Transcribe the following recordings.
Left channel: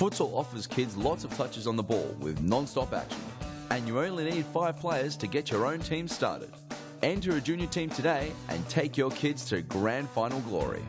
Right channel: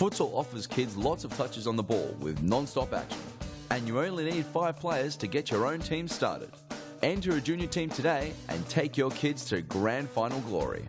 Futsal offers kids lots of touches on the ball with non-stop action. And you only need 5 players to get your own team started. Enter a junior team today and take your kids to grand final glory.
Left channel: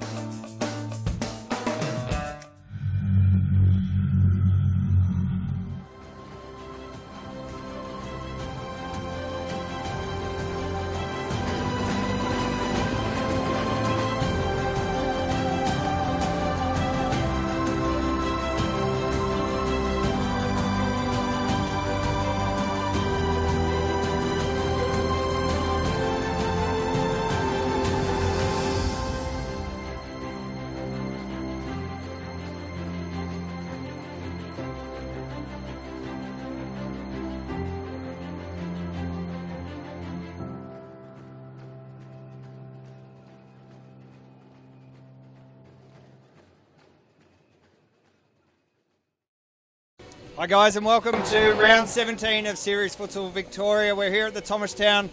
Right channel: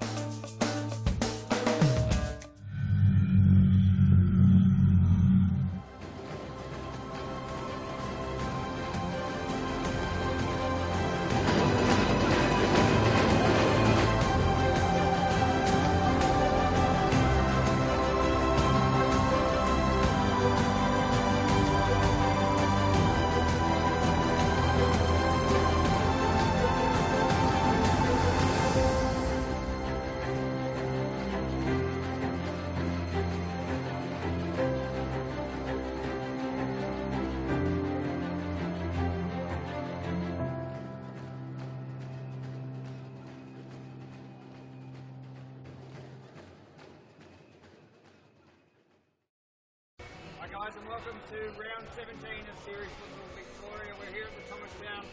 Hi guys, and welcome to round 17 of Series Futsal Victoria. We're here at the Thomastown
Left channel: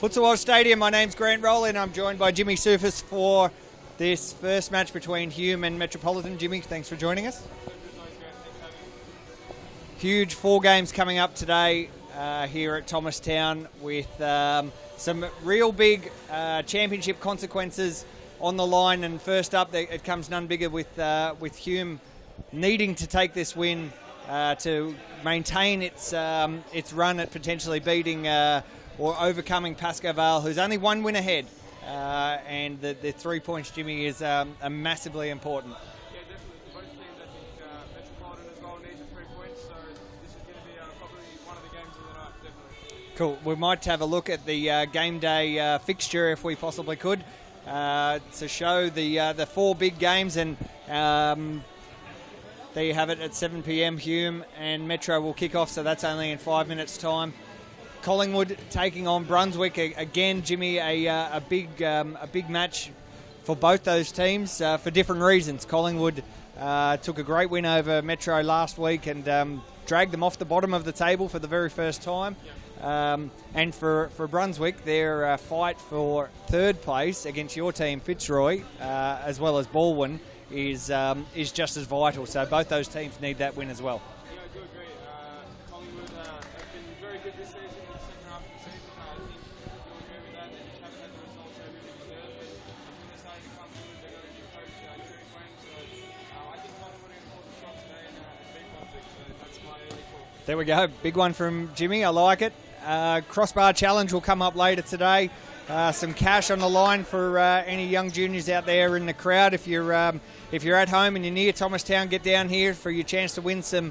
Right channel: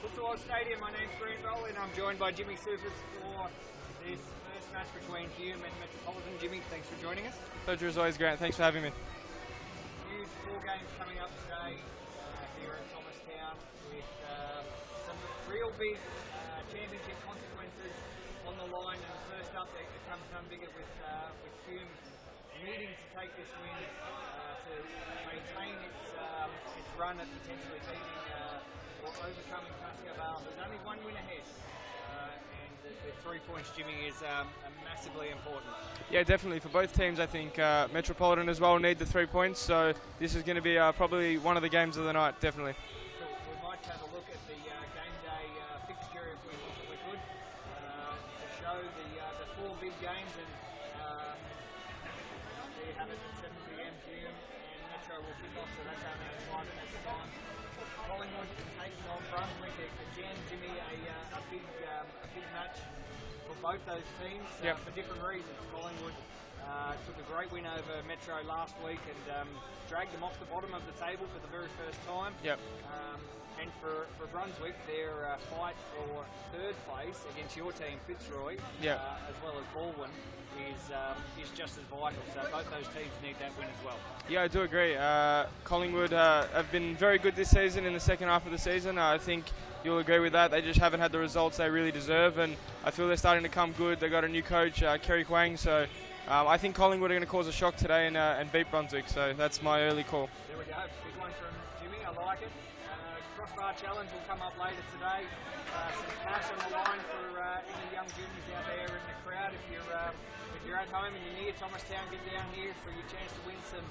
Futsal Oz Stadium. My name's Grant Rowley and I'm joined by Jimmy Soufis for this first match between Hume and Metropolitan. Jimmy, thanks for joining us. Pleasure as always, Grant. Thanks for having me. Huge 4 games coming up today here at Thomastown with some real big championship consequences on the line. And first up, it comes none bigger with Hume needing to take this win to maintain its run at potentially beating or overcoming Pascoe Vale, who's only 1 win ahead. And the 3 points, Jimmy, is massively important. Yeah, definitely. For both teams, I think Metropolitan as well need the 3 points. So this is going to be probably one of the games of the night, definitely. Cool. We might have a look at the game day fixture if we possibly could to show the 4 big games. And there you have it at 7 p.m. Hume and Metro will kick off, so that's only in 5 minutes' time. Collingwood taking on Brunswick again, Jimmy. A big match for both those teams for different reasons. Collingwood took a great win over Metro last week and dragged them off the bottom of the table for the very first time. Yep. And for Brunswick, their fight for 3rd place against your team, Fitzroy, as well as Baldwin, is just as vital. So both those teams need that win as well. Yeah, I do agree. Collingwood have been very good this season in the second half of the season. I think you'll agree with that. They just haven't had the results they really deserve, and I feel they're starting to come good. They got a new coach, Kerry Kwang, so I think Collingwood are going to cause a shock today and beat Brunswick, so that's my early call. There we go. Big one from Jimmy. I like it. Crossbar Challenge will come up later today. Some cash on the line for any young juniors out there in the crowd. If you're at home and you're near Thomastown, get down here for your chance to win some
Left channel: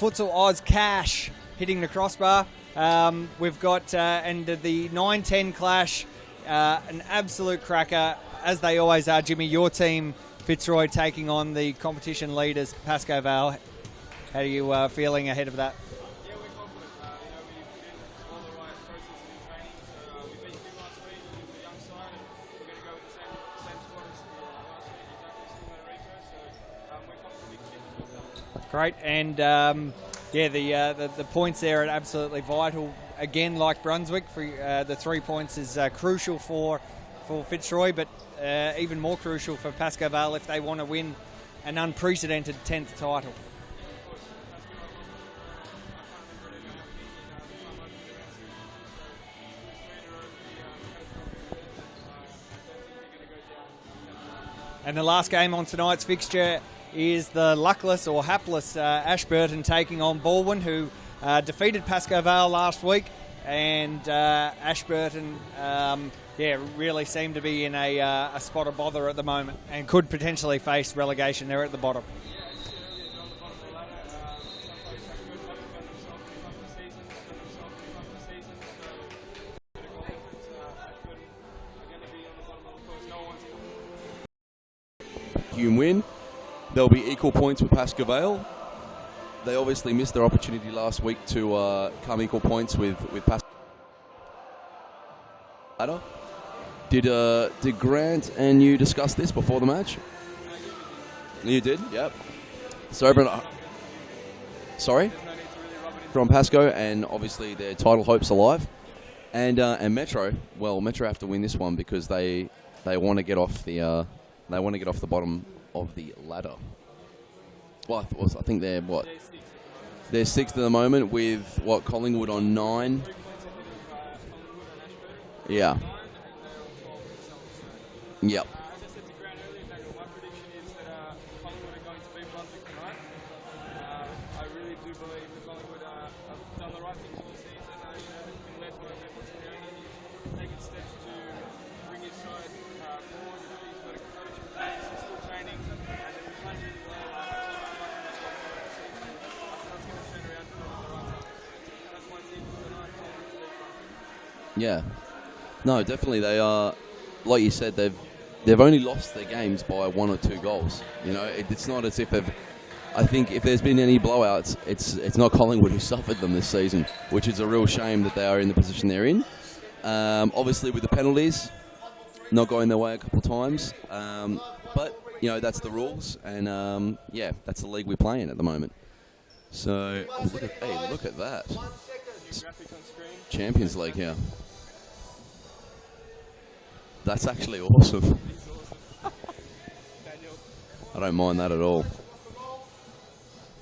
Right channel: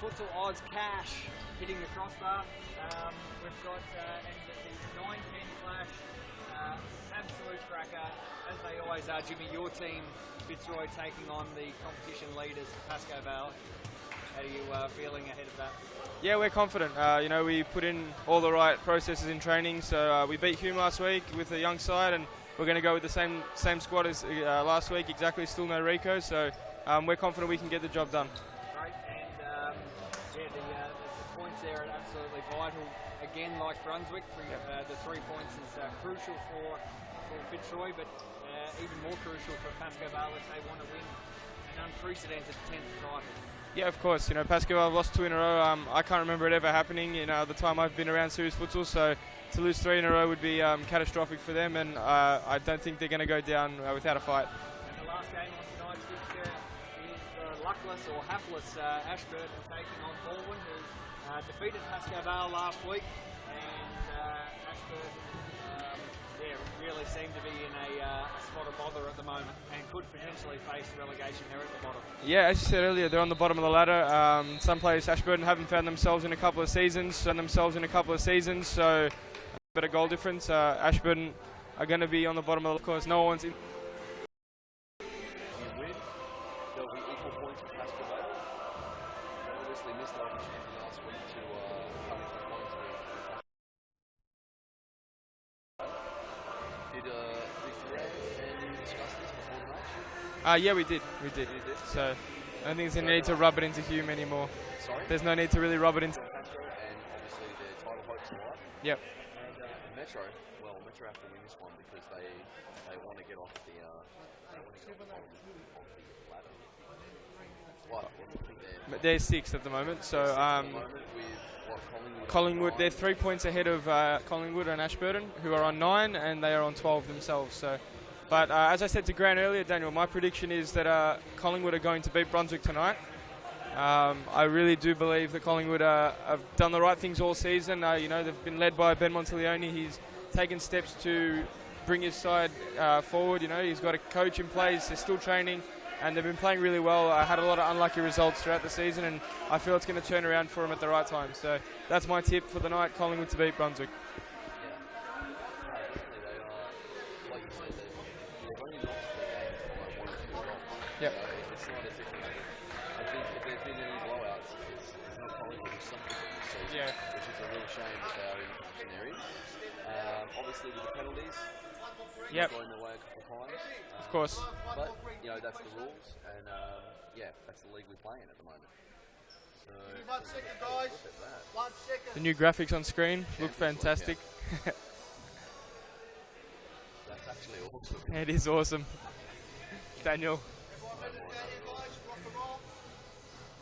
Futsal Oz cash hitting the crossbar. We've got and the 9-10 clash, an absolute cracker, as they always are, Jimmy. Your team, Fitzroy, taking on the competition leaders, Pascoe Vale. How are you feeling ahead of that? Yeah, we're confident. We put in all the right processes in training. So we beat Hume last week with a young side, and we're going to go with the same squad as last week. Exactly, still no Rico. So we're confident we can get the job done. Great, and the points there are absolutely vital. Again, like Brunswick, for the 3 points is crucial for Fitzroy, but even more crucial for Pascoe Vale if they want to win an unprecedented 10th title. Yeah, of course. Pascoe Vale lost 2 in a row. I can't remember it ever happening in the time I've been around Series Futsal, so to lose 3 in a row would be catastrophic for them, and I don't think they're going to go down without a fight. And the last game on tonight's fixture is the luckless or hapless Ashburton taking on Baldwin, who defeated Pascoe Vale last week, and Ashburton really seem to be in a spot of bother at the moment and could potentially face relegation. They're at the bottom. Yeah, as you said earlier, they're on the bottom of the ladder. Some players, Ashburton, haven't found themselves in a couple of seasons, so better goal difference. Ashburton are going to be on the bottom of the course. No one's in. Hume win. There'll be equal points with Pascoe Vale. They obviously missed their opportunity last week to come equal points with Pascoe Vale. Did Grant and you discuss this before the match? Yeah, we did. You did? So Yeah. I don't think there's no need to rub it into Hume anymore. Sorry? There's no need to really rub it into. From Pascoe, and obviously their title hopes alive. Yep. And Metro, well, Metro have to win this one because they want to get off the bottom of the ladder. Well, I think they're what? They're 6th at the moment. So, They're 6th at the moment with what, Collingwood on 9. They're 3 points ahead of Collingwood and Ashburton, who are on 9, and they are on 12 themselves. So, but as I said to Grant earlier, Daniel, my prediction is that Collingwood are going to beat Brunswick tonight. I really do believe that Collingwood have done the right things all season. You know, they've been led by Ben Monteleone. He's taken steps to bring his side forward. You know, he's got a coach in place. They're still training, and they've been playing really well. Had a lot of unlucky results throughout the season, and I feel it's going to turn around for them at the right time. So that's my tip for the night: Collingwood to beat Brunswick. Yeah, no, definitely they are. Like you said, they've only lost their games by 1 or 2 goals. Yep. You know, it's not as if they've. I think if there's been any blowouts, it's not Collingwood who suffered them this season, which is a real shame that they are in the position they're in. Obviously, with the penalties not going their way a couple of times, but you know that's the rules, and that's the league we play in at the moment. So look at that! The new graphics on screen, Champions League, fantastic. yeah. That's actually awesome. It is awesome, Daniel. I don't mind that at all.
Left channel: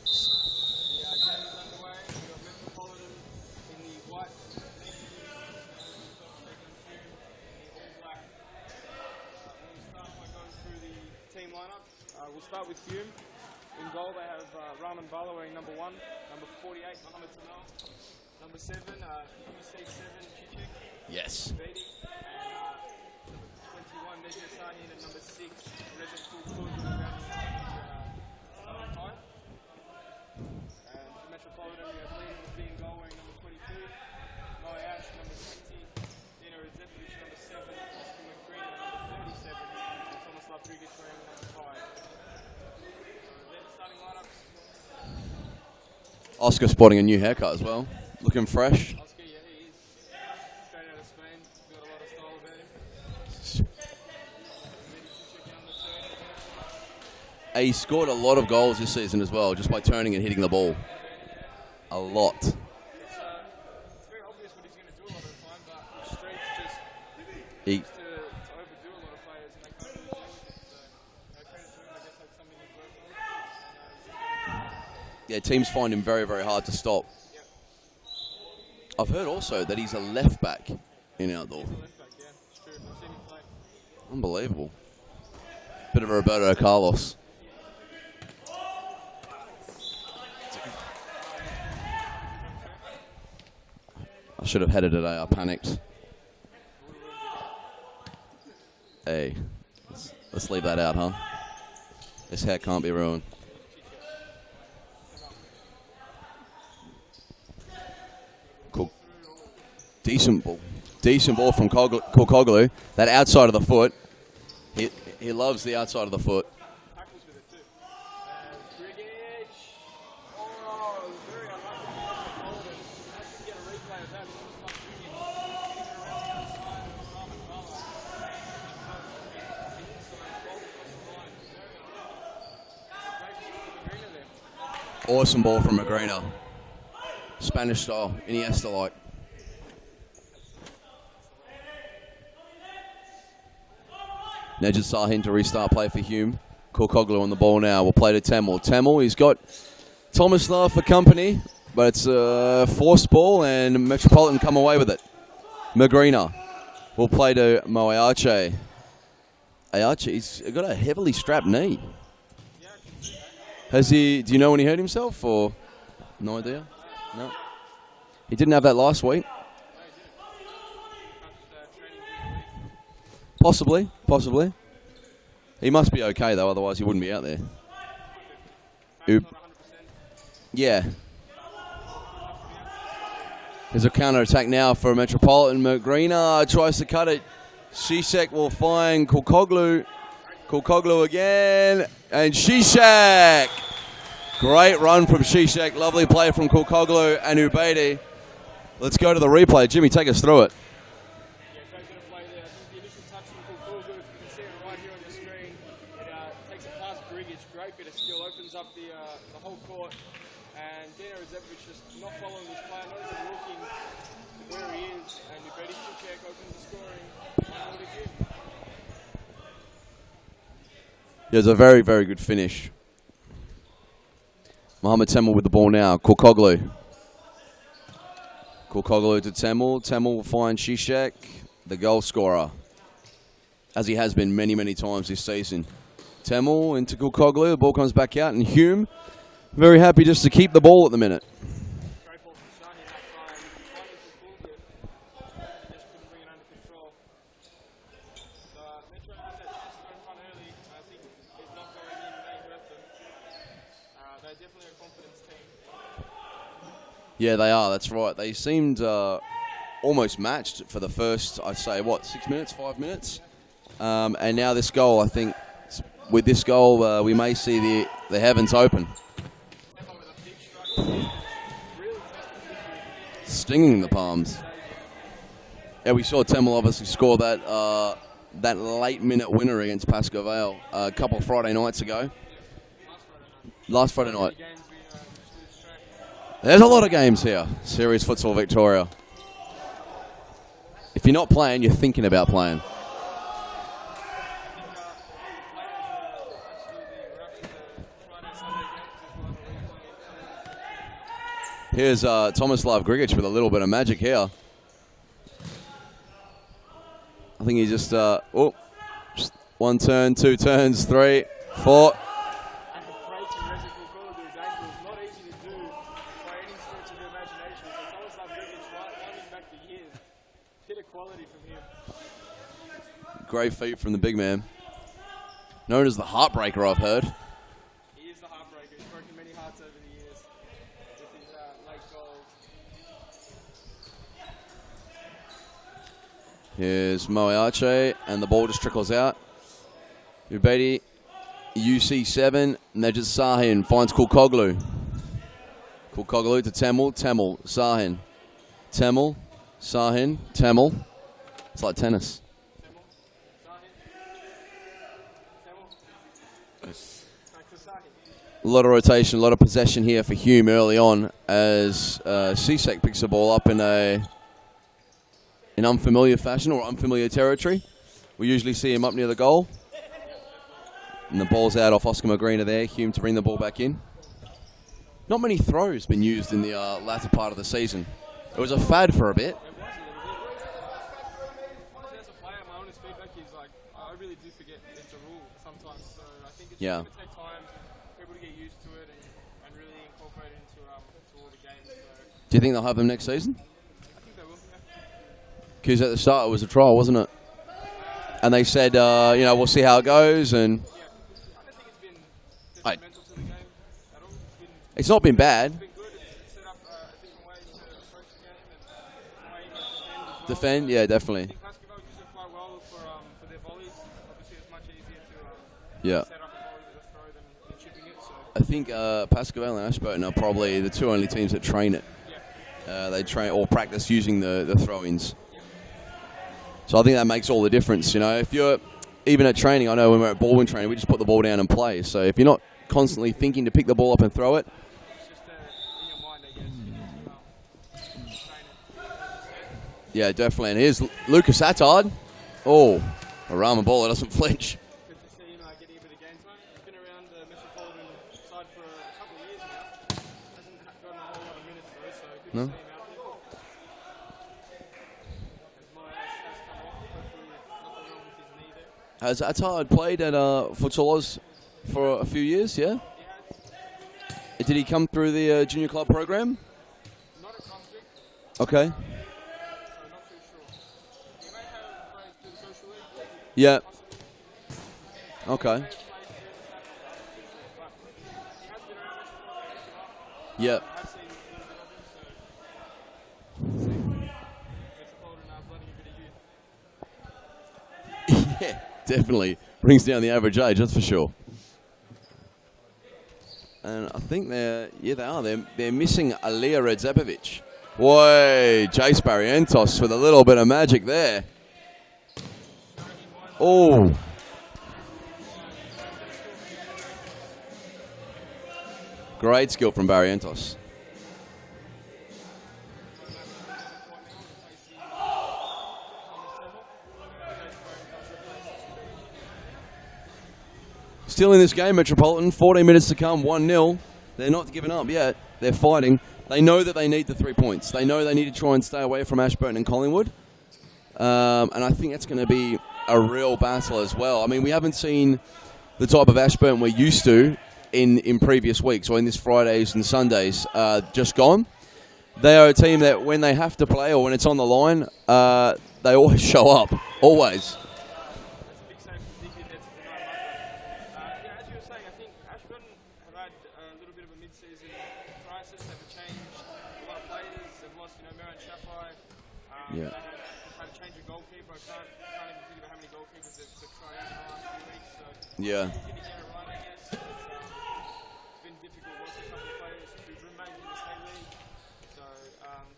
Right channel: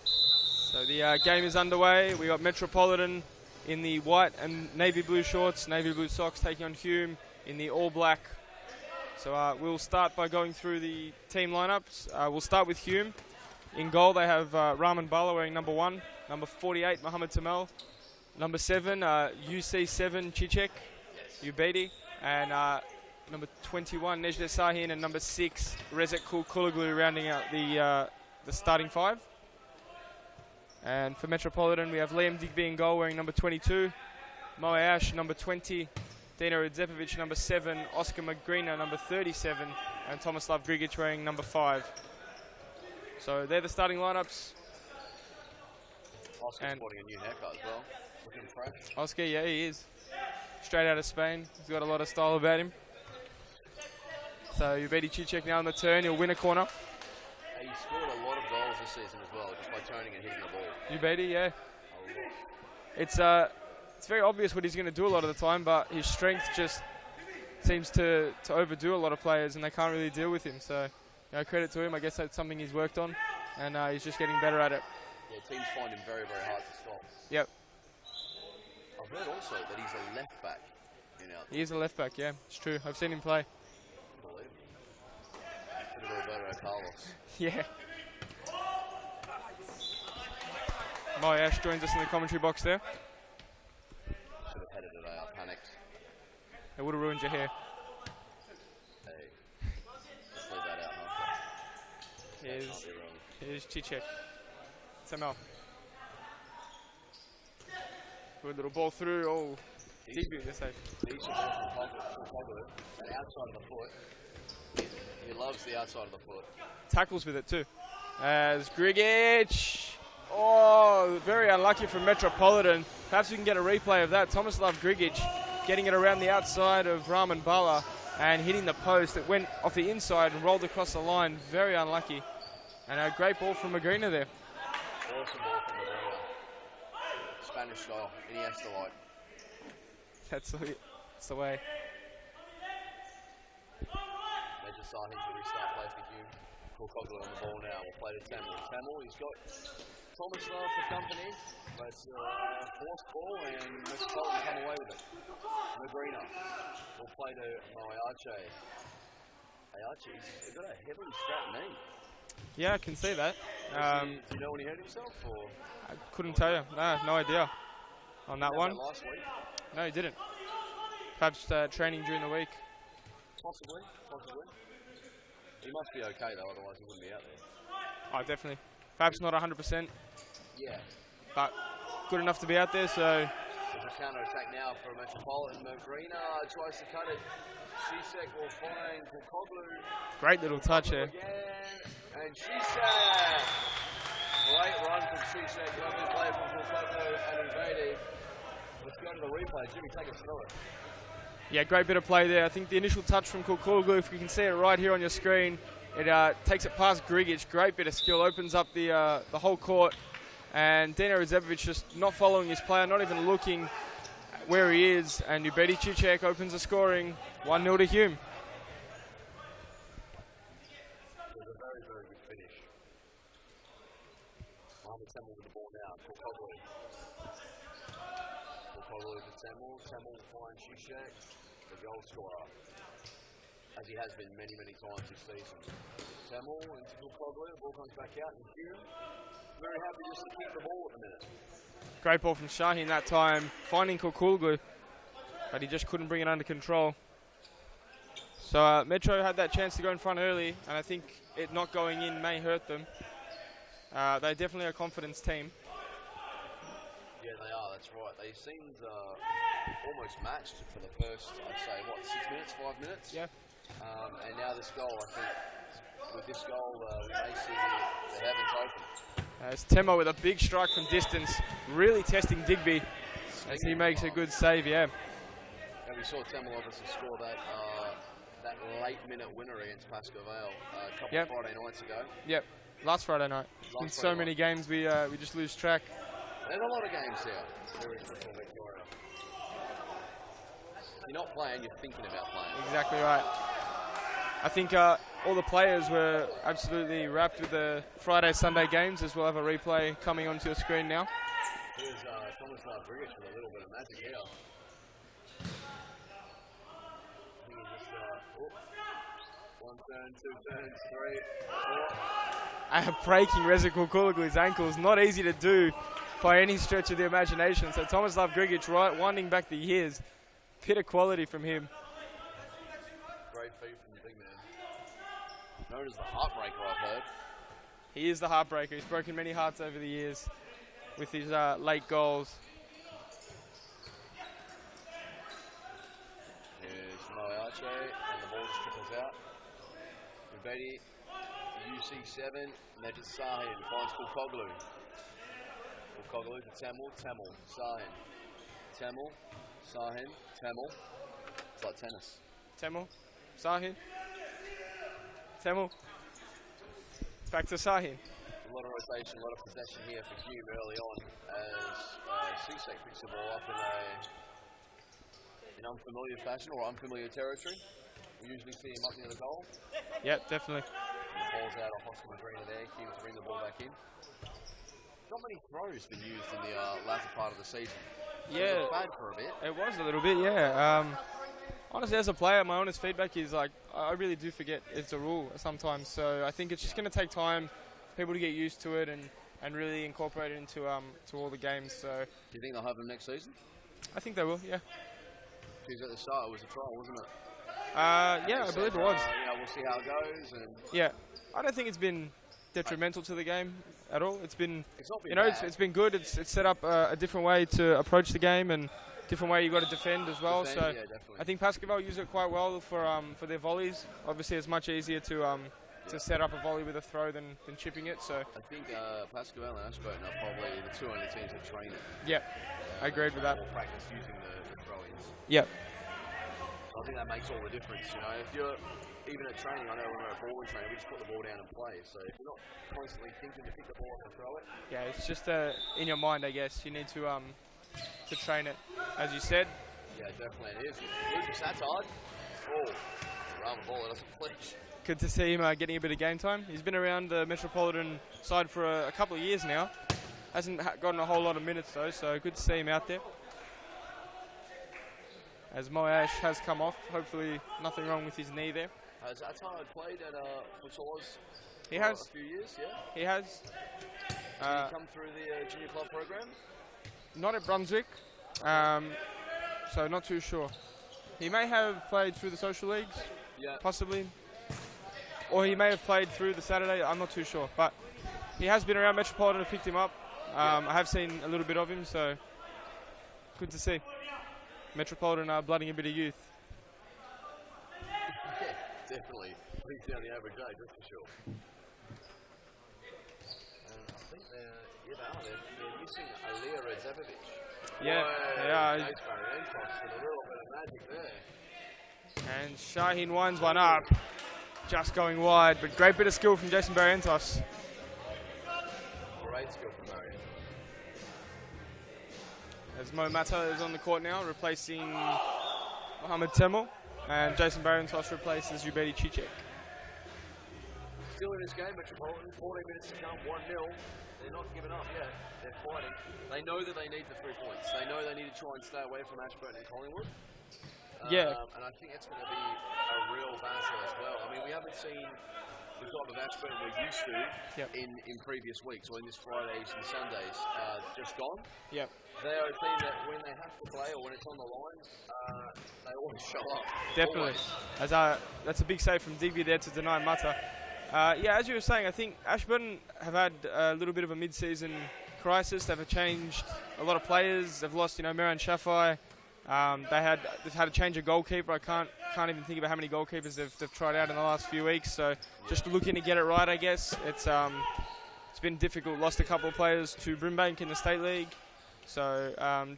So the game is underway. We got Metropolitan in the white and navy blue shorts, navy blue socks, taking on Hume in the all black. So we'll start by going through the team lineups. We'll start with Hume. In goal they have Rahman Bala wearing number 1, number 48 Mohammed Tamel, number 7 UC7 Chichek, Yes. Ubedi, and number 21 Nejda Sahin, and number 6 Rezek Kulaglu rounding out the starting 5. And for Metropolitan, we have Liam Digby in goal wearing number 22, Moe Ash number 20, Dino Radzepovic number 7, Oscar Magrina number 37, and Tomislav Grigic wearing number 5. So they're the starting lineups. Oscar sporting a new haircut as well, looking fresh. Oscar, yeah, he is. Straight out of Spain. He's got a lot of style about him. So Ubedi Chichek now on the turn. He'll win a corner. He scored a lot of goals this season as well, just by turning and hitting the ball. Ubedi, yeah. A lot. It's very obvious what he's going to do a lot of the time, but his strength just seems to overdo a lot of players, and they can't really deal with him. So, you know, credit to him. I guess that's something he's worked on, and he's just getting better at it. Yeah, teams find him very, very hard to stop. Yep. I've heard also that he's a left back in outdoor. He is a left back, yeah. It's true. I've seen him play. Unbelievable. Bit of a Roberto Carlos. Yeah. My Ash joins us in the commentary box there. I should have had it today. I panicked. It would have ruined your hair. Hey, let's leave that out, huh? This hair can't be ruined. It is Chichek. Tamel. Good little ball through. Oh. Decent ball. Decent ball from Kulkoglu. That outside of the foot. He loves the outside of the foot. Tackles with it too. As Grigic. Oh, very unlucky from Metropolitan. Perhaps we can get a replay of that. Tomislav Grigic getting it around the outside of Rahman Bala and hitting the post. It went off the inside and rolled across the line. Very unlucky. And a great ball from Magrina there. Awesome ball from Magrina. Spanish style, Iniesta-like. That's the way. Nejad Sahin to restart play for Hume. Kulkoglu on the ball now. We'll play to Tamil. Tamil, he's got Tomislav for company, but it's a forced ball and Metropolitan come away with it. Magrina will play to Moe Arce. Arce, he's got a heavily strapped knee. Yeah, I can see that. Has he? Do you know when he hurt himself, or couldn't tell you? No idea. He didn't have that last week. No, he didn't. Perhaps training during the week. Possibly. He must be okay though, otherwise he wouldn't be out there. Oh, definitely. Perhaps not 100%. Yeah. But good enough to be out there, so. There's a counter-attack now for Metropolitan. Magrina tries to cut it. Zizek will find Kulkoglu. Great little Kulkoglu again. And Zizek. Great run from Zizek. Lovely play from Kulkoglu and Ubedi. Let's go to the replay. Jimmy, take us through it. Yeah, great bit of play there. I think the initial touch from Kulkoglu, if you can see it right here on your screen, it takes it past Grigic. Great bit of skill. Opens up the whole court. And Dino Radzepovic just not following his player, not even looking where he is. And Ubedi Chichek opens the scoring. 1-0 to Hume. It was a very, very good finish. Mohamed Temel with the ball now. Kulkoglu. Kulkoglu to Temel. Temel will find Zizek, the goal scorer, as he has been many, many times this season. Temel into Kulkoglu. The ball comes back out, and Hume very happy just to keep the ball at the minute. Great ball from Shaheen that time, finding Kulkoglu, but he just couldn't bring it under control. So Metro had that chance to go in front early, and I think it not going in may hurt them. They're definitely a confidence team. Yeah, they are. That's right. They seemed almost matched for the first, I'd say, 6 minutes, 5 minutes? Yeah. And now this goal, I think, with this goal, we may see the heavens open. It's Temo with a big strike from distance, really testing Digby. Stinging the He makes a good palms. save, yeah. Yeah, we saw Temel obviously score that late-minute winner against Pascoe Vale a couple of Friday nights ago. Yep, last Friday night. Last Friday so night. many games we just lose track. There's a lot of games here. Series Futsal Victoria. If you're not playing, you're thinking about playing. Exactly right. I think all the players were absolutely wrapped with the Friday, Sunday games, as we'll have a replay coming onto your screen now. Here's Tomislav Grigic with a little bit of magic here. I think he just one turn, 2 turns, 3, 4. Breaking Reza Kulkoglu's ankles, not easy to do by any stretch of the imagination. So Tomislav Grigic winding back the years. Bit of quality from him. Great feat from the big man. Known as the heartbreaker, I've heard. He is the heartbreaker. He's broken many hearts over the years with his late goals. Here's Moeache, and the ball just trickles out. Ubedi, UC7, Nejad Sahin finds Kulkoglu. Kulkoglu to Temel, Temel, Sahin. Temel, Sahin, Temel. It's like tennis. Temel, Sahin. Temel. Back to Sahin. A lot of rotation, a lot of possession here for Hume early on as Zizek picks the ball up in unfamiliar fashion or unfamiliar territory. We usually see him up near the goal. Yeah, definitely. And the ball's out off Oscar Magrina there. Hume to bring the ball back in. Not many throws been used in the latter part of the season. Yeah. It was a fad for a bit. It was a little bit, yeah. Honestly, as a player, my honest feedback is like I really do forget it's a rule sometimes. So I think it's just going to take time for people to get used to it and really incorporate it into to all the games. So Do you think they'll have them next season? I think they will, yeah. Because at the start it was a trial, wasn't it? And they said, we'll see how it goes. And yeah, I don't think it's been detrimental to the game at all. It's not been bad. It's been good. It's set up a different way to approach the game and different way you got to defend as well. Defend, so yeah, definitely. I think Pascoe Vale use it quite well for their volleys. Obviously, it's much easier to set up a volley with a throw than chipping it. So I think Pascoe Vale and Ashburton are probably the two only teams that train it. Yeah. They train or practice using the throw-ins. Yeah. So I think that makes all the difference. If you're even at training, I know when we're at ballwin training, we just put the ball down and play. So if you're not constantly thinking to pick the ball up and throw it, yeah, it's just in your mind, I guess. You need to train it, as you said. Yeah, definitely. And here's Lucas Attard. Oh, a Rama baller doesn't flinch. Good to see him getting a bit of game time. He's been around the Metropolitan side for a couple of years now. Hasn't gotten a whole lot of minutes though, so good to see him out there. As Moash has come off, hopefully nothing wrong with his knee there. Has Attard played at Futsal Oz for a few years, yeah? He has. Did he come through the junior club program? Not at Brunswick. Okay. So not too sure. He may have played through the social leagues. Yeah. Possibly. Okay. Or he may have played through the Saturday. I'm not too sure. But he has been around Metropolitan and picked him up. Yeah. I have seen a little bit of him, so good to see. Metropolitan are blooding a bit of youth. Yeah, definitely. Brings down the average age, that's for sure. And I think they are. They're missing Aliyah Redzepovic. Boy, Jace Barrientos with a little bit of magic there. And Shaheen winds one up. Just going wide, but great bit of skill from Jason Barrientos. Great skill from Barrientos. As Mo Mata is on the court now, replacing Mohamed Temel, and Jason Barrientos replaces Ubedi Cicek. Still in this game, Metropolitan. 14 minutes to come, 1-0. They're not giving up yet. They're fighting. They know that they need the 3 points. They know they need to try and stay away from Ashburton and Collingwood. And I think that's going to be a real battle as well. I mean, we haven't seen the type of Ashburton we're used to in previous weeks, or in this Fridays and Sundays just gone. Yep. They are a team that when they have to play or when it's on the line, they always show up. Definitely. Always. That's a big save from Digby there to deny Mata. As you were saying, I think Ashburton have had a little bit of a mid-season crisis. They've changed a lot of players. They've lost, Meran Shafai. They've had a change of goalkeeper. I can't even think about how many goalkeepers they've tried out in the last few weeks. So just looking to get it right, I guess. It's been difficult. Lost a couple of players to Brimbank in the State League. So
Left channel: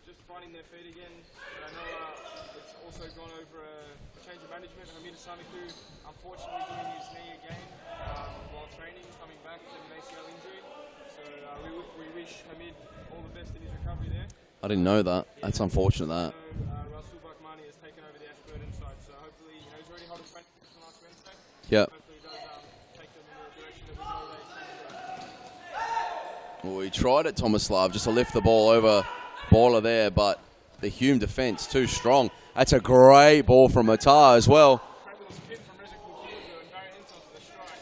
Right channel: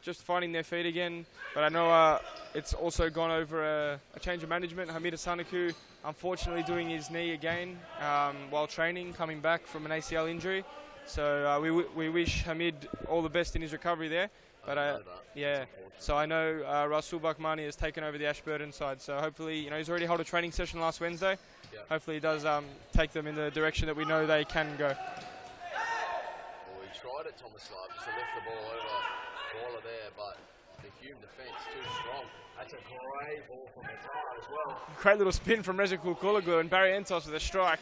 just finding their feet again. But I know it's also gone over a change of management. Hamida Sanaku, unfortunately, doing his knee again while training, coming back from an ACL injury. So we wish Hamid all the best in his recovery there. I didn't know that. Yeah. That's unfortunate. So I know Rasul Bakmani has taken over the Ashburton side. So hopefully, he's already held a training session last Wednesday. Yeah. Hopefully he does take them in the direction that we know they can go. Well, we tried it, Tomislav, just to lift the ball over baller there, but the Hume defence too strong. That's a great ball from Matar as well. Great little spin from Rezikul Kulaglu and Barry Entos with a strike.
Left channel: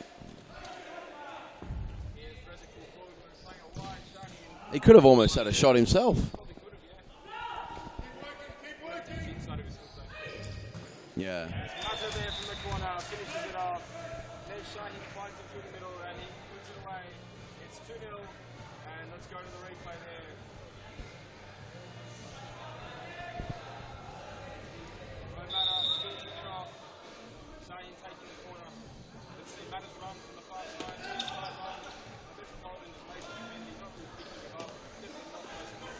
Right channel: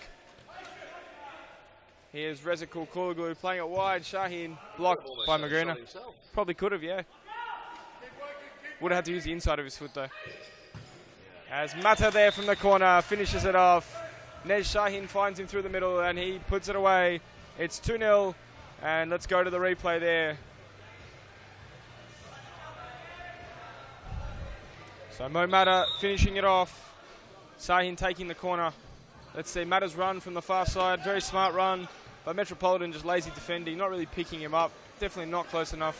Here's Rezikul Kulaglu playing it wide. Shaheen. He could have almost had a shot himself. Probably could have, yeah. Would have had to use the inside of his foot though. Yeah. As Mata there from the corner finishes it off. Nej Shaheen finds him through the middle and he puts it away. It's 2-0. And let's go to the replay there. So Mo Mata finishing it off. Sahin taking the corner. Let's see Mata's run from the far side. Very smart run. But Metropolitan just lazy defending. Not really picking him up. Definitely not close enough.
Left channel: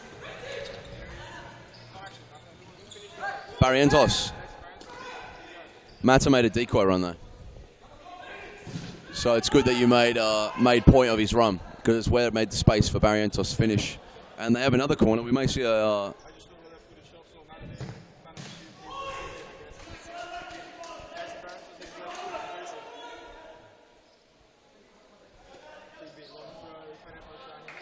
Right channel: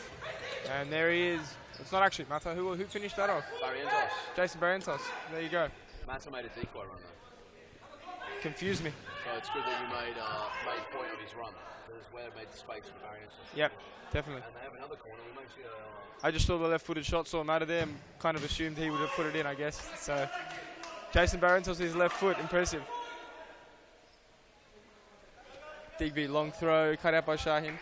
And there he is. It's not actually Mata. Who finished that off? Barrientos. Jason Barrientos. There you go. Mata made a decoy run though. Confused me. So it's good that you made point of his run, because it's where it made the space for Barrientos to finish. Definitely. And they have another corner. We may see a... I just saw the left-footed shot, saw Mata there, and kind of assumed he would have put it in, I guess. So Jason Barrientos, his left foot, impressive. Digby, long throw, cut out by Shaheen.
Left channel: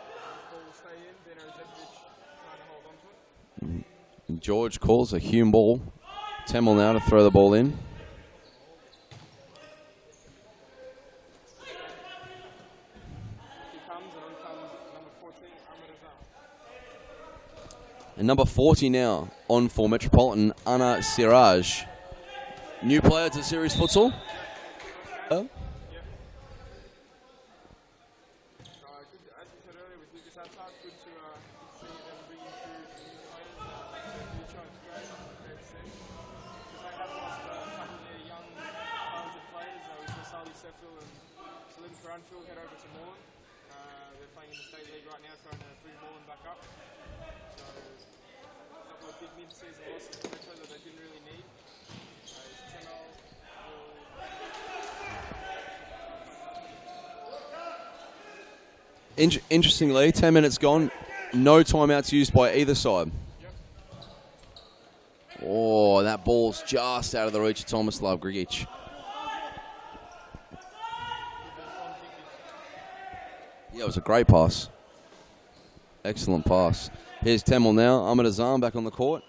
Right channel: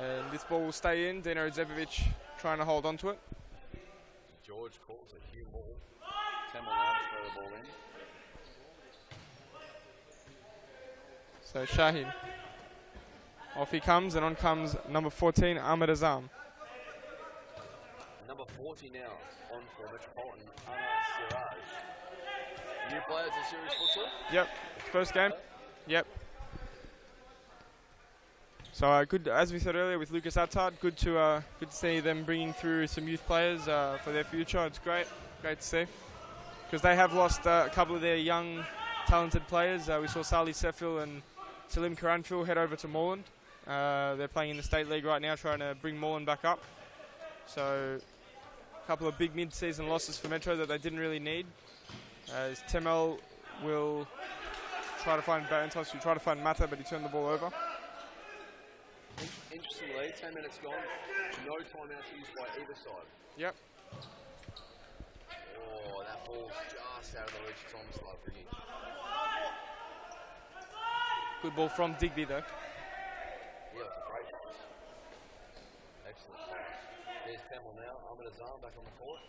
And this ball will stay in. Dino Zepovic trying to hold on to it. George calls a Hume ball. Temel now to throw the ball in. So Shaheen. Off he comes, and on comes number 14, Ahmed Azam. And number 40 now on for Metropolitan, Anna Siraj. New player to Series Futsal? Yep, first game. Yep. So good, as we said earlier with Lucas Attard, good to see them bringing through some youth players for their future. It's great to see, because they have lost a couple of their young, talented players. We saw Sali Sefil and Salim Karanfil head over to Moreland. They're playing in the State League right now, trying to bring Moreland back up. So a couple of big mid-season losses for Metro that they didn't really need. As Temel will try to find Barrientos, who try to find Mata, but he turned the ball over. Interestingly, 10 minutes gone, no timeouts used by either side. Yep. Oh, that ball's just out of the reach of Tomislav Grigic. Good ball from Digby though. Yeah, it was a great pass. Excellent pass. Here's Temel now. Ahmed Azam back on the court.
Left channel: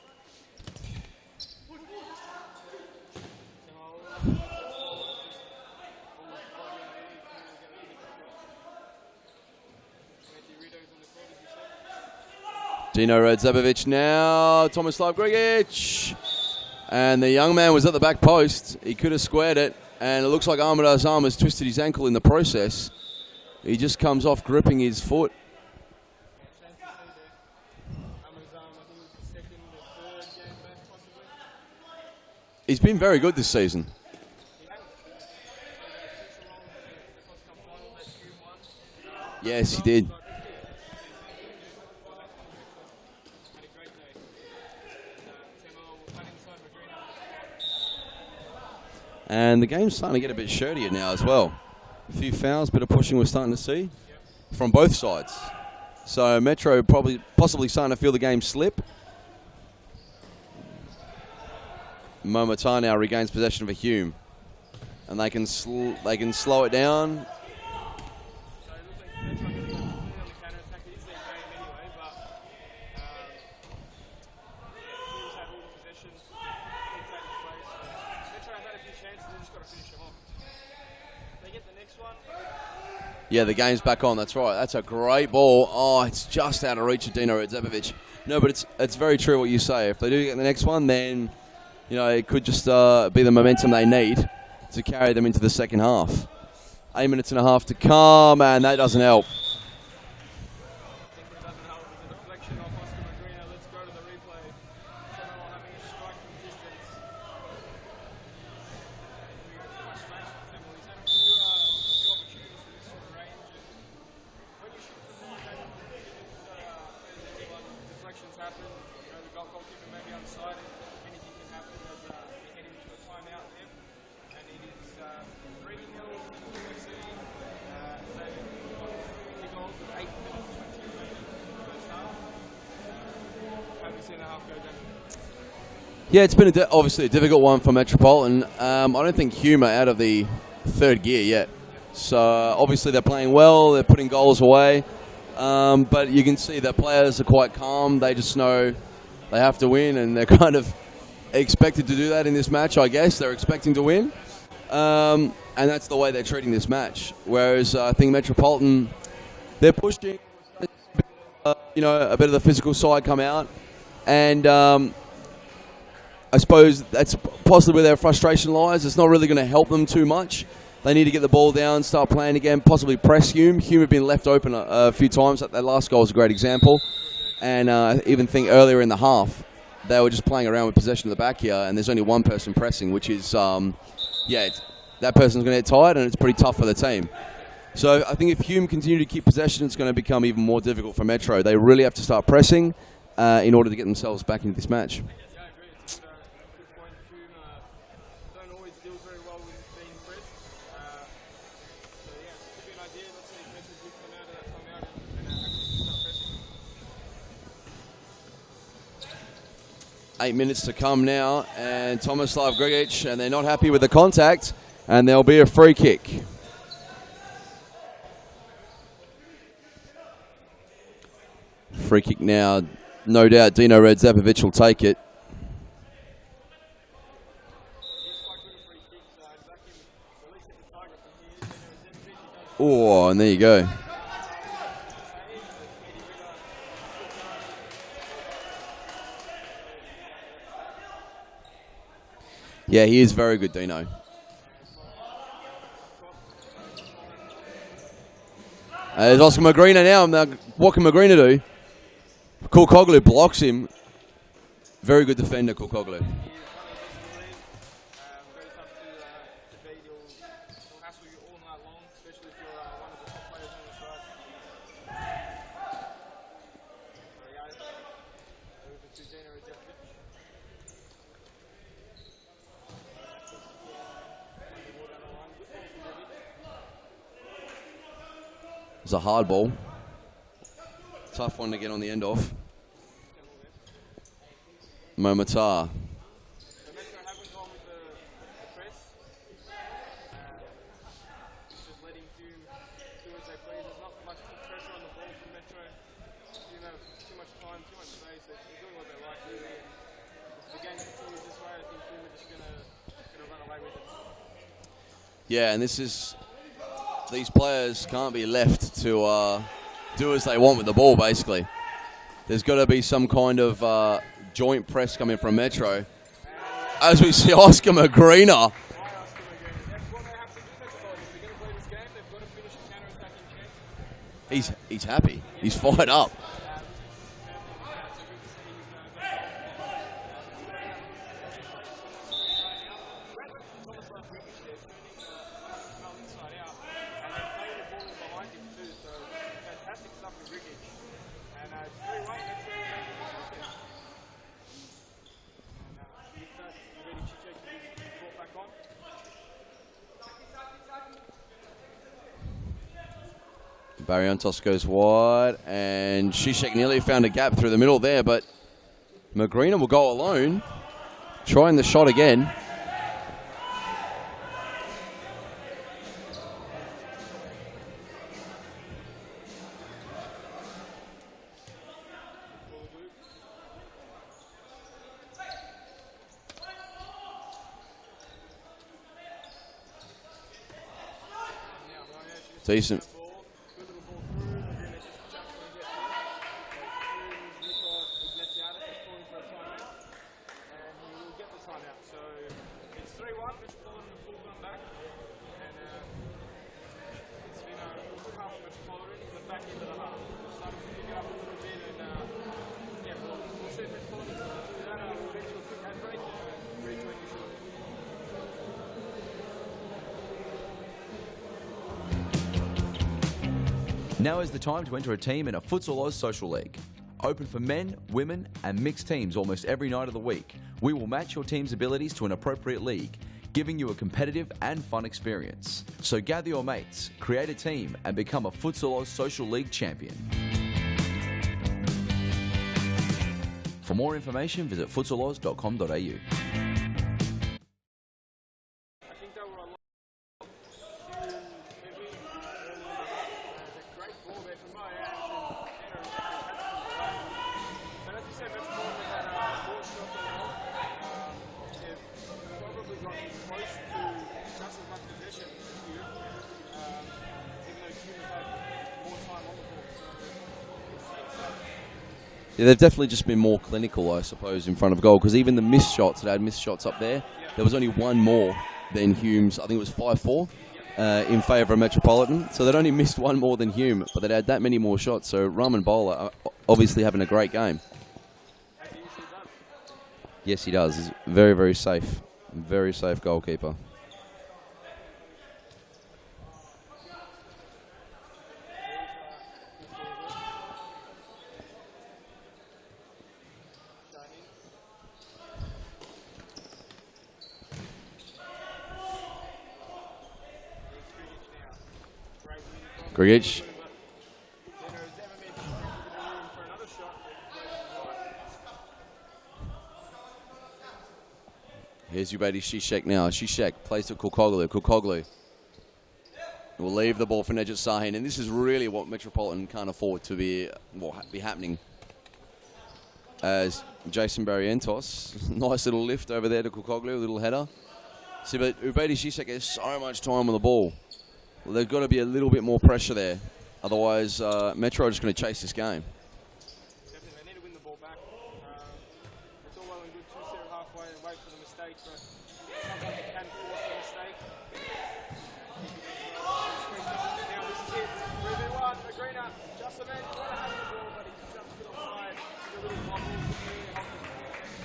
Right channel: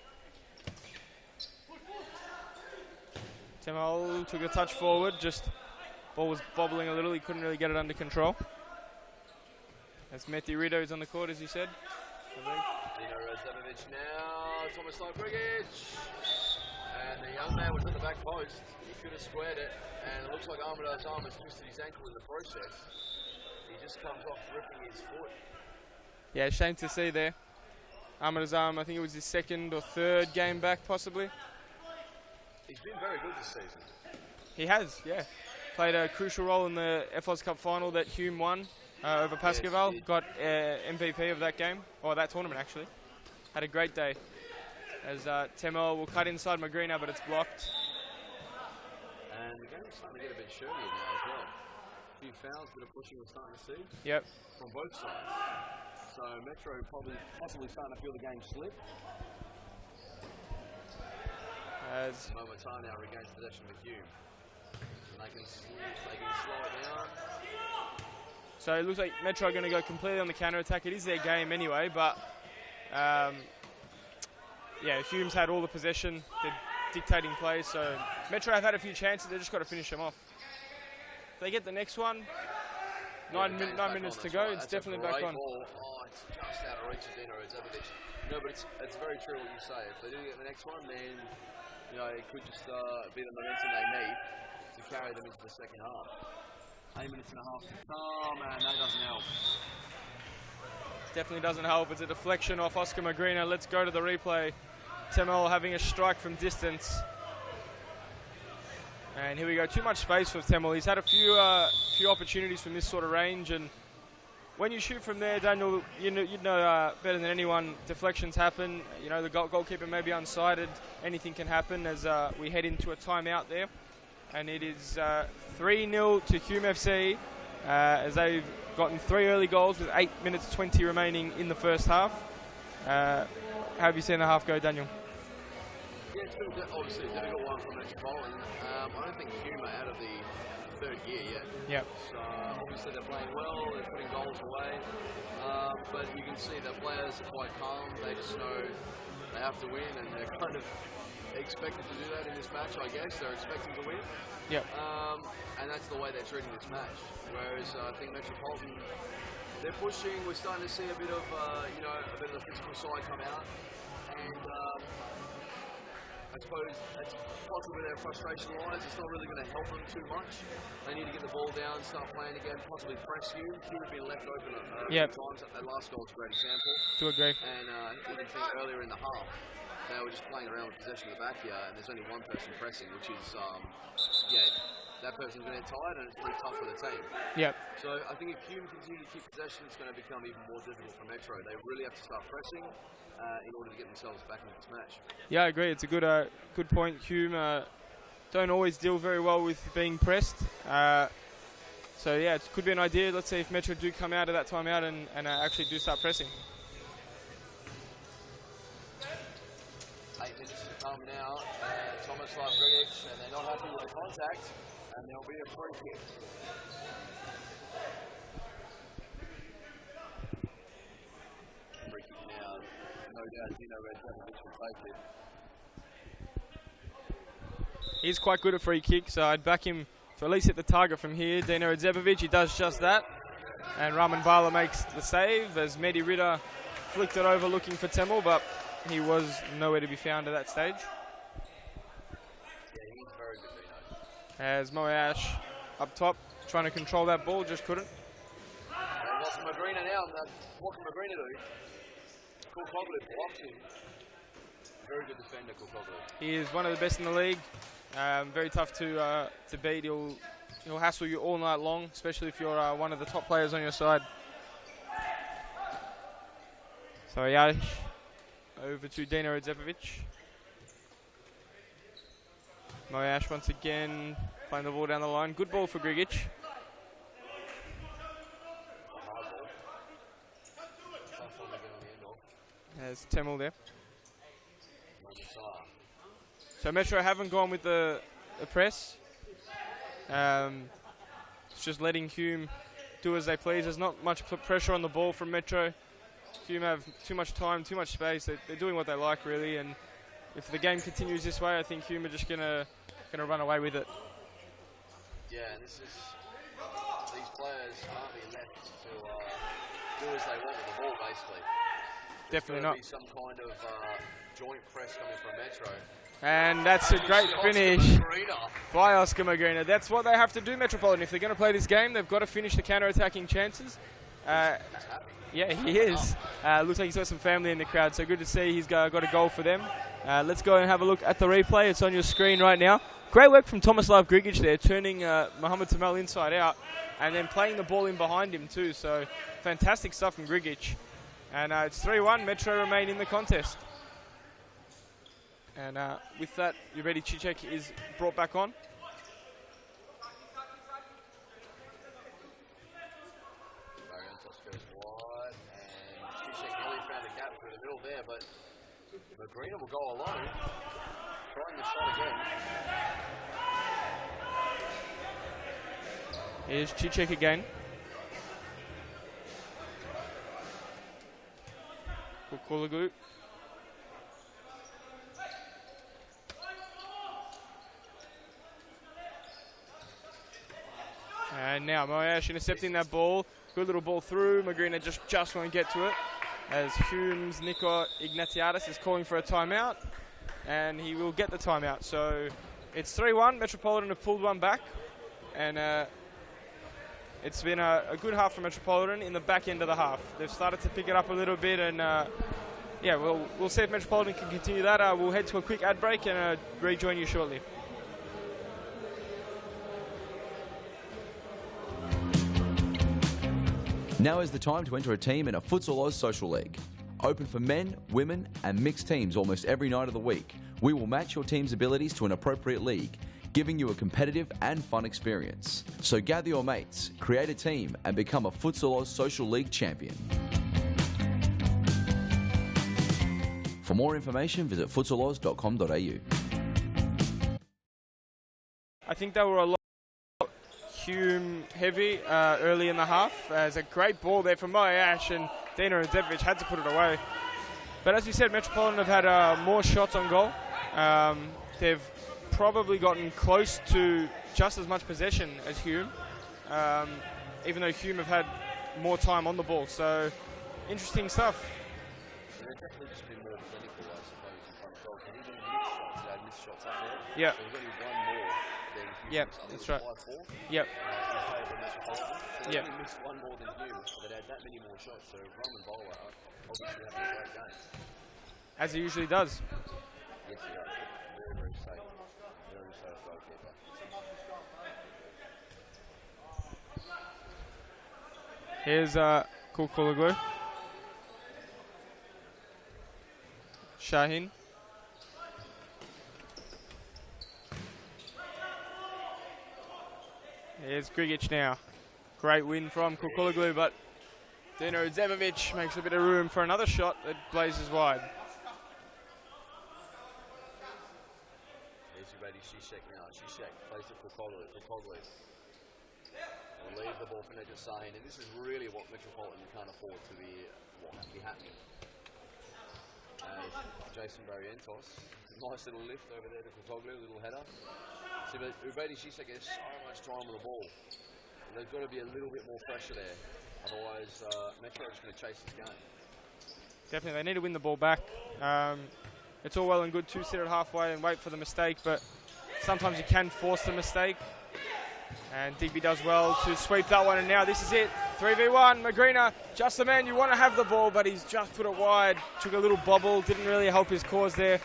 Temel took a touch forward, just ball was bobbling a little, he couldn't really get it under control. That's Meti Rito is on the court, as you said. Dino Radzabovic now. Tomislav Grigic. And the young man was at the back post. He could have squared it. And it looks like Ahmed Azam has twisted his ankle in the process. He just comes off gripping his foot. Yeah, shame to see there. Ahmed Azam, I think it was his second or third game back, possibly. He's been very good this season. He has, yeah. Played a crucial role in the FOS Cup final that Hume won over Pascal. Yes, he did. Got MVP of that game, or that tournament actually. Had a great day. As Temel will cut inside Magrina, but it's blocked. And the game's starting to get a bit shirtier now as well. A few fouls, bit of pushing we're starting to see. Yep. From both sides. So Metro possibly starting to feel the game slip. Momatar now regains possession of a Hume, and they can slow it down. So it looks like Metro are going to go completely on the counter-attack. It is their game anyway, but yeah, Hume's had all the possession. They're dictating play, so Metro have had a few chances. They've just got to finish them off. If they get the next one. Yeah, the game's back on. That's right. That's a great ball. Oh, it's just out of reach of Dino Redzepovic. No, but it's very true what you say. If they do get the next one, then it could just be the momentum they need to carry them into the second half. 8 minutes and a half to come, and that doesn't help. Definitely doesn't help. It's a deflection off Oscar Magrina. Let's go to the replay. Temel having a strike from distance. And here we go. Too much space for Temel. He's had a few opportunities from this sort of range, and when you shoot from there, Daniel, you know better than anyone, deflections happen. The goalkeeper may be unsighted. Anything can happen as we head into a timeout there. And it is 3-0 to Hume FC as they've gotten 3 early goals with 8 minutes 20 remaining in the first half. How have you seen the half go, Daniel? Yeah, it's been obviously a difficult one for Metropolitan. I don't think Hume are out of the third gear yet. Yep. So obviously they're playing well, they're putting goals away. But you can see that players are quite calm. They just know they have to win, and they're kind of expected to do that in this match, I guess. They're expecting to win. Yep. And that's the way they're treating this match. Whereas I think Metropolitan, they're pushing. We're starting to see a bit of, a bit of the physical side come out. And I suppose that's possibly where their frustration lies. It's not really going to help them too much. They need to get the ball down, start playing again, possibly press Hume. Hume have been left open a few times. That last goal was a great example. To agree. And I even think earlier in the half, they were just playing around with possession of the back here, and there's only one person pressing, which is, that person's going to get tired, and it's pretty tough for the team. Yep. So I think if Hume continue to keep possession, it's going to become even more difficult for Metro. They really have to start pressing in order to get themselves back into this match. Yeah, I agree. It's a good point. Hume don't always deal very well with being pressed. So yeah, it could be an idea. Let's see if Metro do come out of that timeout and actually do start pressing. 8 minutes to come now, and Tomislav Grigic, and they're not happy with the contact, and there'll be a free kick. Free kick now, no doubt Dino Redzepovic will take it. He's quite good at free kicks, so I'd back him to at least hit the target from here. Dino Redzepovic, he does just that. And there you go. And Raman Bala makes the save as Mehdi Ritter flicked it over looking for Temel, but he was nowhere to be found at that stage. Yeah, he is very good, Dino. As Moash up top, trying to control that ball, just couldn't. There's Oscar Magrina now. What can Magrina do? Kulkoglu blocks him. Very good defender, Kulkoglu. He is one of the best in the league. Very tough to beat. He'll hassle you all night long, especially if you're one of the top players on your side. So yeah, over to Dino Redzepovic. Moash once again playing the ball down the line. Good ball for Grigic. It's a hard ball. Tough one to get on the end of. There's Temel there. Momatar. So Metro haven't gone with the press. It's just letting Hume do as they please. There's not much pressure on the ball from Metro. Hume have too much time, too much space. They're doing what they like, really. And if the game continues this way, I think Hume are just gonna run away with it. Yeah, and these players can't be left to do as they want with the ball, basically. There's got to be some kind of joint press coming from Metro. And that's as we see Oscar Magrina. By Oscar Magrina. That's what they have to do, Metropolitan. If they're going to play this game, they've got to finish the counter-attacking chances. He's happy. Yeah, he's fired up. Looks like he's got some family in the crowd, so good to see he's got a goal for them. Let's go and have a look at the replay. It's on your screen right now. Great work from Tomislav Grigic there, turning Mohamed Temel inside out and then playing the ball in behind him too. So fantastic stuff from Grigic. And it's 3-1. Metro remain in the contest. And with that, Juredi Cicek is brought back on. Barrientos goes wide, and Cicek nearly found a gap through the middle there, but Magrina will go alone. Trying the shot again. Here's Cicek again. Collingwood. And now Moyash intercepting that ball. Good little ball through. Magrina just won't get to it. As Hume's Nico Ignatiadis is calling for a timeout. And he will get the timeout. So it's 3-1. Metropolitan have pulled one back. And it's been a good half for Metropolitan in the back end of the half. They've started to pick it up a little bit, and yeah, we'll see if Metropolitan can continue that. We'll head to a quick ad break and rejoin you shortly. Now is the time to enter a team in a Futsal Oz Social League. Open for men, women and mixed teams almost every night of the week. We will match your team's abilities to an appropriate league, giving you a competitive and fun experience. So gather your mates, create a team and become a Futsal Oz Social League champion. For more information, visit futsaloz.com.au. I think they were a lot Hume heavy early in the half. There's a great ball there from Moyash, and Dino Radzevic had to put it away. But as we said, Metropolitan have had more shots on goal. They've probably gotten close to just as much possession as Hume, even though Hume have had more time on the ball. So interesting stuff. Yeah, they've definitely just been more clinical, I suppose, in front of goal, because even the missed shots, they had missed shots up there. Yep. There was only one more than Hume's. Yep. I think it was 5-4 Yep. In favour of Metropolitan. So they'd only missed one more than Hume, but they'd had that many more shots. So Raman Bowler are obviously having a great game. As he usually does. Yes, he does. He's very, very safe. Very safe goalkeeper. Here's Kulkulaglu. Shaheen. Here's Grigic now. Great win from Grigic. Kulkulaglu, but Dino Zemovic makes a bit of room for another shot that blazes wide. Here's Ubedi Zizek now. Zizek plays to Kulkoglu. Kulkoglu will leave the ball for Nejat Sahin, and this is really what Metropolitan can't afford to be happening. As Jason Barrientos, nice little lift over there to Kulkoglu, a little header. See, but Ubedi Zizek has so much time on the ball. Well, there's got to be a little bit more pressure there. Otherwise, Metro are just going to chase this game. Definitely, they need to win the ball back. It's all well and good to sit at halfway and wait for the mistake, but sometimes you can force the mistake. And DP does well to sweep that one, and now this is it. 3v1, Magrina, just the man you want to have the ball, but he's just put it wide. Took a little bobble, didn't really help his cause there.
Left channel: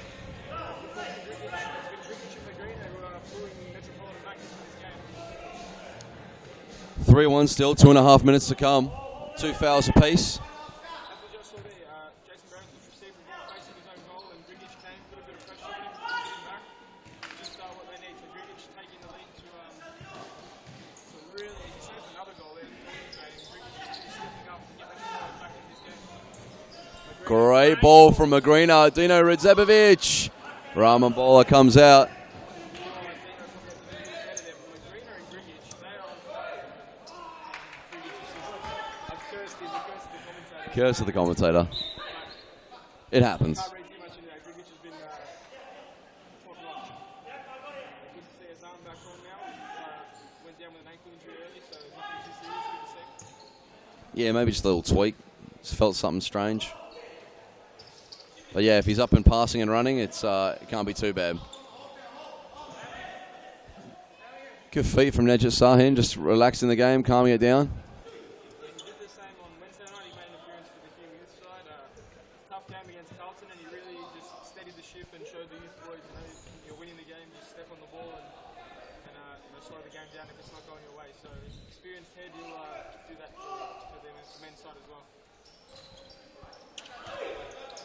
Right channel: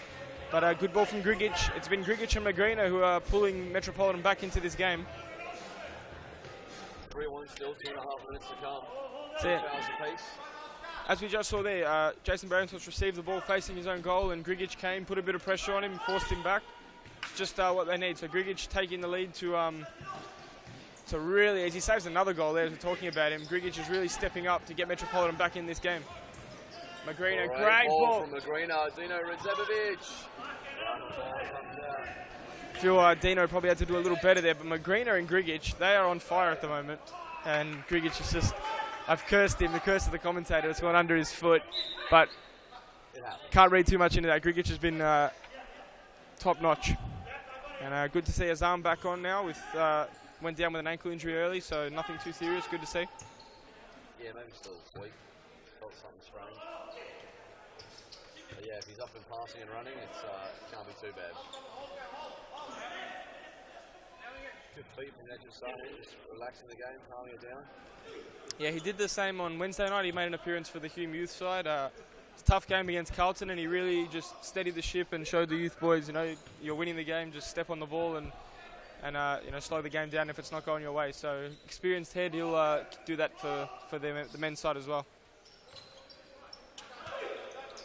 But a good ball from Grigic. It's been Grigic and Magrina who are pulling Metropolitan back into this game. 3-1 still, 2.5 minutes to come. Two fouls apiece. As we just saw there, Jason Barrientos received the ball facing his own goal, and Grigic came, put a bit of pressure on him, forced him back. Just what they need. So Grigic taking the lead to really, as he saves another goal there, as we're talking about him, Grigic is really stepping up to get Metropolitan back in this game. Magrina, Great ball from Magrina. Dino Radzevic. Raman Bowler comes out. I feel Dino probably had to do a little better there, but Magrina and Grigic, they are on fire at the moment. And Grigic is just, I've cursed him, the curse of the commentator. It's Curse not of the under his commentator. foot, but It happens. can't read too much into that. Grigic has been top notch. And good to see Azam back on now. Went down with an ankle injury early, so nothing too serious. Good to see. Yeah, maybe just a little tweak. Just felt something strange. But yeah, if he's up and passing and running, it can't be too bad. Good feet from Nejat Sahin, just relaxing the game, calming it down. Yeah, he did the same on Wednesday night. He made an appearance for the Hume youth side. It's a tough game against Carlton, and he really just steadied the ship and showed the youth boys, you know, you're winning the game, just step on the ball and slow the game down if it's not going your way. So experienced head, he'll do that for the men's side as well.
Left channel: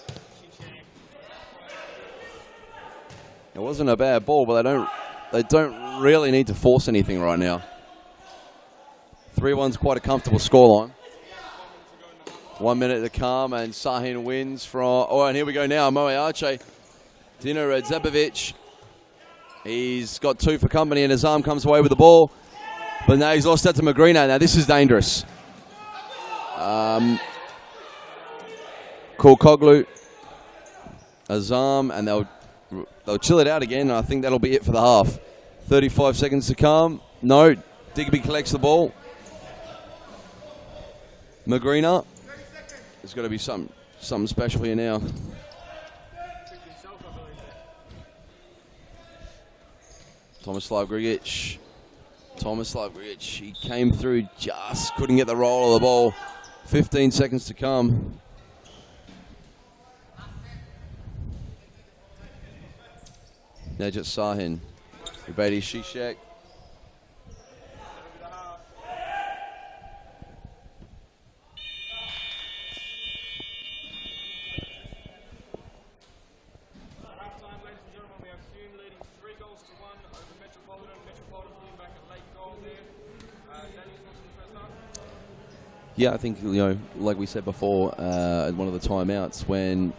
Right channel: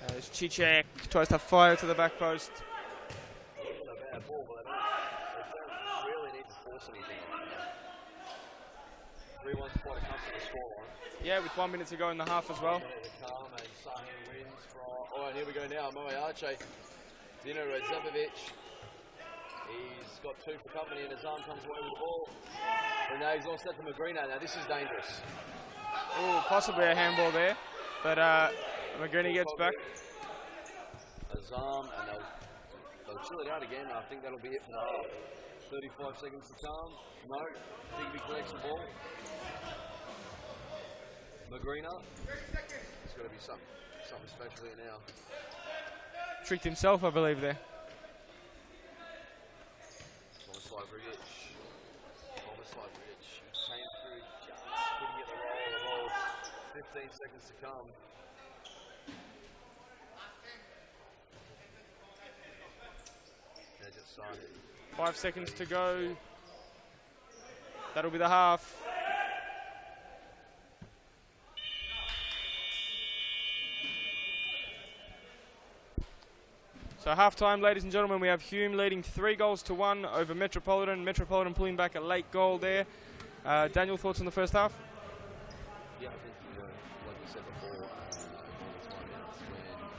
There's Cicek, tries to fire to the back post. It wasn't a bad ball, but they don't really need to force anything right now. 3-1's quite a comfortable scoreline. Yeah, with 1 minute to go in the half as well. 1 minute to come, and Sahin wins from... Oh, and here we go now, Moe Arche. Dino Radzevic He's got 2 for company, and his arm comes away with the ball. But now he's lost that to Magrina. Now this is dangerous. Ooh, possibly a handball there. But Magrina Call gets burnt. Coglu. Azam, and they'll chill it out again. And I think that'll be it for the half. 35 seconds to come. No, Digby collects the ball. Magrina. There's got to be something special here now. Tricked himself, I believe, there. Tomislav Grigic. He came through, just couldn't get the roll of the ball. 15 seconds to come. Najat Sahin. 5 seconds Brady to go. Zizek. That'll be the half. So half-time, ladies and gentlemen, we have Hume leading 3-1 over Metropolitan. Metropolitan pulling back a late goal there. Daniel, thoughts on the first half? Yeah, I think, like we said before, at one of the timeouts, when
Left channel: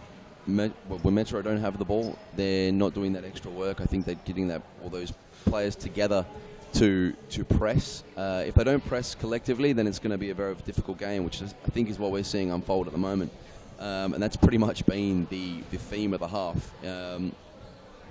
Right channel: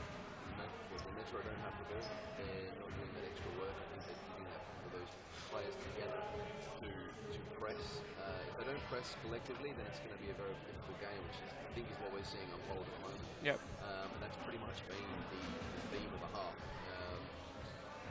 Metro don't have the ball, they're not doing that extra work. I think they're getting all those players together to press. If they don't press collectively, then it's going to be a very difficult game, which I think is what we're seeing unfold at the moment. Yep. And that's pretty much been the theme of the half.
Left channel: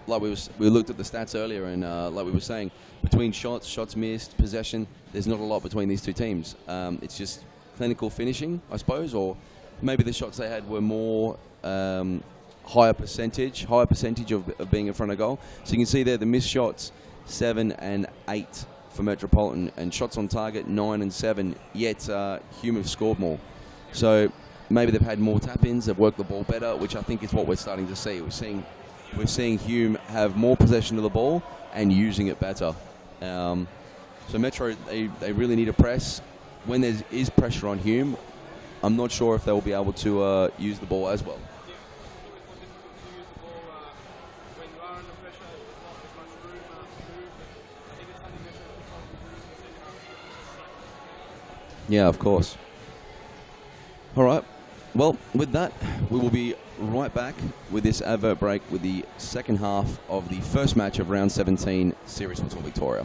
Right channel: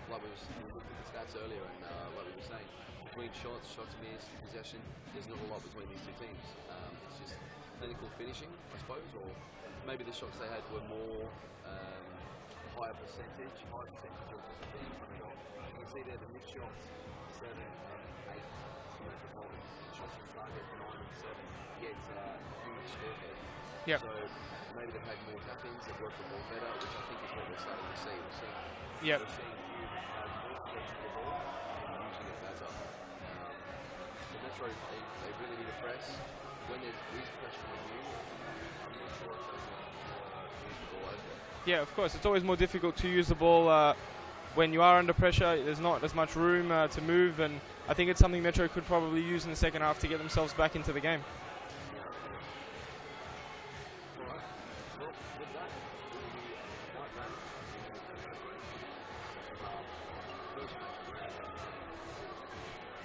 Like we looked at the stats earlier, and like we were saying, between shots missed, possession, there's not a lot between these two teams. It's just clinical finishing, I suppose, or maybe the shots they had were more higher percentage of being in front of goal. So you can see there the missed shots, 7 and 8 for Metropolitan, and shots on target 9 and 7. Yet Hume have scored more. Yep. So maybe they've had more tap-ins, they've worked the ball better, which I think is what we're starting to see. We're seeing Hume have more possession of the ball and using it better. So Metro, they really need a press. When there is pressure on Hume, I'm not sure if they'll be able to use the ball as well. Yeah, of course. It's always more difficult to use the ball when you are under pressure. There's not as much room to move, and I think it's something Metro could probably use in the second half to get themselves back into the game. Yeah, of course. All right. Well, with that, we will be right back with this advert break with the second half of the first match of round 17 Series Futsal Victoria.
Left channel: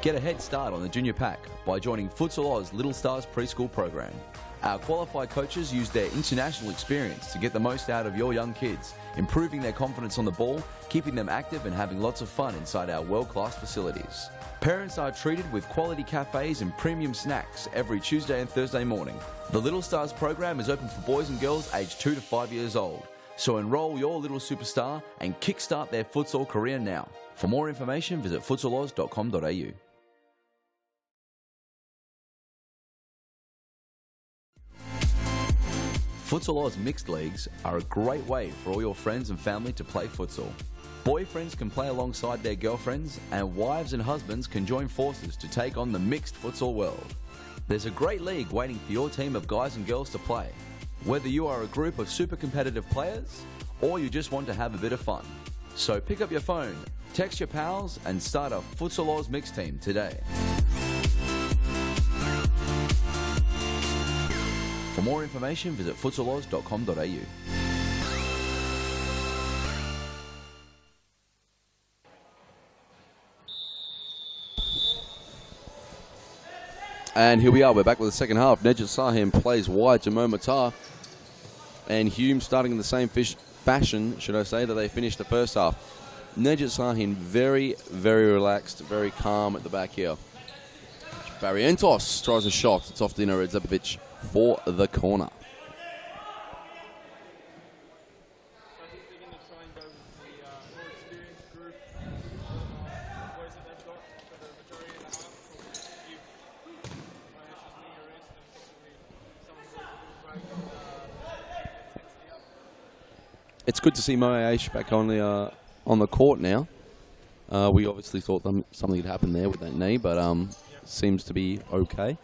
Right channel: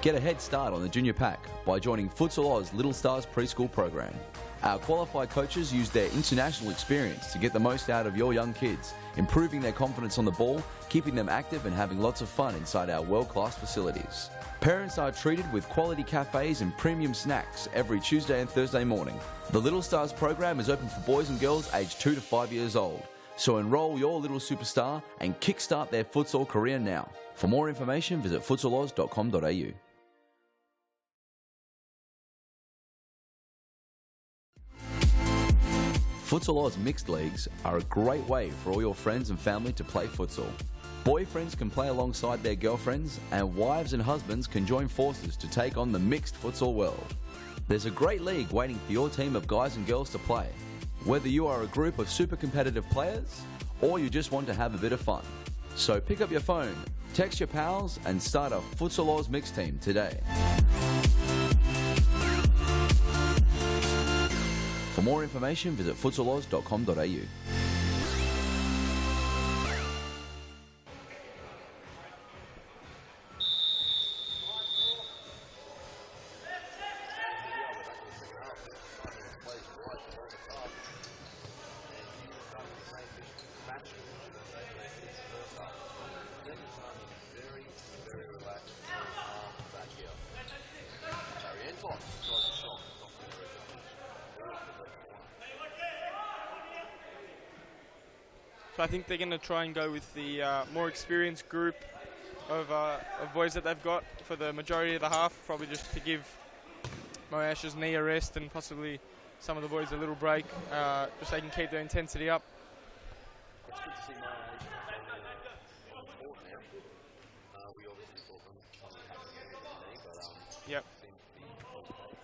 Get a head start on the junior pack by joining Futsal Oz Little Stars preschool program. Our qualified coaches use their international experience to get the most out of your young kids, improving their confidence on the ball, keeping them active and having lots of fun inside our world-class facilities. Parents are treated with quality cafes and premium snacks every Tuesday and Thursday morning. The Little Stars program is open for boys and girls aged 2 to 5 years old. So enroll your little superstar and kickstart their futsal career now. For more information, visit futsaloz.com.au. Futsal Oz mixed leagues are a great way for all your friends and family to play futsal. Boyfriends can play alongside their girlfriends, and wives and husbands can join forces to take on the mixed futsal world. There's a great league waiting for your team of guys and girls to play. Whether you are a group of super competitive players, or you just want to have a bit of fun. So pick up your phone, text your pals, and start a Futsal Oz mixed team today. For more information, visit futsaloz.com.au. And here we are, we're back with the second half. Nejat Sahim plays wide to Mo Matar. And Hume starting in the same fashion, should I say, that they finished the first half. Nejat Sahim very, very relaxed, very calm at the back here. Barrientos tries a shot. It's off Dino Redzepovic for the corner. So I think they're going to try and go with the more experienced group of boys that they've got for the majority of the half, probably just to give Moash's knee a rest and possibly some of the boys a little break, so they can keep their intensity up. It's good to see Moash back on the court now. We obviously thought something had happened there with that knee, but Yep. seems to be okay.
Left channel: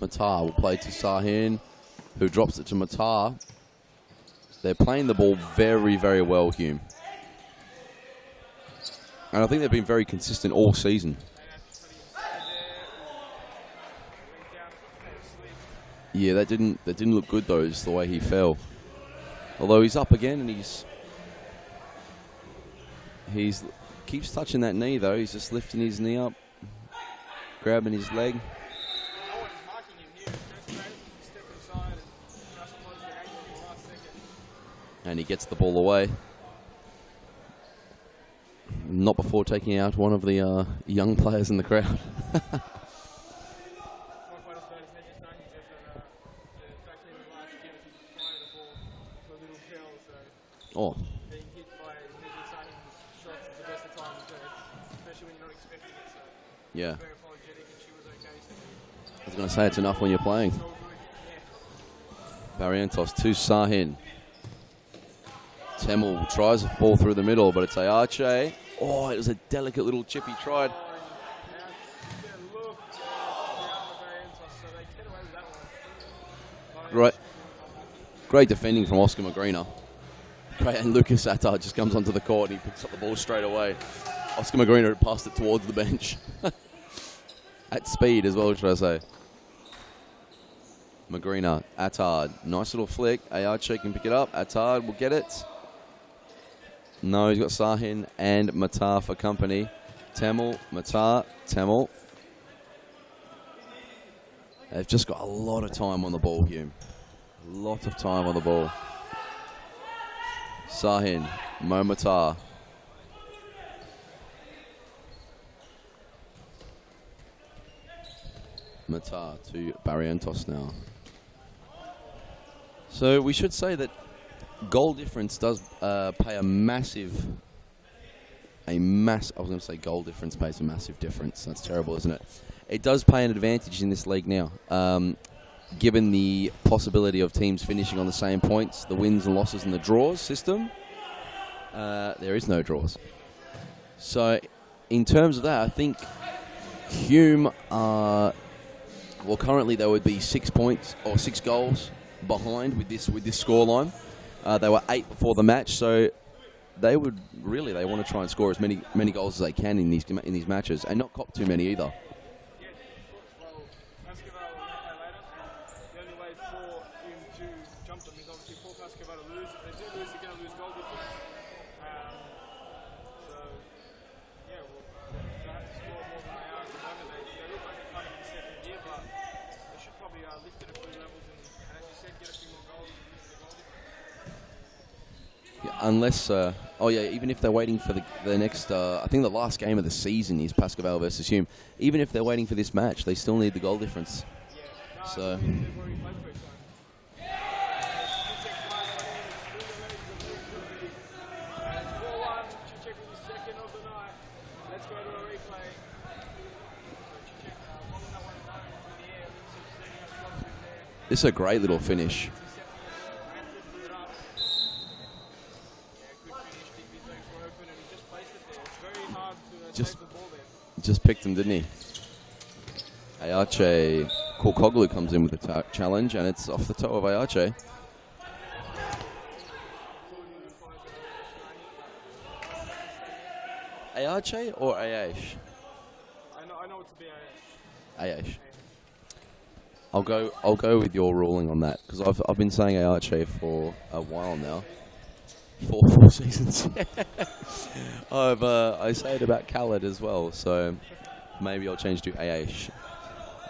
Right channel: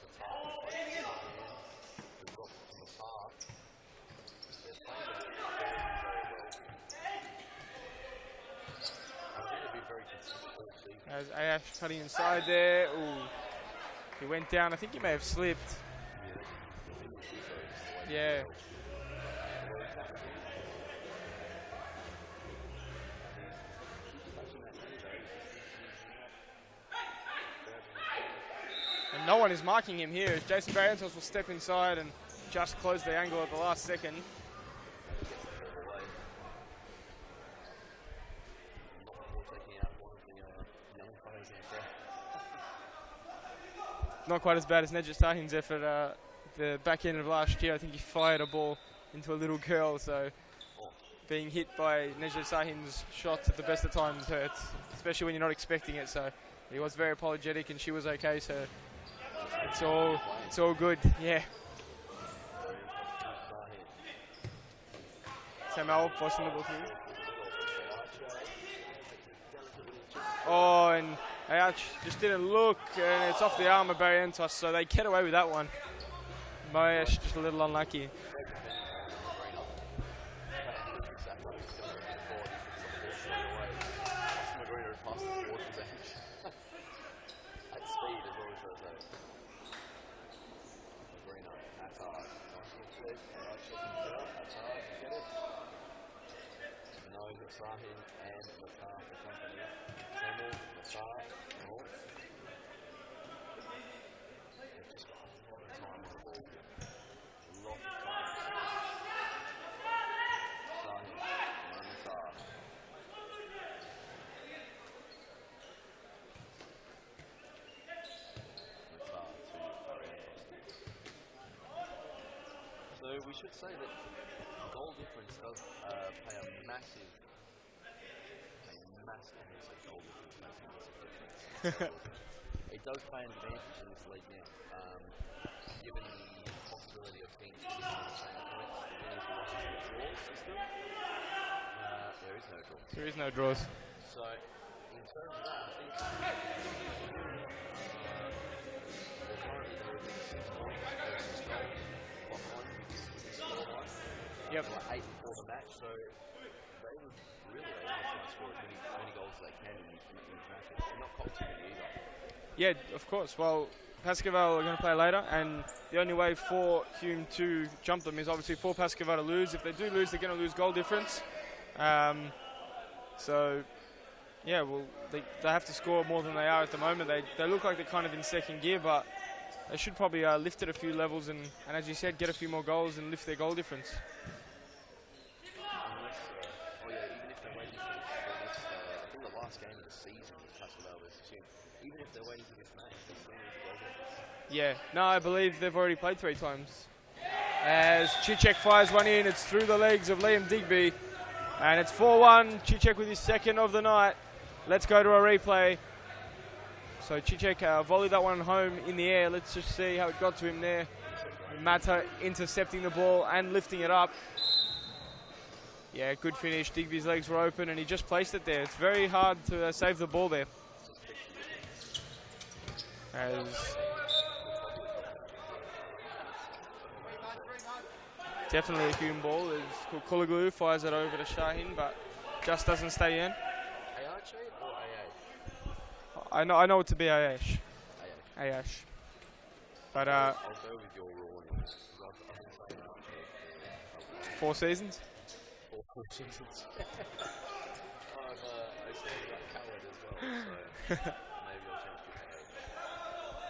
Matar will play to Sahin, who drops it to Matar. They're playing the ball very, very well, Hume. And I think they've been very consistent all season. As Ayash cutting inside there. Ooh. He went down. I think he may have slipped. Yeah, that didn't look good though, just the way he fell. Although he's up again and He's keeps touching that knee, though. He's just lifting his knee up, grabbing his leg. And no one is marking him here. Jason Barrientos will step inside and just close the angle at the last second. And he gets the ball away. Not before taking out one of the young players in the crowd. Not quite as bad as Nedja Sahin's effort the back end of last year. I think he fired a ball into a little girl, so being hit by Nedja Sahin's shots at the best of times hurts, especially when you're not expecting it. So he was very apologetic and she was okay. So I was going to say it's enough when you're playing. It's all good, yeah. Barrientos to Sahin. Temel tries to fall through the middle, but it's Ayache. Oh, it was a delicate little chip he tried. Oh, and Ayache just didn't look, and it's off the arm of Barrientos, so they get away with that one. Right. Just a little unlucky. Great defending from Oscar Magrina. Great, and Lucas Attar just comes onto the court and he picks up the ball straight away. Oscar Magrina passed it towards the bench. At speed as well, should I say. Magrina, Attard, nice little flick. Ayache can pick it up. Attard will get it. No, he's got Sahin and Matar for company. Temel, Matar, Temel. They've just got a lot of time on the ball, Hume. A lot of time on the ball. Sahin, Mo Matar. Matar to Barrientos now. So we should say that goal difference does pay a massive, I was going to say goal difference pays a massive difference. That's terrible, isn't it? It does pay an advantage in this league now, given the possibility of teams finishing on the same points, the wins and losses and the draws system. There is no draws. There is no draws. So in terms of that, I think Hume are, well, currently they would be 6 points or 6 goals behind with this scoreline. They were 8 before the match, so they would they want to try and score as many goals as they can in these matches, and not cop too many either. Yeah, of course. Well, Pascoval are going to play later, and the only way for Hume to jump them is obviously for Pascoval to lose. If they do lose, they're going to lose goal difference. So, yeah, well, they have to score more than they are at the moment. They look like they're kind of in second gear, but they should probably lift it a few levels and, as you said, get a few more goals and lift their goal difference. Yeah, unless, even if they're waiting for the next, I think the last game of the season is Pascoval versus Hume. Even if they're waiting for this match, they still need the goal difference. Yeah, no, I believe they've already played 3 times. As Cicek fires one in, it's through the legs of Liam Digby. And it's 4-1, Cicek with his second of the night. Let's go to a replay. So Cicek volleyed that one home in the air. Let's just see how it got to him there. This is a great little finish. Intercepting the ball and lifting it up. Yeah, good finish. Digby's legs were open and he just placed it there. It's very hard to save the ball there. He just picked him, didn't he? Ayache Korkoglu comes in with a challenge, and it's off the toe of Ayache. Definitely a Hume ball. Korkoglu fires it over to Shahin, but just doesn't stay in. Ayache or Ayash? I know it to be Ayash. Ayash. I'll go with your ruling on that, because I've been saying Ayache for a while now. 4 seasons? 4 seasons. I say it about Khaled as well, so maybe I'll change to Ayash.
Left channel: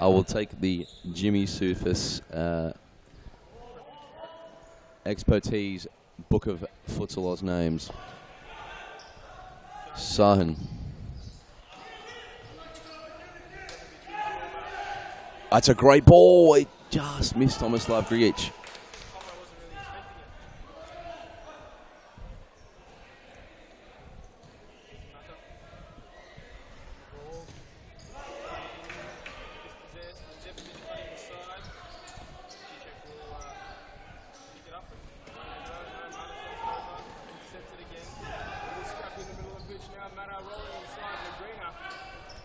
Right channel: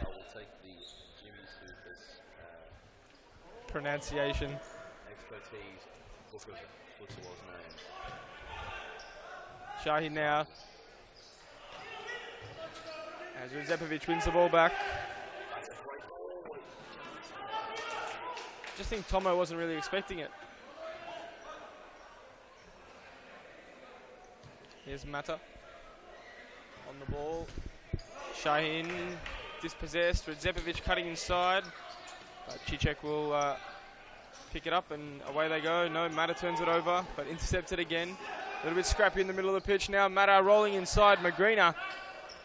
I will take the Jimmy Sufis pronunciation expertise book of Futsal Oz names. Sahin. Zepovic wins the ball back. That's a great ball. It just missed Tomislav Grigic. Just think Tomo wasn't really expecting it. Here's Mata on the ball. Shahin dispossessed with Zepovic cutting inside. Cicek will pick it up and away they go. No, Mata turns it over, but intercepted again. A little bit scrappy in the middle of the pitch now. Mata rolling inside. Magrina.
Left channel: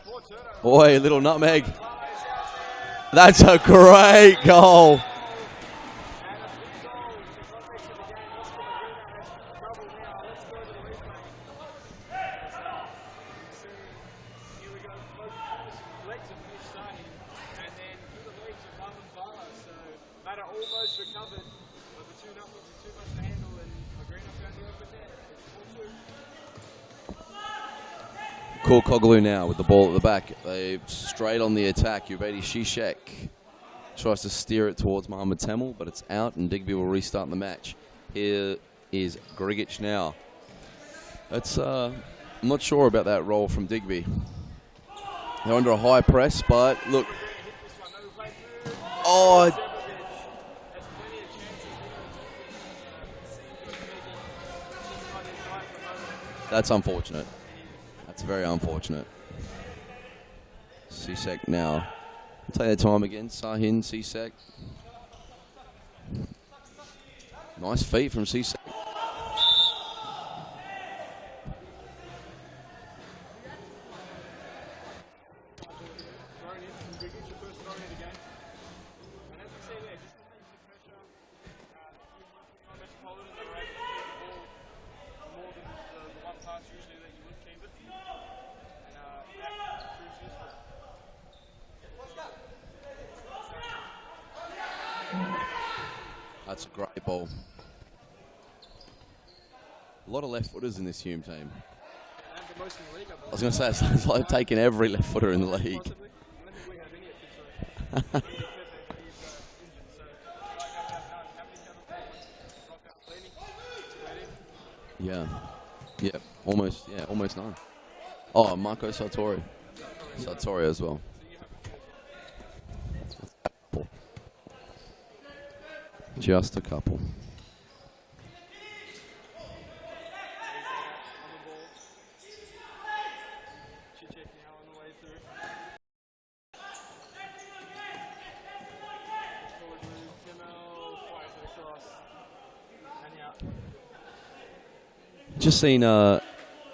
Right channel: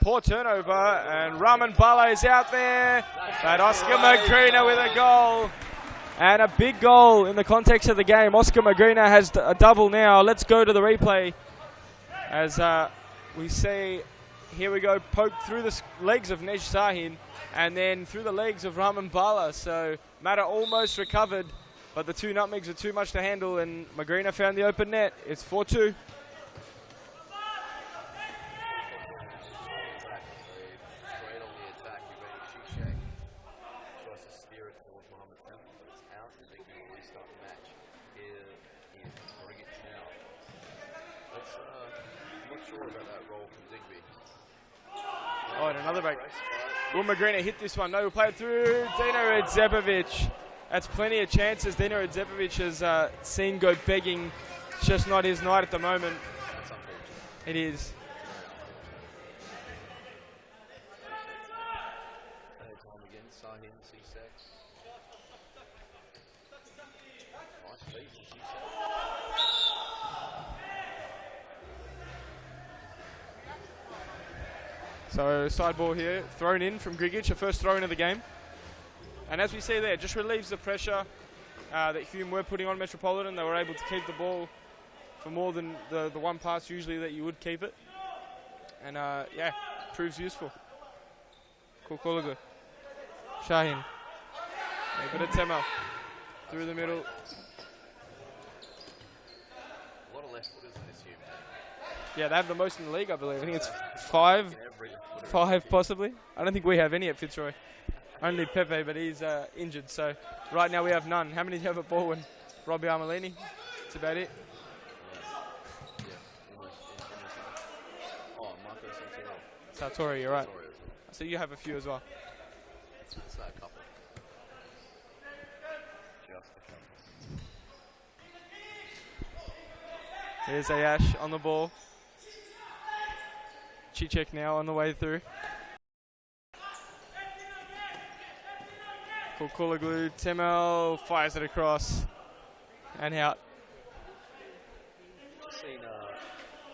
Poor turnover. Boy, a little nutmeg. Raman Bala is out there. That's a great goal. And a big goal in the context of the game. Oscar Magrina has a double now. Let's go to the replay. As we see, here we go, poked through the legs of Nej Sahin and then through the legs of Raman Bala. So Mata almost recovered, but the 2 nutmegs are too much to handle, and Magrina found the open net. It's 4-2. Korkoglu now with the ball at the back. They straight on the attack. Ubedi Shishek tries to steer it towards Mohamed Temel, but it's out, and Digby will restart the match. Here is Grigic now. That's I'm not sure about that roll from Digby. They're under a high press, but look. Magrina hit this one. No, we'll play it through. Dino Oh, Adzepovic. That's plenty of chances. Dino Adzepovic has seen go begging. It's just not his night at the moment. That's unfortunate. It is. That's very unfortunate. Sisek now. Take their time again. Sahin, Sisek. Nice feet from Sisek. So side ball here, thrown in from Grigic, a first throw in of the game. And as we see there, just relieves the pressure that Hume were putting on Metropolitan. They were able to keep the ball for more than the one pass usually that you would keep it. And yeah, proves useful. Korkoglu. Shahin. A bit of Temel. That's Through a the great middle. ball. A lot of left footers in this Hume team. Yeah, they have the most in the league, I believe. I was going to say, it's like taking every left footer in the Five, league. possibly. I don't think we have any at Fitzroy. Only Pepe, but he's injured. So right now we have none. How many do you have at Baldwin? Robbie Armelini. That's about it. Yeah, almost none. Oh, Marco Sartori. Sartori, you're right. Sartori as well. So you have a few as well. Just a couple. Just a couple. Here's Ayash on the ball. Chichek now on the way through. Korkoglu, Temel fires it across and out. Just seen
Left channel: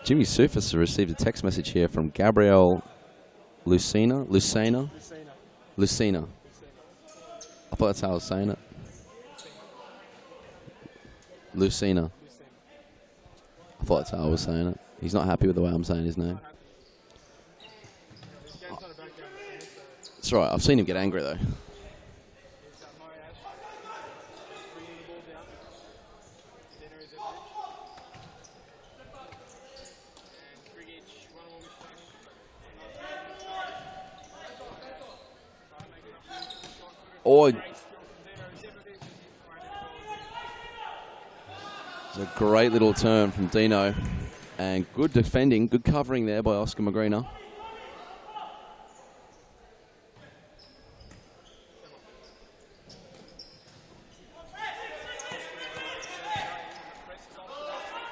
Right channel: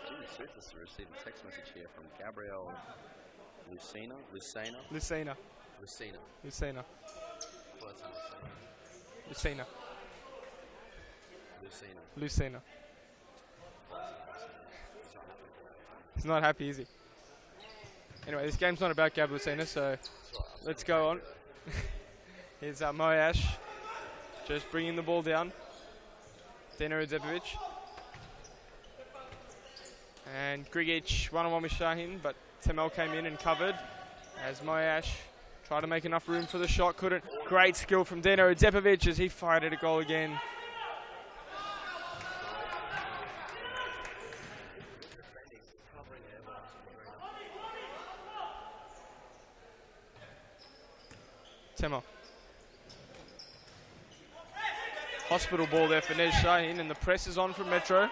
Jimmy Sufis has received a text message here from Gabrielle Lucina. Lucina. I thought that's how I was saying it. Lucina. I thought that's how I was saying it. He's not happy with the way I'm saying his name. He's not happy, is he? Anyway, this game's not about Gab Lucina, so... That's right. I've seen him Let's get go angry, on. though. Here's Moyash, just bringing the ball down. Dino Adzepovic. And Grigic one-on-one with Shahin, but Temel came in and covered as Moyash tried to make enough room for the shot, couldn't. Oh, great skill from Dino Adzepovic as he fired at a goal again. It's a great little turn from Dino. And good defending, good covering there by Oscar Magrina. Temel. Hospital ball there for Nez Shahin, and the press is on from Metro.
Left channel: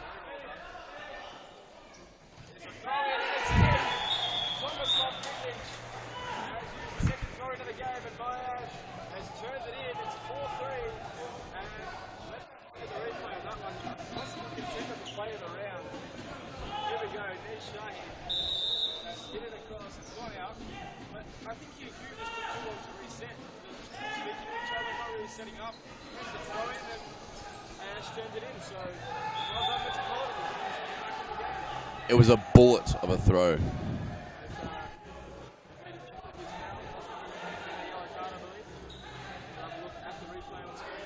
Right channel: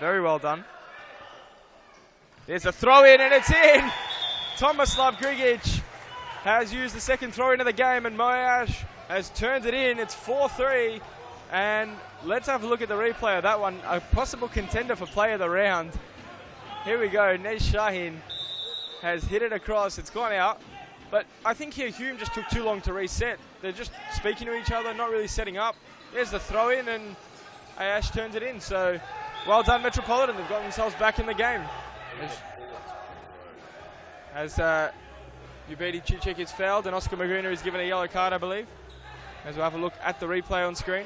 Very well done. There's a throw in, and it's in. Tomislav Grigic has used the second throw in of the game, and Moyash has turned it in. It's 4-3, and let's have a look at the replay of that one. A possible contender for play of the round. Here we go. Nez Shahin has hit it across. It's gone out. But I think here Hume just took too long to reset. They're just speaking to each other, not really setting up. There's the throw in, and Ayash turns it in. So well done, Metropolitan. They've got themselves back in the game. It was a bullet of a throw. As Ubedi Chichek is fouled, and Oscar Magrina is given a yellow card, I believe. As we'll have a look at the replay on screen.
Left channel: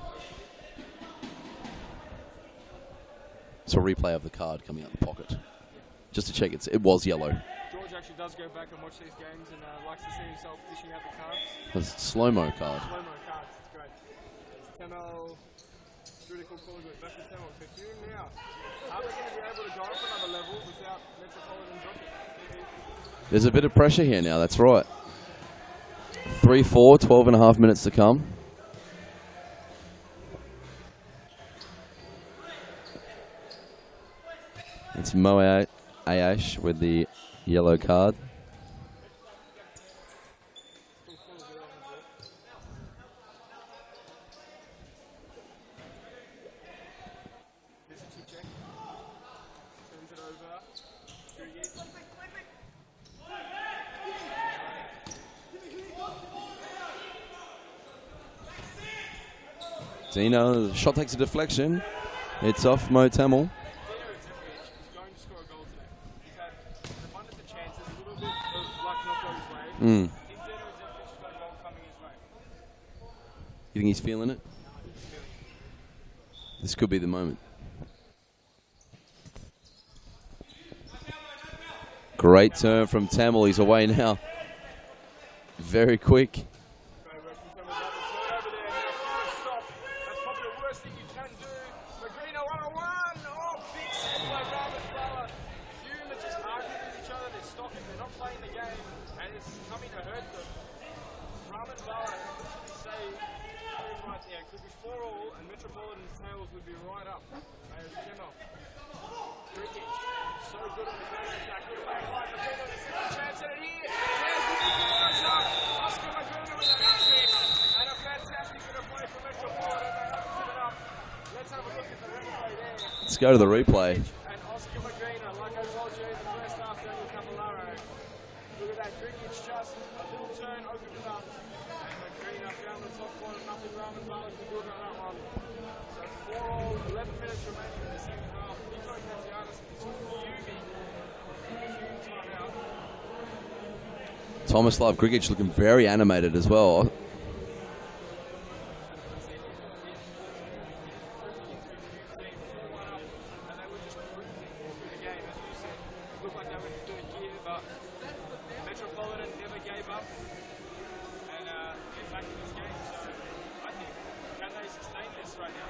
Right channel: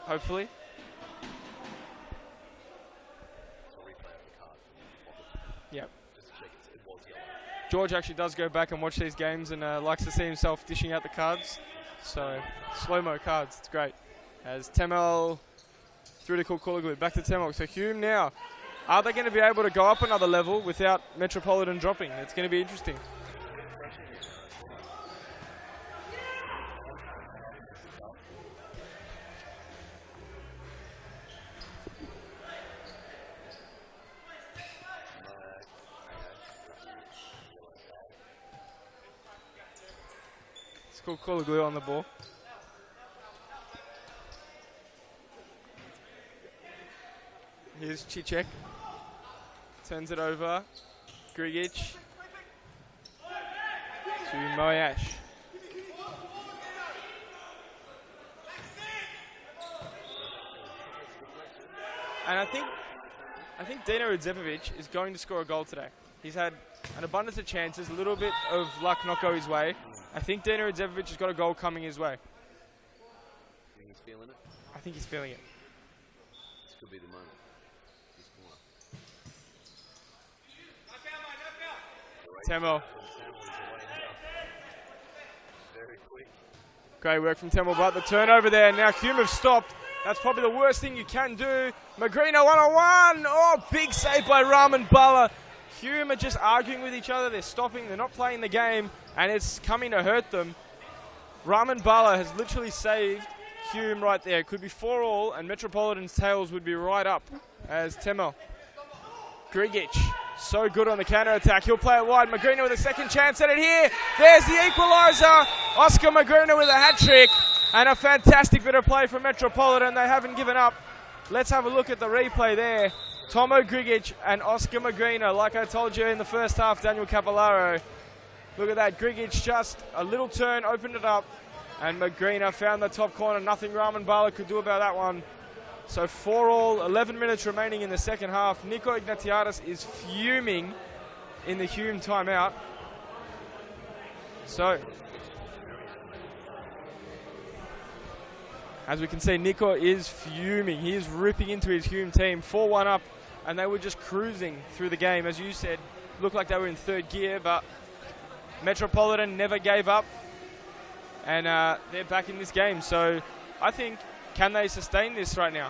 Hopefully. It's a replay of the card coming out of the pocket. Yep. Just to check, it was yellow. George actually does go back and watch these games and likes to see himself dishing out the cards. It's slow-mo card. Slow-mo cards, it's great. As Temel through to Korkoglu, back to Temel. So Hume now, are they going to be able to go up another level without Metropolitan dropping? It's going to be interesting. There's a bit of pressure here now, that's right. 3-4, 12 and a half minutes to come. It's Mo Ayash with the yellow card. It's Korkoglu on the ball. Here's Chichek. Turns it over. Grigic. To Moyash. Dino, the shot takes a deflection. And It's off Mo Temel. I think Dino Adzepovic is going to score a goal today. He's had an abundance of chances, a little bit of luck not go his way. I think Dino Adzepovic has got a goal coming his way. You think he's feeling it? I think he's feeling it. This could be the moment. Great turn from Tamil. He's away now. Very quick. Great work from Temple, but the turnover there. Now Hume have stopped. That's probably the worst thing you can do. Magrino 1-on-1. Oh, big save by Raman Bala. Hume are just arguing with each other. They're stopping. They're not playing the game, and it's coming to hurt them. Raman Bala has literally saved Hume right there. It could be 4-all, and Metropolitan's tails would be right up as Temel. Grigic, so good on the counter-attack. He'll play it wide. Magrino with a second chance at it here. There's the equaliser. Oscar Magrino with a hat-trick. And a fantastic bit of play from Metropolitan. They haven't given up. Let's have a look at the replay there. Let's go to the replay. Grigic and Oscar Magrino. Like I told you in the first half, Daniel Cavallaro. Look at that. Grigic just a little turn, opened it up. And Magrino found the top corner. Nothing Raman Bala could do about that one. So 4-all, 11 minutes remaining in the second half. Nico Ignatiadis is fuming in the Hume timeout. Tomislav Grigic looking very animated as well. As we can see, Nico is fuming. He is ripping into his Hume team. 4-1 up, and they were just cruising through the game. As you said, looked like they were in third gear, but Metropolitan never gave up, and they're back in this game. So I think, can they sustain this right now?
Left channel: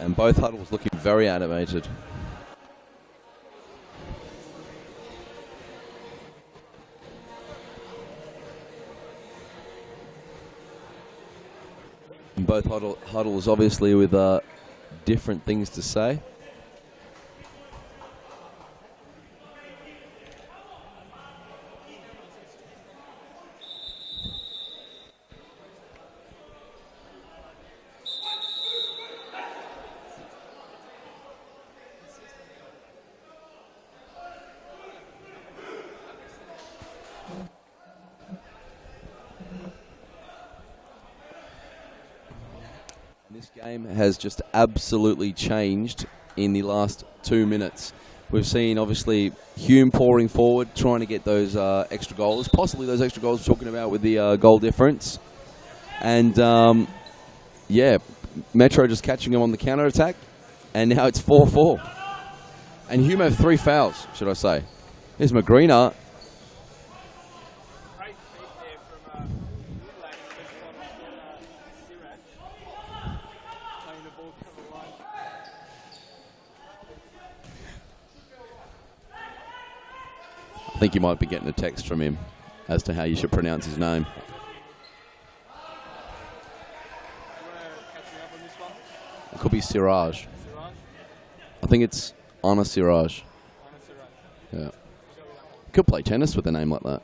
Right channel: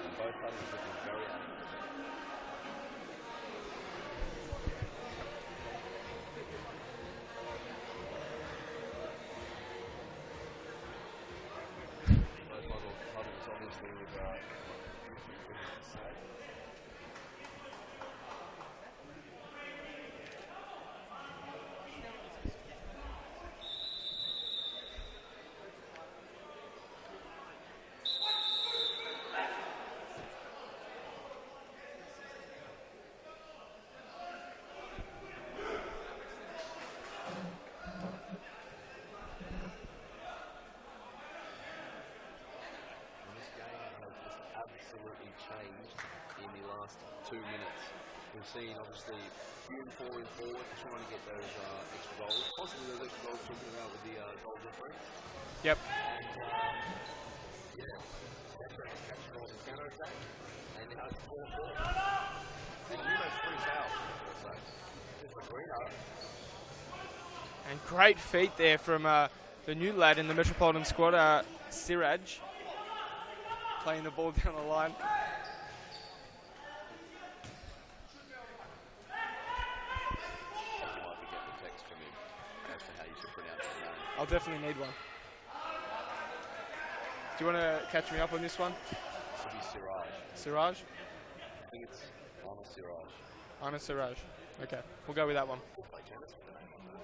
And both huddles looking very animated. And both huddles obviously with different things to say. Has just absolutely changed in the last 2 minutes. We've seen obviously Hume pouring forward, trying to get those extra goals, possibly those extra goals we're talking about with the goal difference. Yep. And yeah, Metro just catching him on the counter attack, and now it's 4-4. And Hume have 3 fouls, should I say? Here's Magrina. And great feet there from the new lad in the Metropolitan squad, Siraj. Playing the ball down the line. I think you might be getting a text from him as to how you should pronounce his name. I'll definitely need one. Do you want to catch me up on this one? It could be Siraj. Siraj? I think it's Anna Siraj. Anna Siraj. Yeah. Okay, we'll go with that one. Could play tennis with a name like that.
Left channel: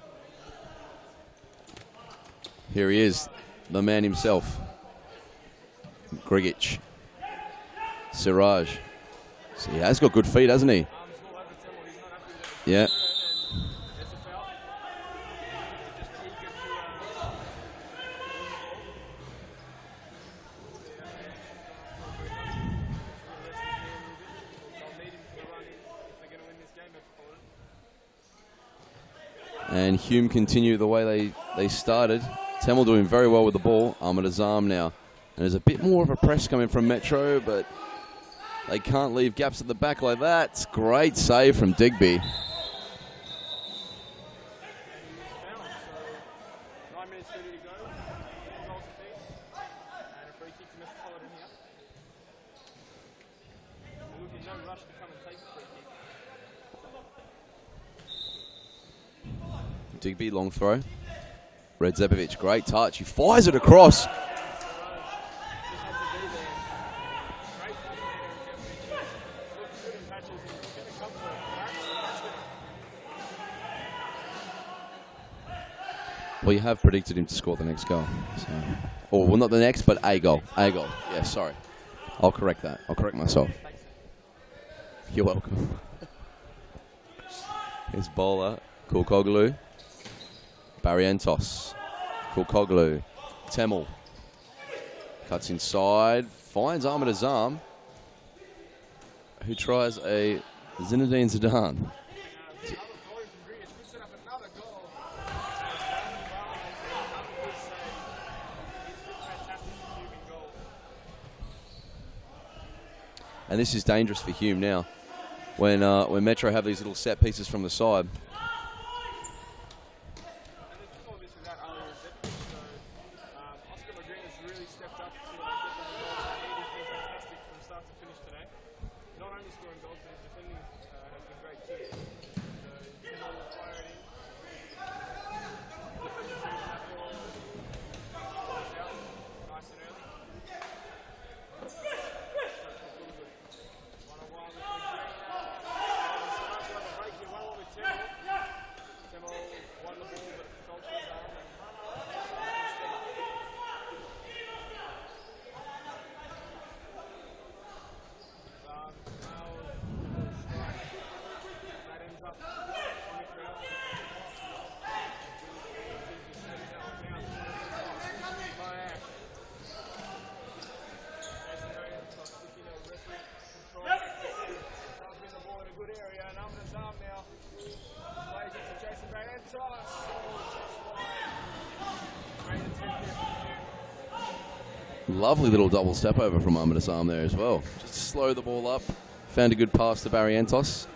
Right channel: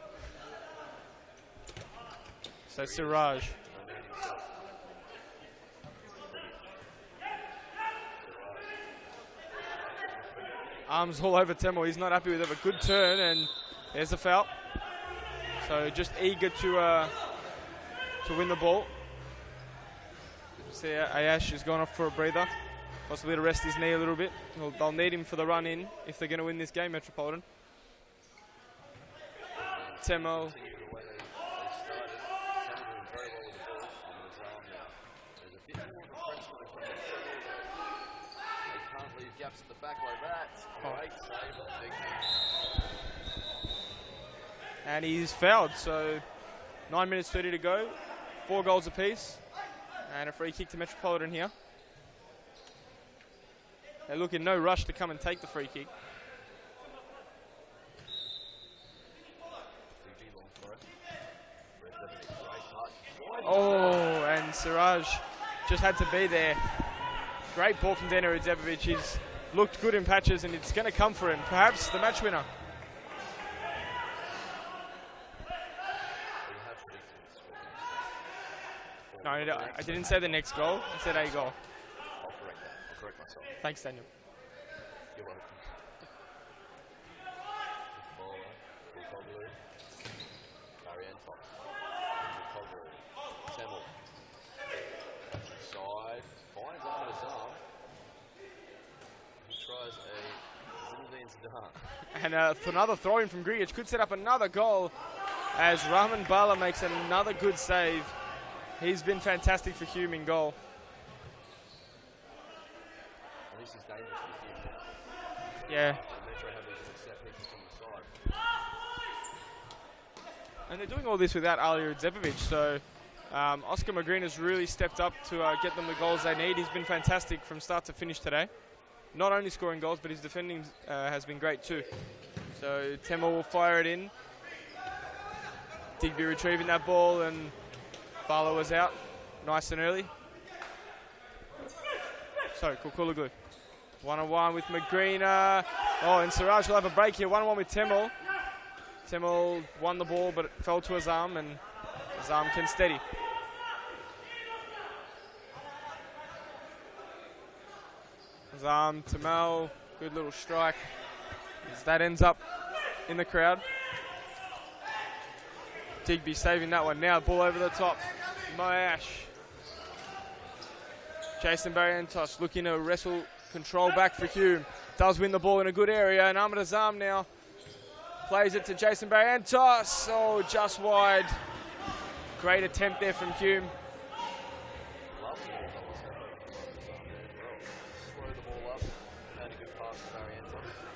Here he is, the man himself. Grigic. Siraj. So he has got good feet, hasn't he? Arms all over Temel. He's not happy with it, but good turn, and there's a foul. So just eager to win the ball. See, Ayash has gone off for a breather. Possibly to rest his knee a little bit. They'll need him for the run-in if they're going to win this game, Metropolitan. And Hume continue the way they started. Temel doing very well with the ball. Ahmed Azam now. And there's a bit more of a press coming from Metro, but they can't leave gaps at the back like that. Great save from Digby. And he's fouled, so 9 minutes 30 to go. 4 goals apiece. And a free kick to Metropolitan here. They look in no rush to come and take the free kick. Digby, long throw. Redzepovic, great touch. He fires it across. And Siraj just had to be there. Great ball from Dana Redzepovic. He's looked good in patches, and it's going to come for him. Perhaps the match winner. Well, you have predicted him to score the next goal. So. Or well, not the next, but a goal. A goal. Yeah, sorry. I'll correct that. I'll correct myself. Thanks, Daniel. You're welcome. Here's bowler, Kulkoglu. Barrientos. Kulkoglu. Temel. Cuts inside. Finds Ahmed Azam, who tries a Zinedine Zidane. And another throw-in from Grigic could set up another goal as Rahman Bala makes another good save. He's been fantastic for Hume in goal. And this is dangerous for Hume now when Metro have these little set pieces from the side. And they're doing all this without Alija Zepovic, so Oscar McGreen has really stepped up to get them the goals they need. He's been fantastic from start to finish today. Not only scoring goals, but his defending has been great too. So Temel will fire it in. Digby retrieving that ball, and Barlow was out nice and early. So Kukuluglu. 1-on-1 with McGreen. Oh, and Siraj will have a break here. 1-on-1 with Temel. Temel won the ball, but it fell to Azam, and Azam can steady. Azam, Temel, good little strike. So that ends up in the crowd. Digby saving that one now. Ball over the top. Moyash. Jason Barrientos looking to wrestle control back for Hume. Does win the ball in a good area, and Ahmed Azam now plays it to Jason Barrientos. Oh, just wide. Great attempt there from Hume. Lovely little double step over from Ahmed Azam there as well. Just slow the ball up. Found a good pass to Barrientos.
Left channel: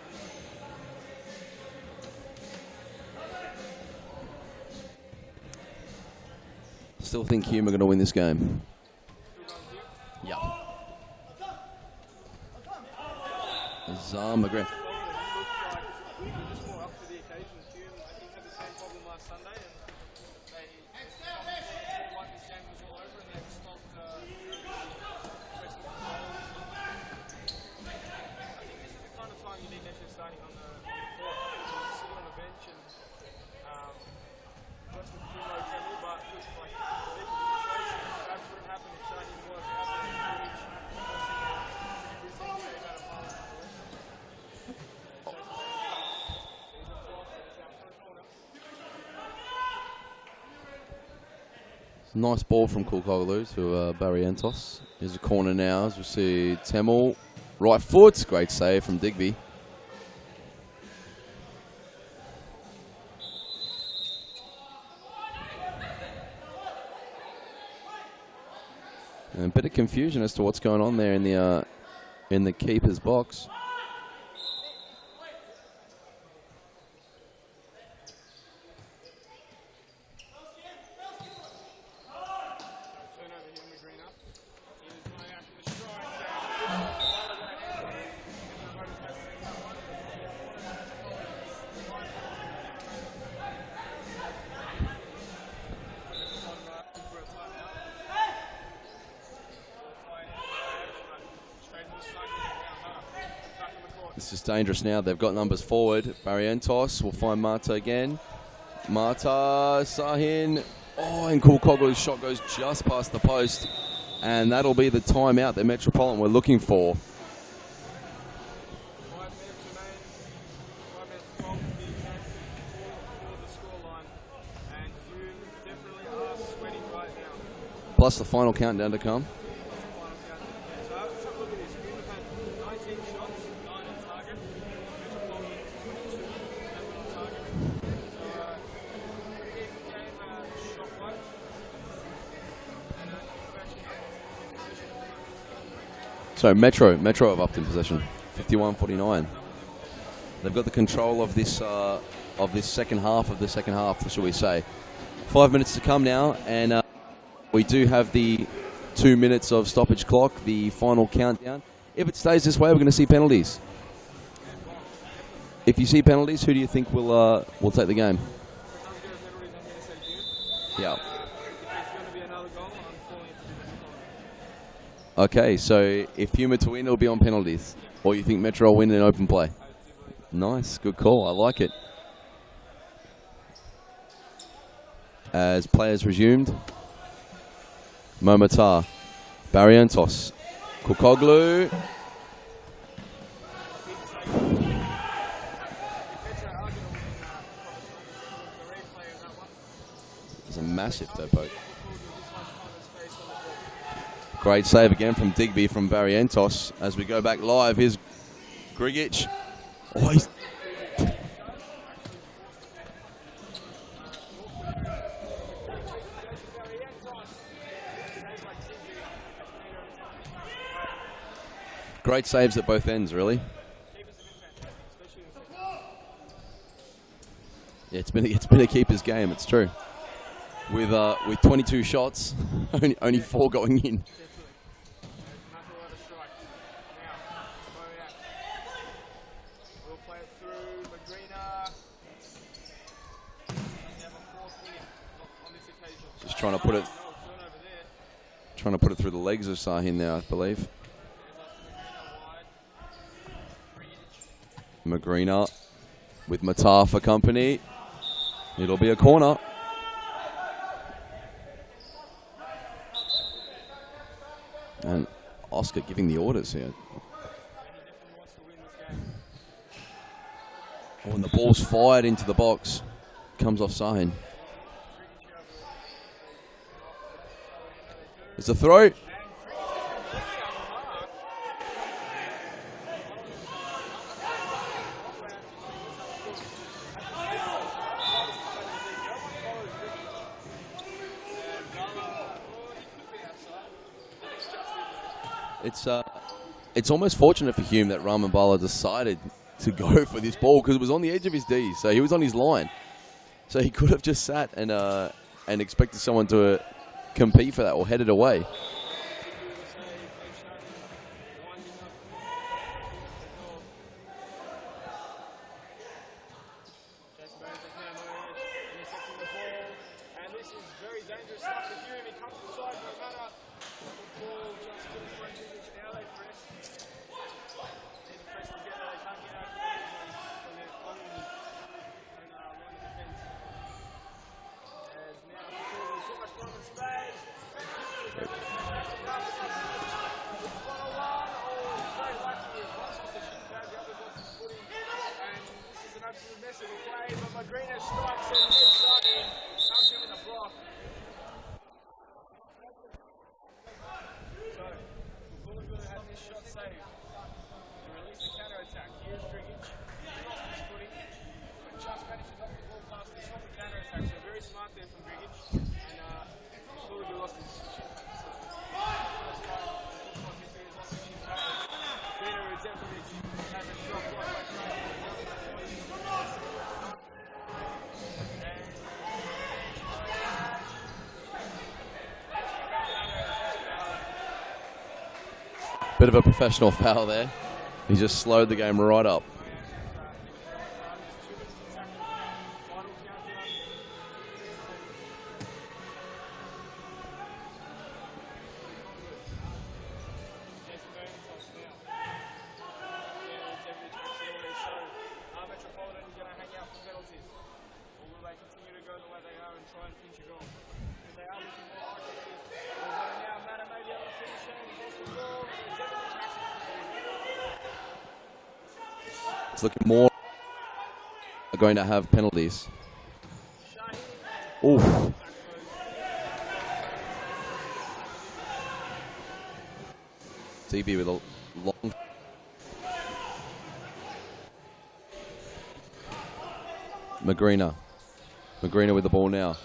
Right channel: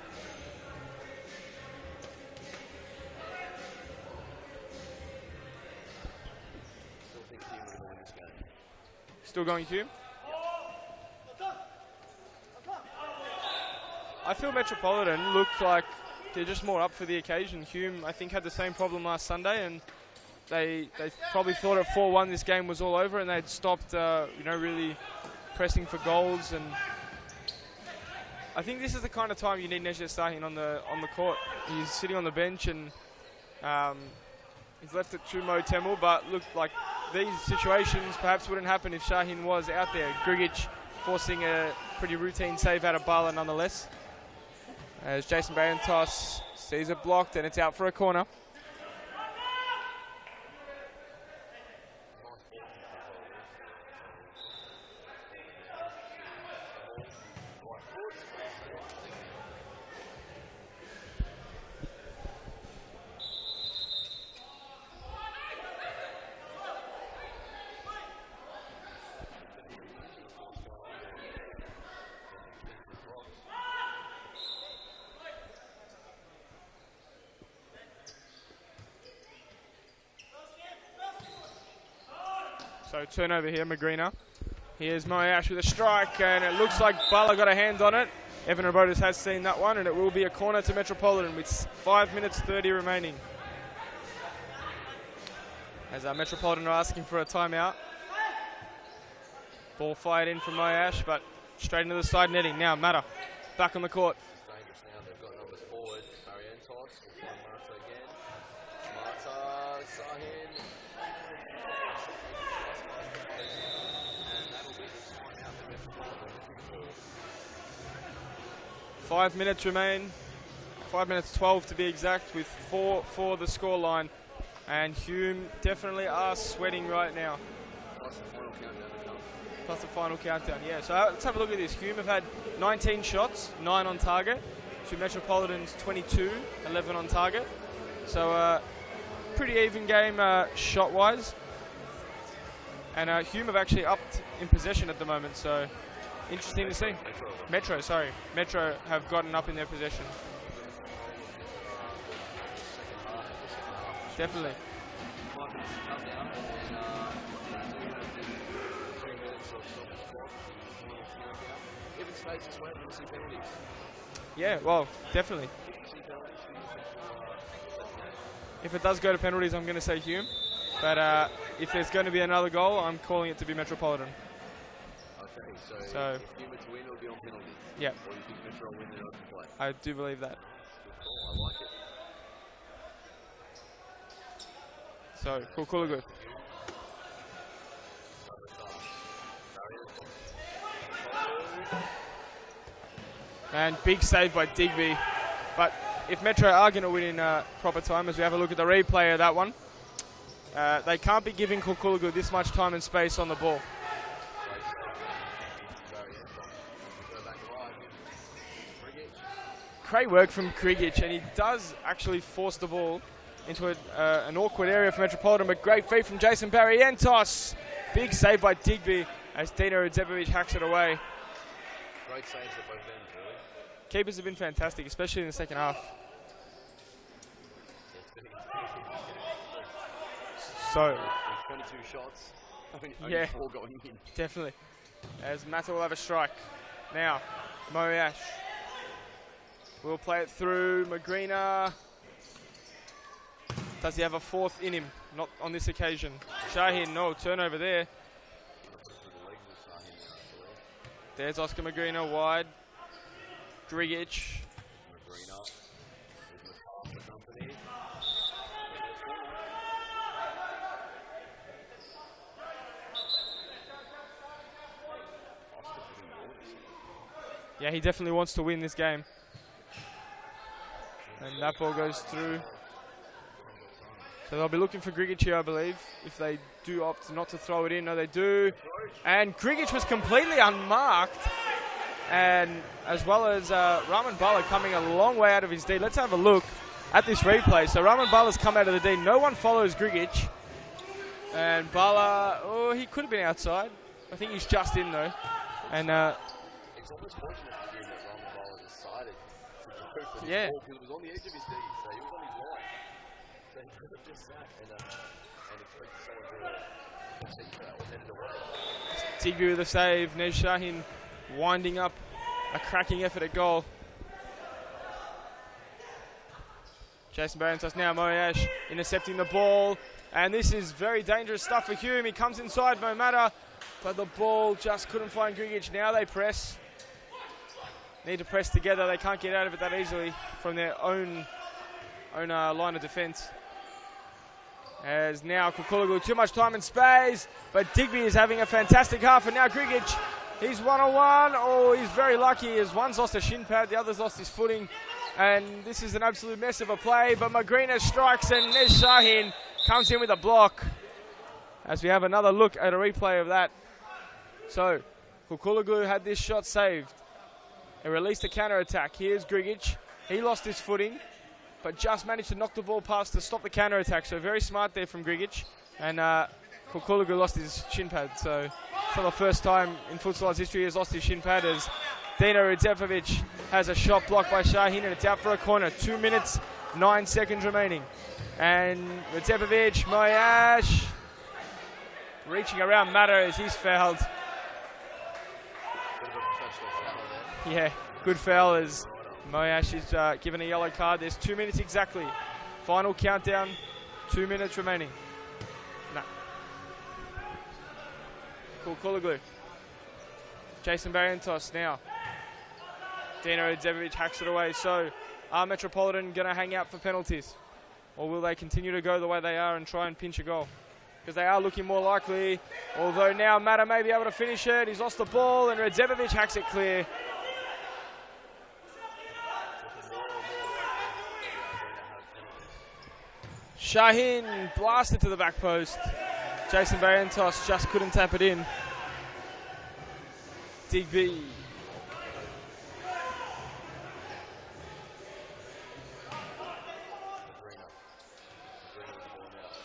Still think Hume are going to win this game. Still going Hume? Yeah. I think Metropolitan looked like they're just more up for the occasion. Hume, I think, had the same problem last Sunday, and they probably thought at 4-1 this game was all over, and they'd stopped, really pressing for goals. And I think this is the kind of time you need Neja Sahin on the court. He's sitting on the bench, and he's left it to Mo Temel, but look, like these situations perhaps wouldn't happen if Shaheen was out there. Grigic forcing a pretty routine save out of Bala nonetheless. As Jason Barrientos sees it blocked, and it's out for a corner. Nice ball from Kulkoglu to Barrientos. Here's a corner now as we see Temel. Right foot, great save from Digby. And a bit of confusion as to what's going on there in the keeper's box. So turnover here, Magrina. Here's Moyash with a strike, and it looks like Bala got a hand on it. Evan Robotis has seen that one, and it will be a corner to Metropolitan with 5 minutes 30 remaining. As Metropolitan are asking for a timeout. Ball fired in from Moyash, but straight into the side netting. Now Mata back on the court. This is dangerous now. They've got numbers forward. Barrientos will find Mata again. Mata, Sahin. Oh, and Kulkoglu's shot goes just past the post. And that'll be the timeout that Metropolitan were looking for. 5 minutes remain. 5 minutes 12 to be exact, with 4 for the scoreline. And Hume definitely are sweating right now. Plus the final countdown to come. Plus the final countdown, yeah. So let's have a look at this. Hume have had 19 shots, 9 on target, to Metropolitan's 22, 11 on target. So pretty even game shot-wise. And Hume have actually upped in possession at the moment. So Metro have upped in possession. Sorry, Metro have 51-49. gotten up in their possession. They've got the control of this second half shall we say. 5 minutes to come now, and we do have the 2 minutes of stoppage clock, the final countdown. If it stays this way, we're going to see penalties. Yeah, well, definitely. If you see penalties, who do you think will take the game? If it does go to penalties, I'm going to say Hume. Yeah. But if there's going to be another goal, I'm calling it to be Metropolitan. Okay, so if Hume to win, it'll be on penalties. Yeah. Or you think Metro will win in open play? I do believe that. Nice, good call. I like it. So as players resumed. Momota, Barrientos, Kulkoglu. And big save by Digby. But if Metro are going to win in proper time, as we have a look at the replay of that one, they can't be giving Kulkoglu this much time and space on the ball. Great save again from Digby from Barrientos. As we go back live, here's Grigic. Great work from Grigic, and he does actually force the ball into an awkward area for Metropolitan, but great feed from Jason Barrientos. Big save by Digby as Dino Radzepovic hacks it away. Great saves at both ends, really. Keepers have been fantastic, especially in the second half. Yeah, it's been a keeper's game. It's true. So With 22 shots, only 4 going in. Definitely. As Mata will have a strike. Now, Moyash will play it through. Magrina. Does he have a fourth in him? Not on this occasion. Just trying to put it. No turnover there. Trying to put it through the legs of Sahin now, I believe. There's Oscar Magrina wide. Drigic. Magrina with Matar for company. It'll be a corner. And Oscar giving the orders here. Yeah, he definitely wants to win this game. When the ball's fired into the box, comes off Sahin. So they'll be looking for Grigic here, I believe, if they do opt not to throw it in. No, they do. It's a throw. And Grigic was completely unmarked. And as well as Raman Bala coming a long way out of his D. Let's have a look at this replay. So Raman Bala's come out of the D. No one follows Grigic. And Bala, oh, he could have been outside. I think he's just in, though. It's almost fortunate for Hume that Raman Bala decided to go for this ball because it was on the edge of his D. So he was on his line. So he could have just sat and expected someone to compete for that or head it away. Tigru with the save. Nej Shahin winding up a cracking effort at goal. Jason Barrentos now. Moyash intercepting the ball. And this is very dangerous stuff for Hume. He comes inside no matter. But the ball just couldn't find Grigic. Now they press. Need to press together. They can't get out of it that easily from their own line of defence. As now Kukuloglu, too much time and space. But Digby is having a fantastic half. And now Grigic, he's one-on-one. Oh, he's very lucky as one's lost a shin pad, the other's lost his footing. And this is an absolute mess of a play. But Magrina strikes and Nej Shahin comes in with a block. As we have another look at a replay of that. So, Kukuloglu had this shot saved. They released a counter-attack. Here's Grigic. He lost his footing, but just managed to knock the ball past to stop the counter-attack. So very smart there from Grigic. And Kukuloglu lost his shin pad. So it's not the first time in Futsal Oz history he has lost his shin pad, as Dino Rudzepovic has a shot blocked by Shahin, and it's out for a corner. 2 minutes, 9 seconds remaining. And Rudzepovic, Moyash, reaching around Matter as he's fouled. Bit of a professional foul there. Yeah. He just slowed the game right up. Moyash is given a yellow card. There's 2 minutes exactly. Final countdown, 2 minutes remaining. No. Kukuloglu. Jason Barrentos now. Dino Rudzepovic hacks it away. So are Metropolitan going to hang out for penalties? Or will they continue to go the way they are and try and pinch a goal? Because they are looking more likely. Although now Matter may be able to finish it. He's lost the ball and Rudzepovic hacks it clear. It's looking more are going to have penalties. Shahin blasted to the back post. Jason Barrentos just couldn't tap it in. DB with a long. Magrina. Magrina with the ball now.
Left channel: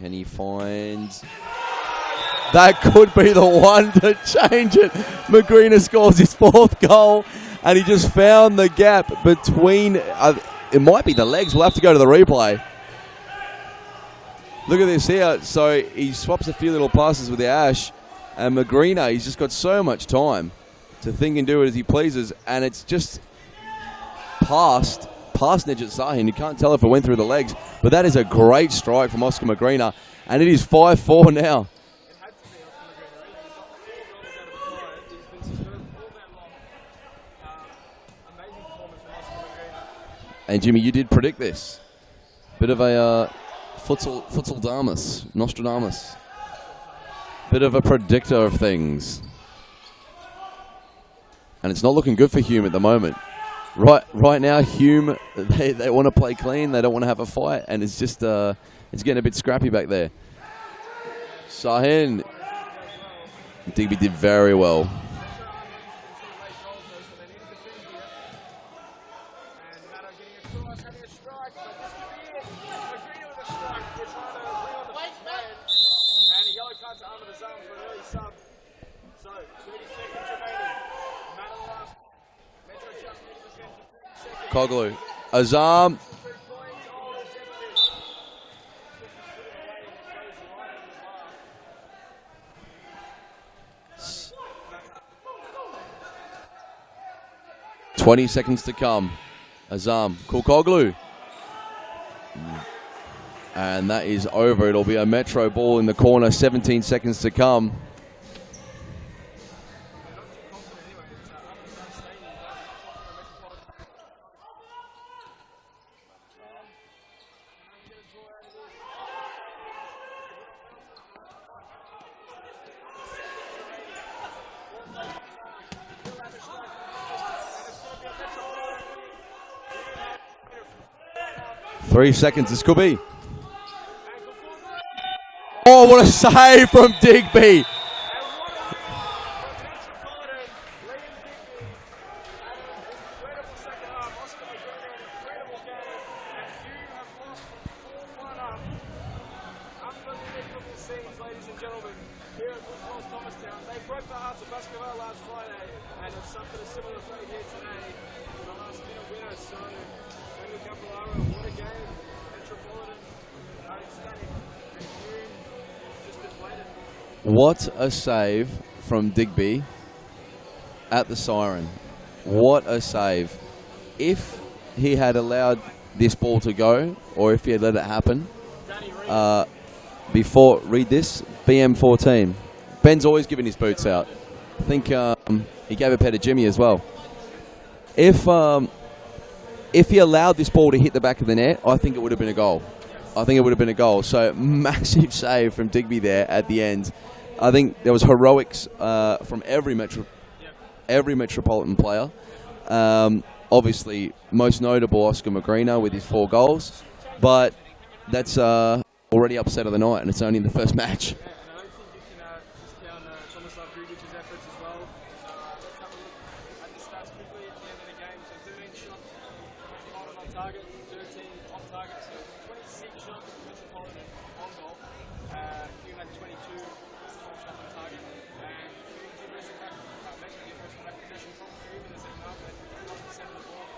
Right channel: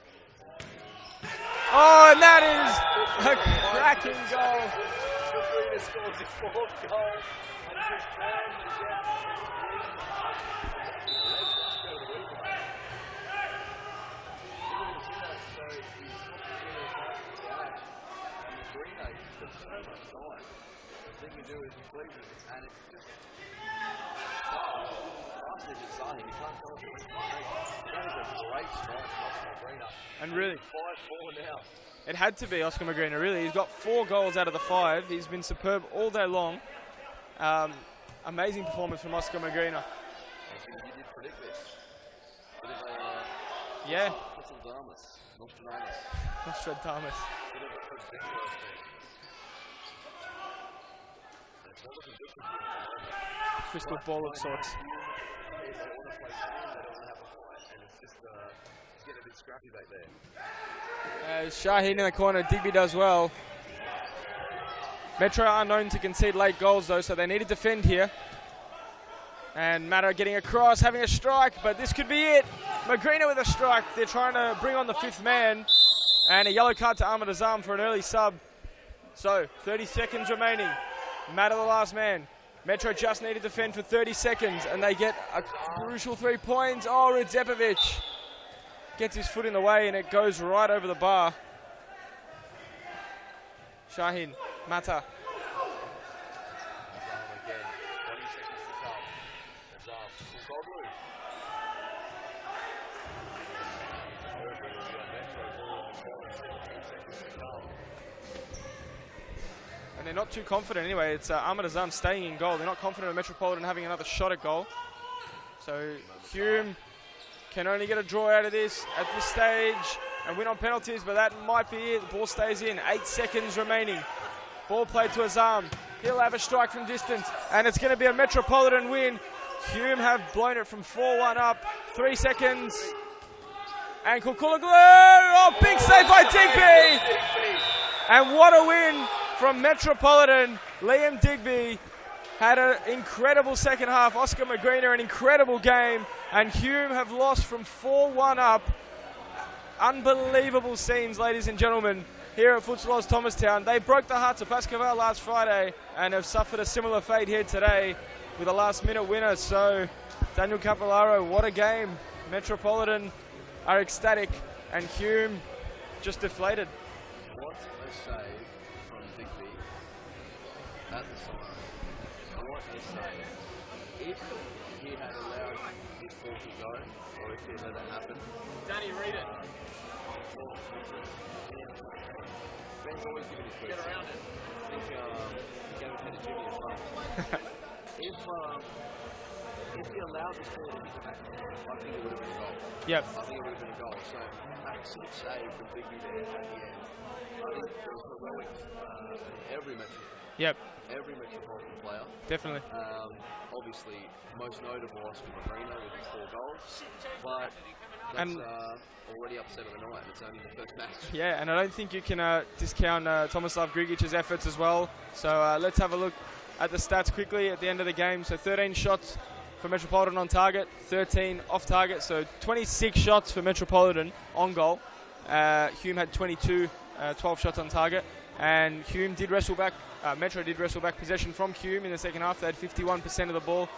Can he find... Oh, and that is... That could be the one to change it. Magrina scores his 4th goal, and he just found the gap between... it might be the legs. We'll have to go to the replay. Look at this here. So he swaps a few little passes with the Ash, and Magrina, he's just got so much time to think and do it as he pleases, and it's just past Nijat Sahin. You can't tell if it went through the legs, but that is a great strike from Oscar Magrina, and it is 5-4 now. It had to be Oscar Magrina, really. He's got 4 goals out of the 5. He's been superb all day long. Amazing performance from Oscar Magrina. And Jimmy, you did predict this. Bit of a futsal Damus, Nostradamus. Bit of a predictor of things. And it's not looking good for Hume at the moment. Right now, Hume, they want to play clean. They don't want to have a fight, and it's just it's getting a bit scrappy back there. Shahin in the corner. Digby does well. Digby did very well. Metro are known to concede late goals, though, so they need to defend here. And Matter getting across, having a strike, but this could be it. Magrina with a strike. They're trying to bring on the 5th man. And a yellow card to Ahmed Azam for an early sub. So, 30 seconds remaining. Matter the last man. Metro just need to defend for 30 seconds. And they get Azam. crucial 3 points. Oh, Ridzepovic gets his foot in the way and it goes right over the bar. Shahin, Mata. 20 seconds to come. Azam, Kulkoglu. And that is over. It'll be a Metro ball in the corner. 17 seconds to come. And they're not too confident anyway. It's Ahmed Azam staying in goal. They're not confident of Metropolitan having another shot at goal. So Hume can only get a draw out of this at this stage and win on penalties, but that might be it. The ball stays in. 8 seconds remaining. Ball played to Azam. He'll have a strike from distance, and it's going to be a Metropolitan win. Hume have blown it from 4-1 up. 3 seconds, this could be. And Kukulaglu, oh, what a save from Digby. And what a win from Metropolitan. Liam Digby had an incredible second half. Oscar McGreener, an incredible game. And Hume have lost from 4-1 up. Unbelievable scenes, ladies and gentlemen, here at Futsal Oz Thomastown. They broke the hearts of Classico last Friday and have suffered a similar fate here today with a last-minute winner. So, Daniel Capillaro, what a game. Metropolitan are ecstatic, and Hume just deflated. What a save from Digby at the siren. What a save. If he had allowed this ball to go, or if he had let it happen, read this, BM14. Ben's always giving his boots out. I think he gave a pet to Jimmy as well. If he allowed this ball to hit the back of the net, I think it would have been a goal. Yep. I think it would have been a goal. So massive save from Digby there at the end. I think there was heroics from every Metropolitan player. Definitely. Obviously, most notable Oscar McGreener with his 4 goals. But that's already upset of the night, and it's only the first match. Yeah, and I don't think you can discount Tomislav Grigic's efforts as well. So let's have a look at the stats quickly at the end of the game. So 13 shots for Metropolitan on target, 13 off target, so 26 shots for Metropolitan on goal. Hume had 22, 12 shots on target, and Hume did wrestle back, Metro did wrestle back possession from Hume in the second half. They had 51% of the ball,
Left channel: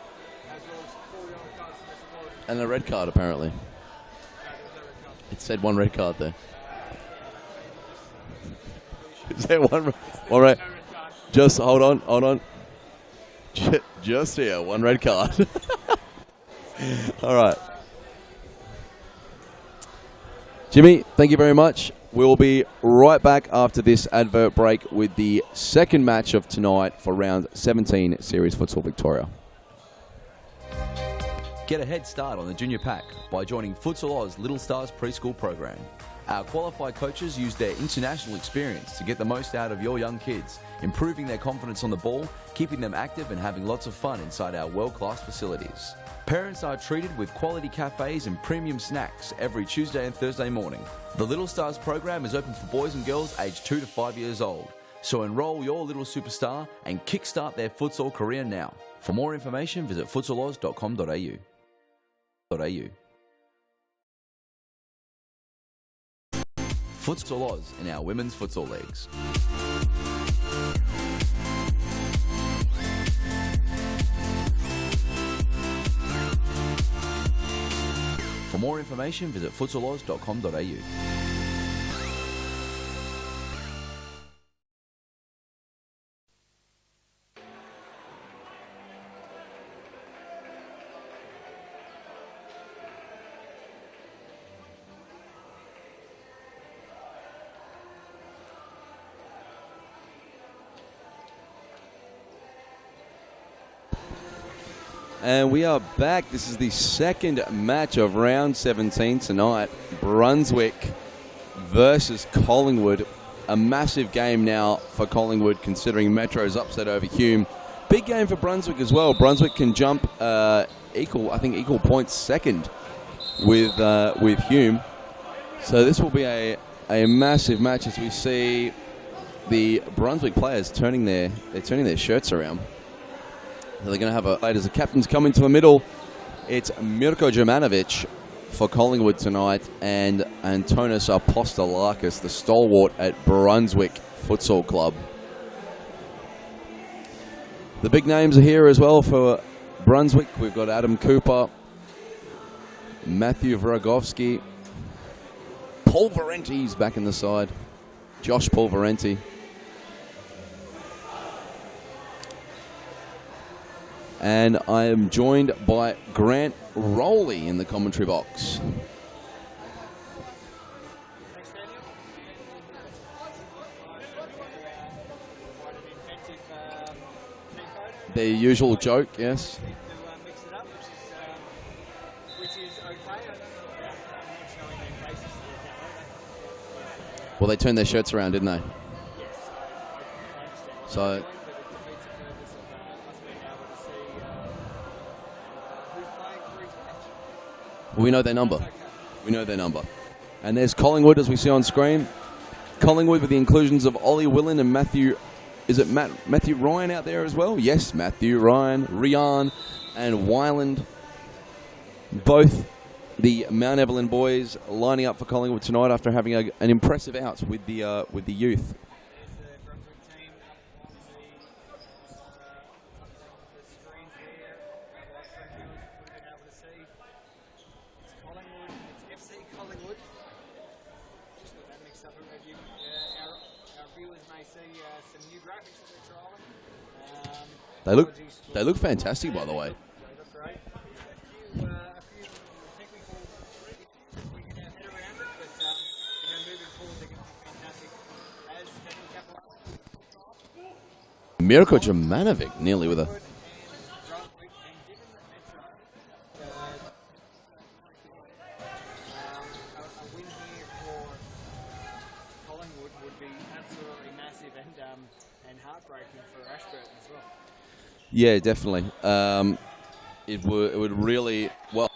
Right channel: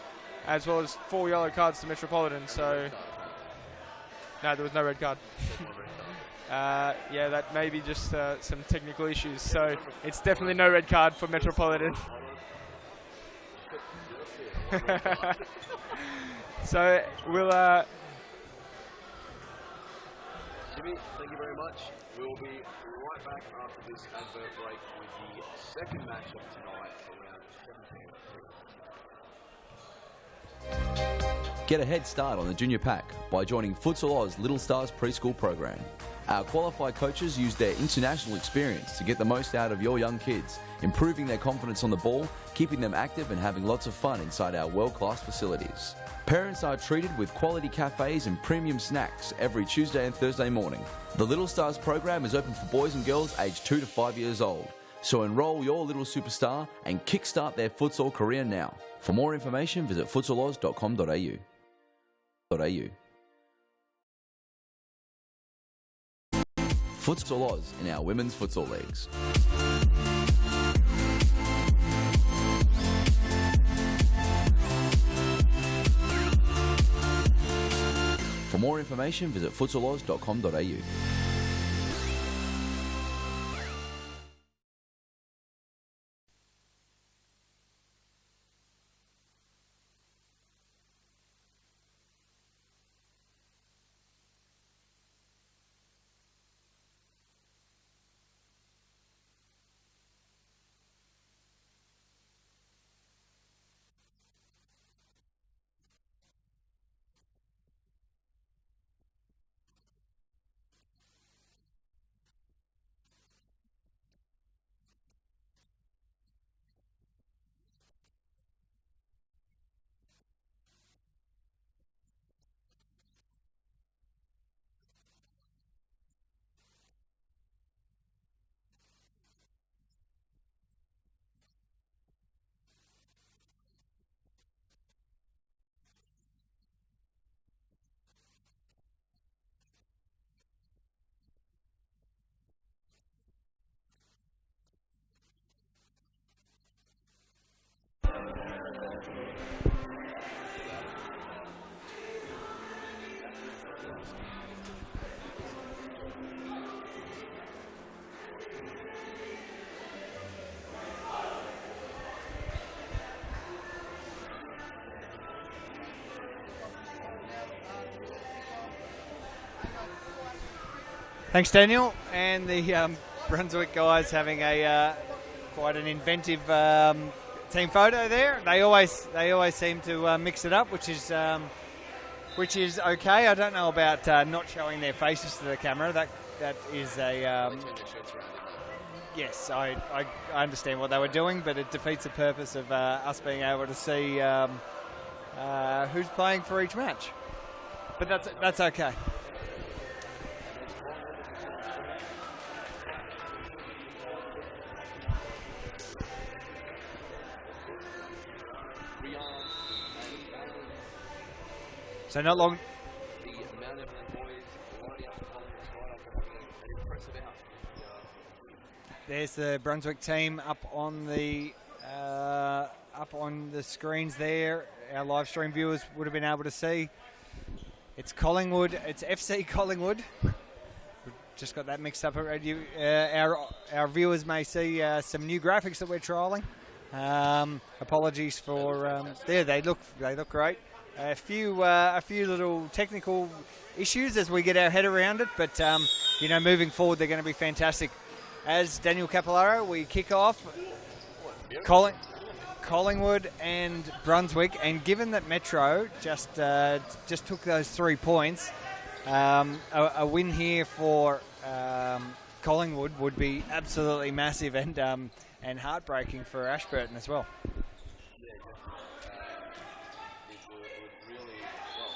as well as 4 yellow cards to Metropolitan. And a red card, apparently. No, there was no red card. It said 1 red card there. Yeah, that may be just some technical issues. So it's definitely no red card for Metropolitan. Just hold on. Just here, 1 red card. So, all right. Jimmy, thank you very much. We'll be right back after this advert break with the second match of tonight for round 17 Series Futsal Victoria. Get a head start on the junior pack by joining Futsal Oz Little Stars preschool program. Our qualified coaches use their international experience to get the most out of your young kids, improving their confidence on the ball, keeping them active and having lots of fun inside our world-class facilities. Parents are treated with quality cafes and premium snacks every Tuesday and Thursday morning. The Little Stars program is open for boys and girls aged 2 to 5 years old. So enroll your little superstar and kickstart their futsal career now. For more information, visit futsaloz.com.au. Futsal Oz in our women's futsal leagues. For more information, visit futsaloz.com.au. And we are back. This is the second match of round 17 tonight. Brunswick versus Collingwood. A massive game now for Collingwood, considering Metro's upset over Hume. Big game for Brunswick as well. Brunswick can jump equal points second with Hume. So this will be a massive match as we see the Brunswick players turning their shirts around. They're going to have as the captains come into the middle. It's Mirko Jurmanovic for Collingwood tonight, and Antonis Apostolakis, the stalwart at Brunswick Futsal Club. The big names are here as well for Brunswick. We've got Adam Cooper, Matthew Vragovsky, Paul Valenti's back in the side, Josh Paul Valenti. And I am joined by Grant Rowley in the commentary box. Thanks, Daniel. And the Brunswick guys having a quite an inventive team photo there. Their usual joke. They always seem to mix it up, which is okay. I don't know about not showing their faces to the camera. That is a. Well, they turned their shirts around, didn't they? Yes, I understand what they were doing, but it defeats the purpose of us being able to see who's playing for each match. We know their number. That's okay. We know their number. And there's Collingwood, as we see on screen. Collingwood with the inclusions of Ollie Willen and Matthew. Is it Matthew Ryan out there as well? Yes, Matthew Ryan, Rian, and Wyland. So both the Mount Evelyn boys lining up for Collingwood tonight after having an impressive out with the youth. There's the Brunswick team up on the screens there. Our live stream viewers would have been able to see. It's Collingwood. It's FC Collingwood. We've just got that mixed up already. Our viewers may see some new graphics that we're trialling. Apologies for. They look fantastic. Yeah, by the way. they look great. A few little technical issues as we get our head around it, but moving forward they're going to be fantastic. As Daniel Capillaro, we kick off. Miracle Jumanovic nearly Collingwood and Brunswick, and given that Metro just took those 3 points, a win here for Collingwood would be absolutely massive and heartbreaking for Ashburton as well. Yeah, definitely. It would really well.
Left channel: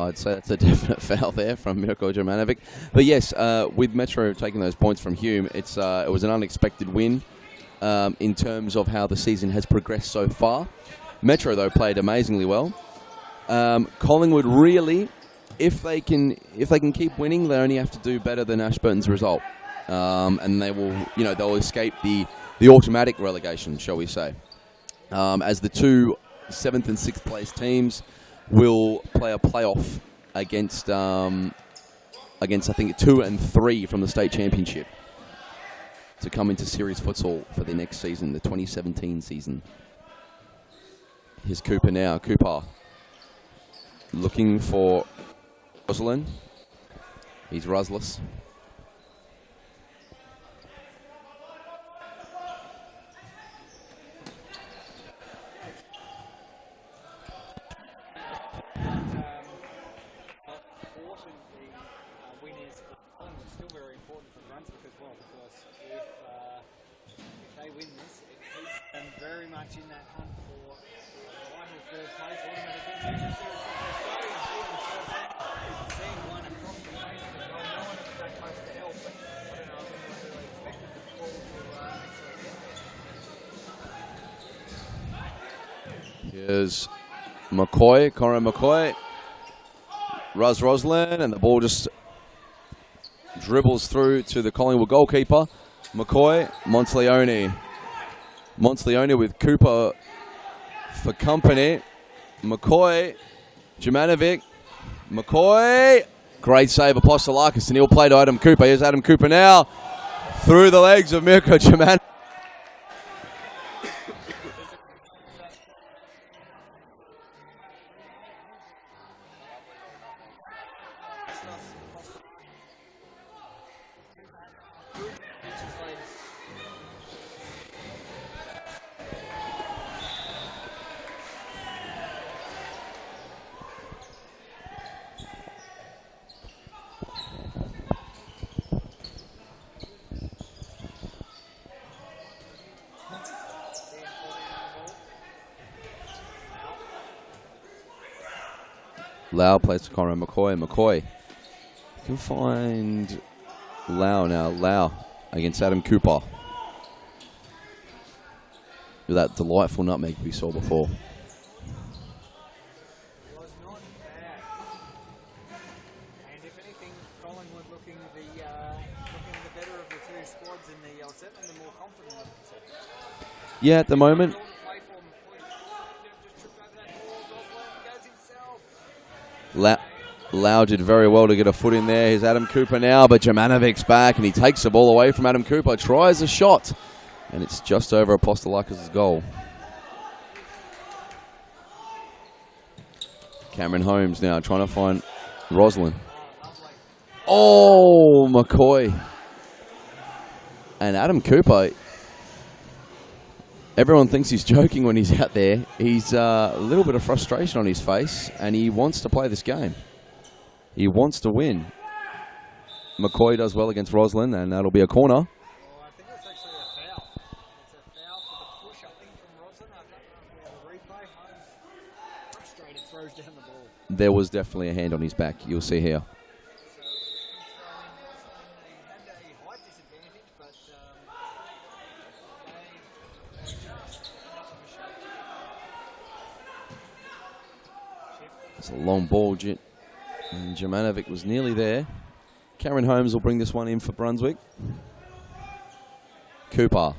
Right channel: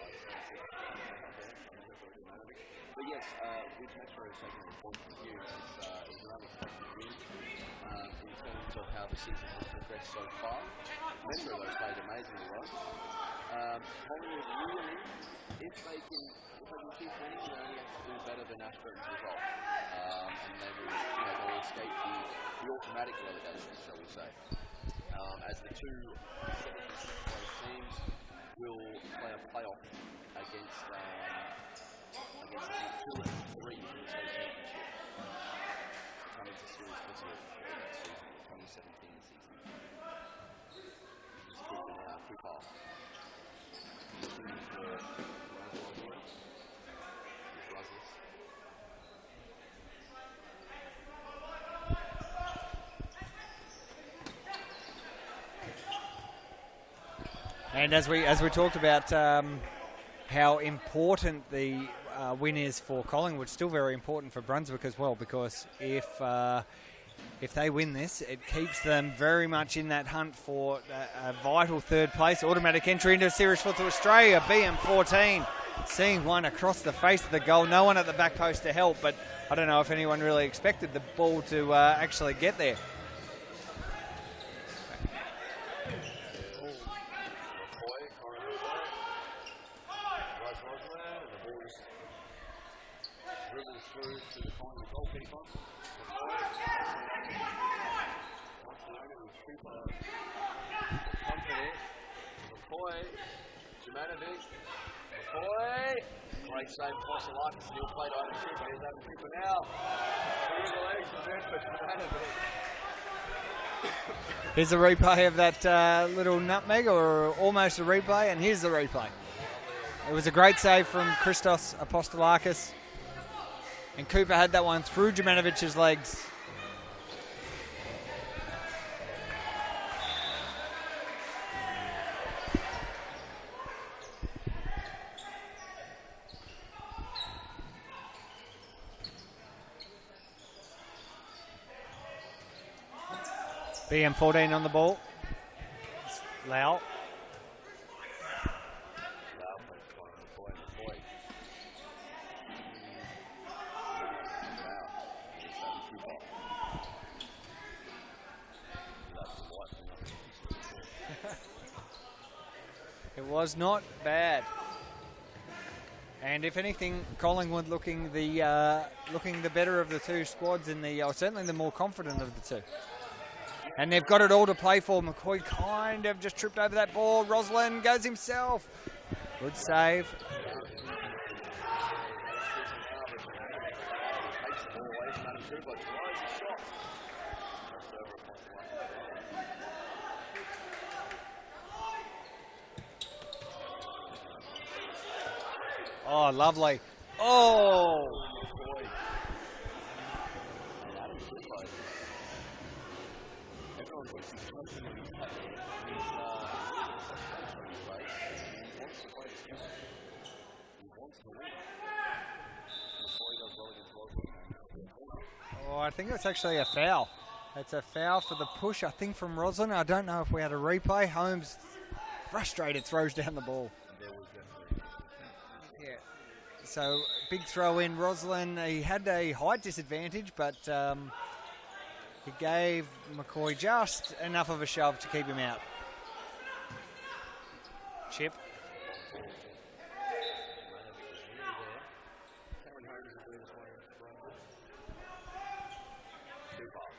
I'd say that's a definite foul there from Mirko Jumanovic. But yes, with Metro taking those points from Hume, it was an unexpected win in terms of how the season has progressed so far. Metro, though, played amazingly well. Collingwood really, if they can keep winning, they only have to do better than Ashburton's result, and they will, they'll escape the automatic relegation, shall we say, as the two 7th and 6th place teams will play a playoff against I think 2 and 3 from the state championship to come into series futsal for the next season, the 2017 season. Here's Cooper now. Cooper looking for Rosalind. He's Rusless. And as we talked about how important the win is for Collingwood, still very important for Brunswick as well, because if they win this, it keeps them very much in that hunt for a vital 3rd place, automatic entry into Series Futsal Australia. BM14 seeing one across the face of the goal. No one at the back post to help, but I don't know if anyone really expected the ball to actually get there. Here's McCoy, Corin McCoy, Roslin, and the ball just dribbles through to the Collingwood goalkeeper. McCoy, Monteleone with Cooper for company. McCoy, Jumanovic, McCoy, great save, Apostolakis, and he'll play to Adam Cooper. Here's Adam Cooper now, through the legs of Mirko Jumanovic. Here's a replay of that little nutmeg, or almost a replay, and here's the replay. It was a great save from Christos Apostolakis, and Cooper had that one through Jumanovic's legs. BM14 on the ball. Lau. Lau plays to Conrad McCoy. McCoy can find Lau now. Lau against Adam Cooper. With that delightful nutmeg we saw before. It was not bad. And if anything, Collingwood looking the better of the two squads, in the certainly the more confident of the two. Yeah, and at the they've moment. got it all to play for. McCoy kind of just tripped over that ball. Roslin goes himself. Good save. Lau did very well to get a foot in there. Here's Adam Cooper now, but Jamanovic's back, and he takes the ball away from Adam Cooper. Tries a shot, and it's just over Apostolakis' goal. Cameron Holmes now trying to find Roslin. Oh, lovely. Oh, McCoy. And Adam Cooper, everyone thinks he's joking when he's out there. He's a little bit of frustration on his face, and he wants to play this game. He wants to win. McCoy does well against Roslin, and that'll be a corner. Oh, I think that's actually a foul. It's a foul for the push, I think, from Roslin. I don't know if we had a replay. Holmes, frustrated, throws down the ball. There was definitely a hand on his back, you'll see here. So, big throw in. Roslin, he had a height disadvantage, but he gave McCoy just enough of a shove to keep him out. Chip. It's a long ball, and Jumanovic was nearly there. Cameron Holmes will bring this one in for Brunswick. Cooper,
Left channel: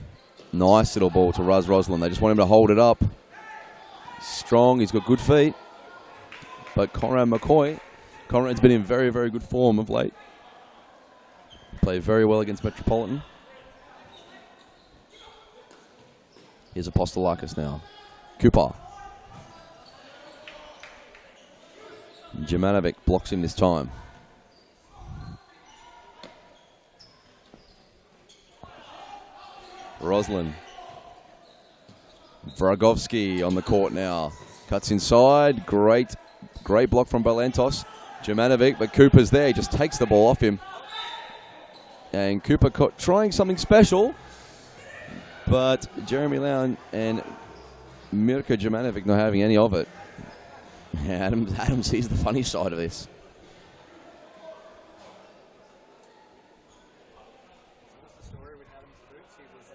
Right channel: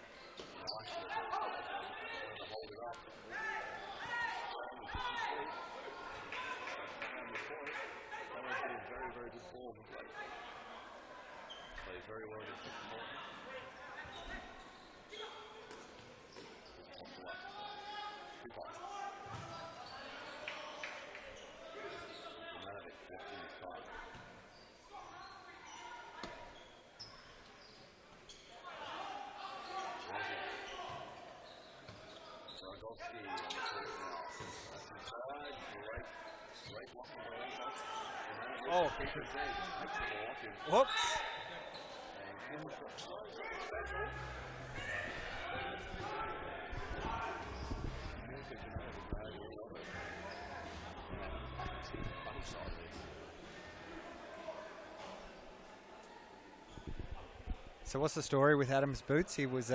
nice little ball to Roslin. They just want him to hold it up. Strong, he's got good feet. But Conrad's been in very, very good form of late. Played very well against Metropolitan. Here's Apostolakis now. Cooper. Jumanovic blocks him this time. Roslin. Vragovsky on the court now. Cuts inside. Great block from Balentos. Jumanovic, but Cooper's there. He just takes the ball off him. Whoops. And Cooper trying something special. But Jeremy Lown and Mirko Jumanovic not having any of it. Yeah, Adam sees the funny side of this. So what's the story with Adam's boots? He was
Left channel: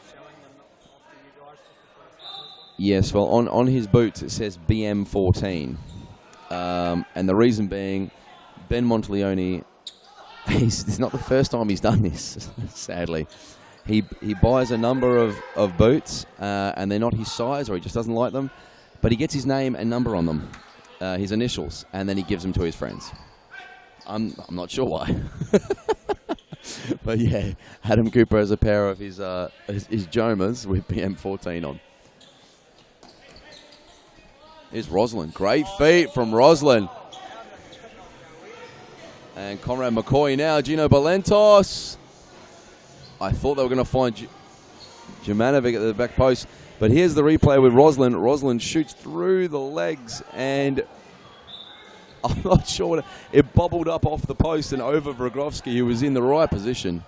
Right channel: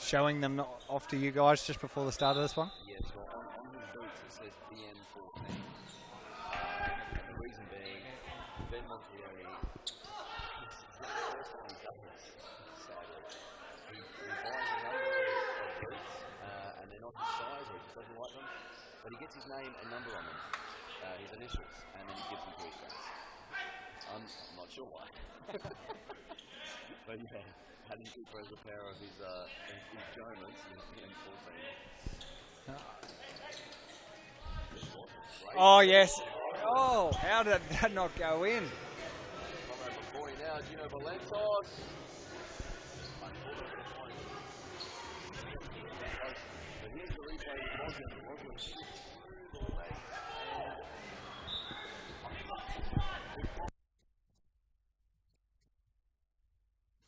showing them off to you guys just before the start of this one? Yes, well, on his boots it says BM14. And the reason being, Ben Monteleone, it's not the first time he's done this, sadly. He buys a number of boots, and they're not his size, or he just doesn't like them, but he gets his name and number on them, his initials, and then he gives them to his friends. I'm not sure why. But yeah, Adam Cooper has a pair of his Jomas with BM14 on. Here's Roslin. Great feet from Roslin. Oh, how did that not go in? And Conrad McCoy now. Gino Balentos. I thought they were going to find Jumanovic at the back post. But here's the replay with Roslin. Roslin shoots through the legs, and I'm not sure. It bobbled up off the post and over Vragovsky, who was in the right position.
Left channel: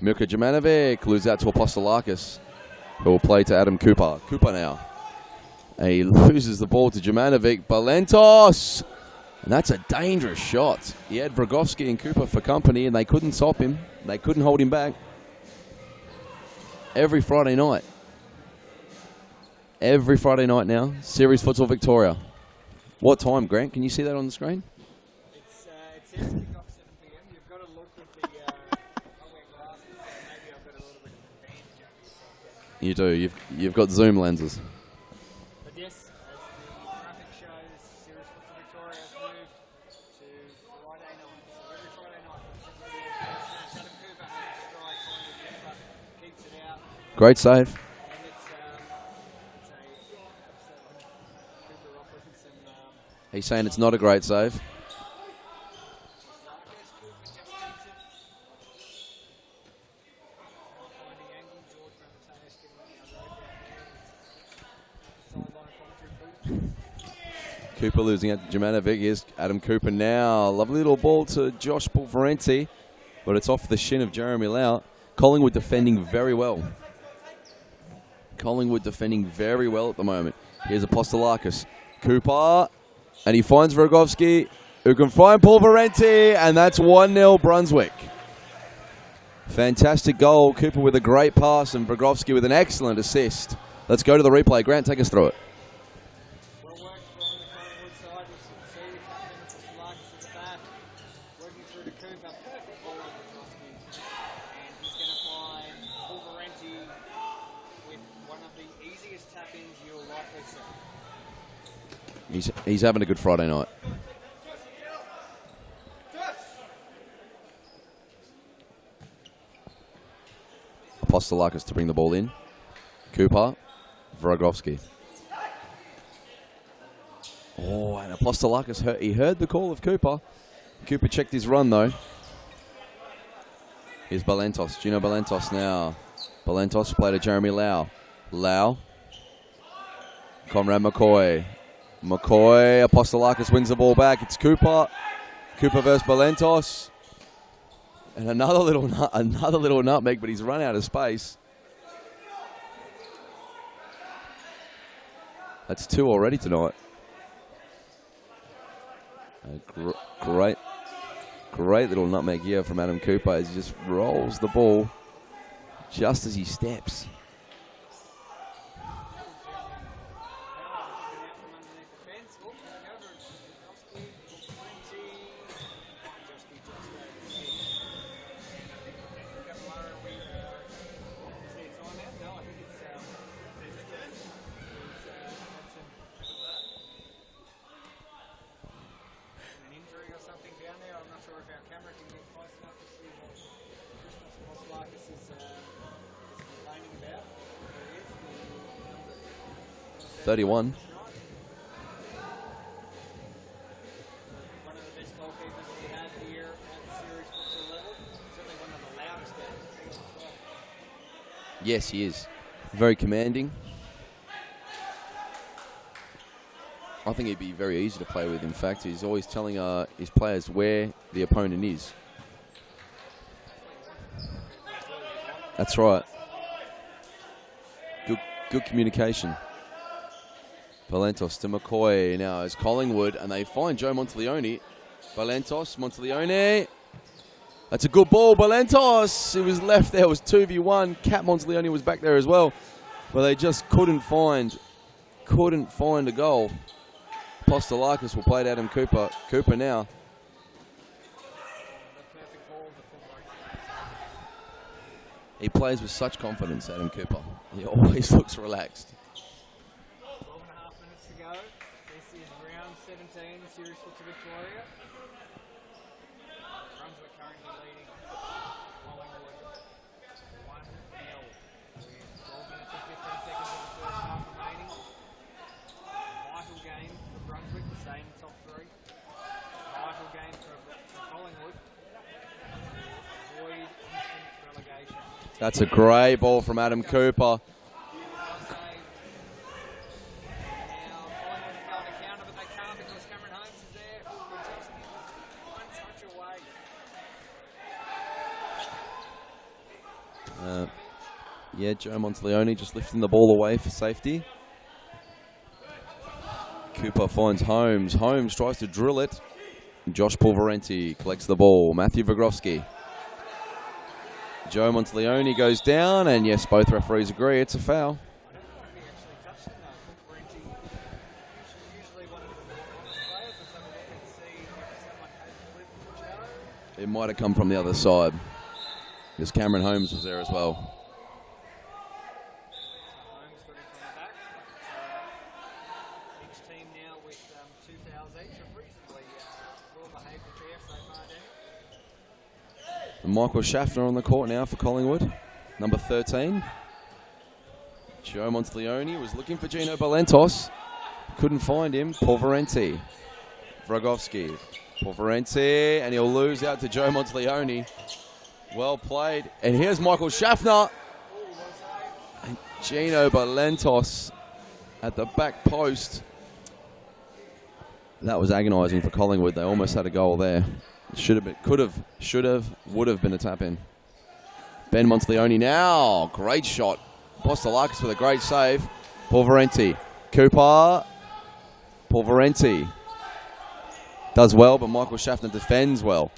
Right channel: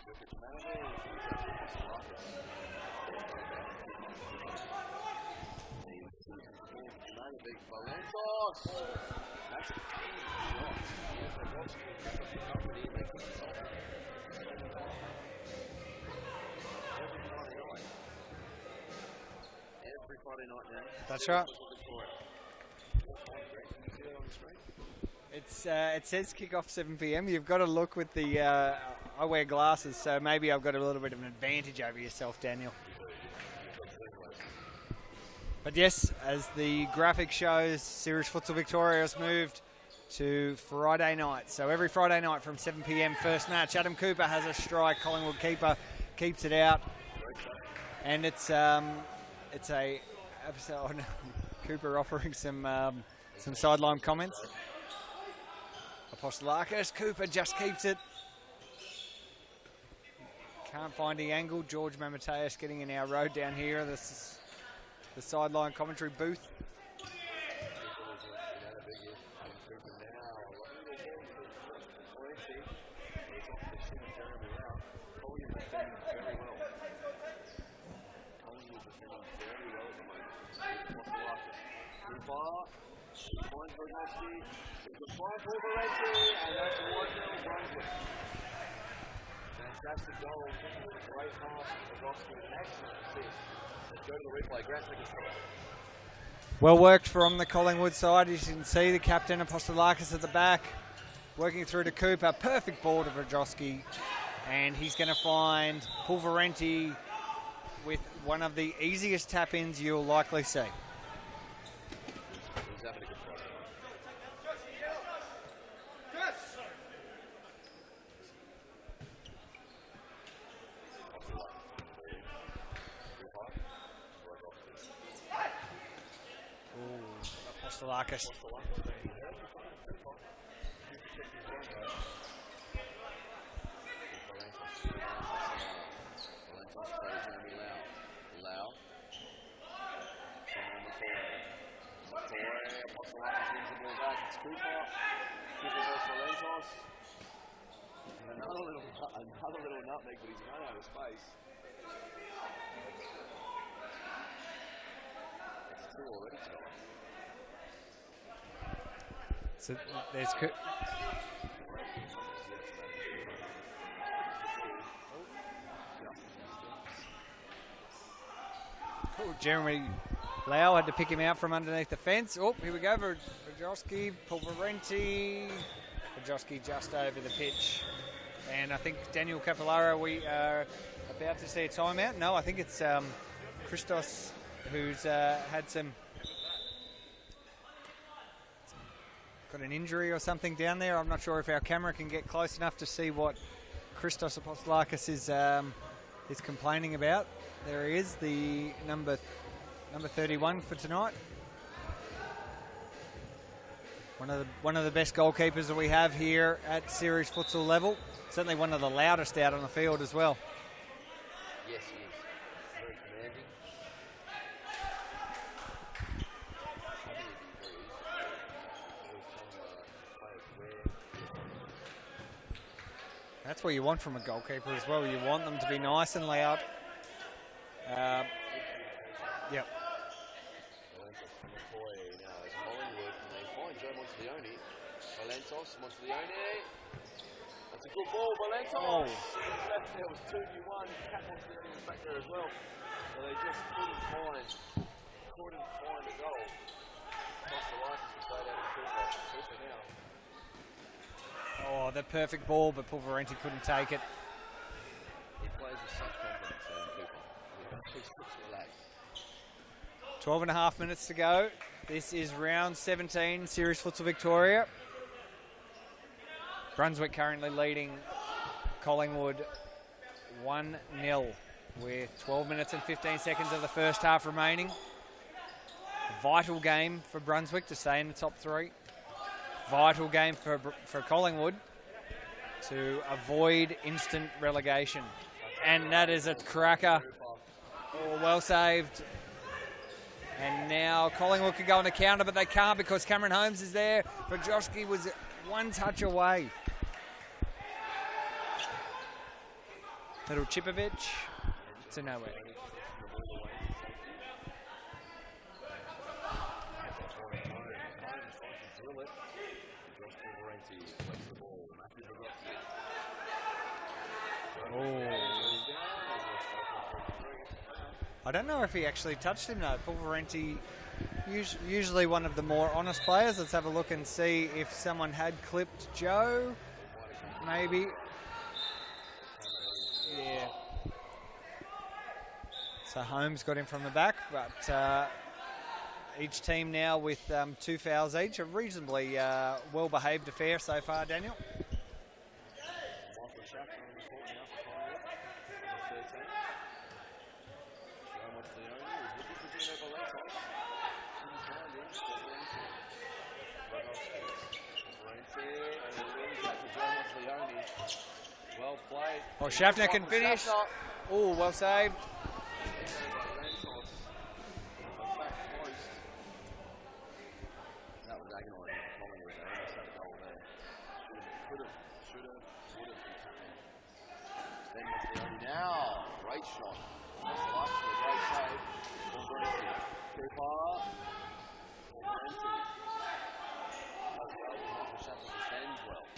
Mirko Jumanovic loses out to Apostolakis, who will play to Adam Cooper. Cooper now. And he loses the ball to Jumanovic. Balentos! And that's a dangerous shot. He had Vragovsky and Cooper for company, and they couldn't stop him. They couldn't hold him back. Every Friday night. Every Friday night now. That's Series right. Futsal Victoria. What time, Grant? Can you see that on the screen? It says kick-off 7 p.m. You've got to look with the... I wear glasses, so maybe I've got a little bit of an advantage over yourself, Daniel. You do. You've got zoom lenses. But yes, as the graphic shows, Series Futsal Victoria has moved to Friday night. So every Friday night from 7 p.m, first match. Adam Cooper has a strike. Collingwood keeper keeps it out. Great save. And it's Cooper offering some. He's saying it's not a great save. Apostolakis, Cooper just keeps it. Can't find the angle. George Mamateus getting in our road down here. This the sideline commentary booth. Cooper losing out to Jumanovic. Here's Adam Cooper now. Lovely little ball to Josh Pulverenti, but it's off the shin of Jeremy Lau. Collingwood defending very well. Collingwood defending very well at the moment. Here's Apostolakis. Cooper, and he finds Vragovsky, who can find Pulverenti, and that's 1-0 Brunswick. Fantastic goal. Cooper with a great pass, and Vragovsky with an excellent assist. Let's go to the replay. Grant, take us through it. Well worked from the Collingwood side. As you can see, the captain, Apostolakis, at the back. Working through to Cooper. Perfect ball to Vrajowski. And he's going to find Pulverenti with one of the easiest tap-ins you'll likely see. He's having a good Friday night. Apostolakis to bring the ball in. Cooper, Vragowski. Oh, Apostolakis, he heard the call of Cooper. Cooper checked his run though. Here's Balentos, Gino Balentos now. Balentos play to Jeremy Lau. Lau. Conrad McCoy. McCoy, Apostolakis wins the ball back. It's Cooper. Cooper versus Balentos. And another little nutmeg, but he's run out of space. That's 2 already tonight. That's great little nutmeg here from Adam Cooper as he just rolls the ball just as he steps. Jeremy Lau had to pick him out from underneath the fence. Oh, here we go. Vrajowski, Pulverenti. Vrajowski just over the pitch. And I think Daniel Capillaro, we are about to see a timeout. No, I think it's Christos who's had got an injury or something down there. I'm not sure if our camera can get close enough to see what Christos Apostolakis is complaining about. There he is, the number 31 for tonight. One of the best goalkeepers that we have here at series futsal level. Certainly one of the loudest out on the field as well. Yes, he is. Very commanding. I think he'd be very easy to play with. In fact, he's always telling his players where the opponent is. That's what you want from a goalkeeper as well. You want them That's to be right. nice and loud. Good communication. Yep. Balentos to McCoy now is Collingwood, and they find Joe Monteleone. Balentos, Monteleone. That's a good ball, Balentos. He was left there. It was 2v1. Cat Monteleone was back there as well, but they just couldn't find a goal. Apostolakis will play to Adam Cooper. Cooper now. Oh, the perfect ball, but Pulverenti couldn't take it. He plays with such confidence, Adam Cooper. He always looks relaxed. 12 and a half minutes to go. This is round 17, Series Futsal Victoria. Brunswick currently leading Collingwood 1-0 with 12 minutes and 15 seconds of the first half remaining. Vital game for Brunswick to stay in the top 3. Vital game for Collingwood to avoid instant relegation. That's a great ball from Adam Cooper. Oh, well saved. And now Collingwood could go on the counter, but they can't because Cameron Holmes is there. Vrajowski was one touch away. Little Chipovic. Yeah, Joe Monteleone just lifting the ball away for safety. Cooper finds Holmes. Holmes tries to drill it. Josh Pulverenti collects the ball. Matthew Vragowski. Joe Monteleone goes down, and yes, both referees agree it's a foul. I don't know if he actually touched him, though. Pulverenti, usually one of the more honest players. Let's have a look and see if someone had clipped Joe. It might have come from the other side. Because Cameron Holmes was there as well. So Holmes got him from the back, but each team now with 2 fouls each. A reasonably well-behaved affair so far, Daniel. And Michael Schaffner on the court now for Collingwood, number 13. Joe Monteleone was looking for Gino Balentos. Couldn't find him. Pulverenti. Vragowski. Pulverenti, and he'll lose out to Joe Monteleone. Well played. And here's Michael Schaffner. Oh, well saved. And Gino Balentos at the back post. That was agonising for Collingwood. They almost had a goal there. Should have been, could have, should have, would have been a tap in. Ben Monteleone now. Great shot. Apostolakis with a great save. Pulverenti. Cooper. Pulverenti. Does well, but Michael Schaffner defends well.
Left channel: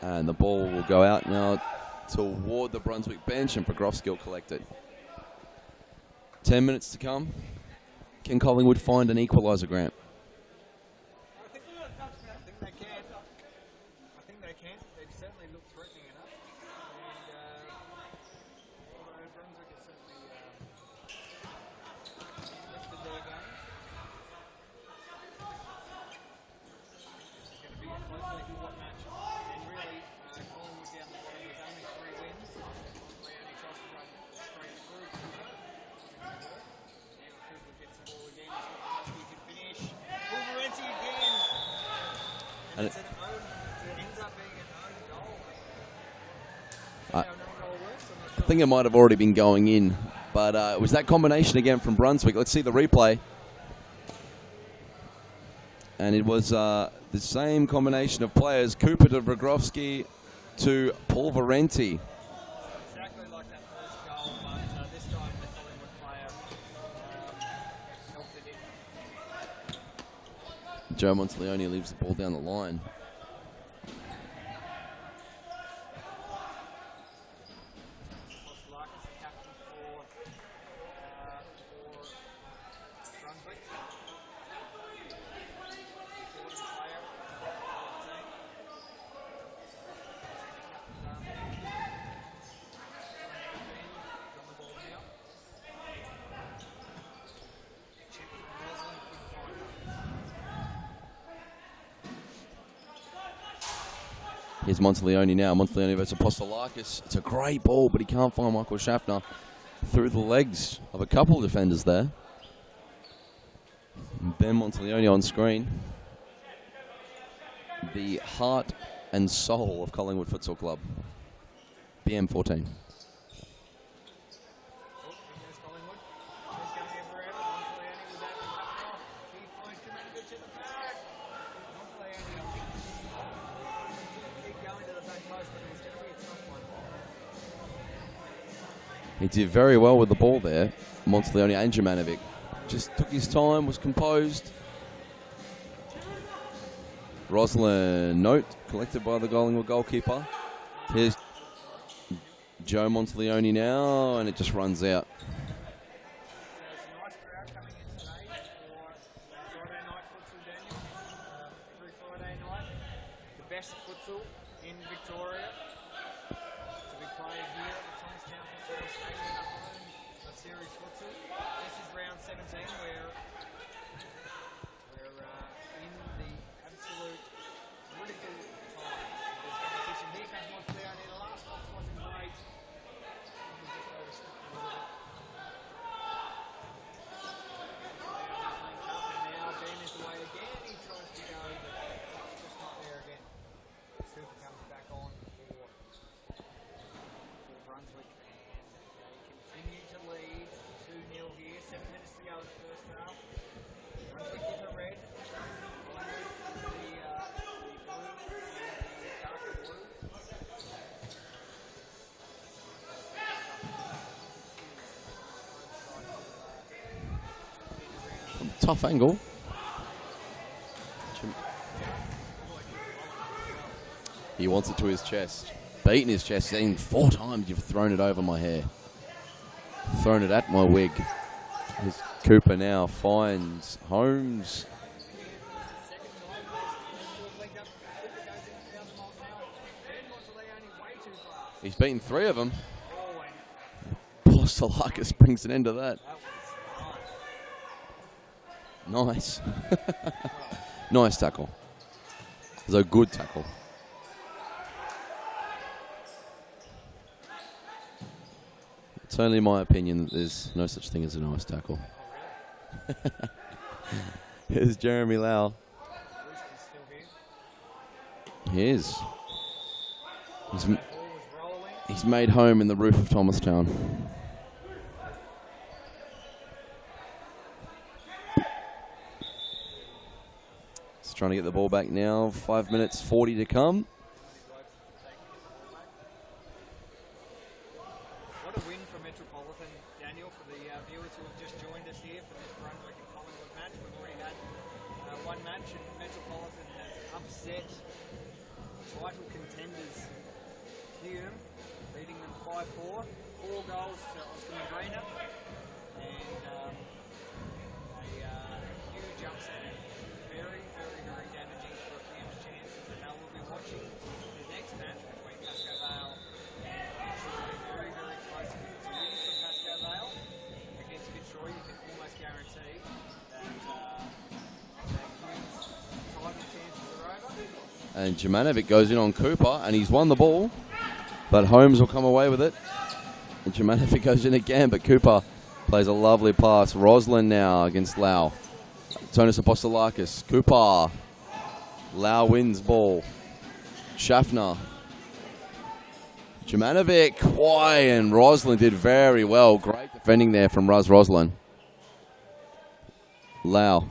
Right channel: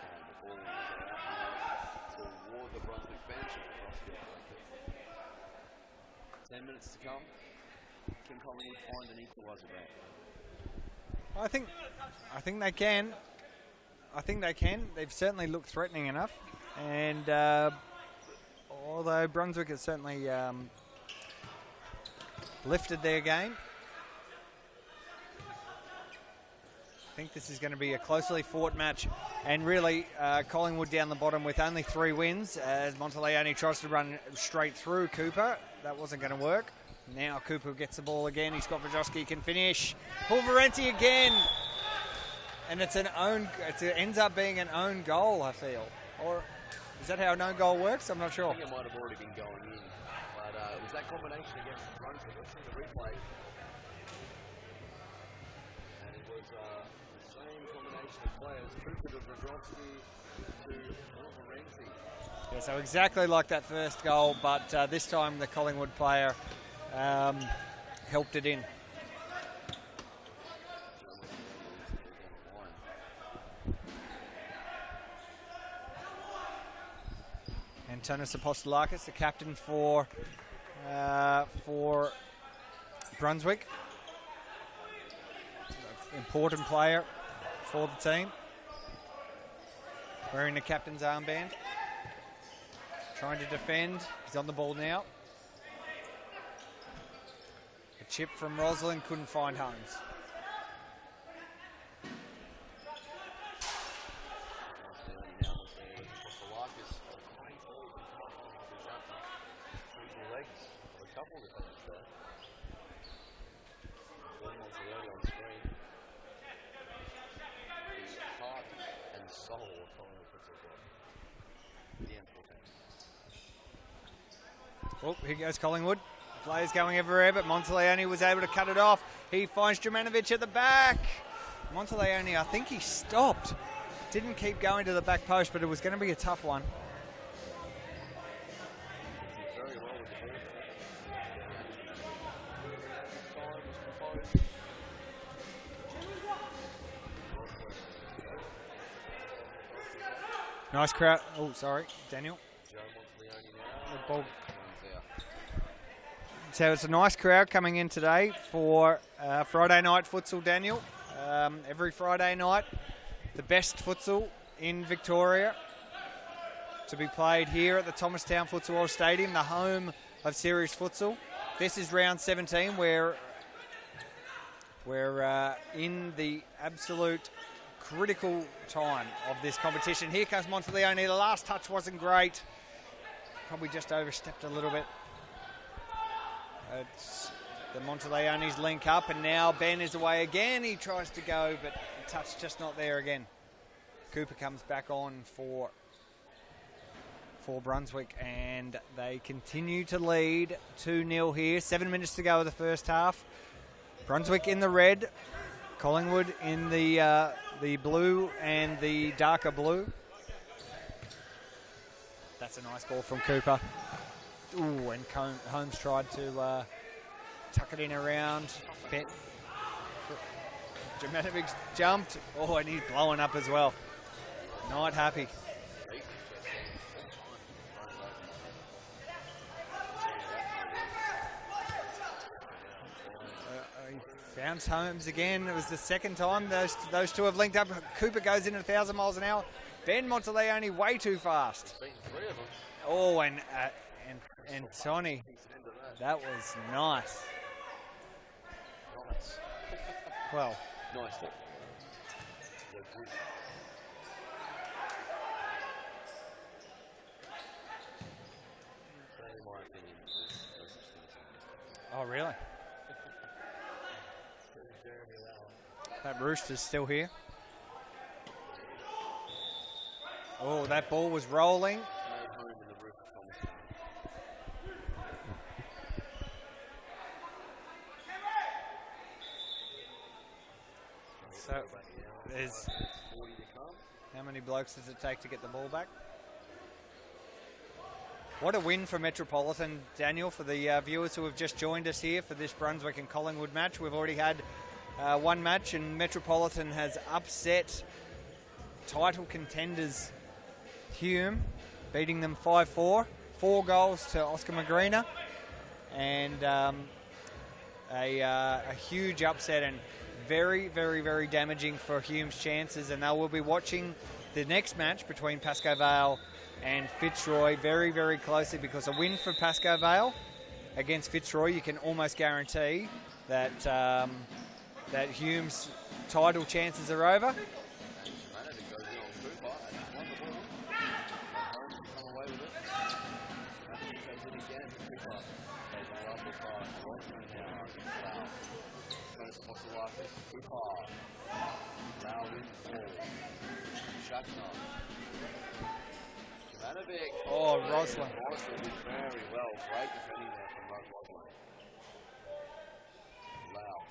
And the ball will go out now toward the Brunswick bench, and Pogrovski will collect it. 10 minutes to come. Can Collingwood find an equaliser, Grant? I think they can. I think they can. They've certainly looked threatening enough. And although Brunswick has certainly lifted their game, I think this is going to be a closely fought match. And really, Collingwood down the bottom with only 3 wins as Monteleone tries to run straight through Cooper. That wasn't going to work. Now Cooper gets the ball again. He's got Vajoski, can finish. Pulverenti again. And it's an own. It ends up being an own goal, I feel. Or is that how an own goal works? I'm not sure. I think it might have already been going in. But it was that combination again from Brunswick. Let's see the replay. And it was the same combination of players. Cooper to Vragrovsky to Pulverenti. Yeah, so exactly like that first goal, but this time the Collingwood player helped it in. Joe Monteleone leaves the ball down the line. Antonis Apostolakis, the captain for Brunswick. Important player for the team. Wearing the captain's armband. Trying to defend. He's on the ball now. A chip from Rosalind, couldn't find Holmes. Here's Monteleone now. Monteleone versus Apostolakis. It's a great ball, but he can't find Michael Schaffner through the legs of a couple of defenders there. And Ben Monteleone on screen. The heart and soul of Collingwood Futsal Club. BM14. Oh, here goes Collingwood. Players going everywhere, but Monteleone was able to cut it off. He finds Jurmanovic at the back. Monteleone, I think he stopped. Didn't keep going to the back post, but it was going to be a tough one. He did very well with the ball there, Monteleone and Jurmanovic. Just took his time, was composed. Rosalind note collected by the Collingwood goalkeeper. Nice crowd. Oh, sorry, Daniel. Joe Monteleone now, and it just runs out. So it's a nice crowd coming in today for Friday night futsal, Daniel. Every Friday night, the best futsal in Victoria to be played here at the Thomastown Futsal Oz Stadium, the home of Series Futsal. This is round 17, where we're in the absolute critical time of this competition. Here comes Monteleone. The last touch wasn't great. Probably just overstepped a little bit. It's the Monteleone's link up, and now Ben is away again. He tries to go, but the touch just not there again. Cooper comes back on for Brunswick, and they continue to lead 2-0 here. 7 minutes to go of the first half. Brunswick in the red, Collingwood in the blue and the darker blue. That's a nice ball from Cooper. Ooh, and Holmes tried to tuck it in around. Tough angle. Jurmanovic jumped. Oh, and he's blowing up as well. He wants it to Not his happy. chest. Beating his chest, saying 4 times you've thrown it over my hair. Thrown it at my wig. As Cooper now finds Holmes. Found Holmes again. It was the second time those two have linked up. Cooper goes in at 1,000 miles an hour. Ben Monteleone way too fast. He's beaten 3 of them. Oh, and Apostolakis Sonny, brings an end to that. that was nice. Nice. Well, Nice tackle. It was a good tackle. It's only my opinion that there's no such thing as a nice tackle. oh really? Here's Jeremy Lau. That Rooster's still here. He is. Oh, that ball was rolling. He's made home in the roof of Thomastown. He's trying to get the ball back now. 5 minutes 40 to come. How many blokes does it take to get the ball back? What a win for Metropolitan, Daniel, for the viewers who have just joined us here for this Brunswick and Collingwood match. We've already had one match, and Metropolitan has upset title contenders Hume, beating them 5-4. 4 goals to Oscar Magrina, and a huge upset, and very, very, very damaging for Hume's chances, and they will be watching the next match between Pascoe Vale and Fitzroy very, very closely, because a win for Pascoe Vale against Fitzroy, you can almost guarantee that that Hume's title chances are over. And Jemanovic goes in on Cooper, and he's won the ball, but Holmes will come away with it. And Jemanovic goes in again, but Cooper plays a lovely pass. Roslin now against Lau. Tonis Apostolakis. Cooper. Lau wins ball. Schaffner. Jemanovic. Why? And Roslin did very well. Great defending there from Roslin. Lau.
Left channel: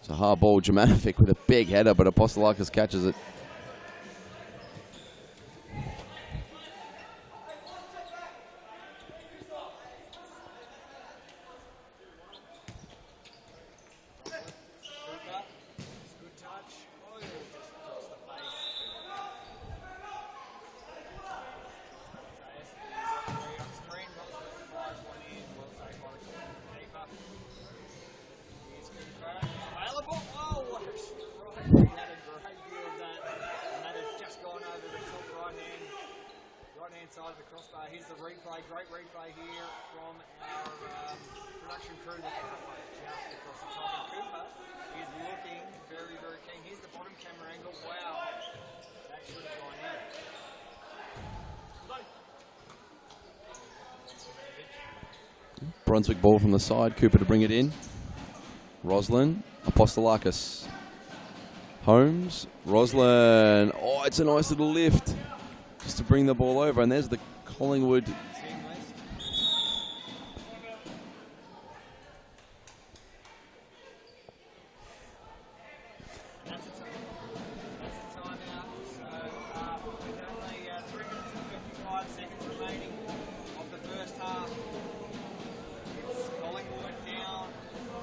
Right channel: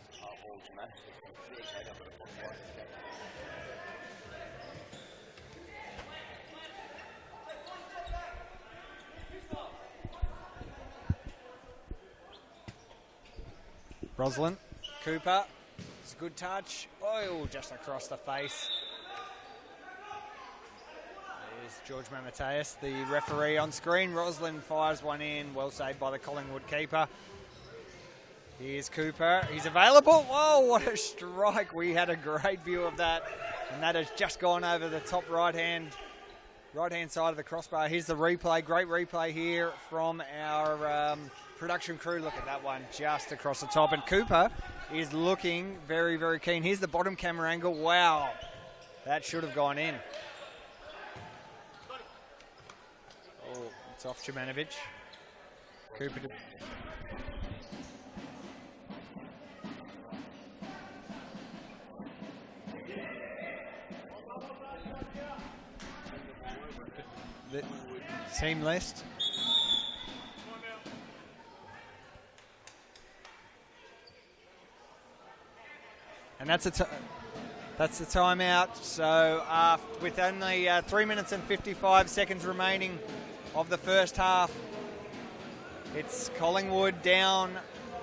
It's a hard ball. Jemanovic with a big header, but Apostolakis catches it. Roslin, Cooper, it's a good touch. Oh, just across the face. There's George Mamateus, the referee on screen. Roslin fires one in, well saved by the Collingwood keeper. Here's Cooper, he's available. Whoa, what a strike. We had a great view of that, and that has just gone over the top right-hand side of the crossbar. Here's the replay, great replay here from our production crew. Look at that one just across the top, and Cooper is looking very, very keen. Here's the bottom camera angle. Wow, that should have gone in. Oh, it's off Jemanovic. Brunswick ball from the side, Cooper to bring it in. Roslin, Apostolakis. Holmes, Roslin. Oh, it's a nice little lift just to bring the ball over, and there's the Collingwood team list. And that's the timeout. So with only 3 minutes and 55 seconds remaining of the first half, it's Collingwood down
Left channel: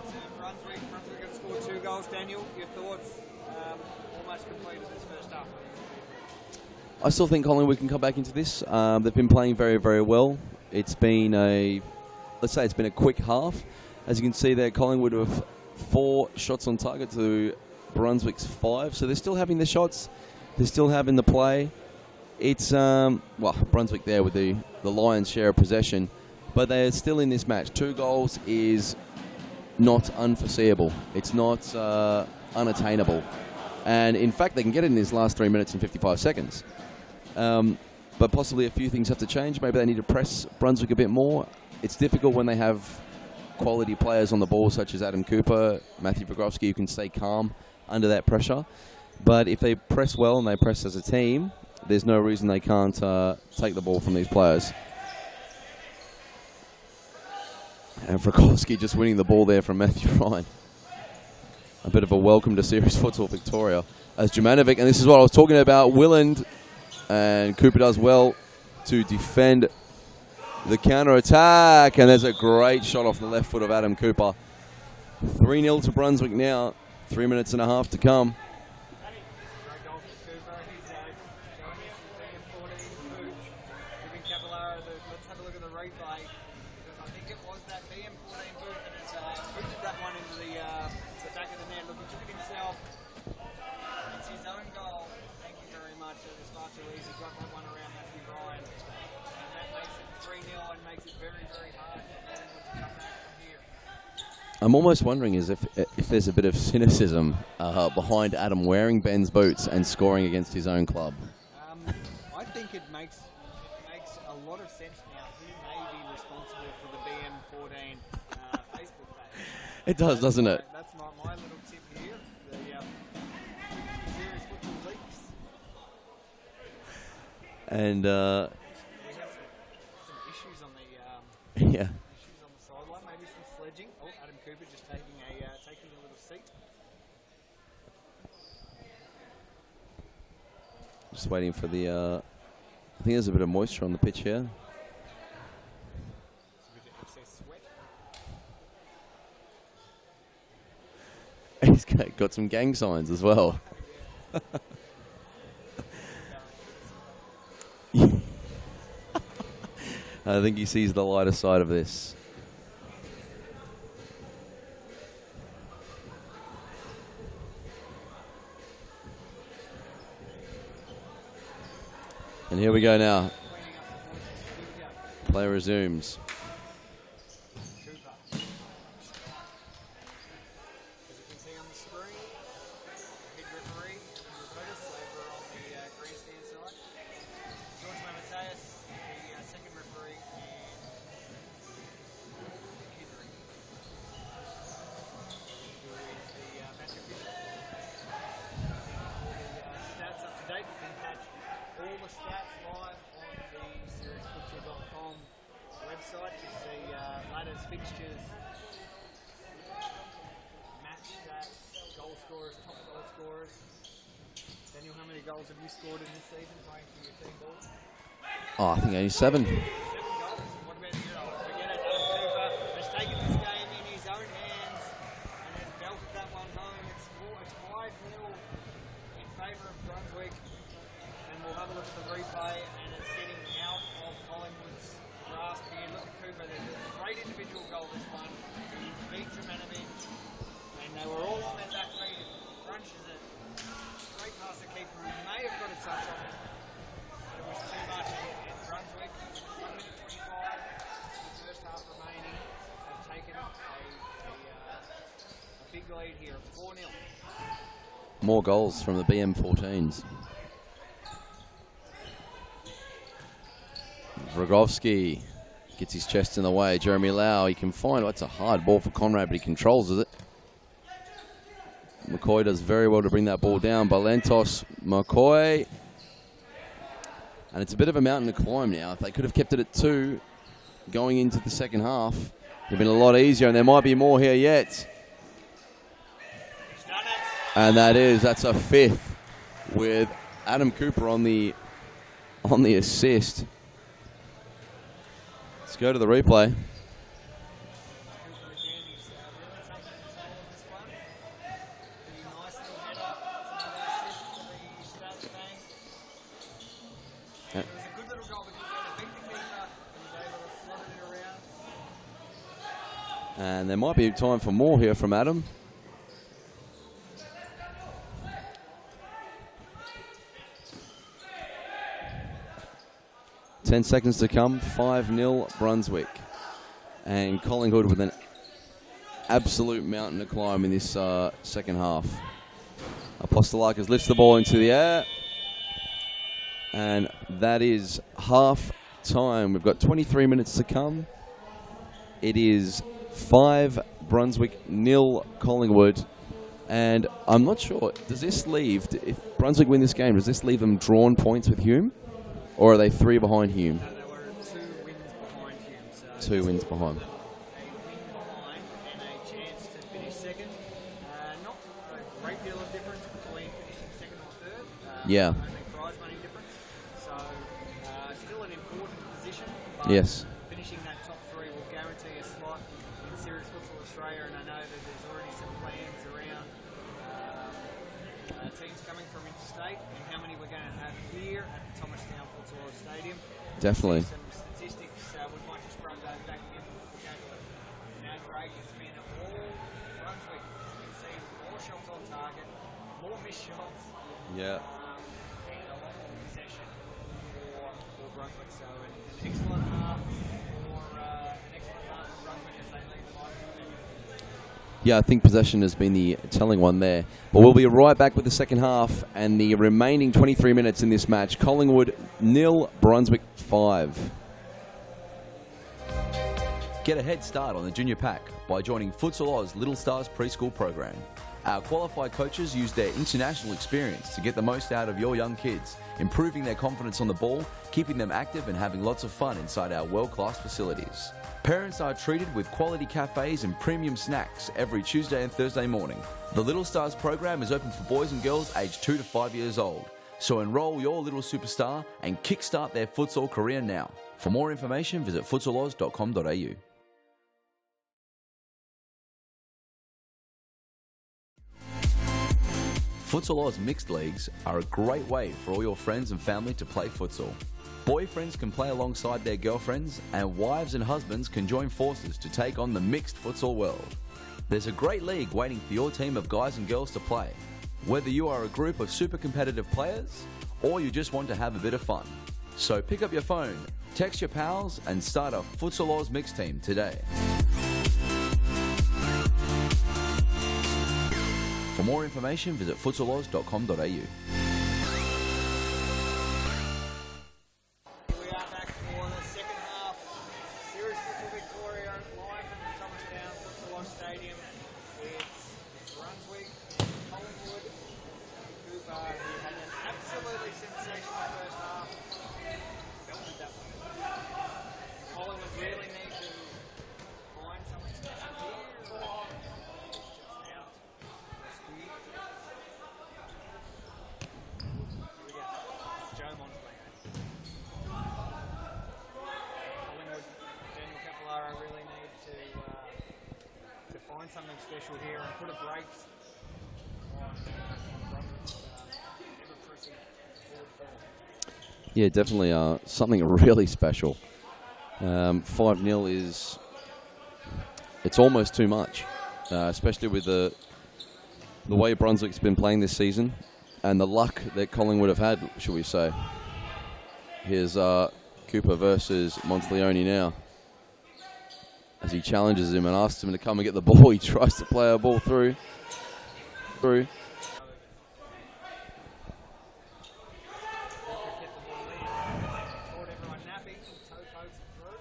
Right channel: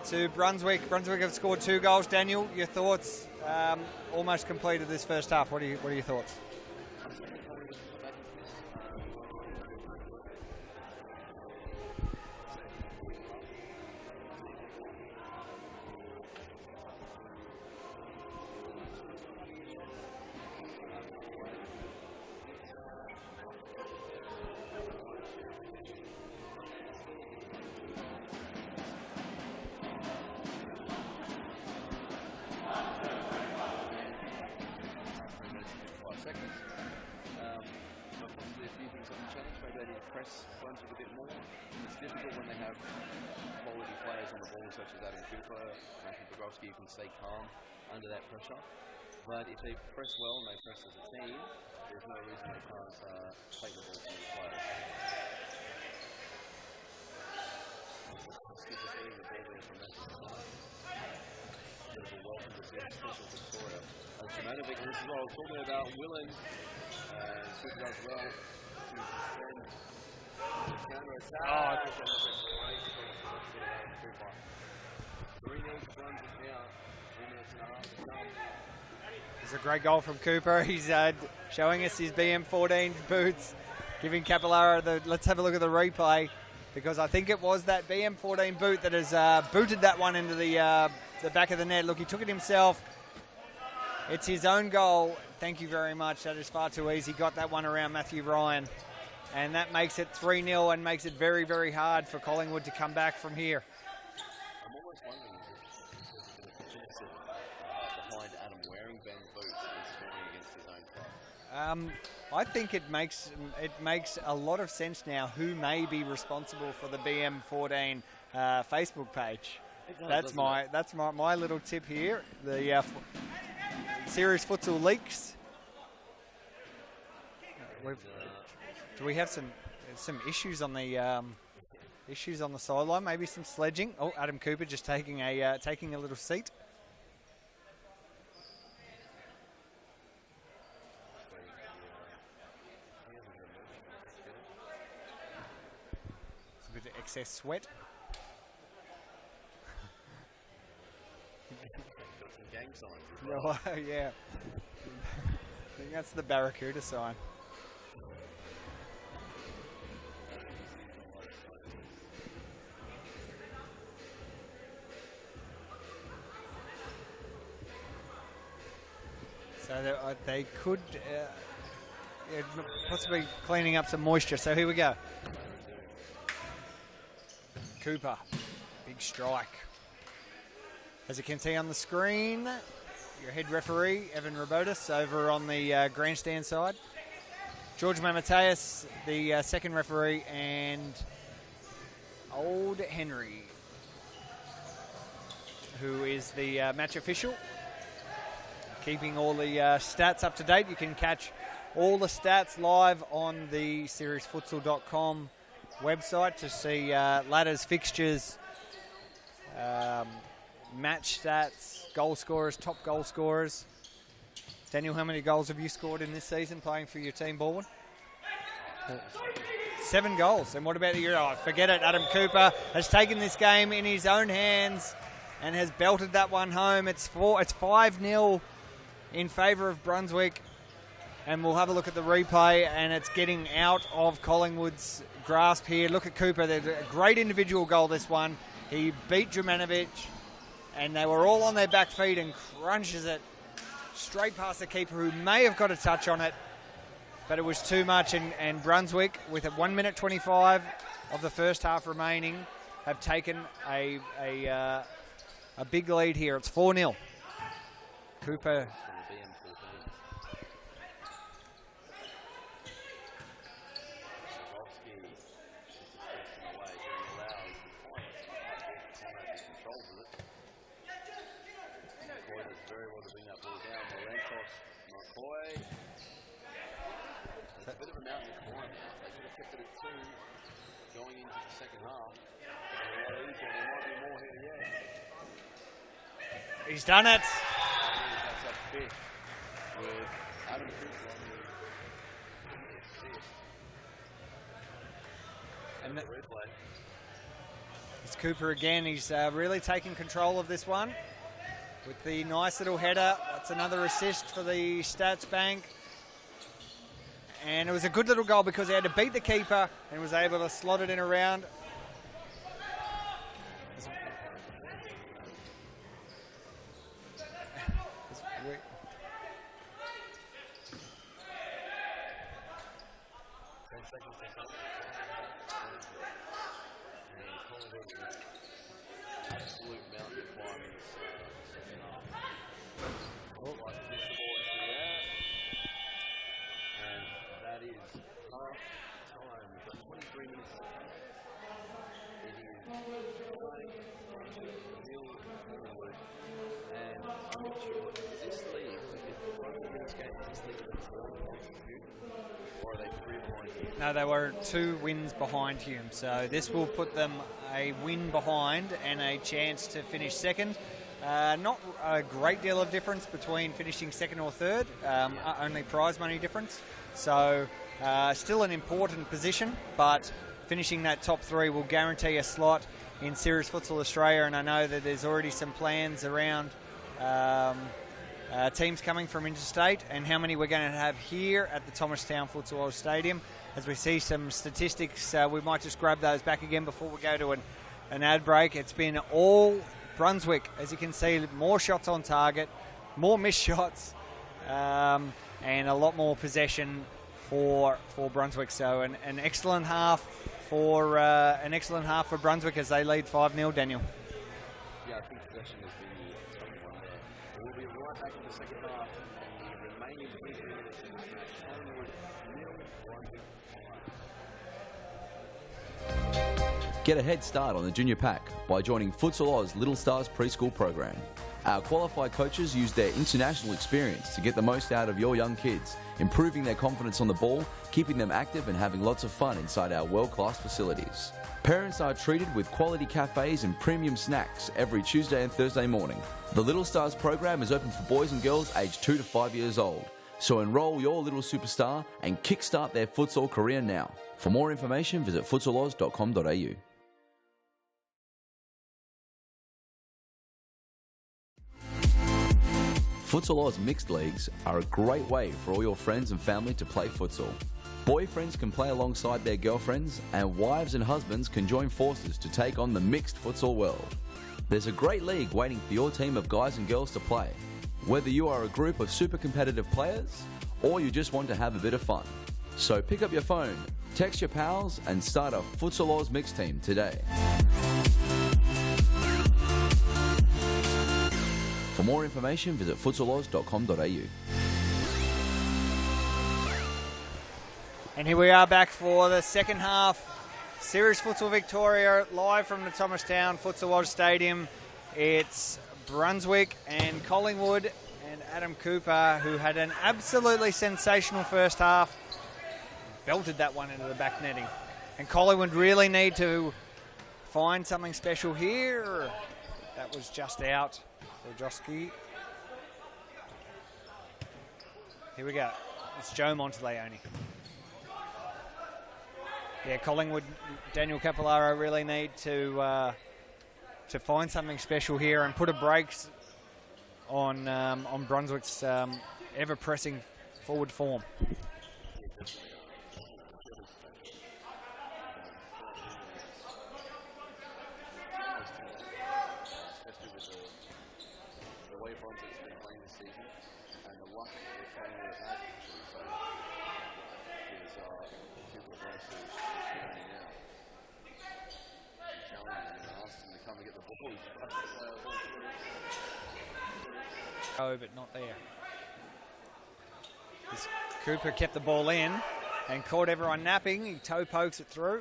to Brunswick. Brunswick have scored 2 goals. Daniel, your thoughts? Almost completed this first half. What are your thoughts? I still think Collingwood can come back into this. They've been playing very, very well. It's been let's say it's been a quick half. As you can see there, Collingwood have 4 shots on target to Brunswick's 5. So they're still having the shots. They're still having the play. It's, Brunswick there with the lion's share of possession. But they're still in this match. 2 goals is not unforeseeable. It's not unattainable. And in fact, they can get it in these last 3 minutes and 55 seconds. But possibly a few things have to change. Maybe they need to press Brunswick a bit more. It's difficult when they have quality players on the ball, such as Adam Cooper, Matthew Bogrovsky, who can stay calm under that pressure. But if they press well and they press as a team, there's no reason they can't take the ball from these players. And Frykowski just winning the ball there from Matthew Ryan. A bit of a welcome to Series Futsal Victoria. As Jemanovic, and this is what I was talking about, Willand, and Cooper does well to defend the counter-attack, and there's a great shot off the left foot of Adam Cooper. 3-0 to Brunswick now, 3 minutes and a half to come. It's a great goal from Cooper. He's showing us his BM14 boots, giving Capillara let's have a look at the replay, because I think it was that BM14 boot that has booted that one into the back of the net. Look, he took it himself. It's his own goal. Thank you very much. That is far too easy. Got that one around Matthew Ryan. And that makes it 3-0 and makes it very, very hard for Collingwood to come back from here. I'm almost wondering if there's a bit of cynicism behind Adam wearing Ben's boots and scoring against his own club. I think it makes a lot of sense now who may be responsible for the BM14 Facebook page. It does, doesn't it? That's my little tip here. The Series Futsal Leaks. And do we have some issues on the issues on the sideline? Maybe some sledging. Oh, Adam Cooper just taking a little seat. Just waiting for the. I think there's a bit of moisture on the pitch here. It's a bit of excess sweat. He's got some gang signs as well. Oh, yeah. I think that's the Barracuda sign. I think he sees the lighter side of this. they could. And here we go now. Cleaning up some moisture. So here we go. Play resumes. Cooper, big strike. As you can see on the screen, your head referee, Evan Robotis, over on the grandstand side. George Mamateus, the second referee, and Old Henry, who is the match official, keeping all the stats up to date. You can catch all the stats live on the seriesfutsal.com website to see ladders, fixtures, match stats, goal scorers, top goal scorers. Daniel, how many goals have you scored in this season playing for your team, Baldwin? Oh, I think only 7. 7 goals. And what about you? Oh, forget it. Adam Cooper has taken this game in his own hands and has belted that one home. It's 5-0 in favour of Brunswick. And we'll have a look at the replay, and it's getting out of Collingwood's grasp here. Look at Cooper. There's a great individual goal, this one. He beat Jurmanovic, and they were all on their back feet, and crunches it straight past the keeper, who may have got a touch on it, but it was too much. And Brunswick, with 1 minute 25 of the first half remaining, have taken a big lead here. It's 4-0. More goals from the BM14s. Vrogovsky gets his chest in the way. Jeremy Lau, he can find, it's a hard ball for Conrad, but he controls it. McCoy does very well to bring that ball down. Balentos, McCoy. And it's a bit of a mountain to climb now. If they could have kept it at 2 going into the second half, it would have been a lot easier, and there might be more here yet. He's done it. And that's a 5th with Adam Cooper on the assist. Let's go to the replay. It's Cooper again. He's really taking control of this one with the nice little header. That's another assist for the stats bank. And it was a good little goal because he had to beat the keeper and was able to slot it in around. And there might be time for more here from Adam. Ten seconds to come. 5-0 Brunswick. And Collingwood with an absolute mountain to climb in this second half. Apostolakis lifts the ball into the air. And that is half time. We've got 23 minutes to come. It is 5 Brunswick, 0 Collingwood. And I'm not sure, does this leave, if Brunswick win this game, does this leave them drawn points with Hume? Or are they 3 behind Hume? No, they were 2 wins behind Hume. So 2 this wins will behind. put them a win behind and a chance to finish second. Not a great deal of difference between finishing second or third. Yeah. Only prize money difference. So still an important position, but yes, finishing that top 3 will guarantee a slot in Series Futsal Australia. And I know that there's already some plans around teams coming from interstate and how many we're going to have here at the Thomastown Futsal Oz Stadium. As definitely. we see some statistics, we might just grab those back again before we go to an ad break. It's been all Brunswick, as you can see, more shots on target, more missed shots, and a lot more possession for Brunswick. So an excellent half for Brunswick as they lead 5-0. Daniel. Yeah, I think possession has been the telling one there. But we'll be right back with the second half and the remaining 23 minutes in this match. Collingwood 0, Brunswick 5. Get a head start on the junior pack by joining Futsal Oz Little Stars preschool program. Our qualified coaches use their international experience to get the most out of your young kids, improving their confidence on the ball, keeping them active and having lots of fun inside our world-class facilities. Parents are treated with quality cafes and premium snacks every Tuesday and Thursday morning. The Little Stars program is open for boys and girls aged 2 to 5 years old. So enroll your little superstar and kickstart their futsal career now. For more information, visit futsaloz.com.au. Futsal Oz mixed leagues are a great way for all your friends and family to play futsal. Boyfriends can play alongside their girlfriends, and wives and husbands can join forces to take on the mixed futsal world. There's a great league waiting for your team of guys and girls to play. Whether you are a group of super competitive players or you just want to have a bit of fun. So pick up your phone, text your pals and start a Futsal Oz Links team today. For more information, visit futsaloz.com.au. And here we are back for the second half. Series Futsal Victoria live from the Thomastown Futsal Oz Stadium. It's Brunswick and Collingwood, and Adam Cooper, who had an absolutely sensational first half, belted that one into the back netting. And Collingwood really need to find something special here. That was just out for Joski. Here we go. It's Joe Monteleone. Yeah, Collingwood, Daniel Capillaro really need to find something special here and put a brakes on Brunswick's ever-pressing forward form. Yeah, definitely something really special. 5-0 it's almost too much, especially with the way Brunswick's been playing this season and the luck that Collingwood have had, should we say. Here's Cooper versus Monteleone now. As he challenges him and asks him to come and get the ball, he tries to play a ball through. Oh, but not there. Cooper kept the ball in and caught everyone napping. He toe pokes it through.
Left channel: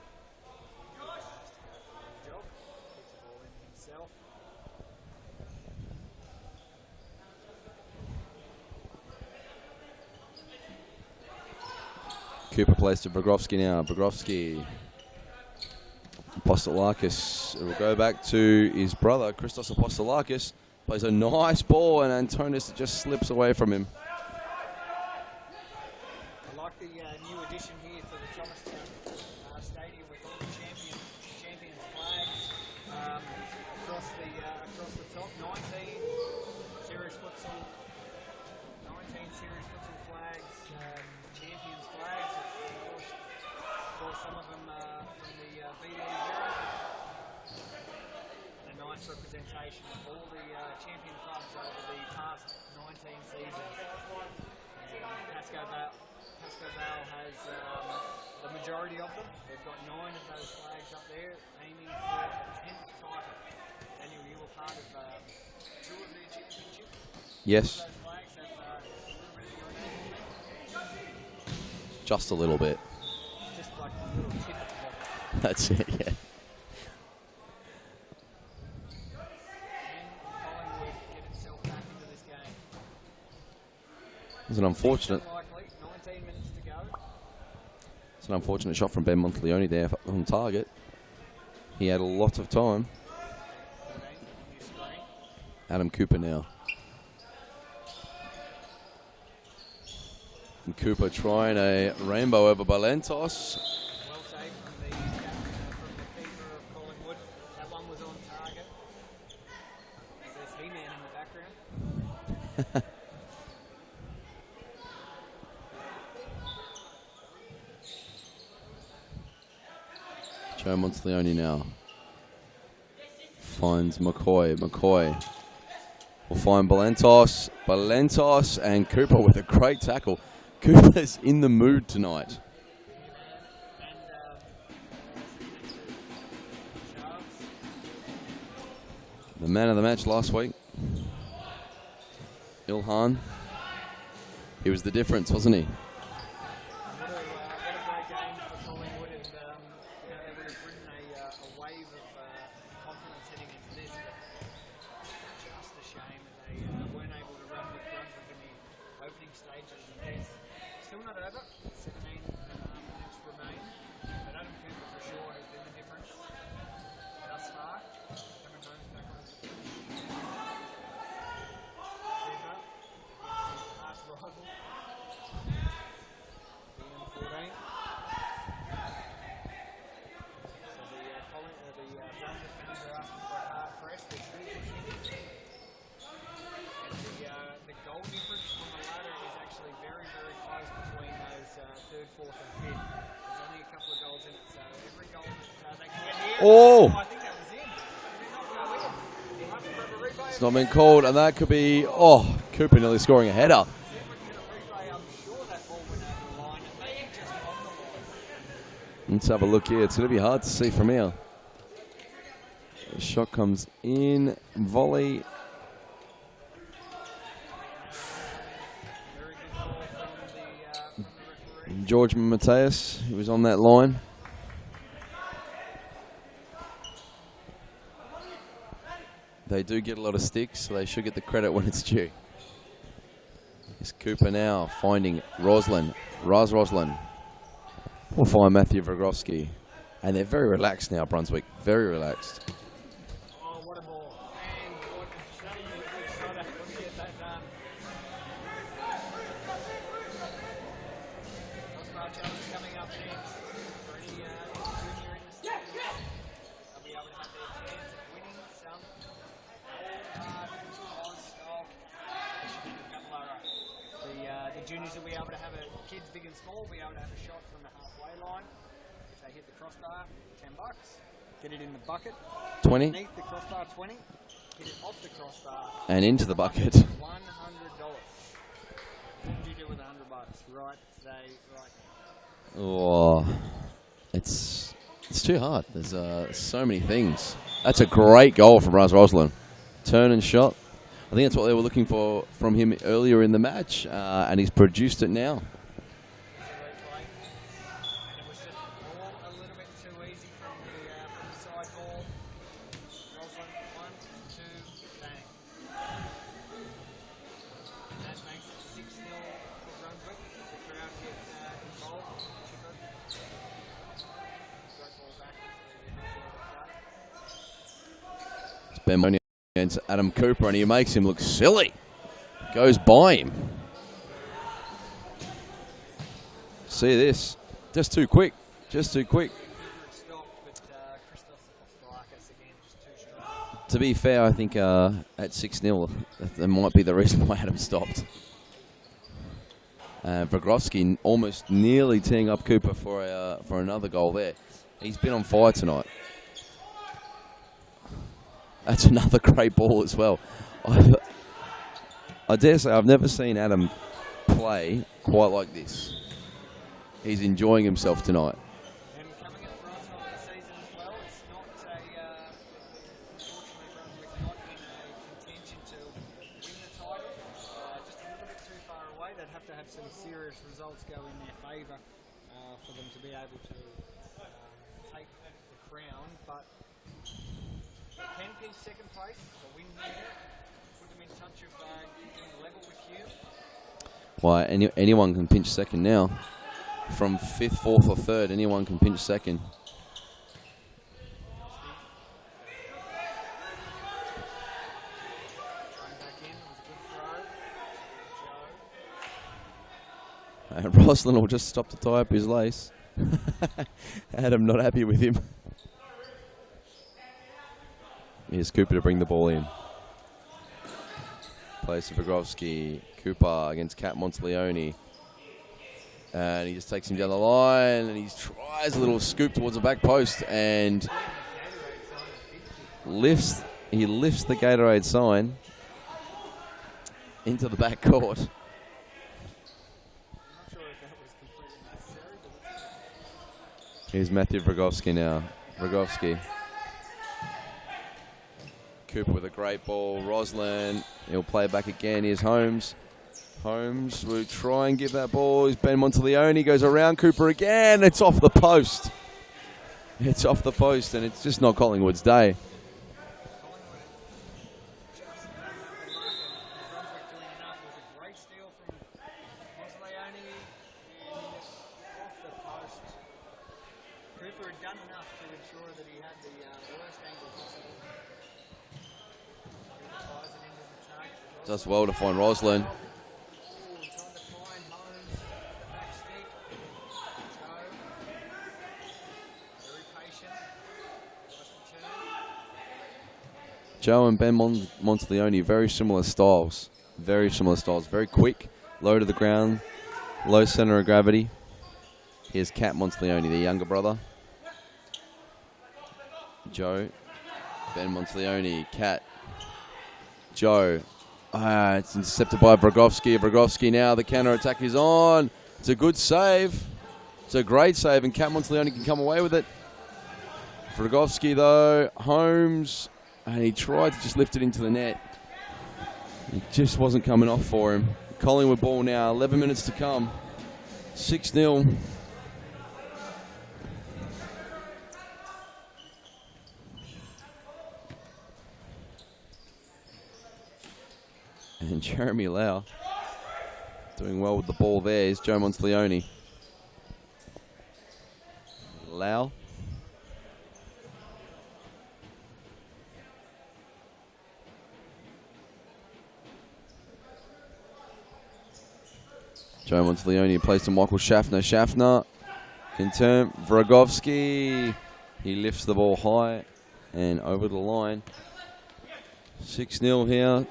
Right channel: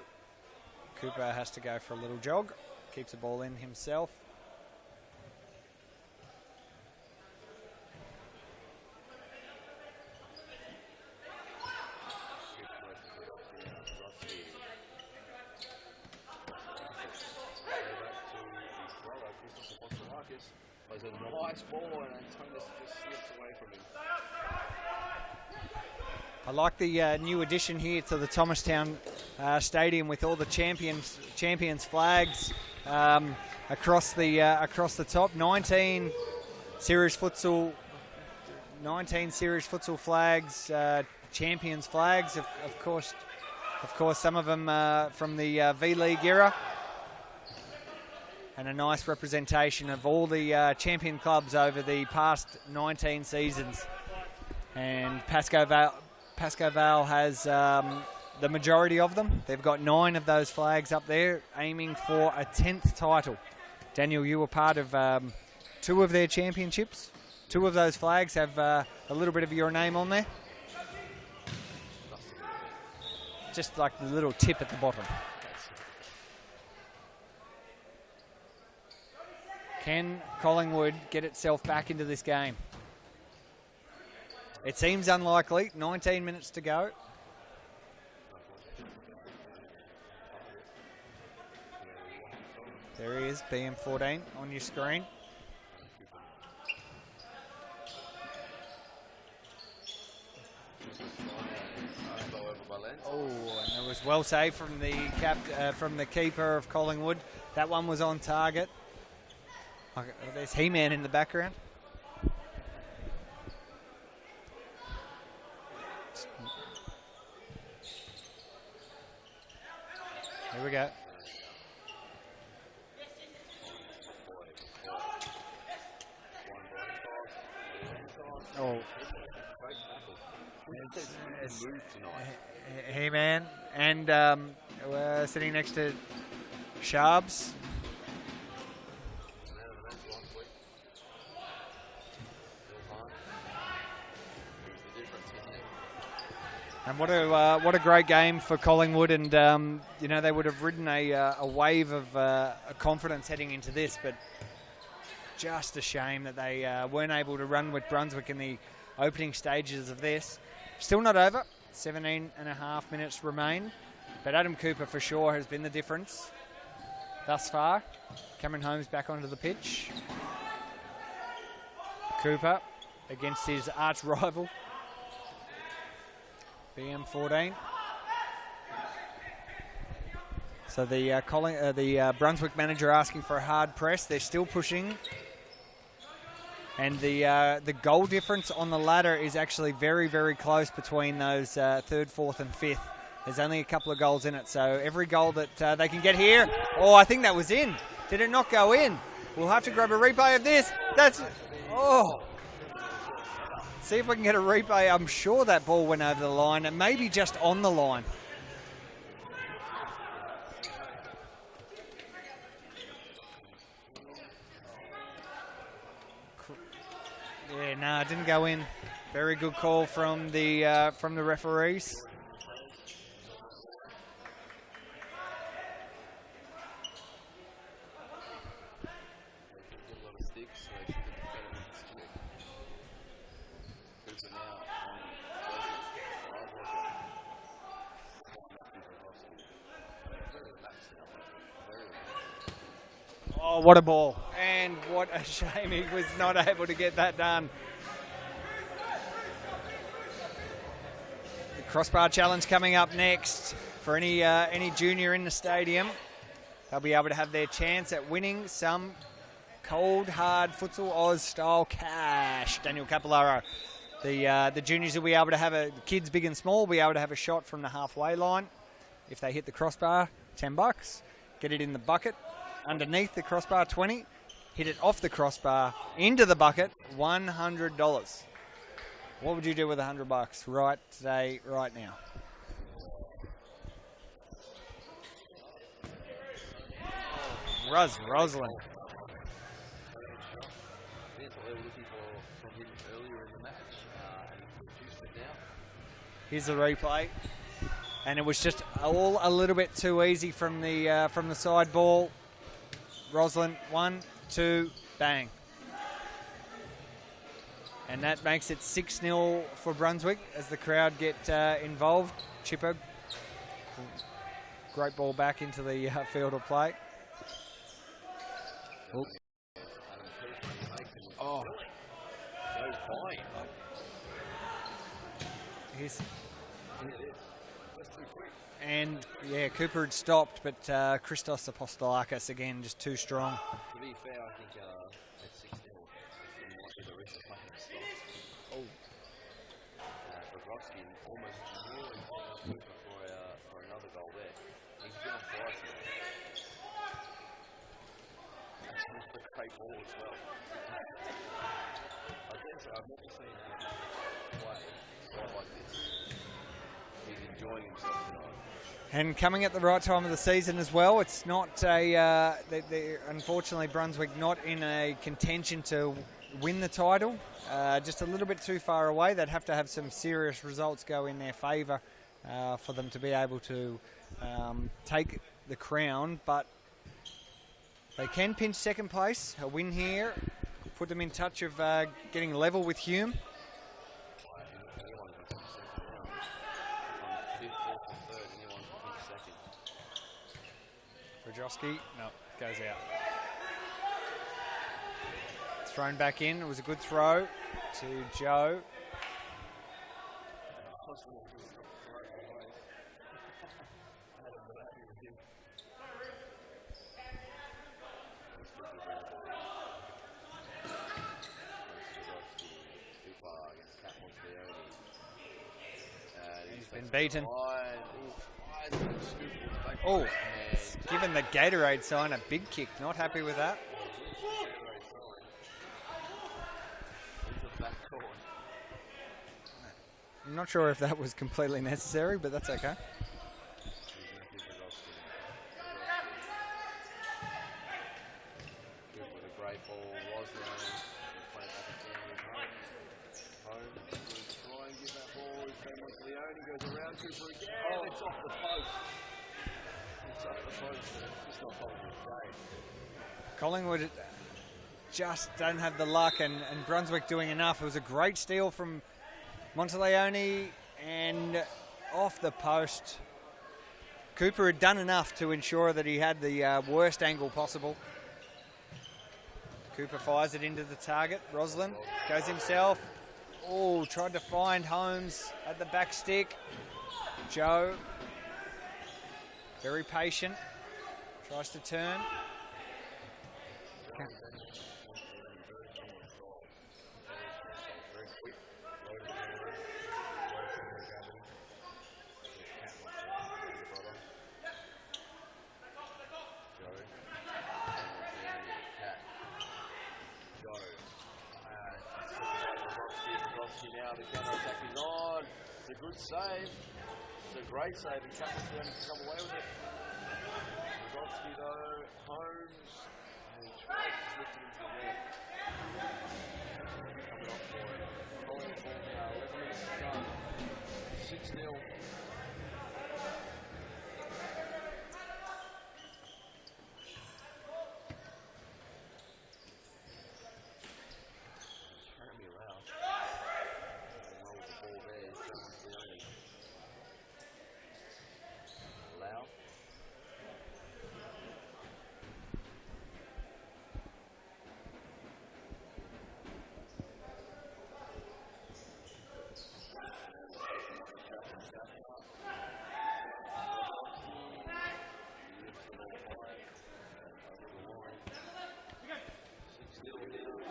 Cooper has to go for a little jog. Keeps the ball in himself. Cooper plays to Bogrovsky now. Bogrovsky. Apostolakis. It will go back to his brother, Christos Apostolakis. Plays a nice ball, and Antonis just slips away from him. I like the new addition here to the Thomastown Stadium with all the champions flags across the top. 19 series futsal flags, champions flags, of course, some of them from the V-League era. And a nice representation of all the champion clubs over the past 19 seasons. And Pascoe Vale has the majority of them. They've got 9 of those flags up there, aiming for a 10th title. Daniel, you were part of 2 of their championships. Yes. 2 of those flags have a little bit of your name on there. Just a little bit. Just like the little tip at the bottom. That's it, yeah. Can Collingwood get itself back into this game? It seems unlikely. 19 minutes to go. It's an unfortunate shot from Ben Monteleone there on target. He had a lot of time. There he is, BM14 on your screen. Adam Cooper now. And Cooper trying a rainbow over Balentos. It was well saved from the keeper of Collingwood. That one was on target. There's He-Man in the background. Joe Monteleone now. Finds McCoy. McCoy will find Balentos. Balentos and Cooper with a great tackle. Cooper's in the mood tonight. He-Man and sitting next to Sharps. The man of the match last week. Ilhan. He was the difference, wasn't he? And what a great game for Collingwood, and they would have ridden a wave of confidence heading into this, but just a shame that they weren't able to run with Brunswick in the opening stages of this. Still not over. 17.5 minutes remain, but Adam Cooper for sure has been the difference thus far. Cameron Holmes back onto the pitch. Cooper against his arch rival, BM14. So the Brunswick manager asking for a hard press. They're still pushing. And the goal difference on the ladder is actually very, very close between those 3rd, 4th and 5th. There's only a couple of goals in it. So every goal that they can get here. Oh, I think that was in. Did it not go in? We'll have to grab a replay of It's not this. been called, That's- and that could be, Oh. Cooper nearly scoring a header. See if we can get a replay. I'm sure that ball went over the line and maybe just on the line. Let's have a look here. It's going to be hard to see from here. The shot comes in, volley. Yeah, no, it didn't go in. Very good call from the referees. George Mateus, who was on that line. They do get a lot of sticks, so they should get the credit when it's due. Is Cooper now finding Roslin. Roslin will find Matthew Vrogowski. And they're very relaxed now, Brunswick. Very relaxed. Oh, what a ball. And what a shame he was not able to get that done. The crossbar challenge coming up next for any junior in the stadium. They'll be able to have their chance at winning some cold, hard Futsal Oz style cash. Daniel Capillaro. The juniors will be able to have kids big and small, will be able to have a shot from the halfway line. If they hit the crossbar, $10. Get it in the bucket. 20. Underneath the crossbar, 20. Hit it off the crossbar And into the bucket, $100. What would you do with $100 right today, right now? Oh, it's too hard. There's so many things. That's a Roslin. great goal from Roslin. Turn and shot. I think that's what they were looking for from him earlier in the match, and he's produced it now. Here's the replay. And it was just all a little bit too easy from the side ball. Roslin, 1, 2, bang. And that makes it 6-0 for Brunswick as the crowd get involved. Chipper, great ball back into the field of play. It's Ben Mooney against Adam Cooper, and he makes him look silly. Goes by him. See this. Just too quick. Just too quick. Yeah, Cooper had stopped, but Christos Apostolakis again, just too strong. To be fair, I think at 6-0, that might be the reason why Adam stopped. Vrogowski almost nearly teeing up Cooper for another goal there. He's been on fire tonight. That's another great ball as well. I dare say I've never seen Adam play quite like this. He's enjoying himself tonight. And coming at the right time of the season as well. It's not unfortunately Brunswick not in a contention to win the title. Just a little bit too far away. They'd have to have some serious results go in their favour for them to be able to take the crown. But they can pinch second place. A win here put them in touch of getting level with Hume. Why, anyone can pinch second now. From 5th, 4th or 3rd, anyone can pinch second. Vrogowski, no, goes out. Thrown back in. It was a good throw to Joe. And Roslin will just stop to tie up his lace. Adam not happy with him. Here's Cooper to bring the ball in. Plays to Vrogowski. Cooper against Cat Monteleone. And he just takes him down the line, and he tries a little scoop towards the back post, and Giving the Gatorade sign a big kick. Not happy with that. he lifts the Gatorade sign into the back court. I'm not sure if that was completely necessary, but that's okay. Here's Matthew Vrogowski now. Vrogowski. Cooper with a great ball. Roslin, he'll play back again. Here's Holmes. Holmes will try and give that ball. Here's Ben Monteleone, goes around Cooper again. It's off the post. It's off the post, and it's just not Collingwood's day. Collingwood just don't have the luck, and Brunswick doing enough. It was a great steal from Monteleone, and off the post. Cooper had done enough to ensure that he had the worst angle possible. Cooper fires it into the target. Roslin Does well to find goes Roslin. himself. Oh, tried to find Holmes at the back stick. Joe, very patient, tries to turn. Joe and Ben Monteleone, very similar styles. Very similar styles. Very quick, low to the ground, low center of gravity. Here's Cat Monteleone, the younger brother. Joe, Ben Monteleone, Cat. Joe. It's intercepted by Vragovsky. Vragovsky now, the counter-attack is on. It's a good save. It's a great save, and Cat Monteleone can come away with it. Vragovsky, though, Holmes, and he tried to just lift it into the net. It just wasn't coming off for him. Collingwood ball now, 11 minutes to come. 6-0. And Jeremy Lau doing well with the ball there is Joe Monteleone. Lau. Joe Monteleone plays to Michael Schaffner. Schaffner can turn. Vragovsky. He lifts the ball high and over the line. 6-0 here.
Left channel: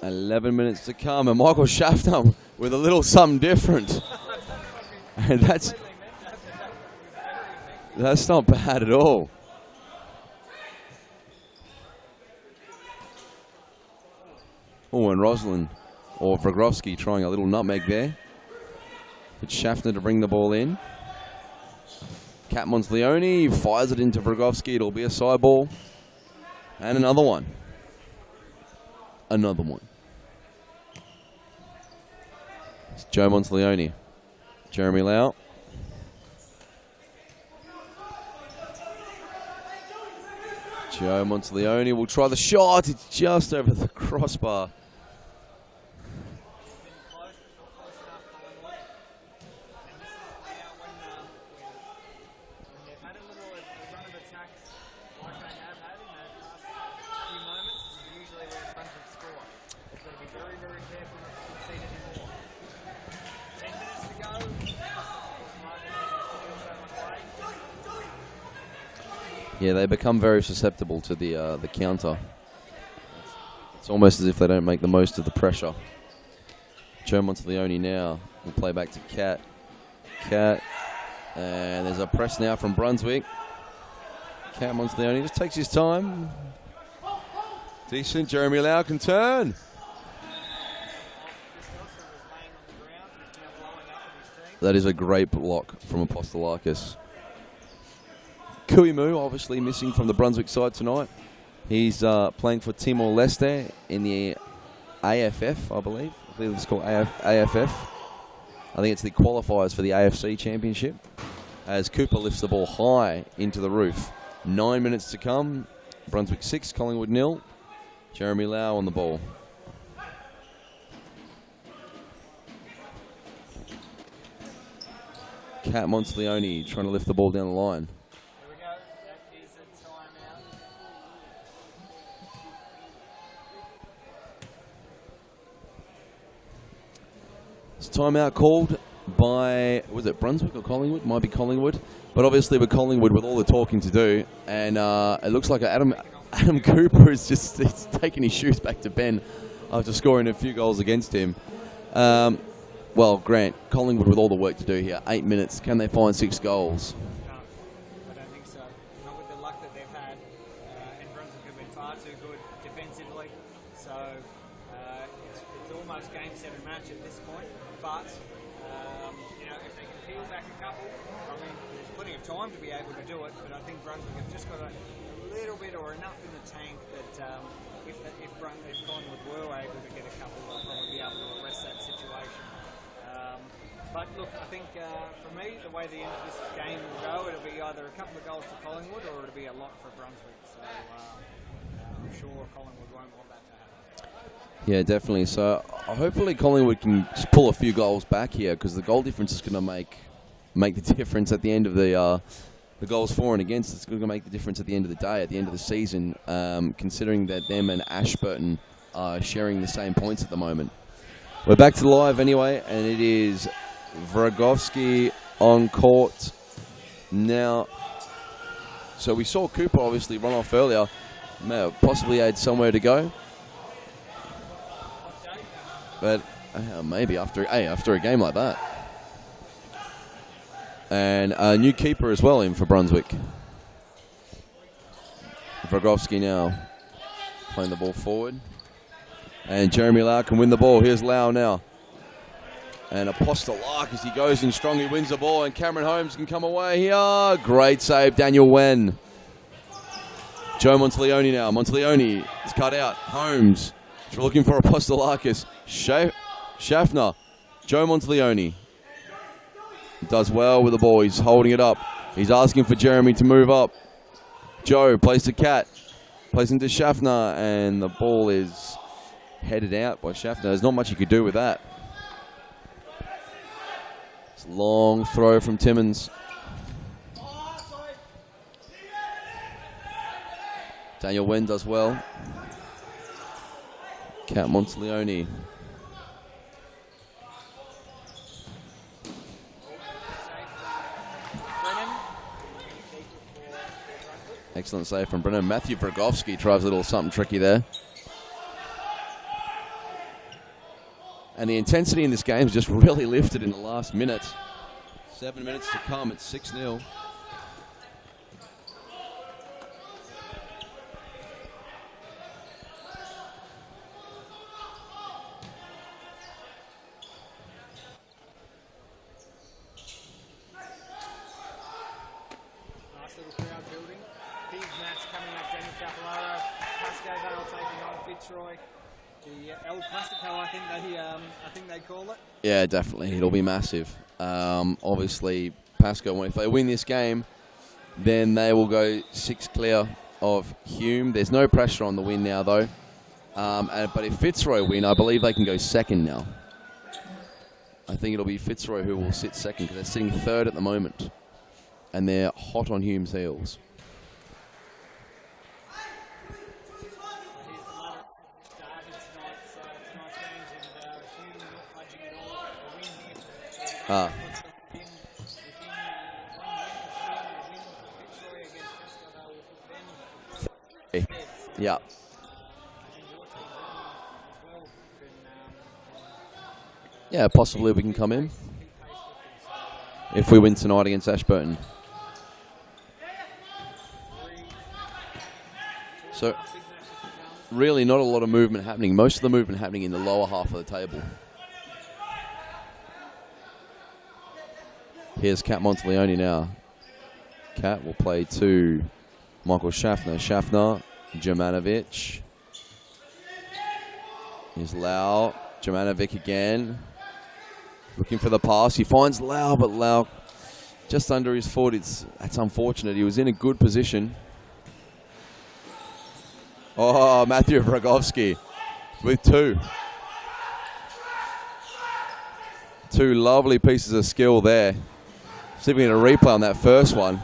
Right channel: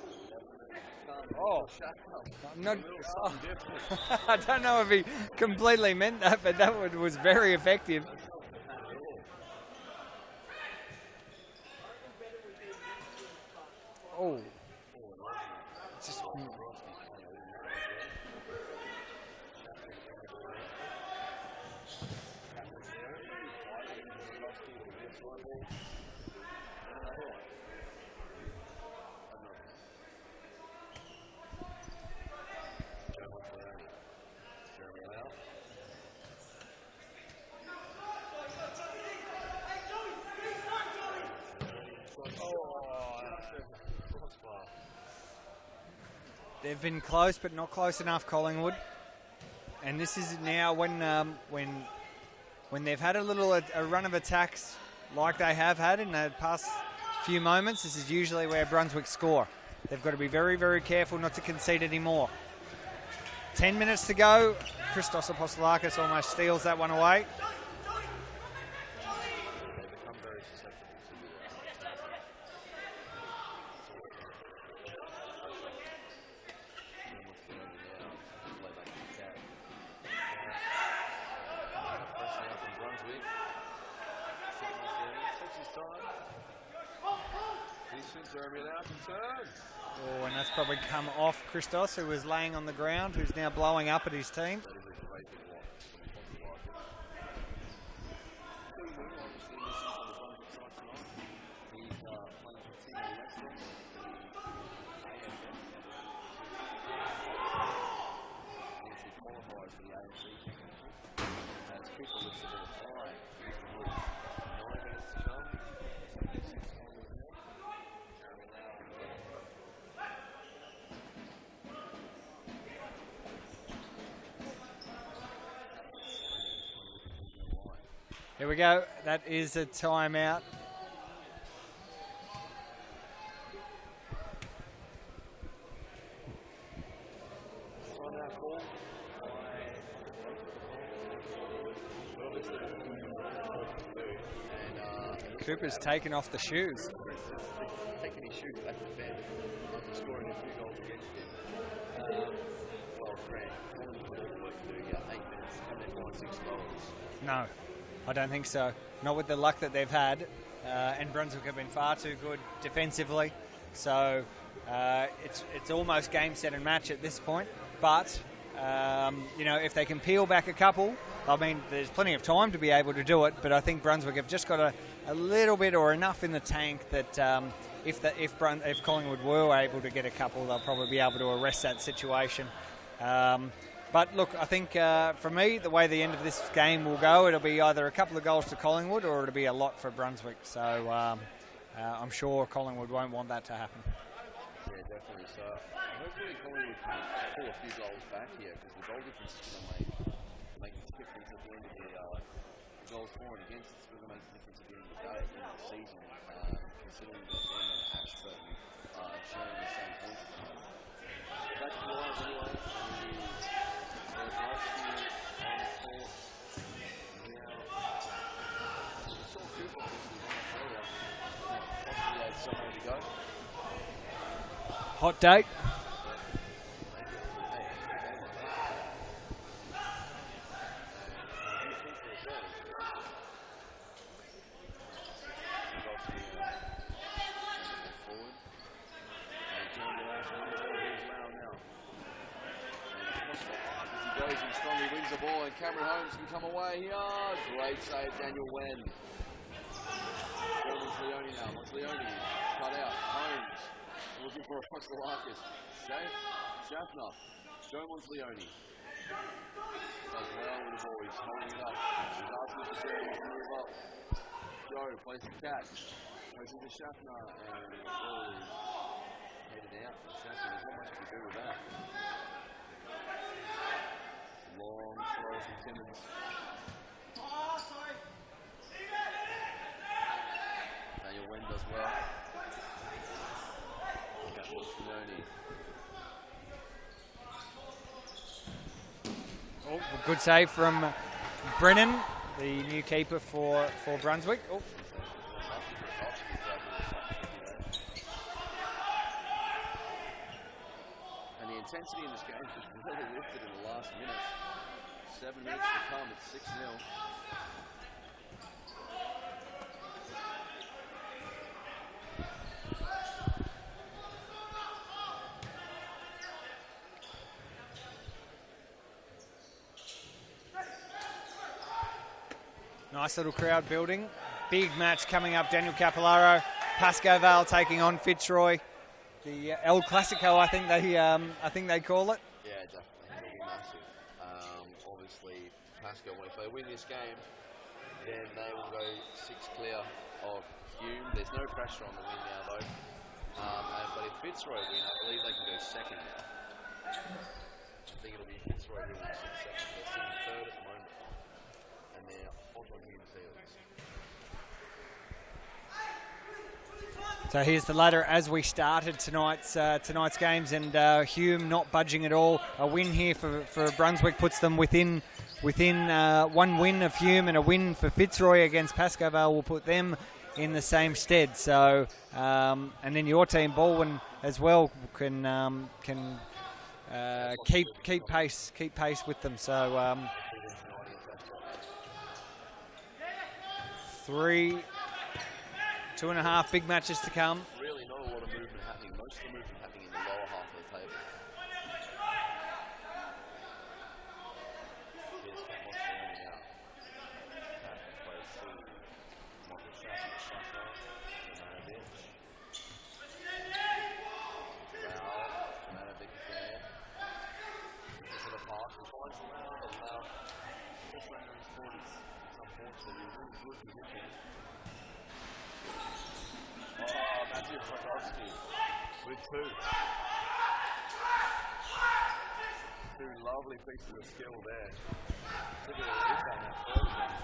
11 minutes to come, and Michael Schaffner with a little something different. I don't know if he completely meant that, but that one was very effective. That's not bad at all. Oh, and Roslin, or Vragovsky, trying a little nutmeg there. It's Schaffner to bring the ball in. Cat Monteleone fires it into Vragovsky. It'll be a side ball. And another one. Another one. It's Joe Monteleone. Jeremy Lau. Joe Monteleone will try the shot. It's just over the crossbar. They've been close, but not close enough, Collingwood. And this is now when they've had a run of attacks like they have had in the past few moments. This is usually where Brunswick score. They've got to be very, very careful not to concede anymore. 10 minutes to go. Christos Apostolakis almost steals that one away. Yeah, they become very susceptible to the counter. It's almost as if they don't make the most of the pressure. Joe Monteleone now will play back to Cat. Cat, and there's a press now from Brunswick. Cat Monteleone just takes his time. Decent. Jeremy Lau can turn. Oh, and that's probably come off Christos, who was laying on the ground, who's now blowing up at his team. That is a great block from Apostolakis. Hume, obviously missing from the Brunswick side tonight. He's playing for Timor-Leste in the AFF, I believe. I believe it's called AFF. I think it's the qualifiers for the AFC Championship. As Cooper lifts the ball high into the roof. 9 minutes to come. Brunswick 6, Collingwood 0. Jeremy Lau on the ball. Cat Monteleone trying to lift the ball down the line. Here we go. That is a timeout. It's timeout called by, was it Brunswick or Collingwood? Might be Collingwood. But obviously with Collingwood with all the talking to do, and it looks like Adam Cooper is just taking his shoes back to Ben after scoring a few goals against him. Well, Grant, Collingwood with all the work to do here. 8 minutes. Can they find 6 goals? No, I don't think so. Not with the luck that they've had. And Brunswick have been far too good defensively. So it's almost game, set and match at this point. But, you know, if they can peel back a couple, I mean, there's plenty of time to be able to do it. But I think Brunswick have just got a little bit or enough in the tank that if Collingwood were able to get a couple, they'll probably be able to arrest that situation. But look, I think for me, the way the end of this game will go, it'll be either a couple of goals to Collingwood or it'll be a lot for Brunswick. So I'm sure Collingwood won't want that to happen. Yeah, definitely. So hopefully Collingwood can just pull a few goals back here, because the goal difference is going to make the difference at the end of the goals for and against. It's going to make the difference at the end of the day, at the end of the season, considering that them and Ashburton are sharing the same points at the moment. We're back to live anyway, and it is Vragovsky on court now. So we saw Cooper obviously run off earlier. May have possibly had somewhere to go. Hot date. But maybe after a game like that. And a new keeper as well in for Brunswick. Vragovsky now playing the ball forward. And Jeremy Lau can win the ball. Here's Lau now. And Apostolakis, he goes in strong, he wins the ball, and Cameron Holmes can come away here. Great save, Daniel Wen. Joe Monteleone now. Monteleone is cut out. Holmes looking for Apostolakis. Schaffner. Joe Monteleone does well with the ball. He's holding it up. He's asking for Jeremy to move up. Joe plays to Cat. Plays into Schaffner, and the ball is headed out by Schaffner. There's not much you could do with that. It's a long throw from Timmins. Daniel Wen does well. Cat Monteleone. Good save from Brennan, the new keeper for Brunswick. Excellent save from Brennan. Matthew Bragovsky tries a little something tricky there. And the intensity in this game has just really lifted in the last minute. 7 minutes to come. It's 6-0. Nice little crowd building. Big match coming up. Daniel Capillaro, Pasco Vale taking on Fitzroy. The El Classico, I think they call it. Yeah, definitely. It'll be massive. Obviously, Pasco, if they win this game, then they will go 6 clear of Hume. There's no pressure on the win now, though. But if Fitzroy win, I believe they can go second now. I think it'll be Fitzroy who will sit second, because they're sitting third at the moment. And they're hot on Hume's heels. So here's the ladder as we started tonight's games, and Hume not budging at all. A win here for Brunswick puts them within one win of Hume, and a win for Fitzroy against Pasco Vale will put them in the same stead. So and then your team, Baldwin, as well, can possibly we can come in. Keep pace with them. So if we win tonight against Ashburton. 2.5 big matches to come. Really not a lot of movement happening. Most of the movement happening in the lower half of the table. Here's Cat Monteleone now. Cat will play to Michael Schaffner. Schaffner, Jomanovic. Here's Lau. Jomanovic again. Looking for the pass. He finds Lau, but Lau just under his foot. That's unfortunate. He was in a good position. Oh, Matthew Bragovsky with 2. 2 lovely pieces of skill there. See if we get a replay on that first one.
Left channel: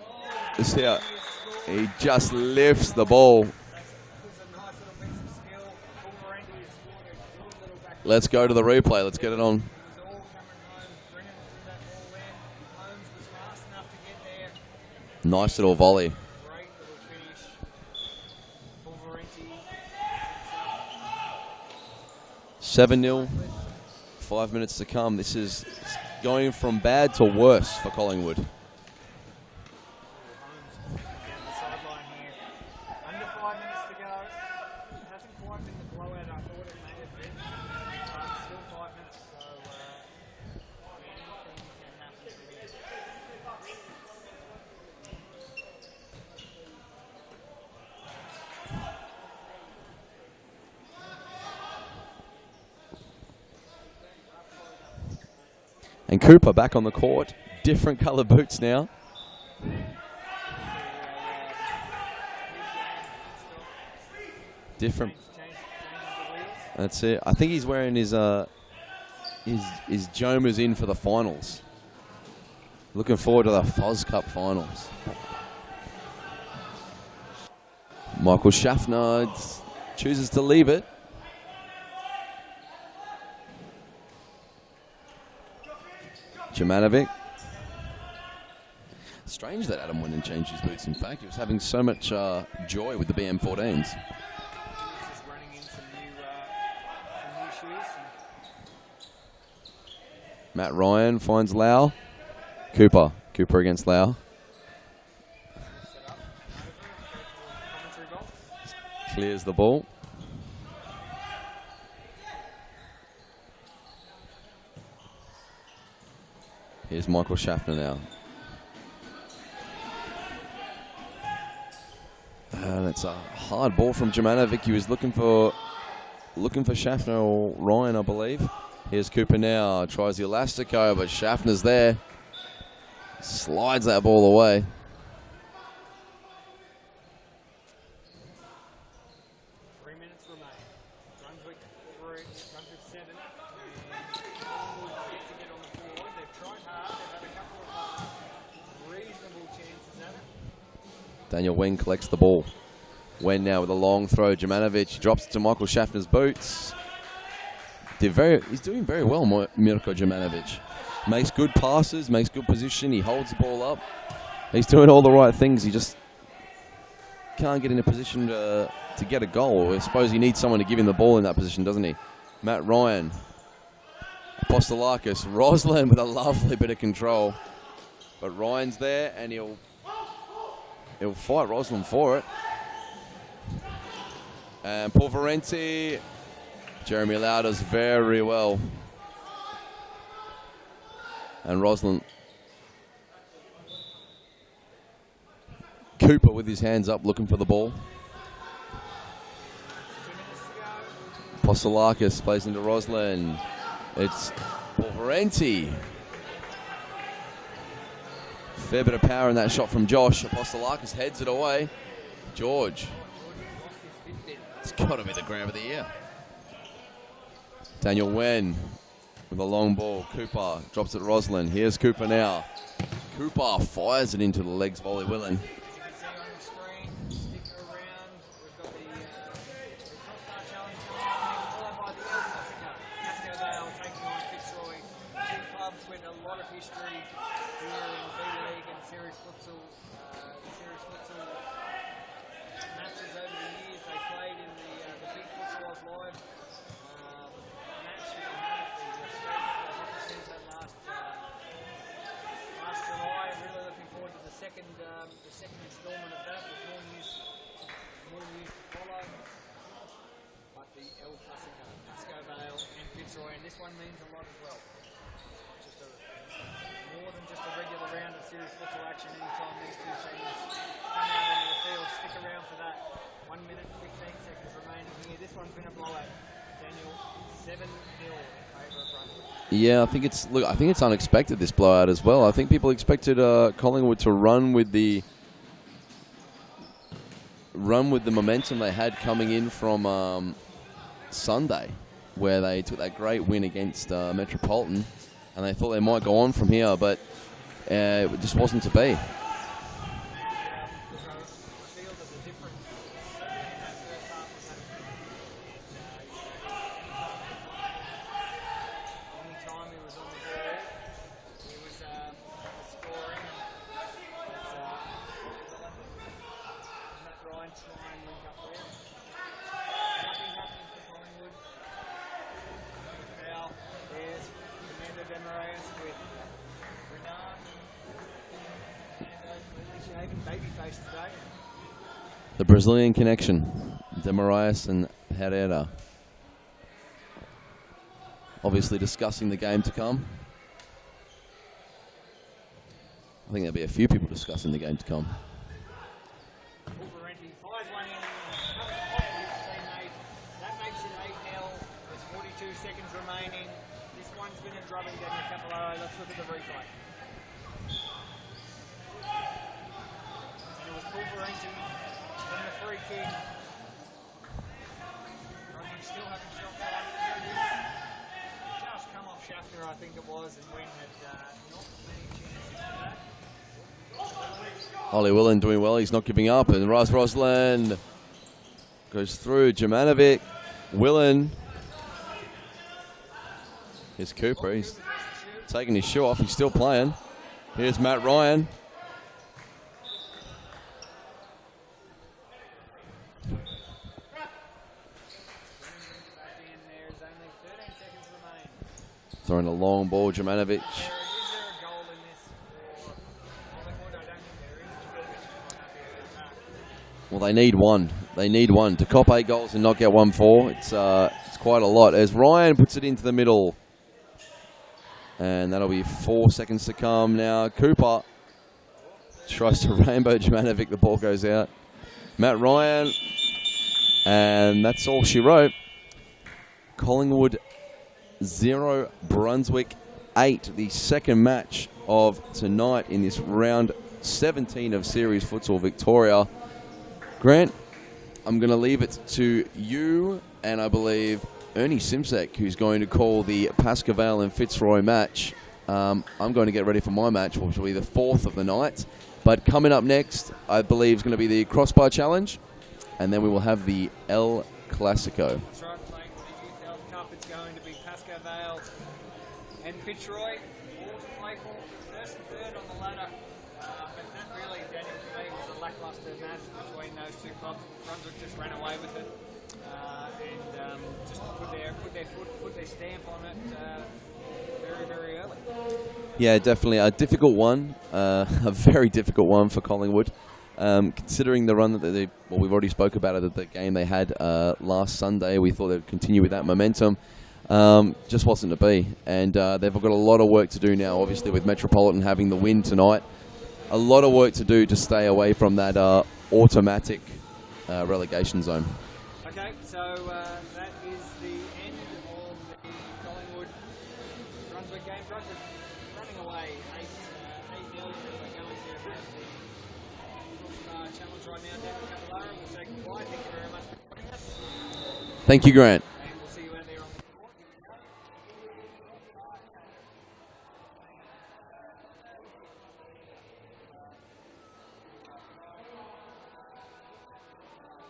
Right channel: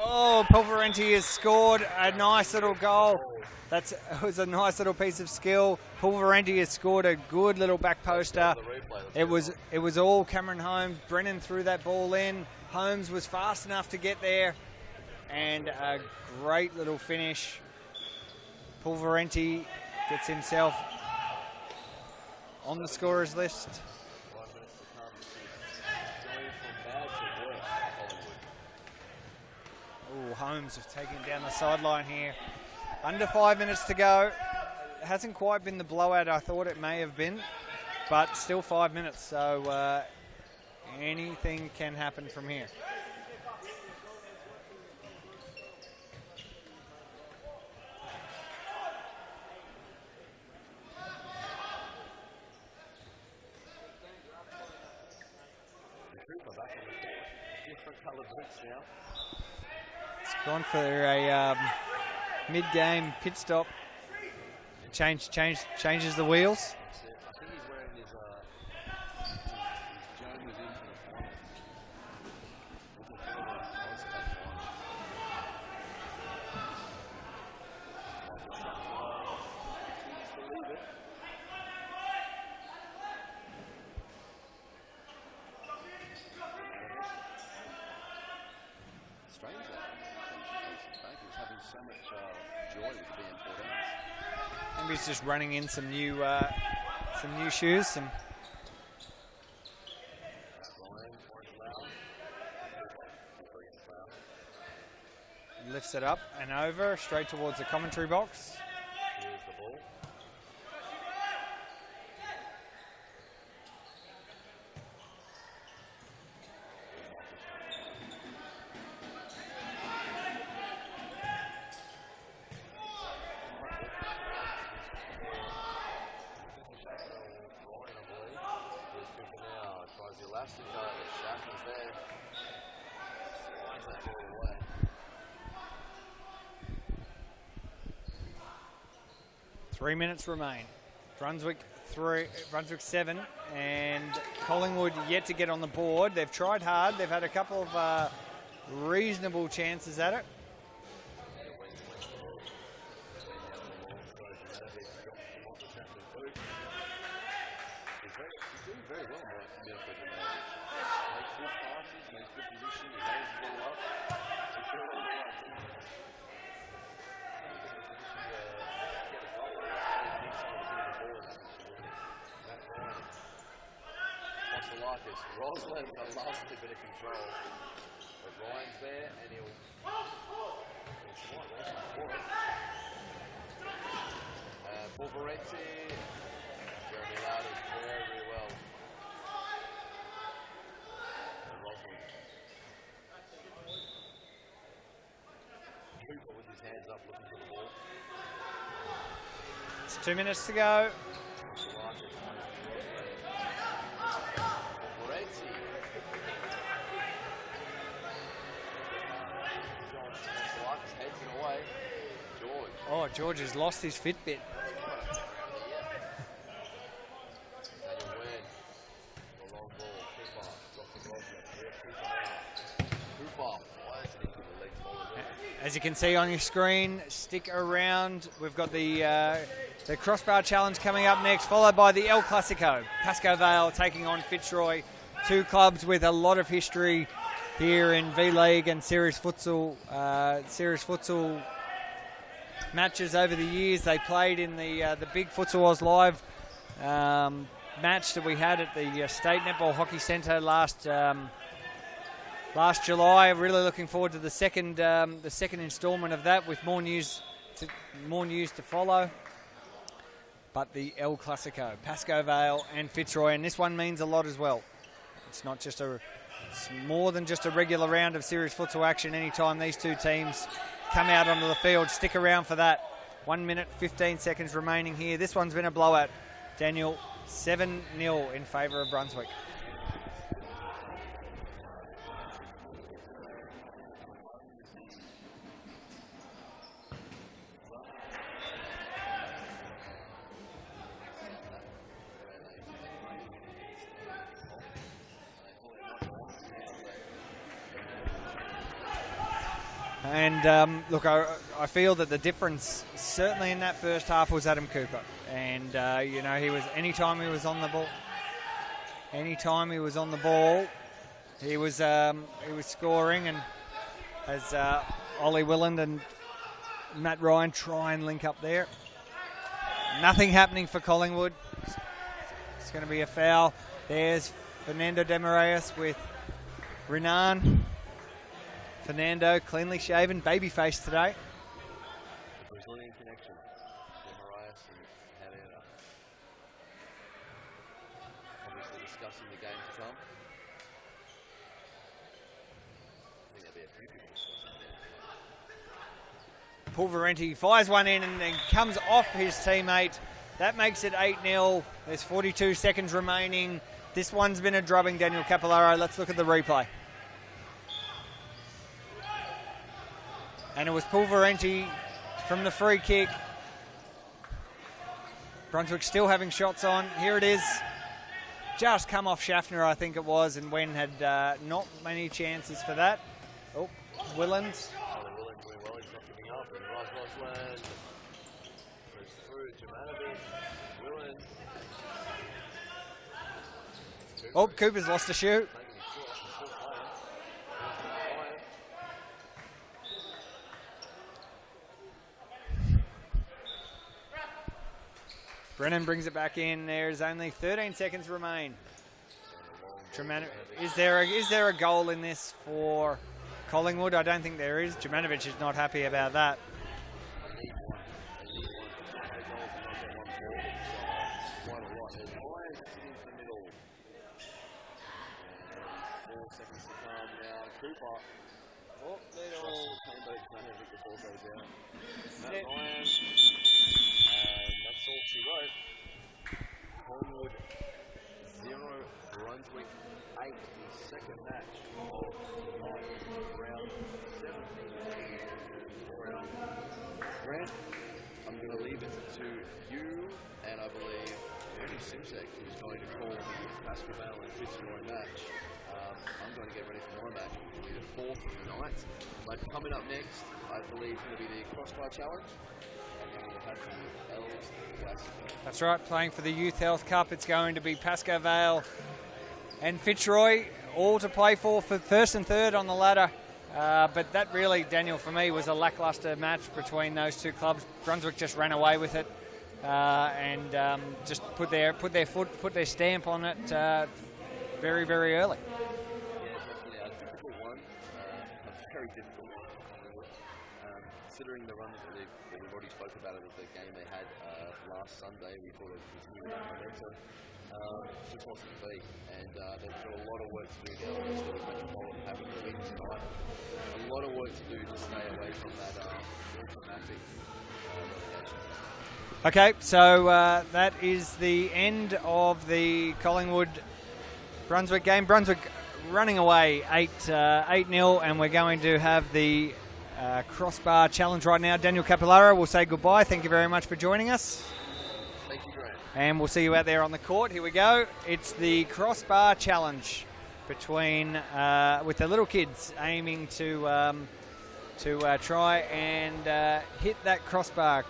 Oh, Pulverenti has scored. He just nice lifts little the ball. It was a nice little piece of skill. Pulverenti has scored a good little back poster. Let's go to the replay. Let's get it on. It was all Cameron Holmes. Brennan threw that ball in. Holmes was fast enough to get there. Nice little volley. Great little finish. Pulverenti gets himself on 7-0. the scorers list. 5 minutes to come. This is going from bad to worse for Collingwood. Oh, Holmes has taken down the sideline here. Under 5 minutes to go. It hasn't quite been the blowout I thought it may have been, but still 5 minutes, so anything can happen from here. And Cooper back on the court. Different colour boots now. It's gone for a mid-game pit stop. Different. Changes the wheels. That's it. I think he's wearing his Jomas in for the finals. Looking forward to the Foz Cup finals. Michael Schaffner chooses to leave it. Jomanovic. Strange that Adam went and changed his boots. In fact, he was having so much joy with the BM14s. Maybe he's just running in some new shoes. Matt Ryan finds Lau. Cooper against Lau. Lifts it up and over, straight towards the commentary box. Clears the ball. Here's Michael Schaffner now. And it's a hard ball from Jumanovic. He was looking for Schaffner or Ryan, I believe. Here's Cooper now. Tries the Elastico, but Schaffner's there. Slides that ball away. Three minutes remain. Brunswick 7, and Collingwood yet to get on the board. They've tried hard. They've had a couple of reasonable chances at it. Daniel Wen collects the ball. Wen now with a long throw. Jumanovic drops it to Michael Schaffner's boots. He's doing very well, Mirko Jumanovic. Makes good passes, makes good position. He holds the ball up. He's doing all the right things. He just can't get in a position to get a goal. I suppose he needs someone to give him the ball in that position, doesn't he? Matt Ryan. Apostolakis. Roslin with a lovely bit of control. But Ryan's there, and he'll fight Roslin for it. And Pulverenti. Jeremy Lau does very well. And Roslin. Cooper with his hands up looking for the ball. It's 2 minutes to go. Apostolakis plays into Roslin. It's Pulverenti. Fair bit of power in that shot from Josh. Apostolakis heads it away. George. Oh, George has lost his Fitbit. It's got to be the grab of the year. Daniel Wen with a long ball. Cooper drops it to Roslin. Here's Cooper now. Cooper fires it into the legs of Ollie Willen. As you can see on your screen, stick around. We've got the Crossbar Challenge coming up next, followed by the El Classico. Pascoe Vale taking on Fitzroy. Two clubs with a lot of history here in V-League and Series Futsal matches over the years. They played in the big Futsal Oz Live match that we had at the State Netball Hockey Centre last July. Really looking forward to the second instalment of that, with more news to follow. But the El Classico, Pascoe Vale and Fitzroy, and this one means a lot as well. It's more than just a regular round of Series Futsal action. Anytime these two teams come out onto the field, stick around for that. 1 minute, 15 seconds remaining here. This one's been a blowout. Daniel, 7-0 in favour of Brunswick. Yeah, I think it's unexpected, this blowout as well. I think people expected Collingwood to run with the momentum they had coming in from Sunday, where they took that great win against Metropolitan, and they thought they might go on from here, but it just wasn't to be. And look, I feel that the difference certainly in that first half was Adam Cooper. And he was anytime he was on the ball, he was scoring. And as Ollie Willand and Matt Ryan try and link up there, nothing happening for Collingwood. It's going to be a foul. There's Fernando Demorais with Renan. Fernando, cleanly shaven, baby face today. The Brazilian connection, Demorais and Herrera. Obviously discussing the game to come. I think there'll be a few people discussing the game to come. Pulverenti fires one in and then comes off his teammate. That makes it 8-0. There's 42 seconds remaining. This one's been a drubbing, Daniel Capillaro. Let's look at the replay. And it was Pulverenti from the free kick. Brunswick still having shots on. Here it is. Just come off Schaffner, I think it was, and Wen had not many chances for that. Oh, Willand. Ollie Willand doing well. He's not giving up. And Roslin goes through. Jumanovic. Willand. Here's Cooper. Oh, Cooper's lost a shoe. Taking his shoe off. He's still playing. Here's Matt Ryan. Brennan brings it back in. There's only 13 seconds remain. Throwing a long ball, Jumanovic. Is there a goal in this for Collingwood? I don't think there is. Jumanovic is not happy about that. Well, they need one. They need one. To cop 8 goals and not get 1-4, it's quite a lot. As Ryan puts it into the middle. And that'll be 4 seconds to come now. Cooper tries to rainbow Jumanovic. The ball goes out. Matt Ryan. And that's all she wrote. Collingwood 0, Brunswick 8. The second match of tonight in this round 17 of Series Futsal Victoria. Grant, I'm going to leave it to you and I believe Ernie Simsek, who's going to call the Pascoe and Fitzroy match. I'm going to get ready for my match, which will be the 4th of the night. But coming up next, I believe, is going to be the Crossbar Challenge, and then we will have the El Classico. That's right, playing for the Youth Health Cup. It's going to be Pascoe Vale and Fitzroy, all to play for first and third on the ladder. But that really, Daniel, for me, was a lackluster match between those two clubs. Brunswick just ran away with it and just put their stamp on it very, very early. Yeah, definitely a difficult one, a very difficult one for Collingwood. Considering the run that we've already spoke about it, the game they had last Sunday, we thought they'd continue with that momentum. Just wasn't to be, and they've got a lot of work to do now, obviously, with Metropolitan having the win tonight. A lot of work to do to stay away from that automatic relegation zone. Okay, so that is the end of the Collingwood-Brunswick game. Brunswick running away 8-0, and we're going to have the Crossbar Challenge right now. Daniel Capillara will say goodbye. Thank you very much for joining us. Thank you, Grant. And we'll see you out there on the court. Here we go. It's the Crossbar Challenge between with the little kids aiming to try and hit that crossbar.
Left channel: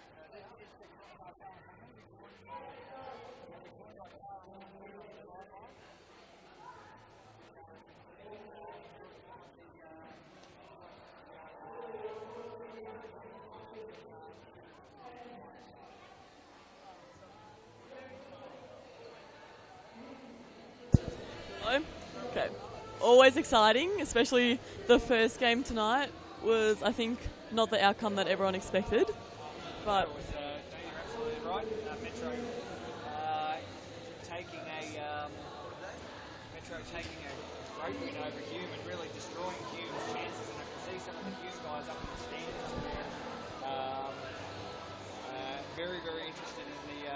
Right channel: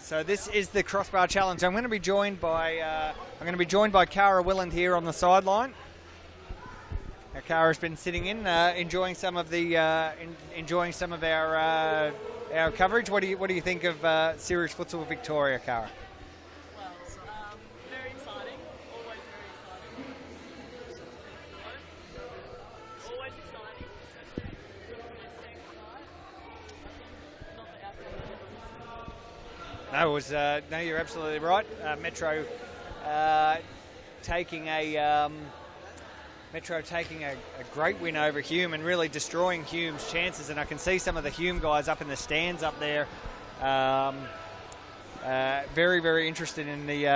So this is the Crossbar Challenge. I'm going to be joined by Cara Willand here on the sideline. Now, Cara's been sitting in, enjoying some of our coverage. What do you think of Series Futsal Victoria, Cara? Well, very exciting. Always very exciting. Hello? Okay. Always exciting, especially the first game tonight was, I think, not the outcome that everyone expected. No, you're absolutely right. Metro taking a great win over Hume and really destroying Hume's chances. And I can see some of the Hume guys up in the stands up there, very, very interested in the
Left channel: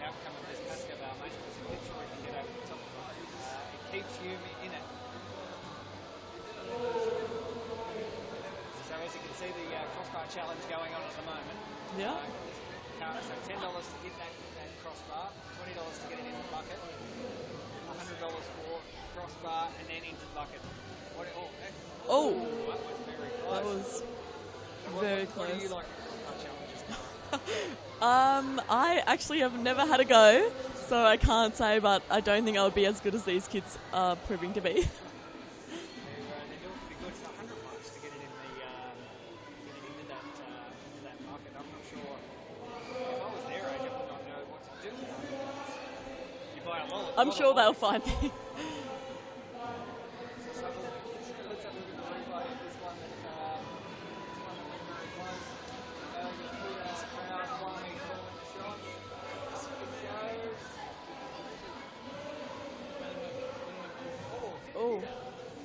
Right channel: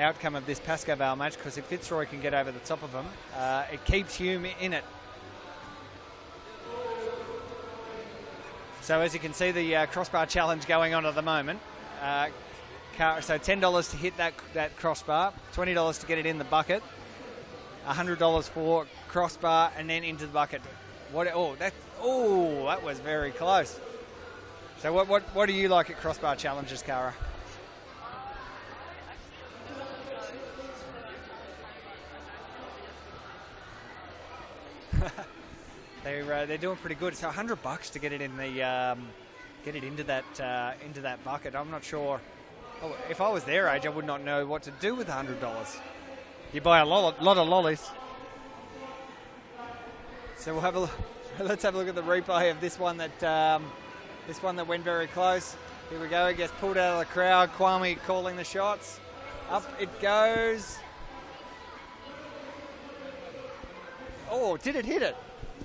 outcome of this Pascoe Vale match, because if Fitzroy can get over the top of them, it keeps Hume in it. So as you can see, the Crossbar Challenge going on at the moment. So $10 to hit that crossbar, $20 to get it in the bucket, $100 for crossbar, and then into the bucket. That was very close. So what do you like at Crossbar Challenges, Cara? I actually have never had a go, so I can't say, but I don't think I would be as good as these kids are proving to be. They're doing pretty good. So $100 to get it in into that bucket. I'm not sure. If I was their age, I would not know what to do with $100. You buy a lot of lollies. They'll find me. So let's have a look at the replay of this one that went very close. Here we go. It gets pulled out of the crowd. Kwame calling the shots. Up it goes. Oh, did it hit it?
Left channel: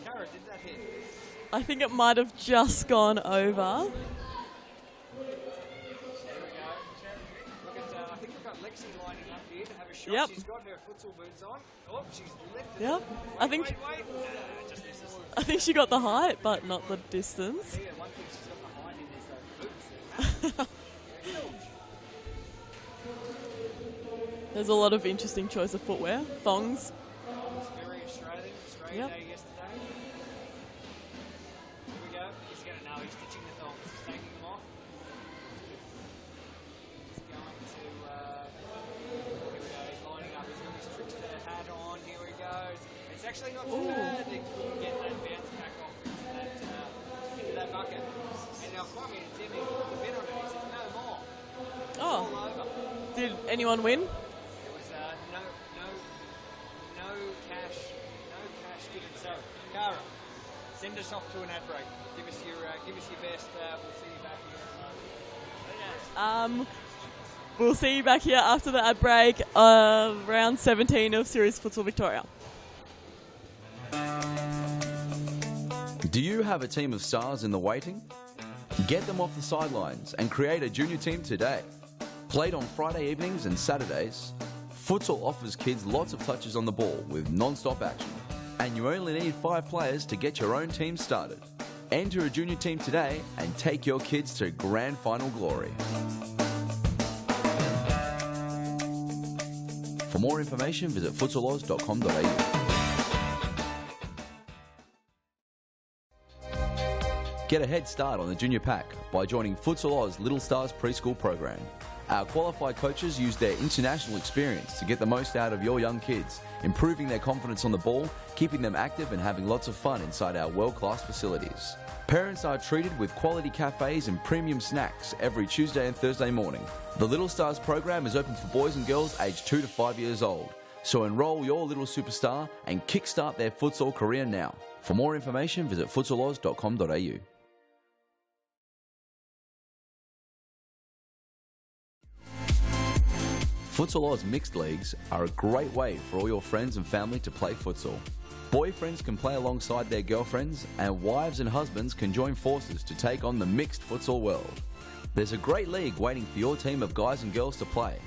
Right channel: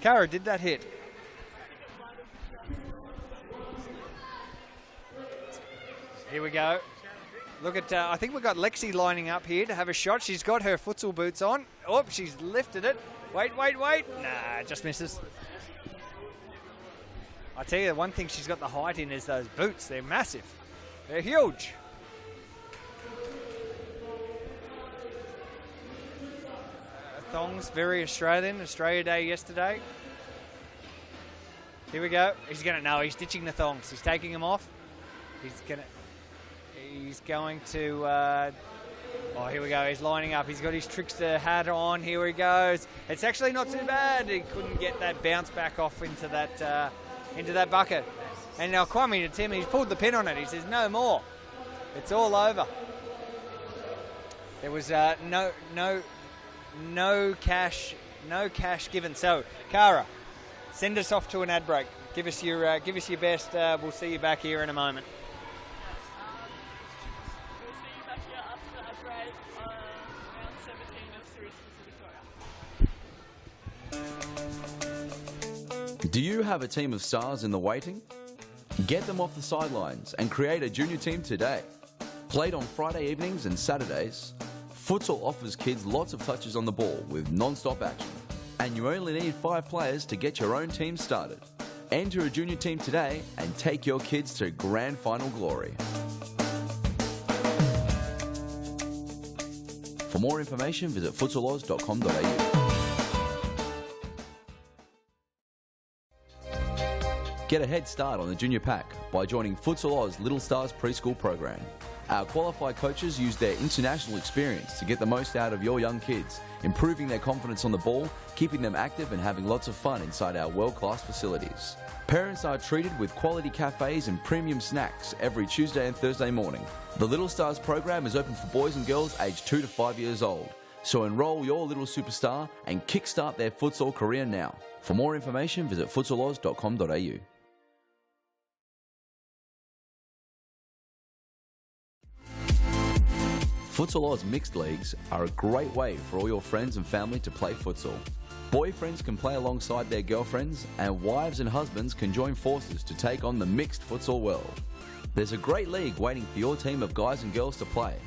Cara, did that hit? I think it might have just gone over. Here we go. Look at, I think we've got Lexi lining up here to have a shot. Yep. She's got her futsal boots on. Oh, she's lifted it. Wait. Nah, just misses. I think she got the height, but not the distance. I tell you, one thing she's got the height in is those boots. They're massive. They're huge. There's a lot of interesting choice of footwear. Thongs. Thongs, very Australian. Australia Day yesterday. Here we go. He's he's ditching the thongs. He's taking them off. He's going to, here we go. He's lining up. He's got his trickster hat on. Here he goes. It's actually not too bad. He couldn't get that bounce back off into that bucket. And now Kwame to Tim, he's pulled the pin on it. He says, no more. It's all over. Did anyone win? There was no cash given. So, Cara, send us off to an ad break. Give us your best. We'll see you back here in a moment. We'll see you back here after the ad break, round 17 of Series Futsal Victoria. Do you have a team of stars in the waiting? Get them off the sidelines and create a junior team today. Played on Friday evenings and Saturdays, Futsal offers kids lots of touches on the ball with non-stop action. And you only need 5 players to get your own team started. Enter a junior team today and take your kids to grand final glory. For more information, visit futsaloz.com.au. Get a head start on the junior pack by joining Futsal Oz Little Stars preschool program. Our qualified coaches use their international experience to get the most out of your young kids, improving their confidence on the ball, keeping them active and having lots of fun inside our world-class facilities. Parents are treated with quality cafes and premium snacks every Tuesday and Thursday morning. The Little Stars program is open for boys and girls aged 2 to 5 years old. So enroll your little superstar and kickstart their futsal career now. For more information, visit futsaloz.com.au. Futsal Oz mixed leagues are a great way for all your friends and family to play futsal. Boyfriends can play alongside their girlfriends, and wives and husbands can join forces to take on the mixed futsal world. There's a great league waiting for your team of guys and girls to play.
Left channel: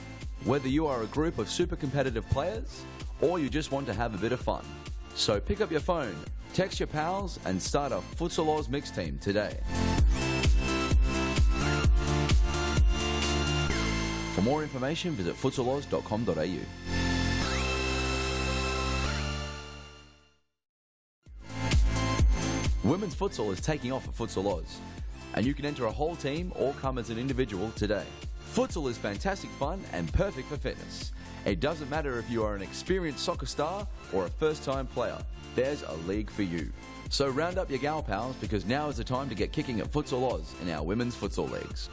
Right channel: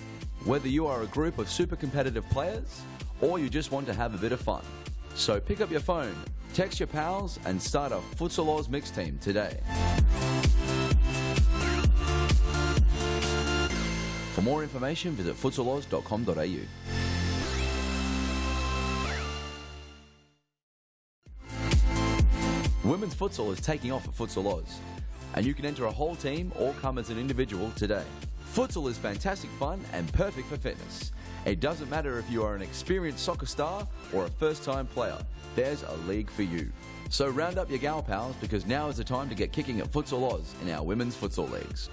Whether you are a group of super competitive players, or you just want to have a bit of fun. So pick up your phone, text your pals, and start a Futsal Oz mixed team today. For more information, visit futsaloz.com.au. Women's futsal is taking off at Futsal Oz, and you can enter a whole team or come as an individual today. Futsal is fantastic fun and perfect for fitness. It doesn't matter if you are an experienced soccer star or a first-time player, there's a league for you. So round up your gal pals, because now is the time to get kicking at Futsal Oz in our women's futsal leagues.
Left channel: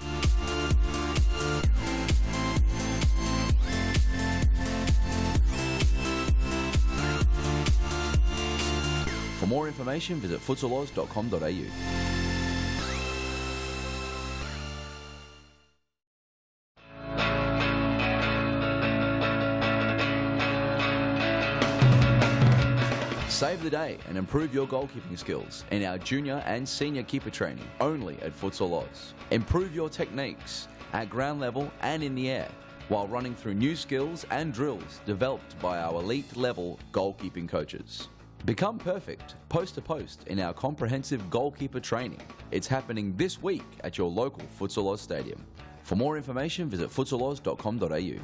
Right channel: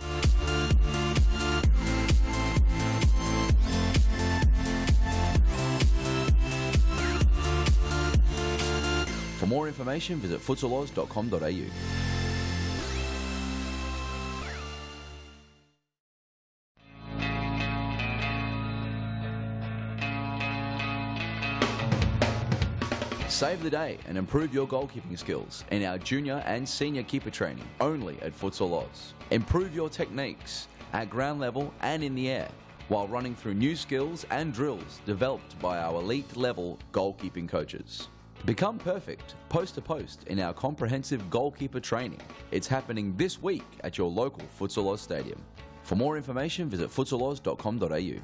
For more information, visit futsaloz.com.au. Save the day and improve your goalkeeping skills in our junior and senior keeper training only at Futsal Oz. Improve your techniques at ground level and in the air while running through new skills and drills developed by our elite level goalkeeping coaches. Become perfect post to post in our comprehensive goalkeeper training. It's happening this week at your local Futsal Oz stadium. For more information, visit futsaloz.com.au.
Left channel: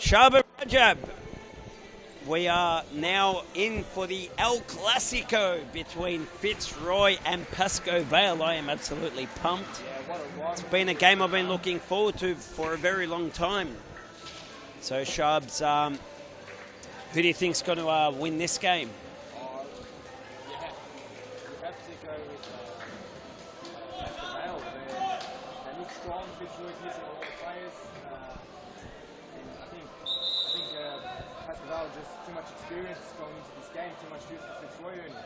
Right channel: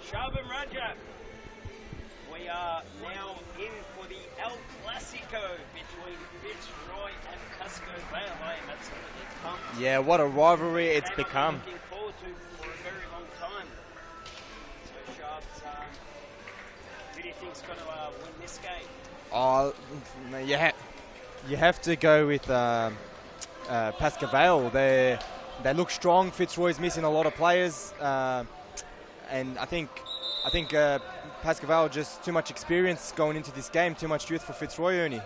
Shaba Rajab. We are now in for the El Classico between Fitzroy and Pascoe Vale. I am absolutely pumped. Yeah, what a rivalry. It's been a game I've been looking forward to for a very long time. So, Shabs, who do you think's going to win this game? Oh, you have to go with Pascoe Vale. They look strong. Fitzroy's missing a lot of players, and I think Pascoe Vale just too much experience going into this game, too much youth for Fitzroy, Ernie.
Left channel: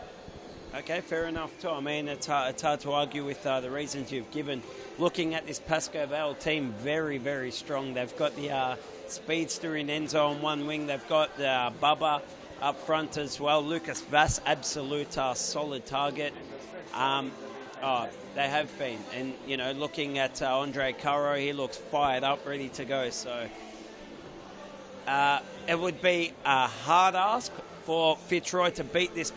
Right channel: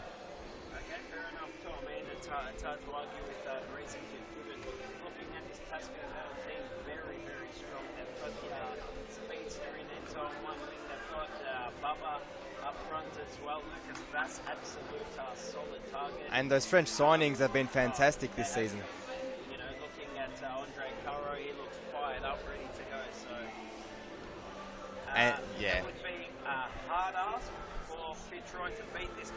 Okay, fair enough too. I mean, it's hard to argue with the reasons you've given. Looking at this Pascoe Vale team, very, very strong. They've got the speedster in Enzo on one wing. They've got Bubba up front as well. Lucas Vass, absolute solid target. And those French signings have been fantastic this season. They have been. And, you know, looking at Andre Caro, he looks fired up, ready to go. So it would be a hard ask for Fitzroy to beat this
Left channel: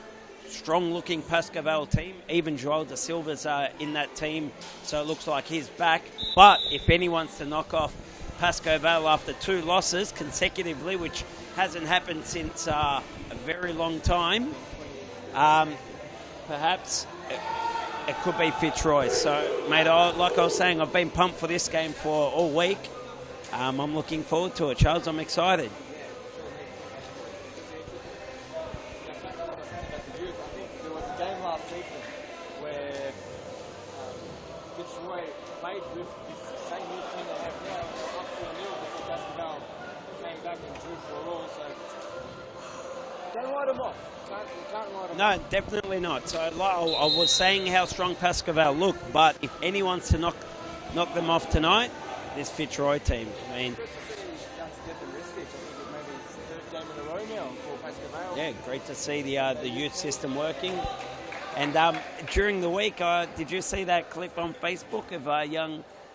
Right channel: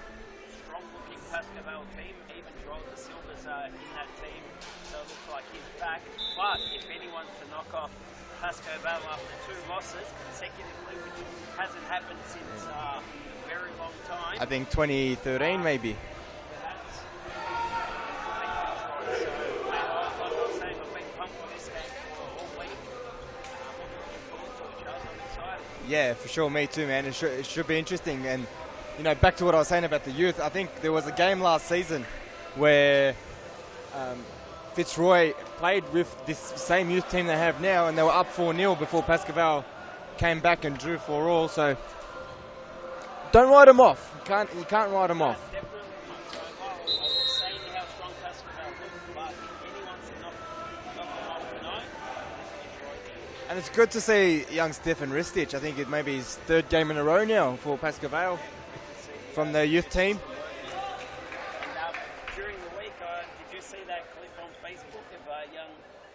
strong-looking Pascoe Vale team. Even Joel Da Silva's in that team, so it looks like he's back. But if anyone's to knock off Pascoe Vale after 2 losses consecutively, which hasn't happened since a very long time. I think 2013 maybe. Perhaps it could be Fitzroy. So, mate, like I was saying, I've been pumped for this game for all week. I'm looking forward to it, Charles. I'm excited. Yeah, for sure. Me too, man. It should be interesting. And, you know, back to what I was saying about the youth, I think there was a game last season where Fitzroy played with this same youth team they have now, and they were up 4-0 before Pascoe came back and drew 4-all. So don't write them off. You can't write them off. No, definitely not. So I was saying how strong Pascoe look, but if anyone's to knock them off tonight, this Fitzroy team. And it's good to see young Stefan Ristich. I think it may be his 3rd game in a row now for Pascoe. Yeah, great to see the youth system working. And during the week, did you see that clip on Facebook of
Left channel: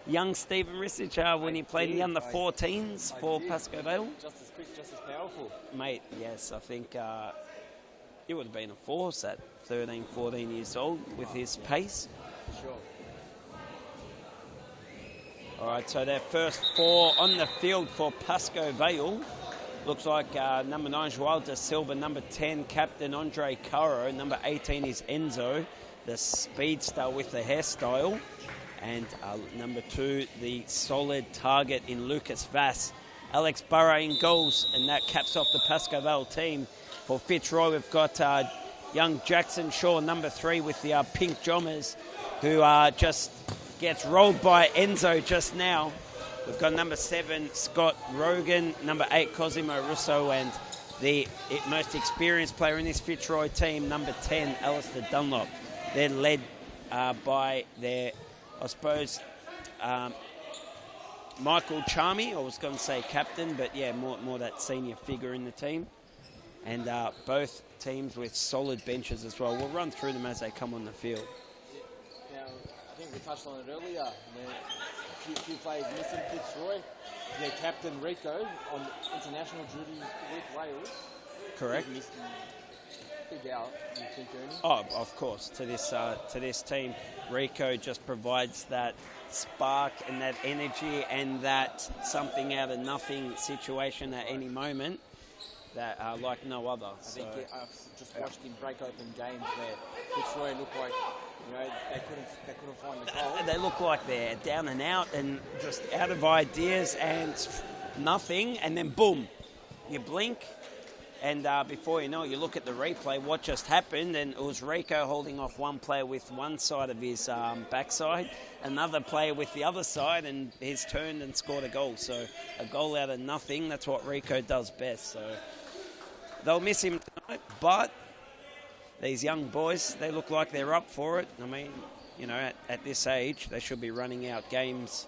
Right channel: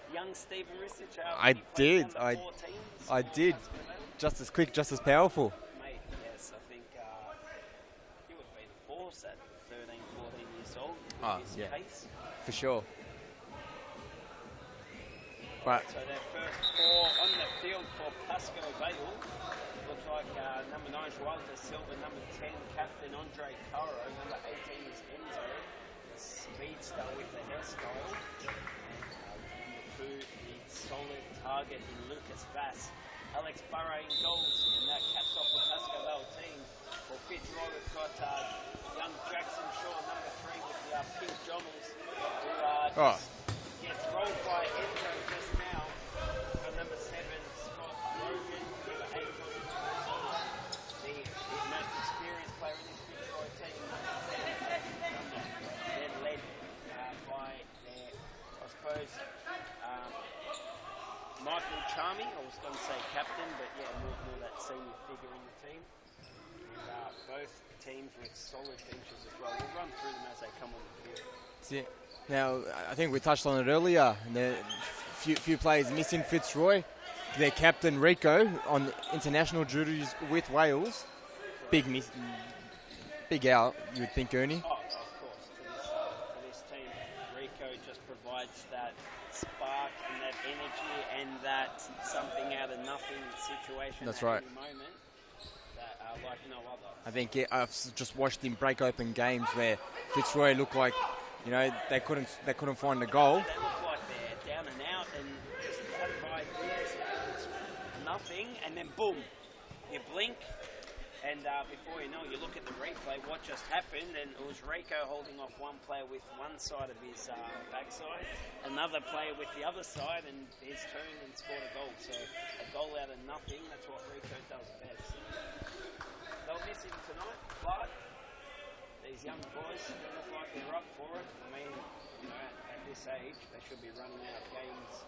young Stephen Ristich when he played the under-14s for Pascoe Vale? Just as quick, just as powerful. Mate, yes, I think it would have been a force at 13, 14 years old with his pace. For sure. All right, so their first 4 on the field for Pascoe Vale. Looks like number 9, Joao da Silva, number 10, Captain Andre Caro, number 18 is Enzo, the speedster with the hairstyle, and number 2, the solid target in Lucas Vass. Alex Burrow in goals, and that caps off the Pascoe Vale team. For Fitzroy, we've got young Jackson Shaw, number 3, with the pink jommers, who just gets rolled by Enzo just now. We've got number 7, Scott Rogan, number 8, Cosimo Russo, and the most experienced player in this Fitzroy team, number 10, Alistair Dunlop. They're led by their, I suppose, Michael Charmy. I was going to say captain, but yeah, more that senior figure in the team. And both teams with solid benches as well. We'll run through them as they come on the field. That's it. Now, I think we touched on it earlier. Few players missing. Fitzroy, their captain Rico on international duties with Wales. Correct. Big out, you would think, Ernie. Oh, of course. To this team, Rico just provides that spark and that energy and that something out of nothing situation any moment that like no other. I think I've just watched him break open games where Fitzroy looked like, you know, they couldn't find a goal. They look like they're down and out and just out of ideas and nothing, and then boom, you blink, and before you know it, you look at the replay, what just happened, and it was Rico holding off one player with one side of his backside, another player with the other side, and he's turned and scored a goal. So a goal out of nothing, that's what Rico does best. So they'll miss him tonight, but these young boys, they look like they're up for it. I mean, you know, at this age, they should be running out games.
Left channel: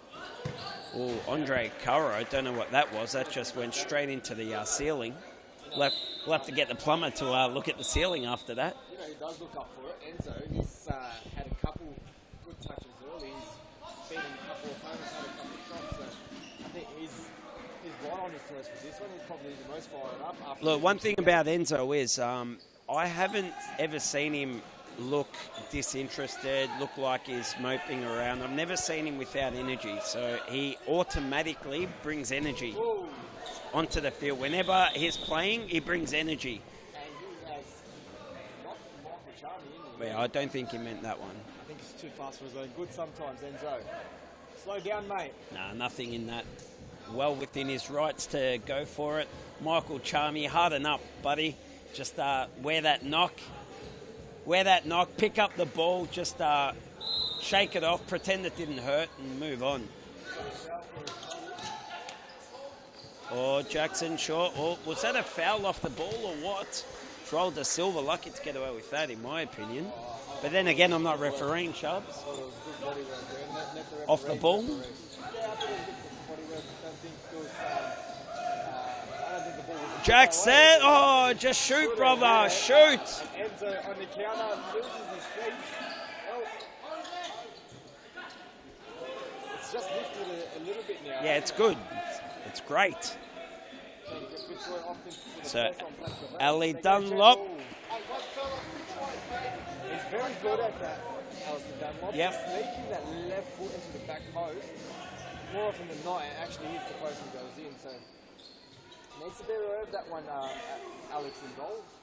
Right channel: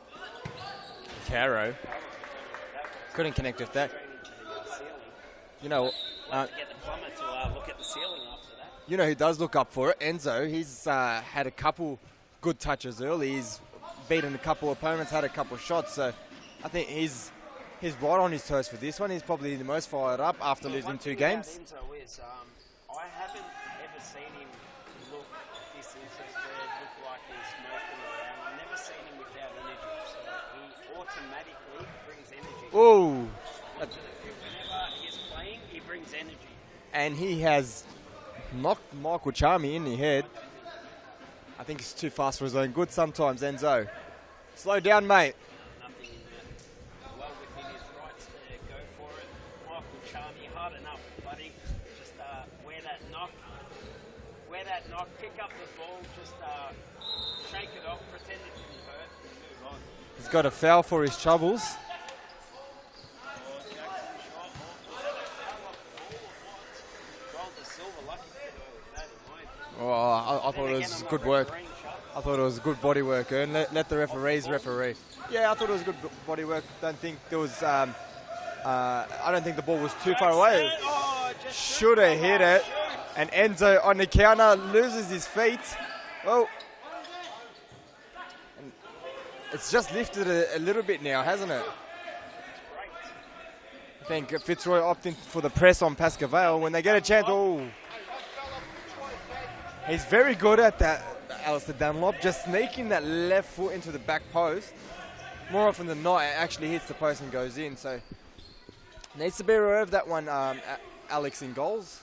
Oh, Andre Caro, I don't know what that was. That just went straight into the ceiling. You know, we'll have to get the plumber to look at the ceiling after that. You know who does look up for it? Enzo. He's had a couple good touches early. He's beaten a couple of opponents, had a couple of shots. So I think he's right on his toes for this one. He's probably the most fired up after losing 2 games. One thing about Enzo is I haven't ever seen him look disinterested, look like he's moping around. I've never seen him without energy. So he automatically brings energy onto the field. Whenever he's playing, he brings energy. And he has knocked Michael Charmy in the head. I don't think he meant that one. I think he's too fast for his own good sometimes, Enzo. Slow down, mate. Nah, nothing in that. Well within his rights to go for it. Michael Charmy, harden up, buddy. Just wear that knock, pick up the ball, just shake it off, pretend it didn't hurt, and move on. He's got a foul for his troubles. Oh, Jackson Shaw. Oh, was that a foul off the ball or what? Joao da Silva, lucky to get away with that, in my opinion. But then again, I'm not refereeing, Sharps. I thought it was good body work, Ern. Let the referees referee. Yeah, I thought it was good body work. Don't think there was... I don't think the ball was too far away. Jackson, oh, just shoot, brother, hit it. shoot. And Enzo on the counter loses his feet. Well, it's just lifted a little bit now, hasn't it? It's good. It's great. I think Fitzroy opting for the press on Pascoe Vale when they get a chance. Oh. He's very good at that, Alistair Dunlop, just sneaking that left foot into the back post. More often than not, it actually hits the post and goes in. So needs to be aware of that one, Alex, in goals.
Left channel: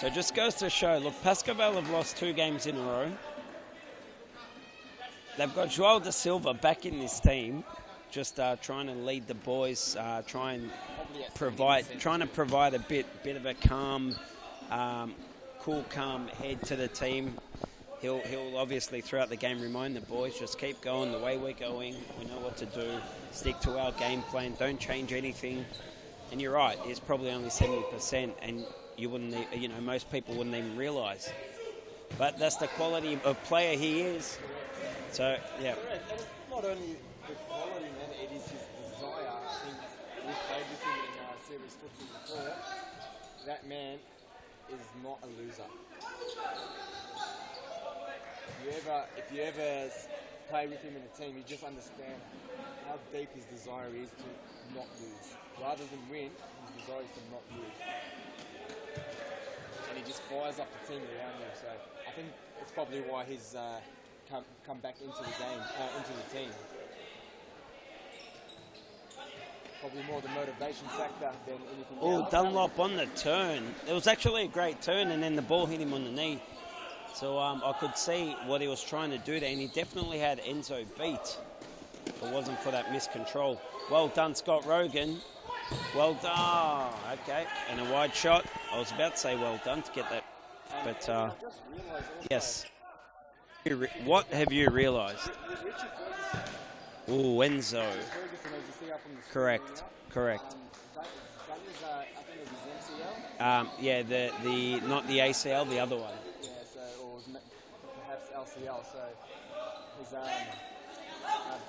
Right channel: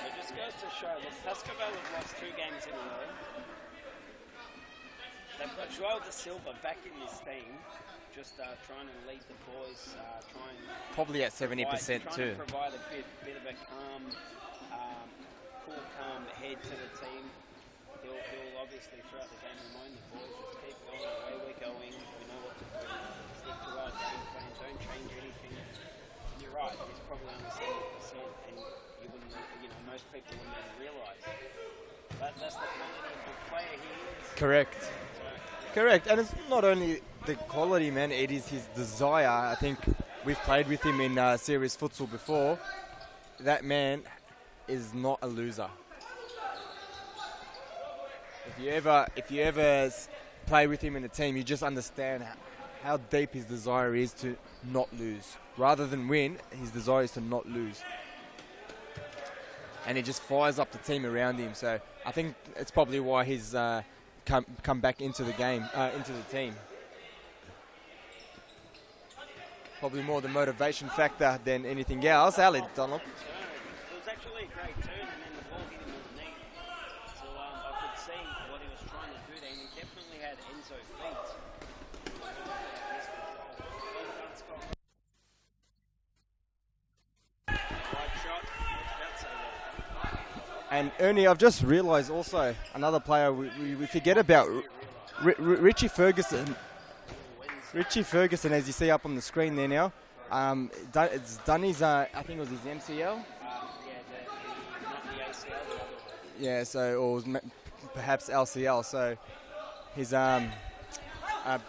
So it just goes to show, look, Pascoe Vale have lost 2 games in a row. They've got Joao da Silva back in this team, just trying to lead the boys, probably at 70%. Trying to provide a bit of a calm cool, calm head to the team. He'll obviously throughout the game remind the boys, just keep going the way we're going. We know what to do. Stick to our game plan. Don't change anything. And you're right, he's probably only 70%, and you wouldn't, most people wouldn't even realise. But that's the quality of player he is. Correct. So yeah. Correct. And it's not only the quality, man. It is his desire. I think we've played with him in serious futsal before. That man is not a loser. If you ever play with him in a team, you just understand how deep his desire is to not lose. Rather than win, his desire is to not lose. And he just fires up the team around him. So I think it's probably why he's come back into the game, into the team. Probably more the motivation factor than anything else. Dunlop on the turn. It was actually a great turn, and then the ball hit him on the knee. So I could see what he was trying to do there, and he definitely had Enzo beat. If it wasn't for that miscontrol. Well done, Scott Rogan. Well done. Okay, and a wide shot. I was about to say well done to get that. And Ernie, I've just realised also another player we forget about. What have you realised? Richie Ferguson. Oh, Enzo. Richie Ferguson, as you see up on the screen there now. Correct. It's done his, I think it was his MCL. Yeah, the not the ACL, the other one. Yeah, so or perhaps LCL. So he's a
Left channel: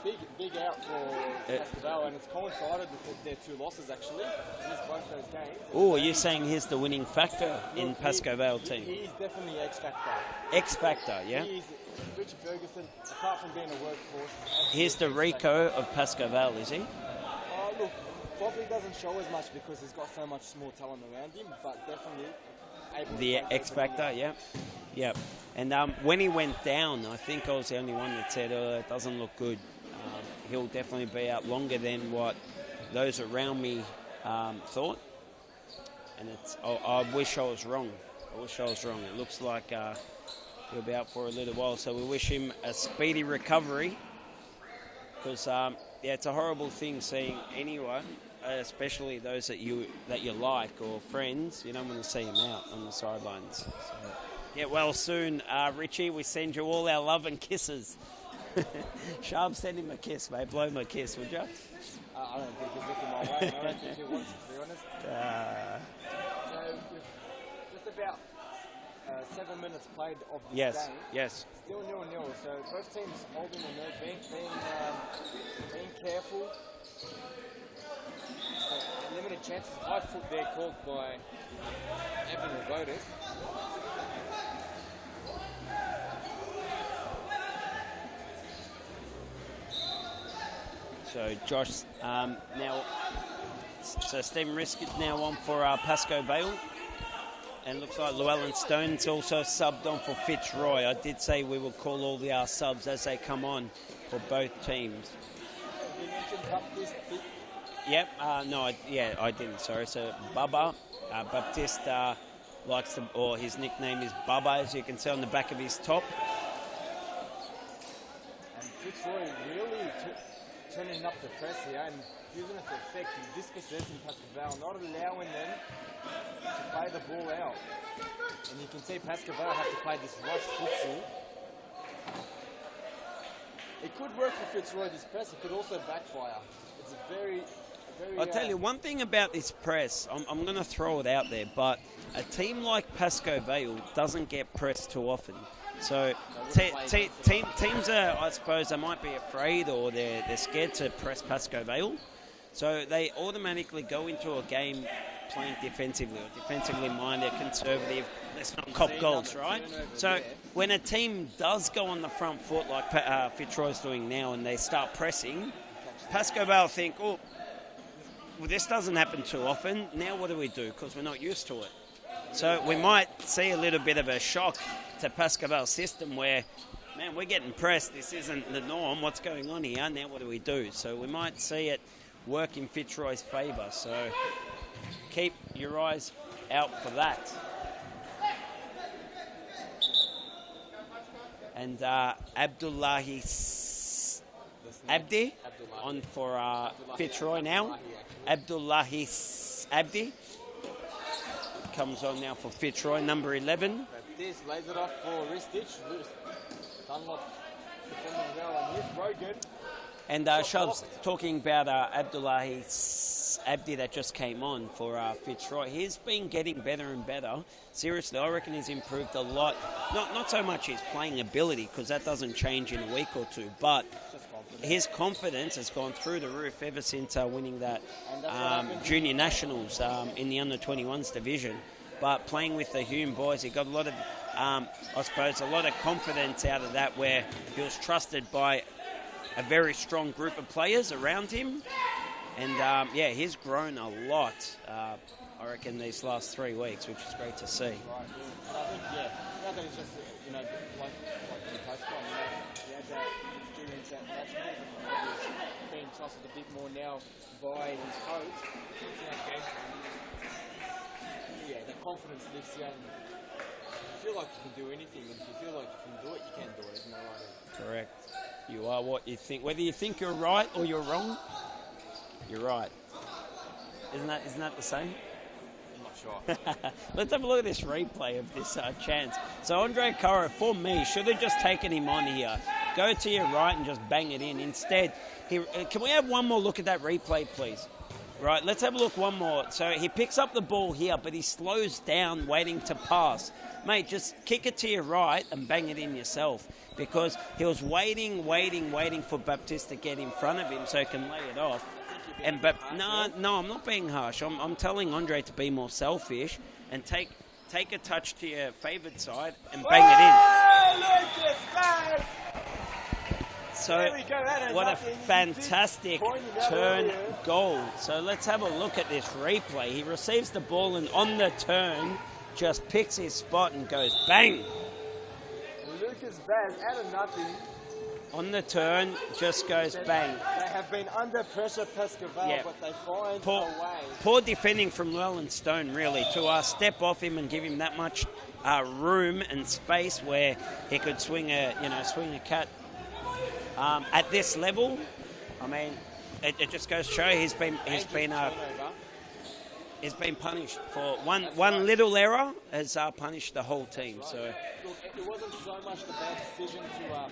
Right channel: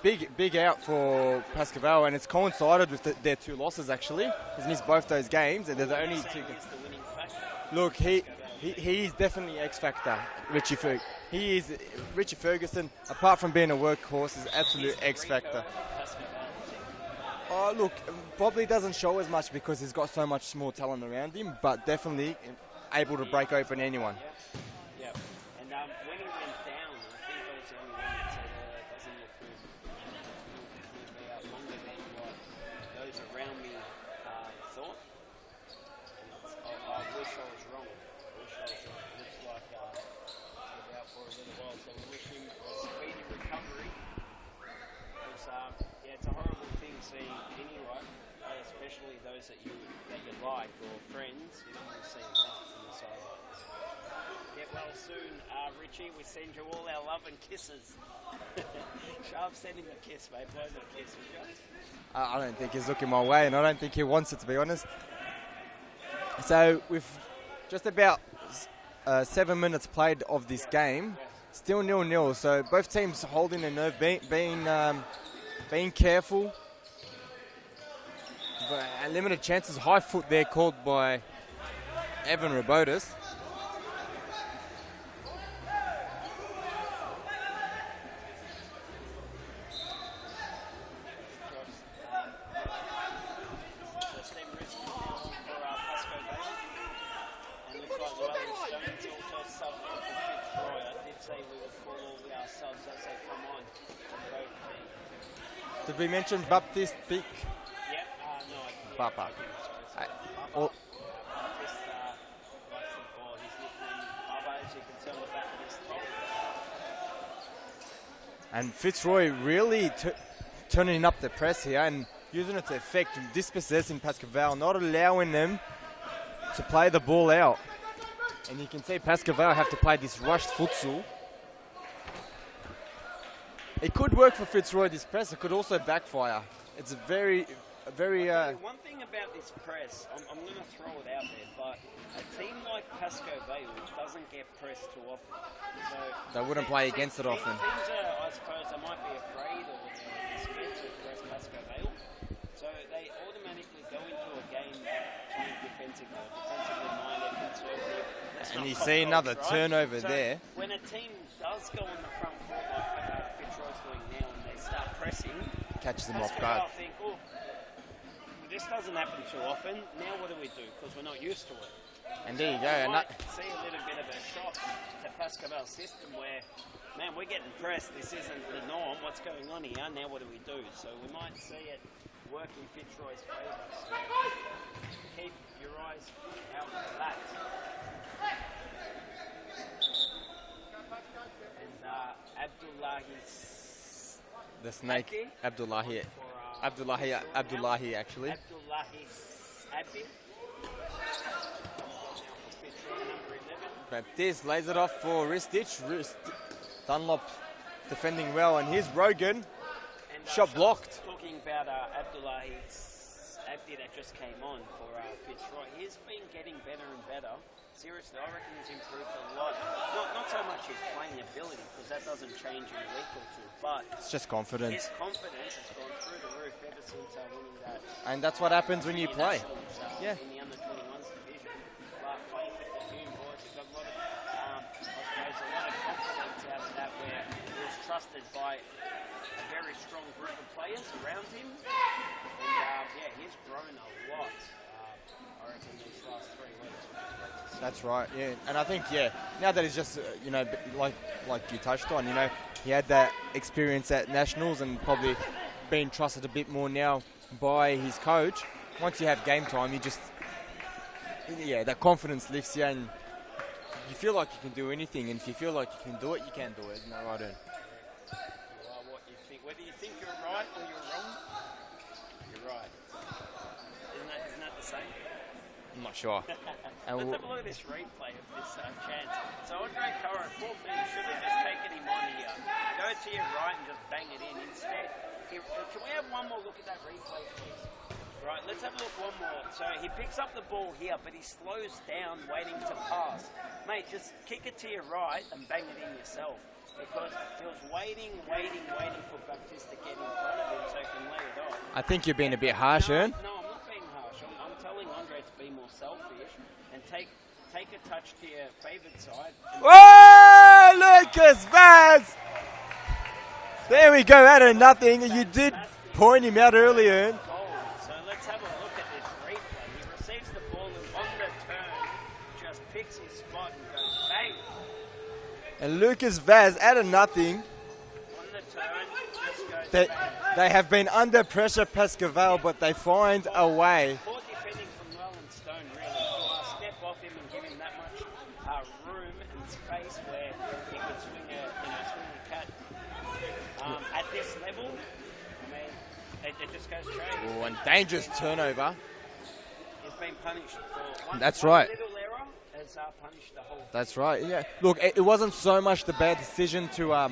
big out for Pascoval, and it's coincided with their two losses actually. He's missed both those games. Oh, are you saying he's the winning factor in Pascoval team? He's definitely X factor. X factor, yeah. He is. Richie Ferguson, apart from being a workhorse, is absolutely He's the Rico of Pascoval, is he? Oh, look, probably doesn't show as much because he's got so much more talent around him, but definitely able to break open anyone. Yeah. And when he went down, I think I was the only one that said, it doesn't look good. He'll definitely be out longer than what those around me thought. And I wish I was wrong. It looks like he'll be out for a little while. So we wish him a speedy recovery. Because, it's a horrible thing seeing anyone, especially those that you like or friends, you don't want to see them out on the sidelines. Get well soon, Richie. We send you all our love and kisses. Sharp, send him a kiss, mate. Blow him a kiss, would you? I don't think he's looking my way, and I don't think he wants it, to be honest. So with just about 7 minutes played of this game, still 0-0. So both teams holding their nerve, being careful. Limited chances. High foot there called by Evan Robotis. So Josh, now, so Stephen Risk is now on for Pascoe Vale. And looks like Llewellyn Stone's also subbed on for Fitzroy. I did say we will call all the subs as they come on for both teams. Did we mention Baptiste Pic? Yep, I didn't, sorry. So Bubba, Baptiste likes to, or his nickname is Bubba, as you can see on the back of his top. And Fitzroy really turning up the press here and using it to effect and dispossessing Pascoval, not allowing them to play the ball out. And you can see Pascoval have to play this rushed futsal. It could work for Fitzroy, this press. It could also backfire. It's a very... I'll tell you one thing about this press. I'm going to throw it out there, but a team like Pascoe Vale doesn't get pressed too often. So they wouldn't play against it often. Teams are, I suppose, they might be afraid or they're scared to press Pascoe Vale. So they automatically go into a game playing defensively or defensively minded, conservative. That's not cop see dogs, another right? turnover so there. When a team does go on the front foot like Fitzroy's doing now and they start pressing, Pascoe Vale think, well, this doesn't happen too often. Now what do we do? Because we're not used to it. And so we might see a little bit of a shock to Pascoval's system where, man, we're getting pressed. This isn't the norm. What's going on here? Now what do we do? So we might see it work in Fitzroy's favour. So keep your eyes out for that. And Abdullahi Abdi Abdullahi. on for Fitzroy Abdullahi, now. actually. Abdullahi Abdi. comes on now for Fitzroy, number 11. Baptiste lays it off for Ristich. Dunlop defending well, and here's Rogan. And Shot Shub's blocked. talking about Abdullahi Abdi that just came on for Fitzroy. He's been getting better and better. Seriously, I reckon he's improved a lot. Not so much his playing ability, because that doesn't change in a week or two, but It's just confidence. his confidence has gone through the roof ever since winning that And that's what happens when you junior play. nationals in the under-21s division. But playing with the Hume boys, he got a lot of, I suppose, a lot of confidence out of that, where he was trusted by a very strong group of players around him. And yeah, he's grown a lot, I reckon, these last 3 weeks, which is great to see. That's right, yeah. And I think, now that he's just, like you touched on, he had that experience at Nationals and probably being trusted a bit more now by his coach. Once you have game time, you just, that confidence lifts you, and you feel like you can do anything. And if you feel like you can do it, you can do it. Right? Correct. You are what you think. Whether you think you're right or you're wrong, you're right. Isn't that the same? I'm not sure. Let's have a look at this replay of this chance. So Andre Curra, for me, should have just taken him on here. Go to your right and just bang it in. Instead, can we have one more look at that replay, please? Right, let's have a look one more. So he picks up the ball here, but he slows down waiting to pass. Mate, just kick it to your right and bang it in yourself, because he was waiting for Baptiste to get in front of him so he can lay it off. I think you're being a bit harsh, No, I'm not being harsh. I'm telling Andre to be more selfish and take a touch to your favoured side and bang it in. Oh, Lucas Vaz! So, there we go, out of what a nothing. You did fantastic point him out turn earlier. Goal. So let's have a look at this replay. He receives the ball and on the turn just picks his spot and goes bang. And Lucas Vaz, out of nothing. On the turn, just goes bang. They have been under pressure, Pascaval, but they find a way. Poor defending from Llewellyn Stone, really, to step off him and give him that much room and space where he could swing a cat. At this level, I mean, it just goes to show he's been turnover. He's been punished for one right. little error has punished the whole team. That's right, so. yeah. Look, it wasn't so much the bad decision to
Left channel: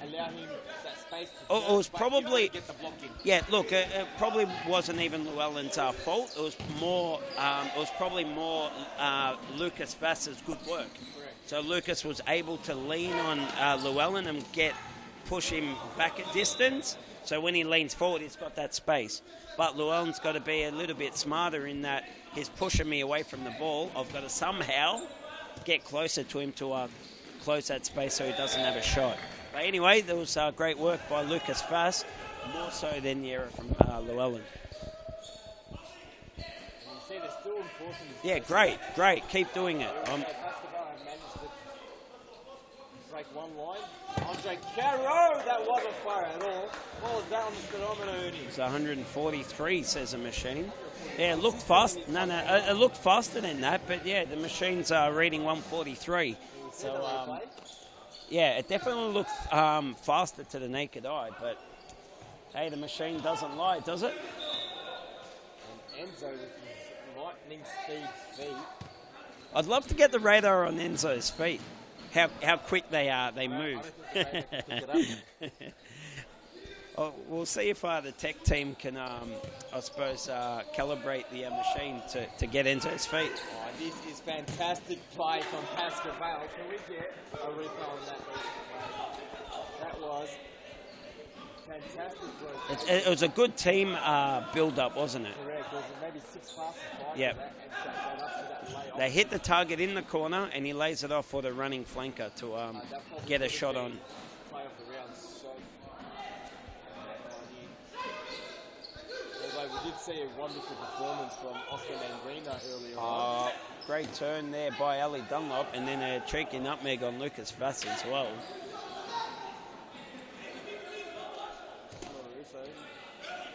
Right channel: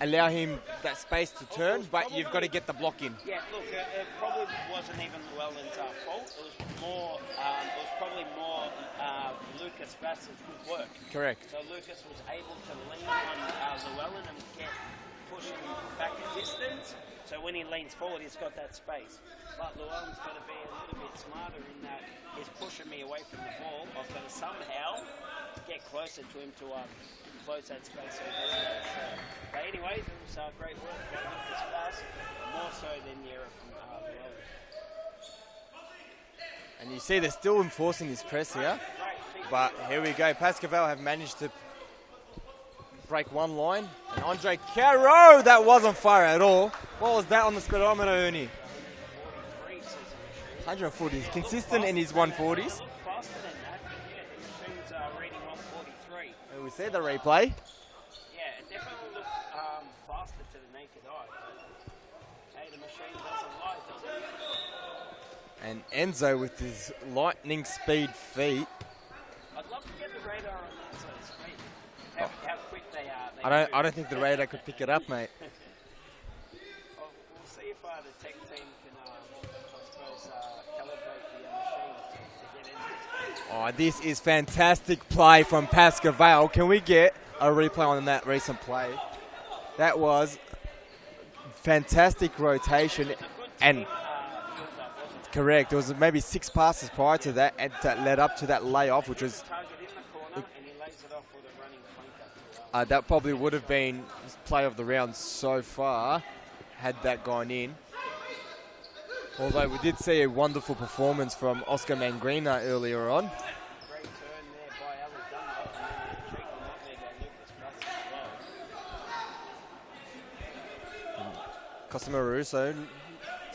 allow him that space to turn, It was but probably, you've got to get the block in. Yeah, look, it probably wasn't even Llewellyn's fault. It was more. It was probably more Lucas Vass's good work. Correct. So Lucas was able to lean on Llewellyn and push him back at distance. So when he leans forward, he's got that space. But Llewellyn's got to be a little bit smarter in that he's pushing me away from the ball. I've got to somehow get closer to him to close that space so he doesn't have a shot. But anyway, there was great work by Lucas Vass, more so than the error from Llewellyn. And you see they're still enforcing this press. Great. Keep doing it. Here we go. Pascaval have managed to break one line. Andre Caro, that wasn't fire at all. What was that on the speedometer, Ernie? It's 143, says the machine. 140. Yeah, it looked fast. It looked faster than that, but yeah, the machine's reading 143. We see the replay. Yeah, it definitely looked faster to the naked eye, but hey, the machine doesn't lie, does it? And Enzo with his lightning speed feet. I'd love to get the radar on Enzo's feet. How quick they are. I don't think the radar could pick it up, mate. We'll see if the tech team can, I suppose, calibrate the machine to get Enzo's feet. Oh, this is fantastic play from Pascaval. Can we get a replay on that recent play? That was fantastic rotation. It was a good team build-up, wasn't it? Correct. It was maybe 6 passes prior to that, and that led up to that layoff. They hit the target in the corner, and he lays it off for the running flanker to that probably would have been play of the round so far, had that gone in. Although we did see a wonderful performance from Oscar Mangrina earlier on. Great turn there by Ali Dunlop, and then a cheeky nutmeg on Lucas Vass as well. Costa Maruso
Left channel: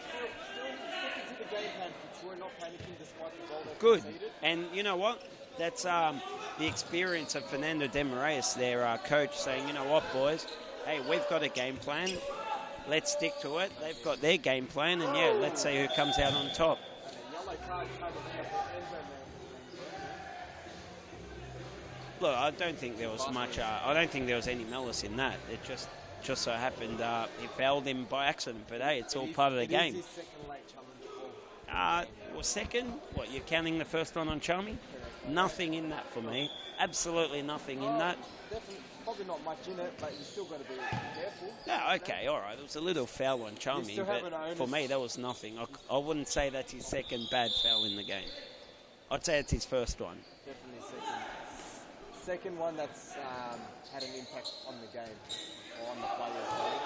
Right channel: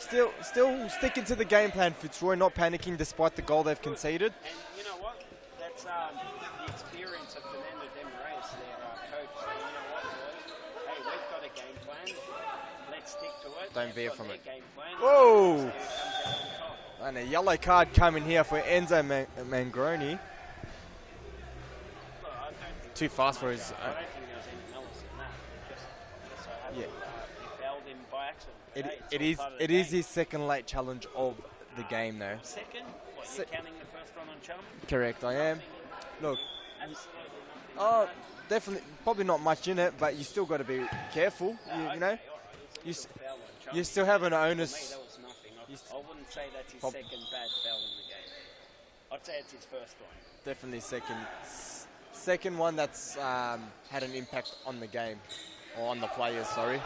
still sticking to the game plan, Fitzroy, not panicking despite the goal they've conceded. And you know what? That's the experience of Fernando de Moraes, their coach, saying, you know what, boys, hey, we've got a game plan. Let's stick to it. They've got their game plan, and let's see who comes out on top. And a yellow card coming here for Enzo Mangroni. Look, I don't think Too there was fast for much. his- I don't think there was any malice in that. It just so happened he fouled him by accident. But hey, it's all part of the game. It is his second late challenge of the game, though. Well, second? What, you're counting the first one on Charming? Correct, I am. Nothing in that for Look. me. Absolutely nothing in Oh, that. definitely, probably not much in it, but you still got to be careful. Yeah, you know? okay, all right. It was a little foul on Charming. still have but an onus- For me, that was nothing. I wouldn't say that's his second bad foul in the game. I'd say it's his first one. Definitely second one that's had an impact on the game, or on the players, sorry.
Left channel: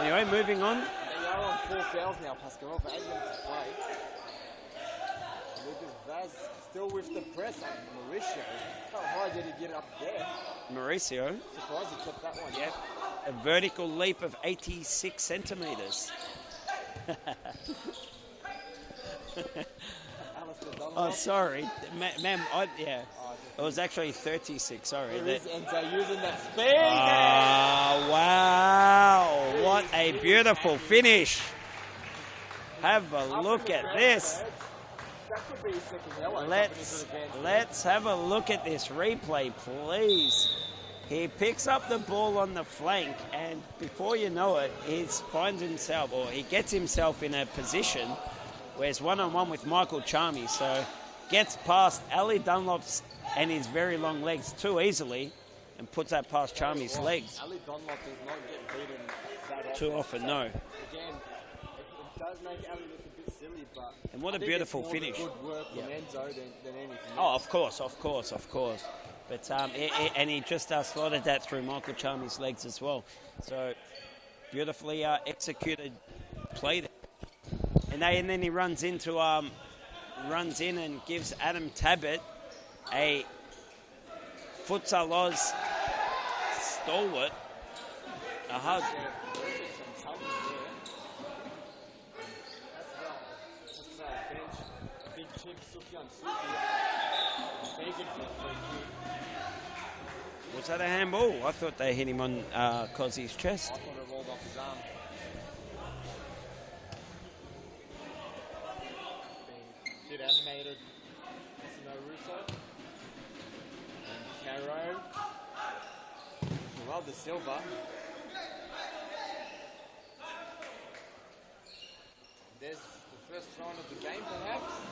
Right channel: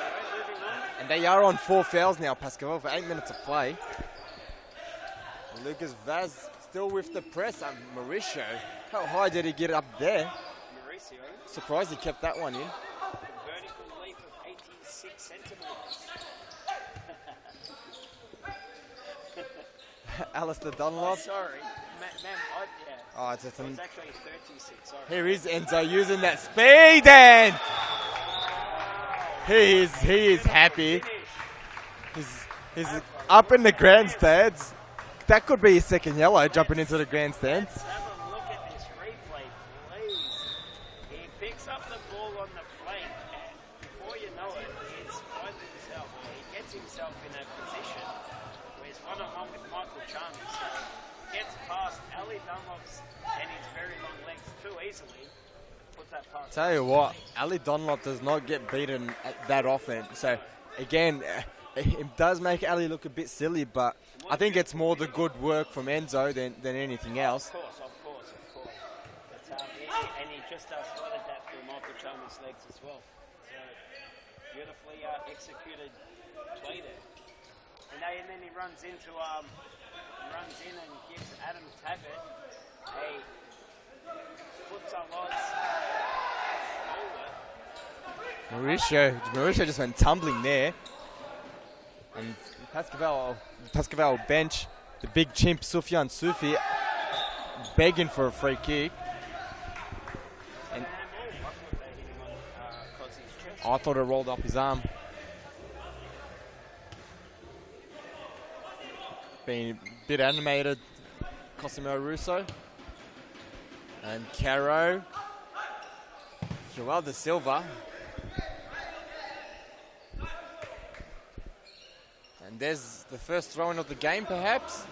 Anyway, moving on. And they are on 4 fouls now, Pascal, for 8 minutes of play. And Lucas Vaz still with the press. Mauricio, how high did he get up there? Mauricio, Surprised he kept that one, yeah. a vertical leap of 86 centimetres. Alistair Oh, Dunlop. sorry. Ma'am, yeah. Oh, it's It was actually 36, sorry. Here is Enzo using that speed and Oh, wow. He What is- a he is beautiful happy. finish. he's Have a up look in the at grandstands. That could be his second yellow, jumping into the Let's- grandstand. Let's have a look at this replay, please. He picks up the ball on the flank, and before you know it, he finds himself, or he gets himself in a position where he's one-on-one with Michael Charmy, so gets past Ali Dunlop's and his very long legs too easily, and puts that past Tell you Charmy's what, legs. Ali Dunlop does not get beaten that often. often, So no. again, it does make Ali look a bit silly, but And what I a think it's beautiful more finish. the good work from Enzo than anything Oh, else. of course. But and he just slotted that through Michael Charmy's legs as well. So beautifully executed play there. And then he runs in and gives Adam Tabbett a Futsal Oz stalwart. Mauricio just went tumbling there. And Pascal bench, the big chimp Sufyan Sufi, begging for a free kick. Was that a handball? I thought they hit him on Cozzy's chest. I thought it rolled off his arm. Being a bit animated, Cosimo Russo. And Caro. Joel da Silva. And there's the first throw-in of the game, perhaps.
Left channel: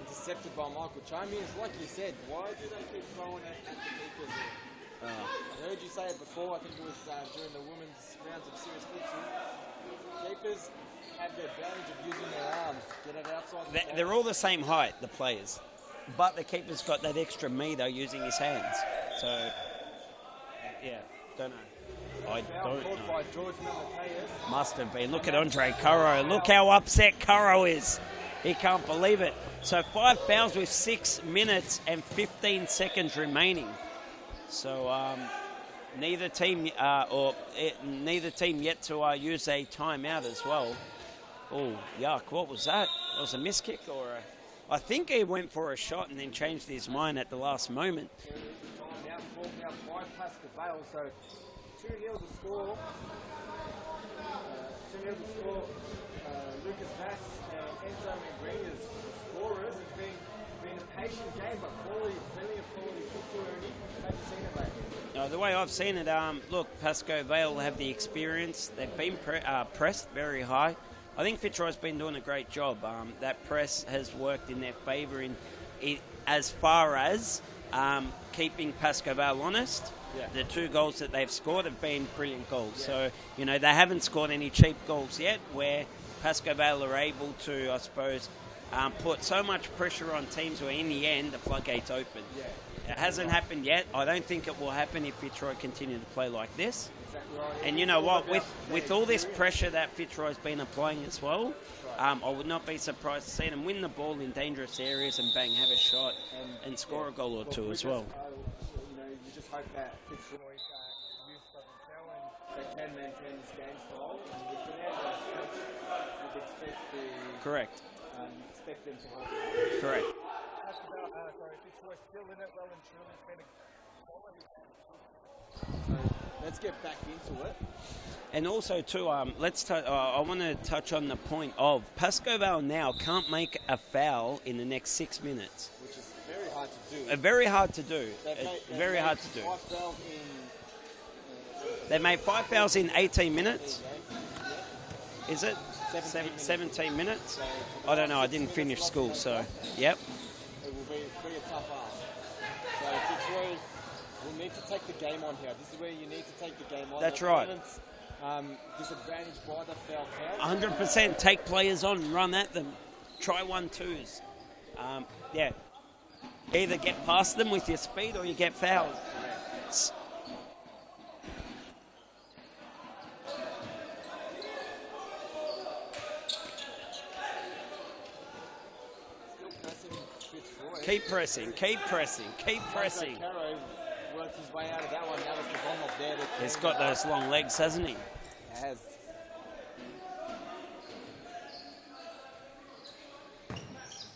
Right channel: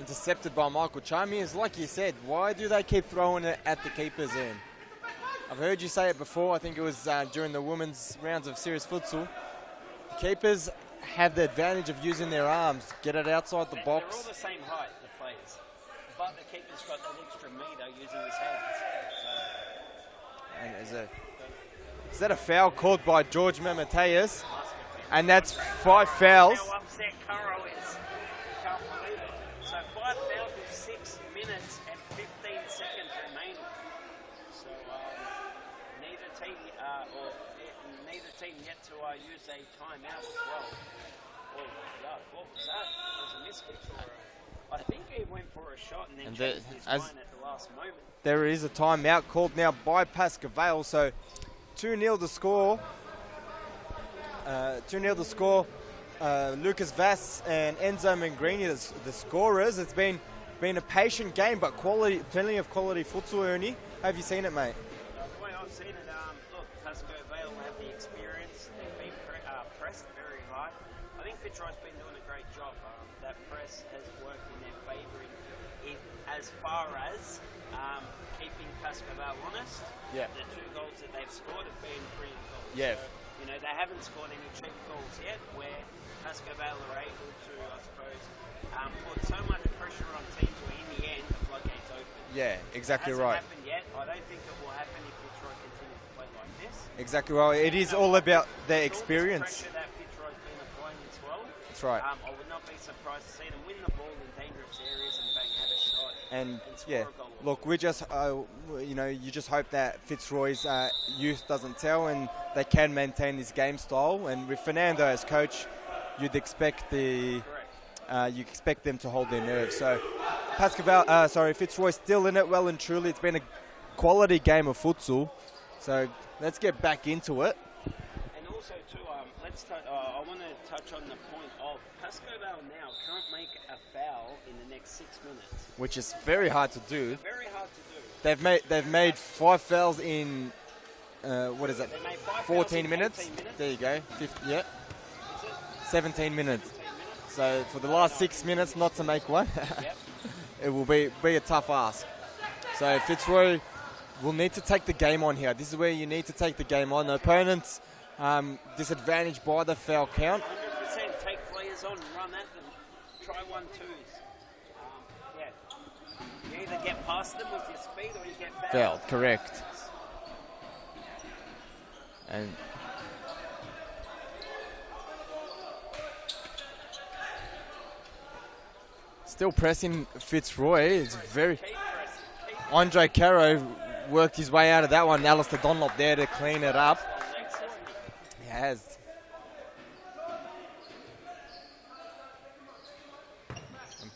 Intercepted by Michael Charmy. It's like you said, why do they keep throwing it at the keeper's end? I've heard you say it before. I think it was during the women's rounds of serious futsal. Keepers have the advantage of using their arms. Get it outside the box. They're all the same height, the players. But the keeper's got that extra meter using his hands. So, don't know. Is that a foul called by George Mamateus? Must have been. And Look at that's Andre 5 Curro. fouls. Look how upset Curro is. He can't believe it. So 5 fouls with 6 minutes and 15 seconds remaining. So neither team yet to use a timeout as well. Oh, yuck! What was that? That was a miss kick, or I think he went for a shot and then changed his mind at the last moment. There is a timeout called now by Pascal. So 2-0 the score. 2-0 the score. Lucas Vass and Enzo Mangrini, the scorers. It's been a patient game, but plenty of quality futsal, Ernie. Have you seen it, mate? No, the way I've seen it, look, Pascoe Vale have the experience. They've been pressed very high. I think Fitzroy's been doing a great job. That press has worked in their favour as far as keeping Pascoe Vale honest. Yeah. The 2 goals that they've scored have been brilliant goals. Yeah. So, they haven't scored any cheap goals yet where Pascoe Vale are able to, I suppose, put so much pressure on teams where in the end the floodgates open. Yeah, exactly It hasn't right. happened yet. I don't think it will happen if Fitzroy continue to play like this. Exactly right. It And you is know all what? about with their all experience. this pressure that Fitzroy's been applying as well. That's right. I would not be surprised to see them win the ball in dangerous areas and bang, have a shot and score a goal or look, two. we as just, well. you just hope that Fitzroy's youth doesn't tell and they can maintain this game style. And with Fernando as coach, you'd expect Correct. you expect them to hold their nerve. So, Fitzroy still in it well and truly. It's been a quality game of futsal. So let's get back into it. And also, too, I want to touch on the point of Pascoe Vale now can't make a foul in the next 6 minutes. Which is very hard to do. Very hard to do. They've made 5 fouls in, what is that? They made 5 fouls in 18 minutes. There you go. Yeah. Is it? 17 minutes. 17 minutes. So for the last 6 minutes not to make one, yep. it will be a tough ask. So Fitzroy will need to take the game on here. This is where you need to take the game on. That's the opponent's disadvantaged by the foul count. 100%. Take players on and run at them. Try 1-2s. Yeah. Either get past them with your speed or you get fouled. Yeah, correct. And still pressing Fitzroy. Keep pressing. Andre Caro worked his way out of that one. Alistair Dunlop there to clean it up. He's got long legs, hasn't he? He has.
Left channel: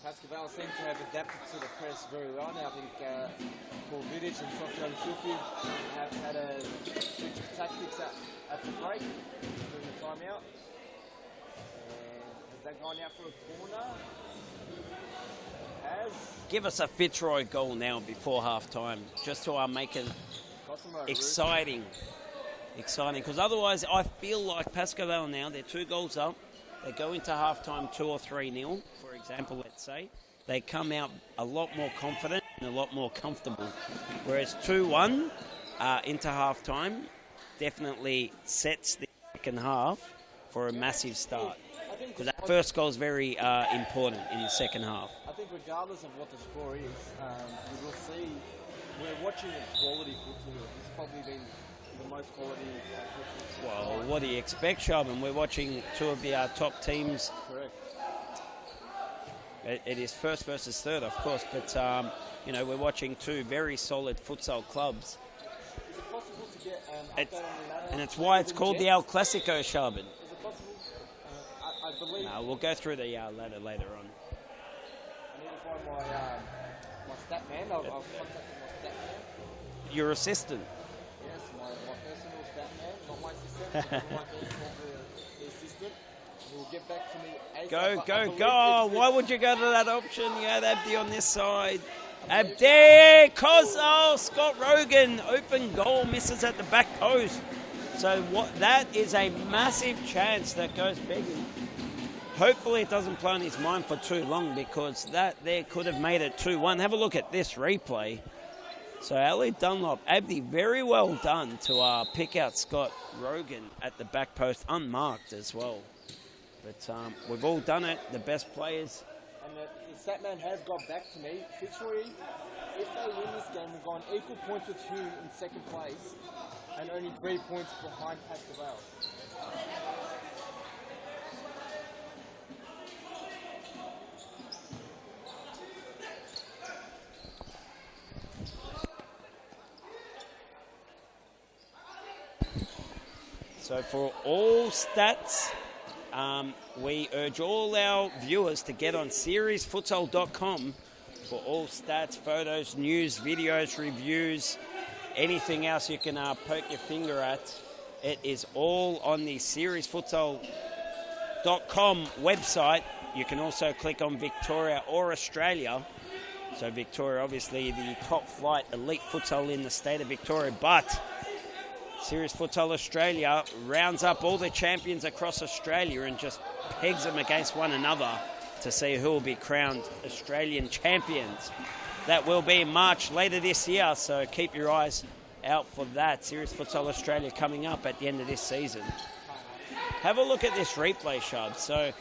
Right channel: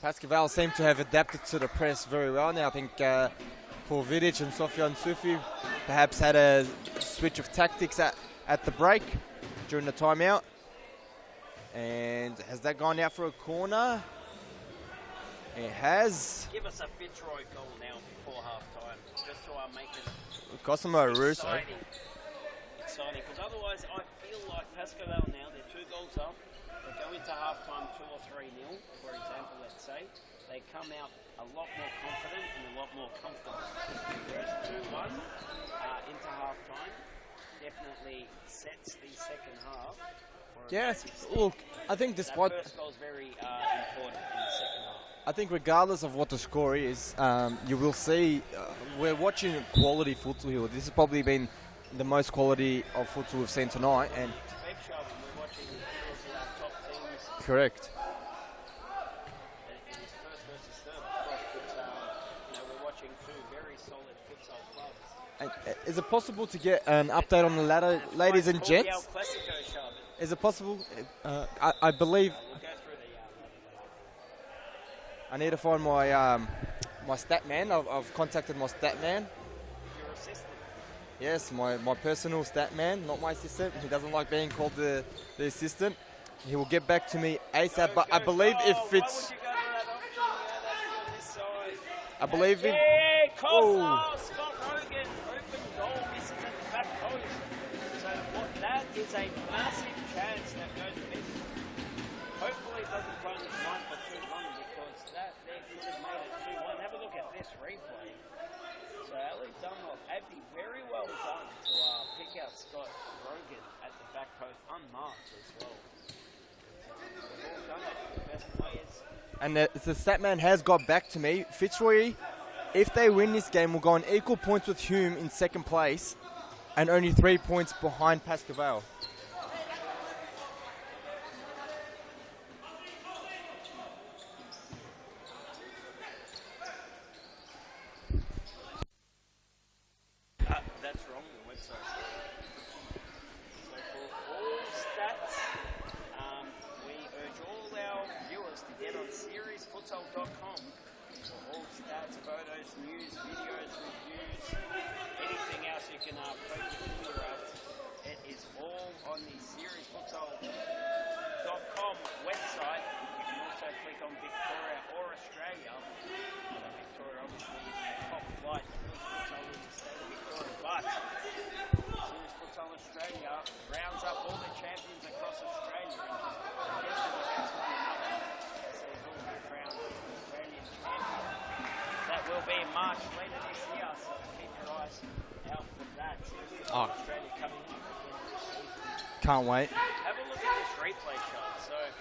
Pascoe Vale seem to have adapted to the press very well now. I think Paul Vidic and Sofian Sufi perhaps had a switch of tactics at the break during the timeout. And has that gone out for a corner? It has. Give us a Fitzroy goal now before half-time, just to make it exciting. Exciting, because otherwise I feel like Pascoe Vale now, they're 2 goals up. They go into half-time 2 or 3-0, for example, let's say. They come out a lot more confident and a lot more comfortable. Whereas 2-1 into half-time definitely sets the second half for a massive start. Look, I think that first goal is very important in the second half. I think regardless of what the score is, you will see we're watching quality futsal here. This has probably been the most quality of futsal we've seen tonight. What do you expect, Sharman? We're watching 2 of the top teams. Correct. It is first versus third, of course, but we're watching 2 very solid futsal clubs. Is it possible to get an update on the ladder, ladies and gents? gents? The El Classico, Sharman. Is it possible? I believe. We'll go through the ladder later on. I need to find my my stat man. I've contacted my stat man. Your assistant? Yes, my personal stat man, not my assistant. He doesn't like being called the assistant. He will get back to me ASAP. I believe if it's... Why would you go to that option? You had Abdi on this side. I believe there, Scott Rogan, open goal, misses at the back post. So that is a massive chance that goes begging. Hopefully it doesn't play on his mind for too long, because that there could have made it 2-1. Have a look at this replay. So Ali Dunlop, Abdi, very well done to pick out Scott Rogan at the back post, unmarked as well. But we've all done it, the best players. And the Statman has got back to me. Fitzroy, if they win this game, will go on equal points with Hume in second place and only 3 points behind Pascoe Vale. That's wrong, the website. So for all stats, we urge all our viewers to get on seriesfutsal.com for all stats, photos, news, videos, reviews, anything else you can poke your finger at. It is all on the seriesfutsal.com website. You can also click on Victoria or Australia. So Victoria, obviously the top flight elite futsal in the state of Victoria, but Serious Futsal Australia rounds up all the champions across Australia and just pegs them against one another to see who will be crowned Australian champions. That will be in March later this year, so keep your eyes out for that. Serious Futsal Australia coming up at the end of this season. Can't wait. Have a look at this replay, Shub. So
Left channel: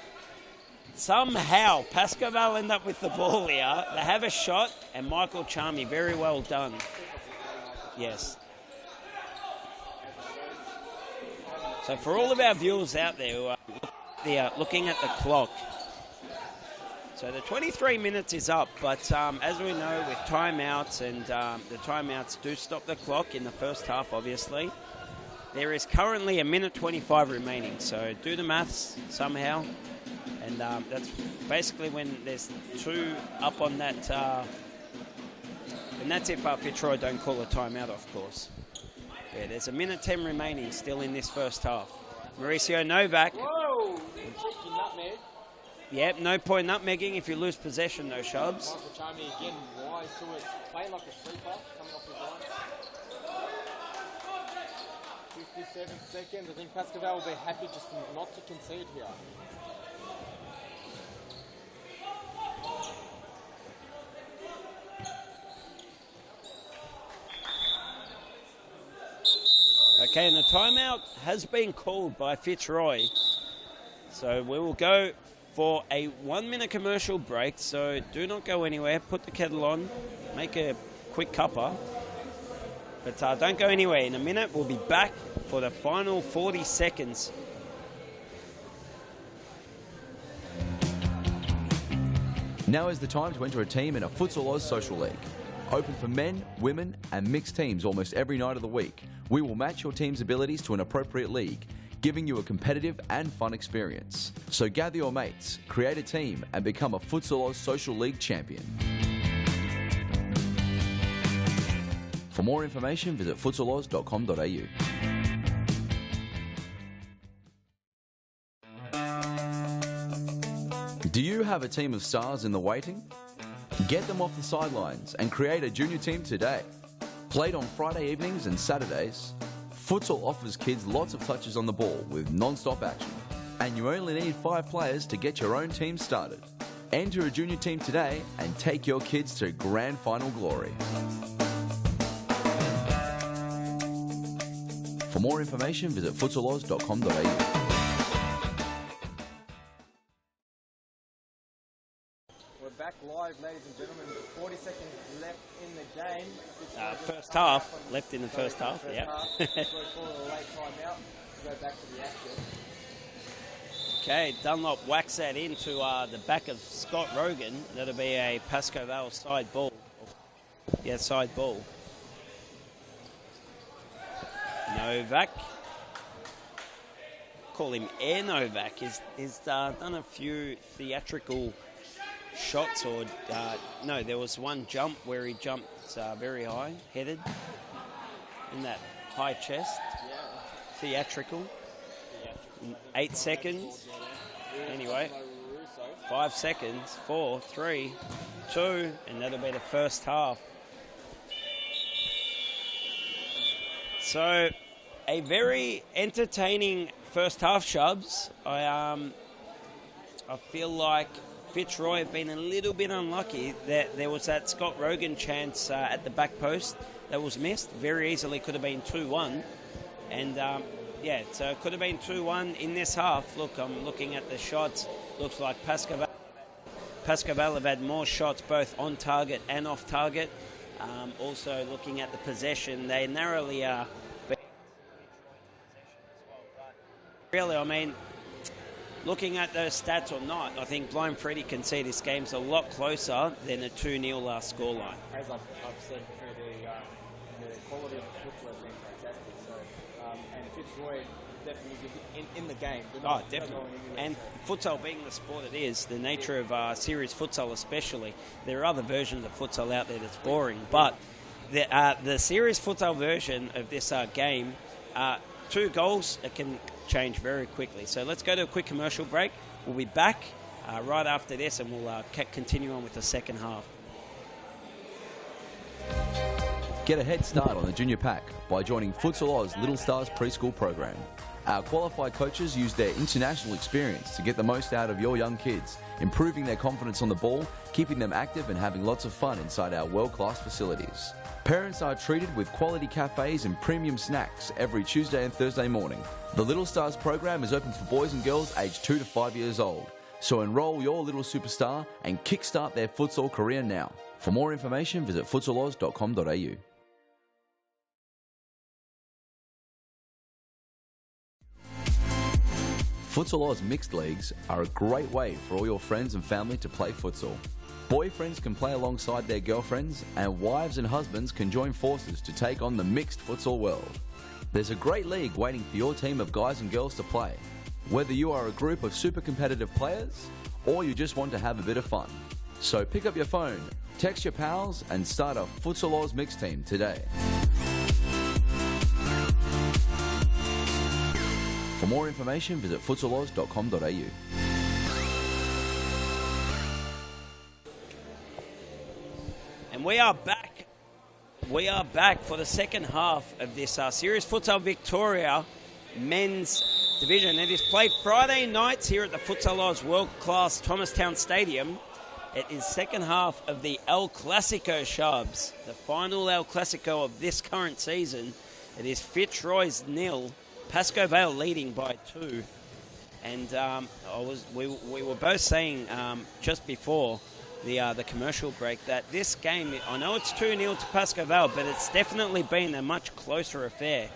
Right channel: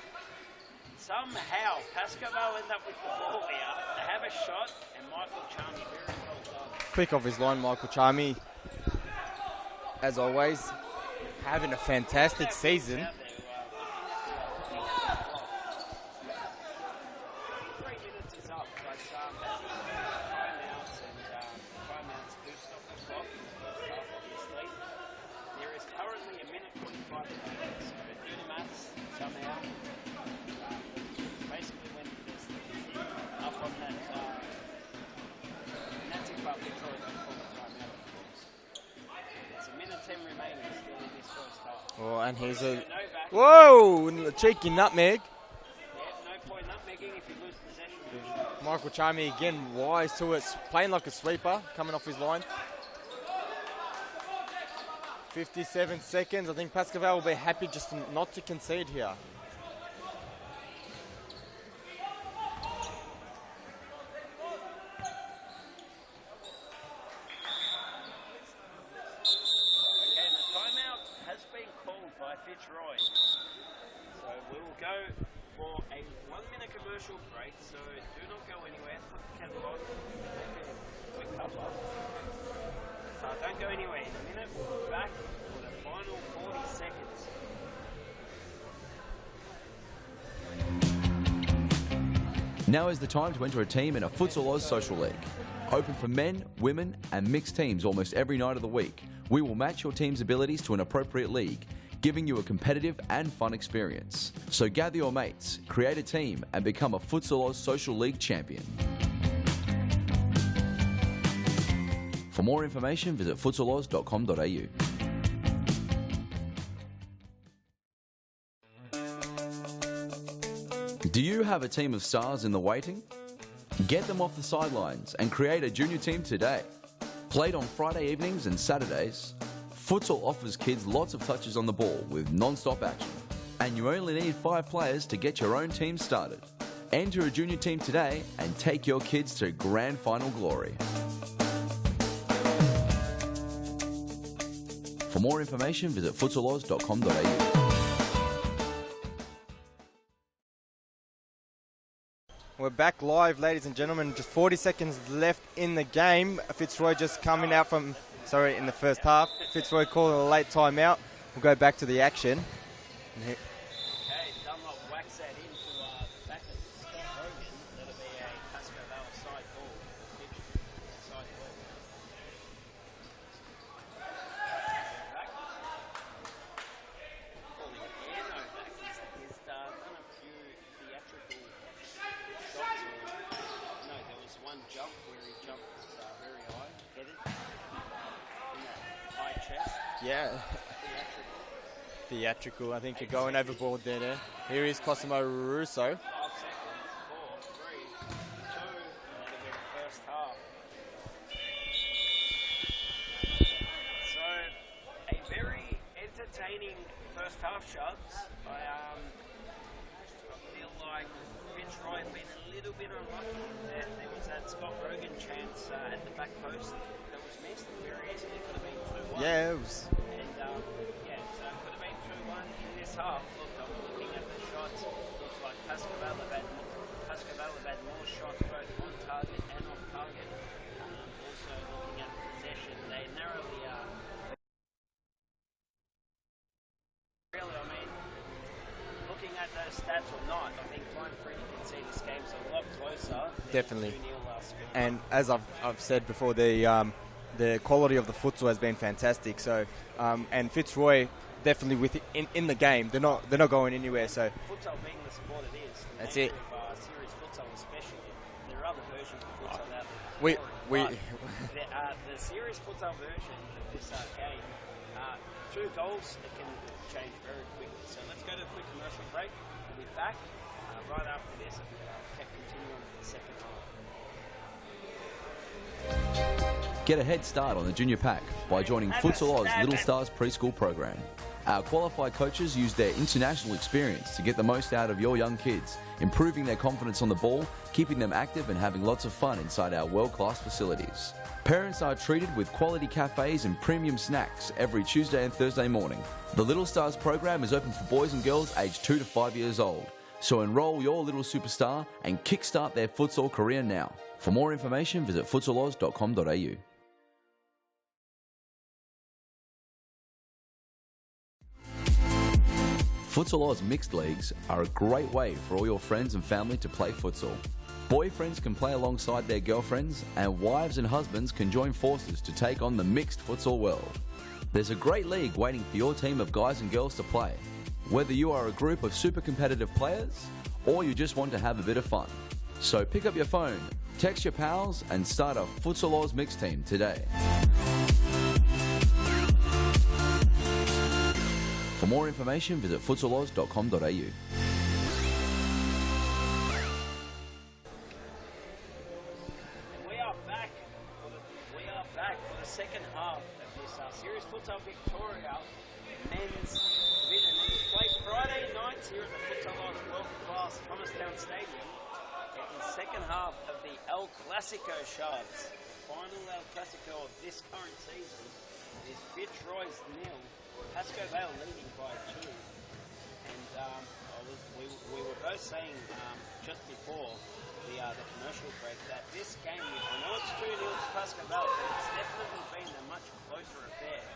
somehow Pascoe Vale end up with the ball here. They have a shot, and Michael Charmy, very well done. Quick off his line, Michael Charmy. Yes. As always, having a fantastic season. For all of our season. viewers out there who are looking at the clock, so the 23 minutes is up, but as we know with timeouts, and the timeouts do stop the clock in the first half, obviously, there is currently 1:25 remaining, so do the maths somehow, and that's basically when there's 2 up on that, and that's if Fitzroy don't call a timeout, of course. Yeah, there's a minute 10 remaining still in this first half. Oh, and here's Mauricio Novak. Whoa! A cheeky nutmeg. Yep, no point nutmegging if you lose possession, though, Shubs. Michael Charmy again wise to it, playing like a sweeper, coming off his line. 57 seconds. I think Pascaval will be happy just not to concede here. Okay, and the timeout has been called by Fitzroy. So we will go for a 1-minute commercial break. So do not go anywhere. Put the kettle on. Make a quick cuppa. But don't go anywhere. In a minute, we'll be back for the final 40 seconds. Now is the time to enter a team in a Futsal Oz Social League. Open for men, women and mixed teams almost every night of the week. We will match your team's abilities to an appropriate league, giving you a competitive and fun experience. So gather your mates, create a team and become a Futsal Oz Social League champion. For more information, visit futsaloz.com.au. Do you have a team of stars in the waiting? Get them off the sidelines and create a junior team today. Played on Friday evenings and Saturdays, futsal offers kids lots of touches on the ball with non-stop action. And you only need 5 players to get your own team started. Enter a junior team today and take your kids to grand final glory. For more information, visit futsaloz.com.au. We're back live, ladies and gentlemen. Just 40 seconds left in the game. Fitzroy just coming out from left in the first half. Fitzroy calling a late timeout. We'll go back to the action. Okay, Dunlop whacks that into the back of Scott Rogan. That'll be a Pascoval side ball. Yeah, side ball. Novak. Call him Air Novak. He's done a few theatrical shots, or no, there was one jump where he jumped very high, headed in that high chest. Yeah. Theatrical. I think 8 you're going seconds. overboard there. Here is Anyway. Cosimo Russo. 5 seconds. 4, 3, 2, and that'll be the first half. So, a very entertaining first half, Shubs. I feel like Fitzroy have been a little bit unlucky that there was that Scott Rogan chance at the back post that was missed. Very easily could have been 2-1. Yeah, And yeah, so it could have been 2-1 in this half. Look, I'm looking at the shots. Looks like Pascaval have had more shots both on target and off target. Also looking at the possession, they narrowly are. Really, I mean, looking at those stats or not, I think Blind Freddy can see this game's a lot closer than Definitely. the 2-0 last scoreline. And as I've said before, the quality of the futsal has been fantastic. So, and Fitzroy definitely in the game. They're not going anywhere. And so futsal being the sport it is, the That's nature it. of series futsal especially, there are other versions of futsal out there that's We- boring. we- But the series futsal version of this game, 2 goals, it can change very quickly. So let's go to a quick commercial break. We'll be back right after this, and we'll continue on with the second half. Get a head start on the junior pack by joining Futsal Oz Little Stars preschool program. Our qualified coaches use their international experience to get the most out of your young kids, improving their confidence on the ball, keeping them active and having lots of fun inside our world-class facilities. Parents are treated with quality cafes and premium snacks every Tuesday and Thursday morning. The Little Stars program is open for boys and girls aged 2 to 5 years old. So enroll your little superstar and kickstart their futsal career now. For more information, visit futsaloz.com.au. Futsal Oz mixed leagues are a great way for all your friends and family to play futsal. Boyfriends can play alongside their girlfriends, and wives and husbands can join forces to take on the mixed futsal world. There's a great league waiting for your team of guys and girls to play. Whether you are a group of super competitive players, or you just want to have a bit of fun. So pick up your phone, text your pals, and start a Futsal Oz mixed team today. more information, visit futsaloz.com.au. And we are back. We are back for the second half of this series. Futsal Victoria men's division. It is played Friday nights here at the Futsal Oz world-class Thomastown Stadium. It is second half of the El Classico shoves, the final El Classico of this current season. It is Fitzroy's 0, Pascoe Vale leading by 2. And we were both saying just before the commercial break that this game, I know it's 2-0 to Pascoe Vale, but it's definitely been a much closer affair.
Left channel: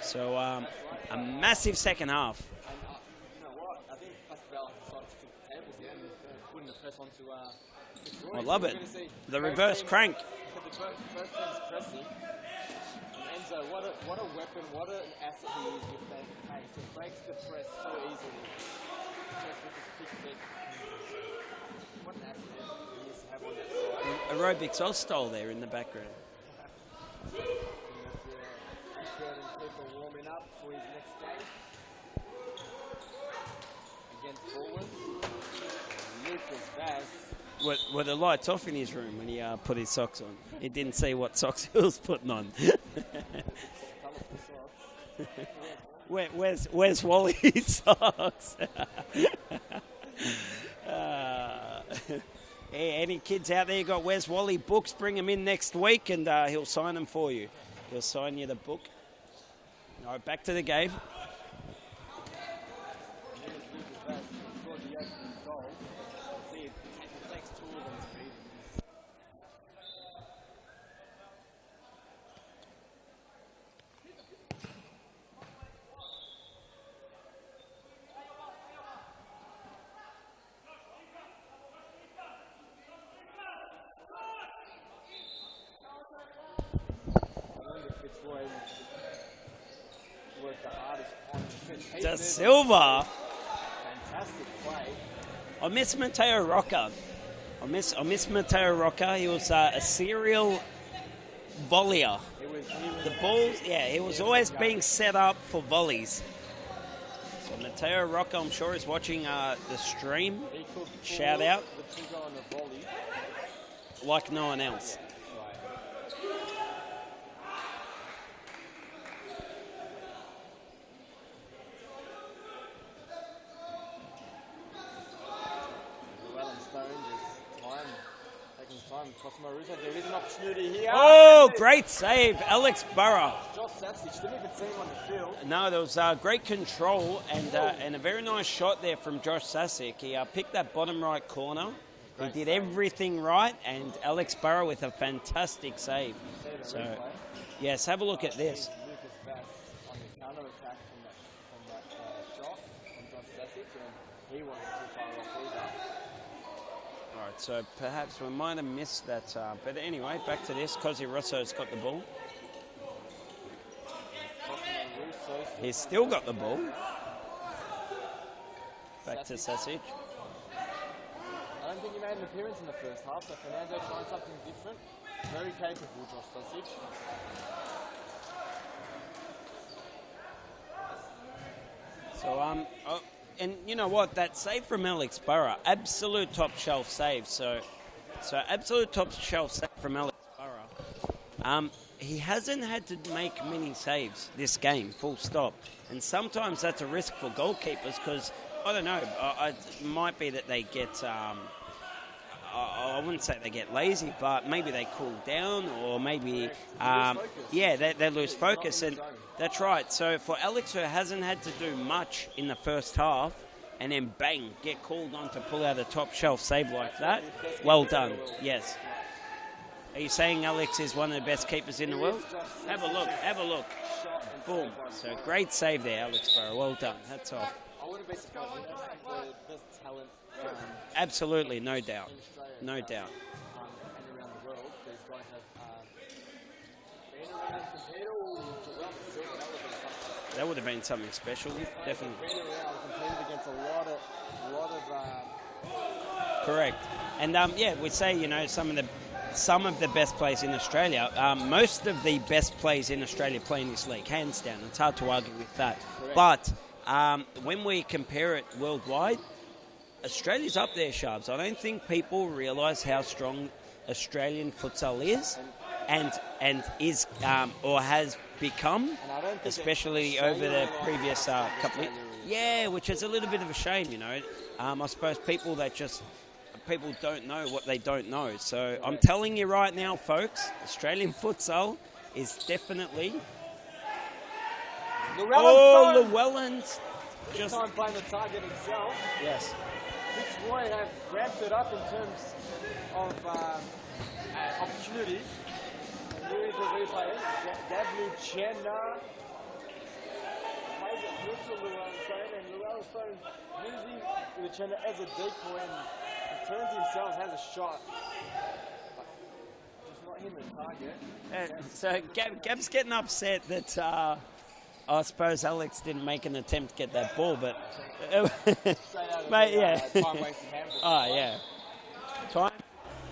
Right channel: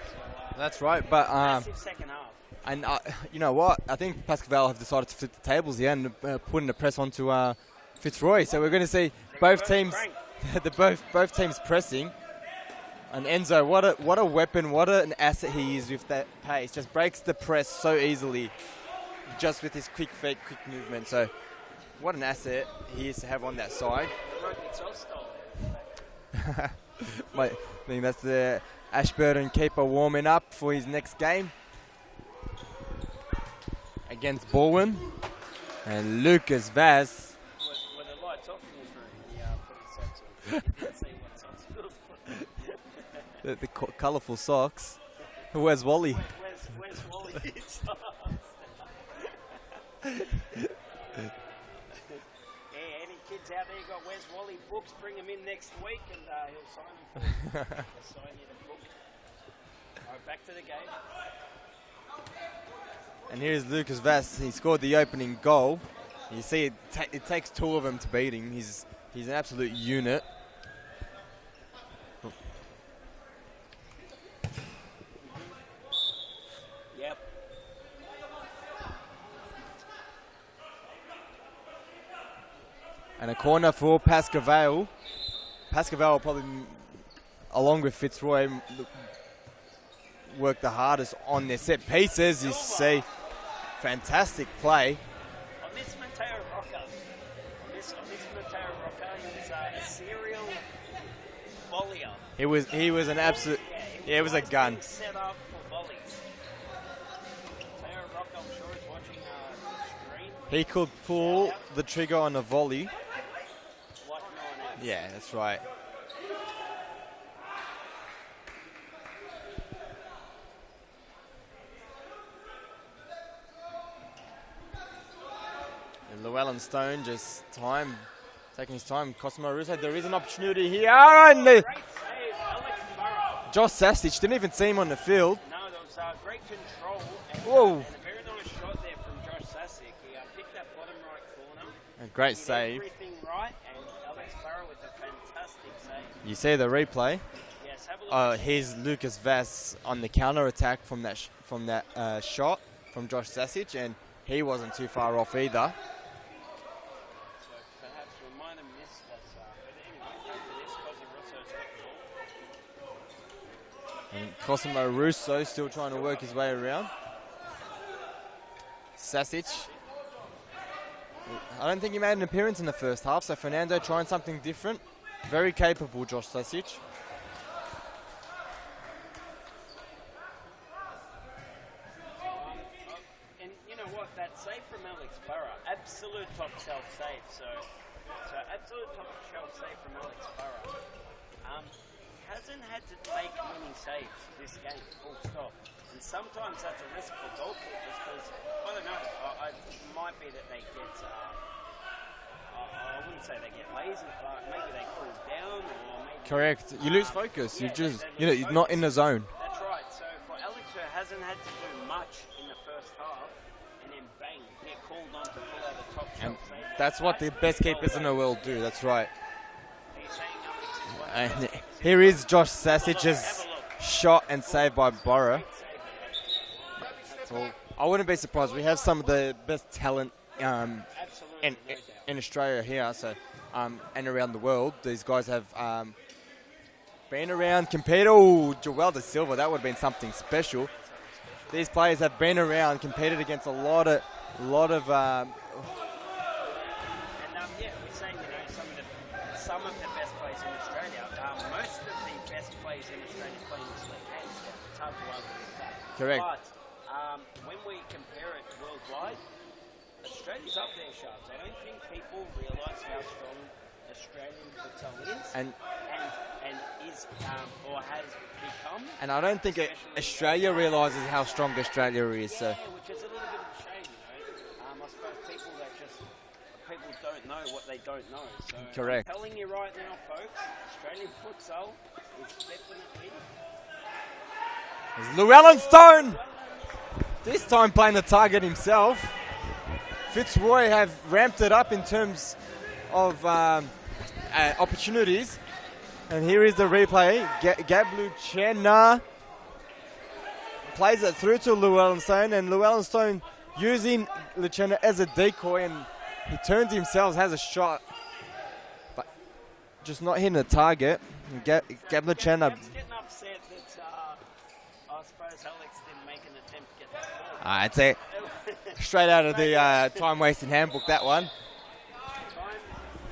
So that's right, but massive second half. And you know what? I think Pascoe Vale have decided to flip the tables here and put in a press onto Fitzroy. So we're going to see both teams, both teams pressing. And Enzo, what a weapon, what an asset he is with that pace. Just breaks the press so easily, just with his quick fake, quick movement. So what an asset he is to have on that side. Aerobics Oz style there in the background. Mate, I think that's the Ashburton keeper warming up for his next game against Baldwin. And Lucas Vaz. Were the lights off in his room when he put his socks on? He didn't see what socks he was putting on. the colourful socks. Where's Wally? Where's Wally's socks? Any kids out there got Where's Wally books, bring them in next week and he'll sign them for you. He'll sign you the book. All right, back to the game. And here's Lucas Vaz. He scored the opening goal. You see, it takes 2 of them to beat him. He's an absolute unit. Yep. And a corner for Pascoe Vale. Pascoe Vale probably, along with Fitzroy, work the hardest on their set pieces. You see, fantastic play. I miss Mateo Rocca. I miss Mateo Rocca. He was a serial volleyer. He was an absolute. Yeah, he was always being set up for volleys. So Mateo Rocca, I'm sure, is watching the stream. He could pull the trigger on a volley like no one else. Yeah, that's right. Llewellyn Stone just taking his time. Cosimo Russo, there is an opportunity here. Oh, great save, Alex Burrow. Josh Sasich, didn't even see him on the field. No, there was great control and a very nice shot there from Josh Sasich. He picked that bottom right corner. Great he did save. Everything right, and Alex Burrow with a fantastic save. You see the replay? Yes, have a look at this. Here's Lucas Vaz on the counter attack from that shot from Josh Sasich, and he wasn't too far off either. So perhaps we might have missed that. But anyway, back to this. Cosi Rosso's got the ball. And Cosimo Russo still trying to work his way around. Sasic. I don't think he made an appearance in the first half, so Fernando trying something different. Very capable, Josh Sasic. And you know what? That save from Alex Burrow, absolute top shelf save. So absolute top shelf save from Alex Burrow. He hasn't had to make many saves this game, full stop. And sometimes that's a risk for goalkeepers because, I don't know, it might be that they get, I wouldn't say they get lazy, but maybe they cool down or maybe... Correct. You lose focus. Yeah, they lose focus. You're not in the zone. That's right. So for Alex, who hasn't had to do much in the first half, and then bang, get called on to pull out a top shelf save like that's that. What the best keepers in the world do. Yes. That's right. Are you saying Alex is one of the best keepers in the world? Here is Josh Sasic's shot and save by Burrow. Great save there, Alex Burrow. Well done. That's all. I wouldn't be surprised. We have some of the best talent. Absolutely, no doubt. In Australia here, so and around the world, these guys have been around, competed. Oh, Joel Da Silva, that would have been something special. That would have been something special. These players have been around, competed against a lot of. Correct, and we say some of the best players in Australia. Most of the best players in Australia play in this league, hands down. It's hard to argue with that. Correct. But when we compare it worldwide, Australia's up there, Sharps. I don't think people realise how strong Australian futsal is, and is or has become. And I don't think especially Australia over the realises how previous, strong Australia is. Yeah, which is a little bit of a shame, you know. I suppose people don't know what they don't know. So I'm Correct. telling you right now, folks, Australian futsal is definitely. Llewellyn Stone! Llewellyn's This time playing the target himself. Yes. Fitzroy have ramped it up in terms of opportunities. And here is the replay. Gabluchena plays it through to Llewellyn Stone, and Llewellyn Stone using Luchena as a decoy, and he turns himself, has a shot, but just not hitting the target. Gabluchena. Gab's getting upset that I suppose Alex didn't make an attempt to get that ball. But I'd say straight out of the time-wasting handbook, that one. Yeah.